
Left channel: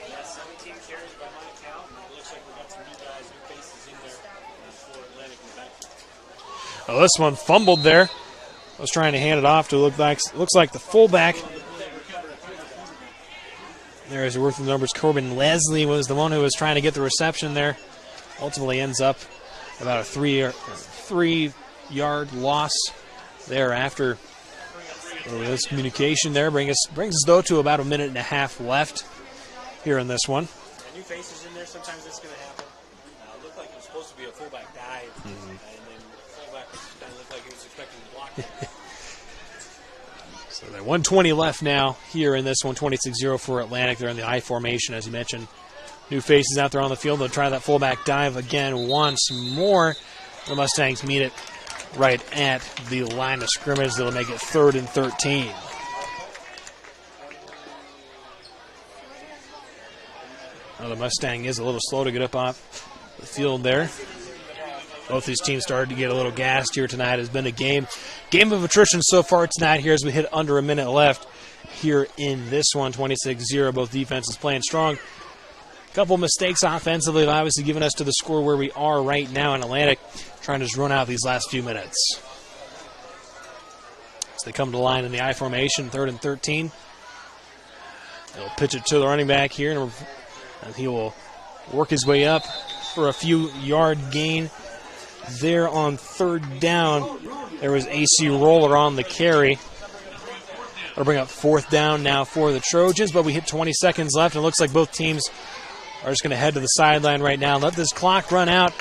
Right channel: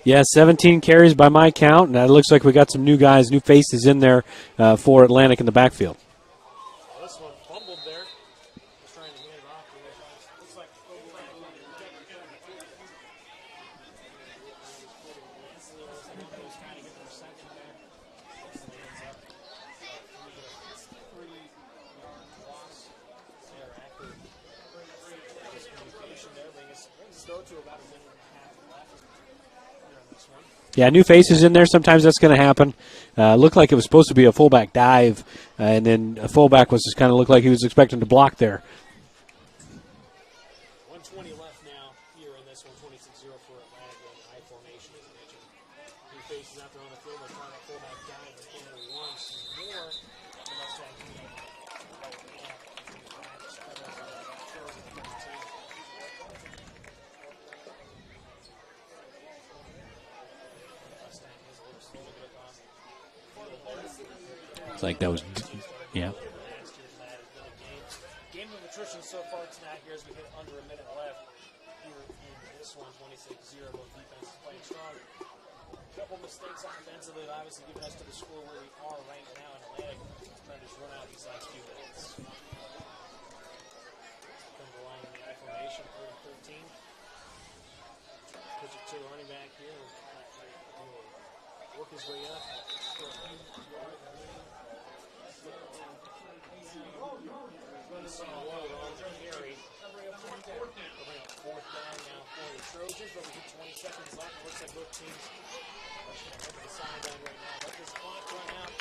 Yeah, 17 carries by my count, and it looks like we got some new guys, new faces in there for Atlantic in the backfield. Well, this one fumbled there. I was trying to hand it off to looks like the fullback. There is worth the numbers. Corbin Leslie was the one who was trying to get the reception there. Ultimately ends up about a 3-yard loss there after this communication there. Brings us though to about a minute and a half left here in this one. Yeah, new faces in there. Sometimes that's going to happen. Looked like it was supposed to be a fullback dive, and then a fullback was just kind of looked like he was expecting to block there. So 1:20 left now here in this one, 26-0 for Atlantic. They're in the I formation, as you mentioned. New faces out there on the field. They'll try that fullback dive again once more. The Mustangs meet it right at the line of scrimmage. That'll make it 3rd and 13. Well, the Mustang is a little slow to get up off the field there. Both these teams started to get a little gassed here tonight. It's been a game of attrition so far tonight here as we hit under a minute left here in this one, 26-0. Both defenses playing strong. A couple mistakes offensively have obviously given us to the score where we are right now in Atlantic, trying to just run out these last few minutes. As they come to the line in the I formation, 3rd and 13. They'll pitch it to the running back here, and he will work his way up for a few yard gain. There on 3rd down, there was AC Roller on the carry. That'll bring up 4th down now for the Trojans, but we hit 20 seconds left, and it looks like both teams are just going to head to the sideline right now. Let this clock run out.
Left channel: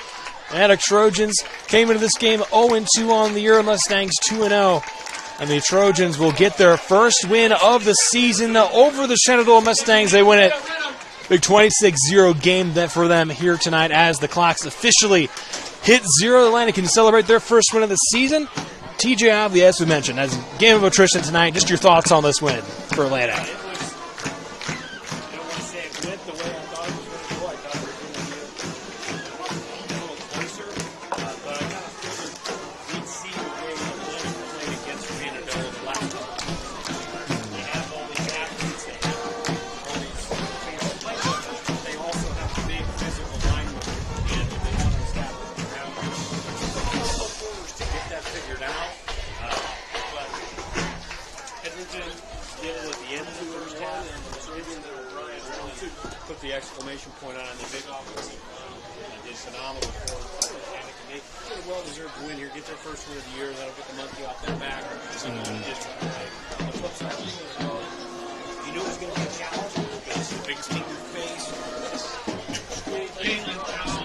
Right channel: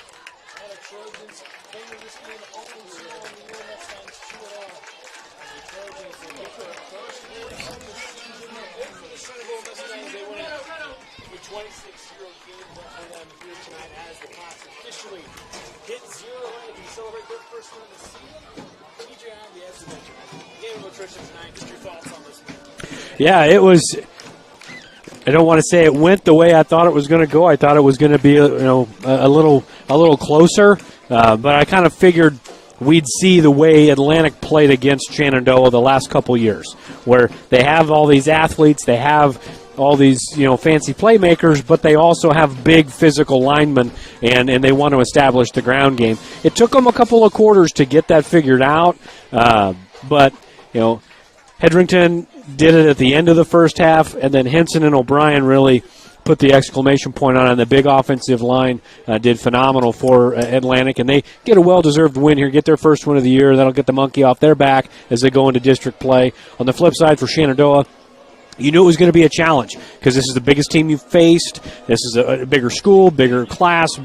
Atlantic Trojans came into this game 0-2 on the year. Mustangs 2-0. And the Trojans will get their first win of the season over the Shenandoah Mustangs. They win it. Big 26-0 game for them here tonight as the clocks officially hit 0. Atlantic can celebrate their first win of the season. TJ Ively, as we mentioned, as a game of attrition tonight. Just your thoughts on this win for Atlantic. Yeah, it was. I don't want to say it went the way I thought it was going to go. I thought it was going to be a little closer, but I kind of figured we'd see the way Atlantic played against Shenandoah the last couple years, where they have all these athletes, they have all these fancy playmakers, but they also have big physical linemen, and they want to establish the ground game. It took them a couple of quarters to get that figured out, but Hedrington did it at the end of the first half, and then Henson and O'Brien really put the exclamation point on it. And the big offensive line did phenomenal for Atlantic, and they get a well-deserved win here, get their first win of the year. That'll get the monkey off their back as they go into district play. On the flip side for Shenandoah, you knew it was going to be a challenge because this is the biggest team you've faced. This is a bigger school, bigger class,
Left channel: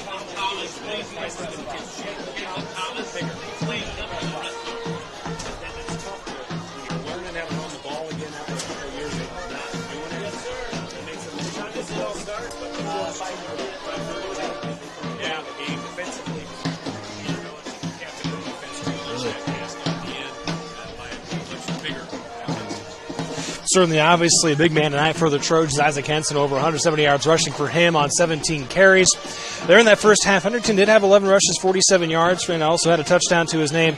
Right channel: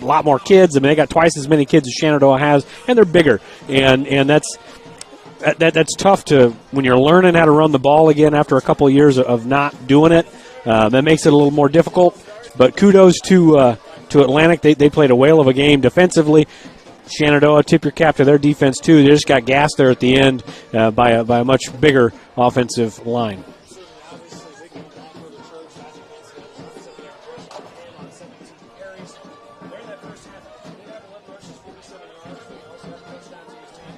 a lot more kids. I mean, they got twice as many kids as Shenandoah has, and they're bigger. And that's tough to when you're learning how to run the ball again after a couple of years of not doing it. That makes it a little more difficult. But kudos to Atlantic. They played a whale of a game defensively. Shenandoah, tip your cap to their defense, too. They just got gassed there at the end by a much bigger offensive line. Certainly, obviously, a big man tonight for the Trojans. Isaac Henson, over 170 yards rushing for him on 17 carries. There in that first half, Henderson did have 11 rushes, 47 yards, and also had a touchdown to his name.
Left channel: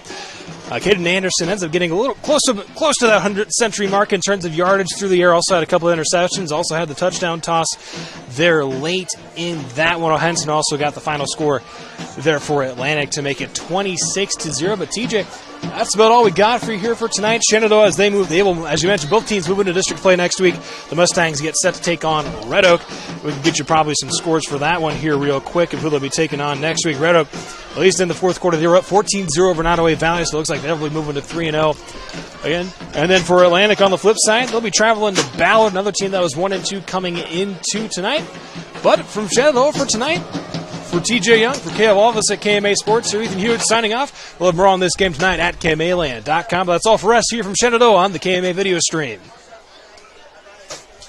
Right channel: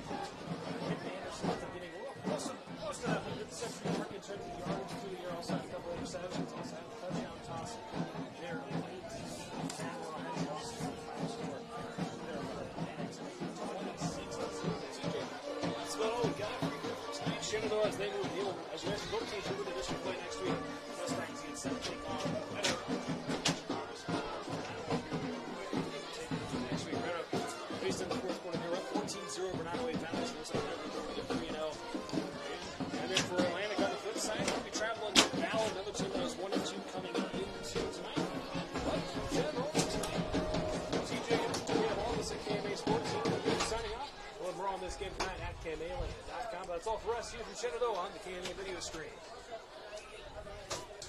Caden Anderson ends up getting a little close to that 100-century mark in terms of yardage through the air. Also had a couple of interceptions. Also had the touchdown toss there late in that one. Henson also got the final score there for Atlantic to make it 26-0. But TJ, that's about all we got for you here for tonight. Shenandoah, as they will, as you mentioned, both teams move into district play next week. The Mustangs get set to take on Red Oak. We can get you probably some scores for that one here real quick and who they'll be taking on next week. Red Oak, at least in the fourth quarter, they were up 14-0 over Nottoway Valley, so it looks like they'll be moving to 3-0 again. And then for Atlantic on the flip side, they'll be traveling to Ballard, another team that was 1-2 coming into tonight. But from Shenandoah for tonight, for TJ Young, for Caleb Alvis at KMA Sports, here Ethan Hewitt signing off. We'll have more on this game tonight at KMAland.com. But that's all for us here from Shenandoah on the KMA video stream.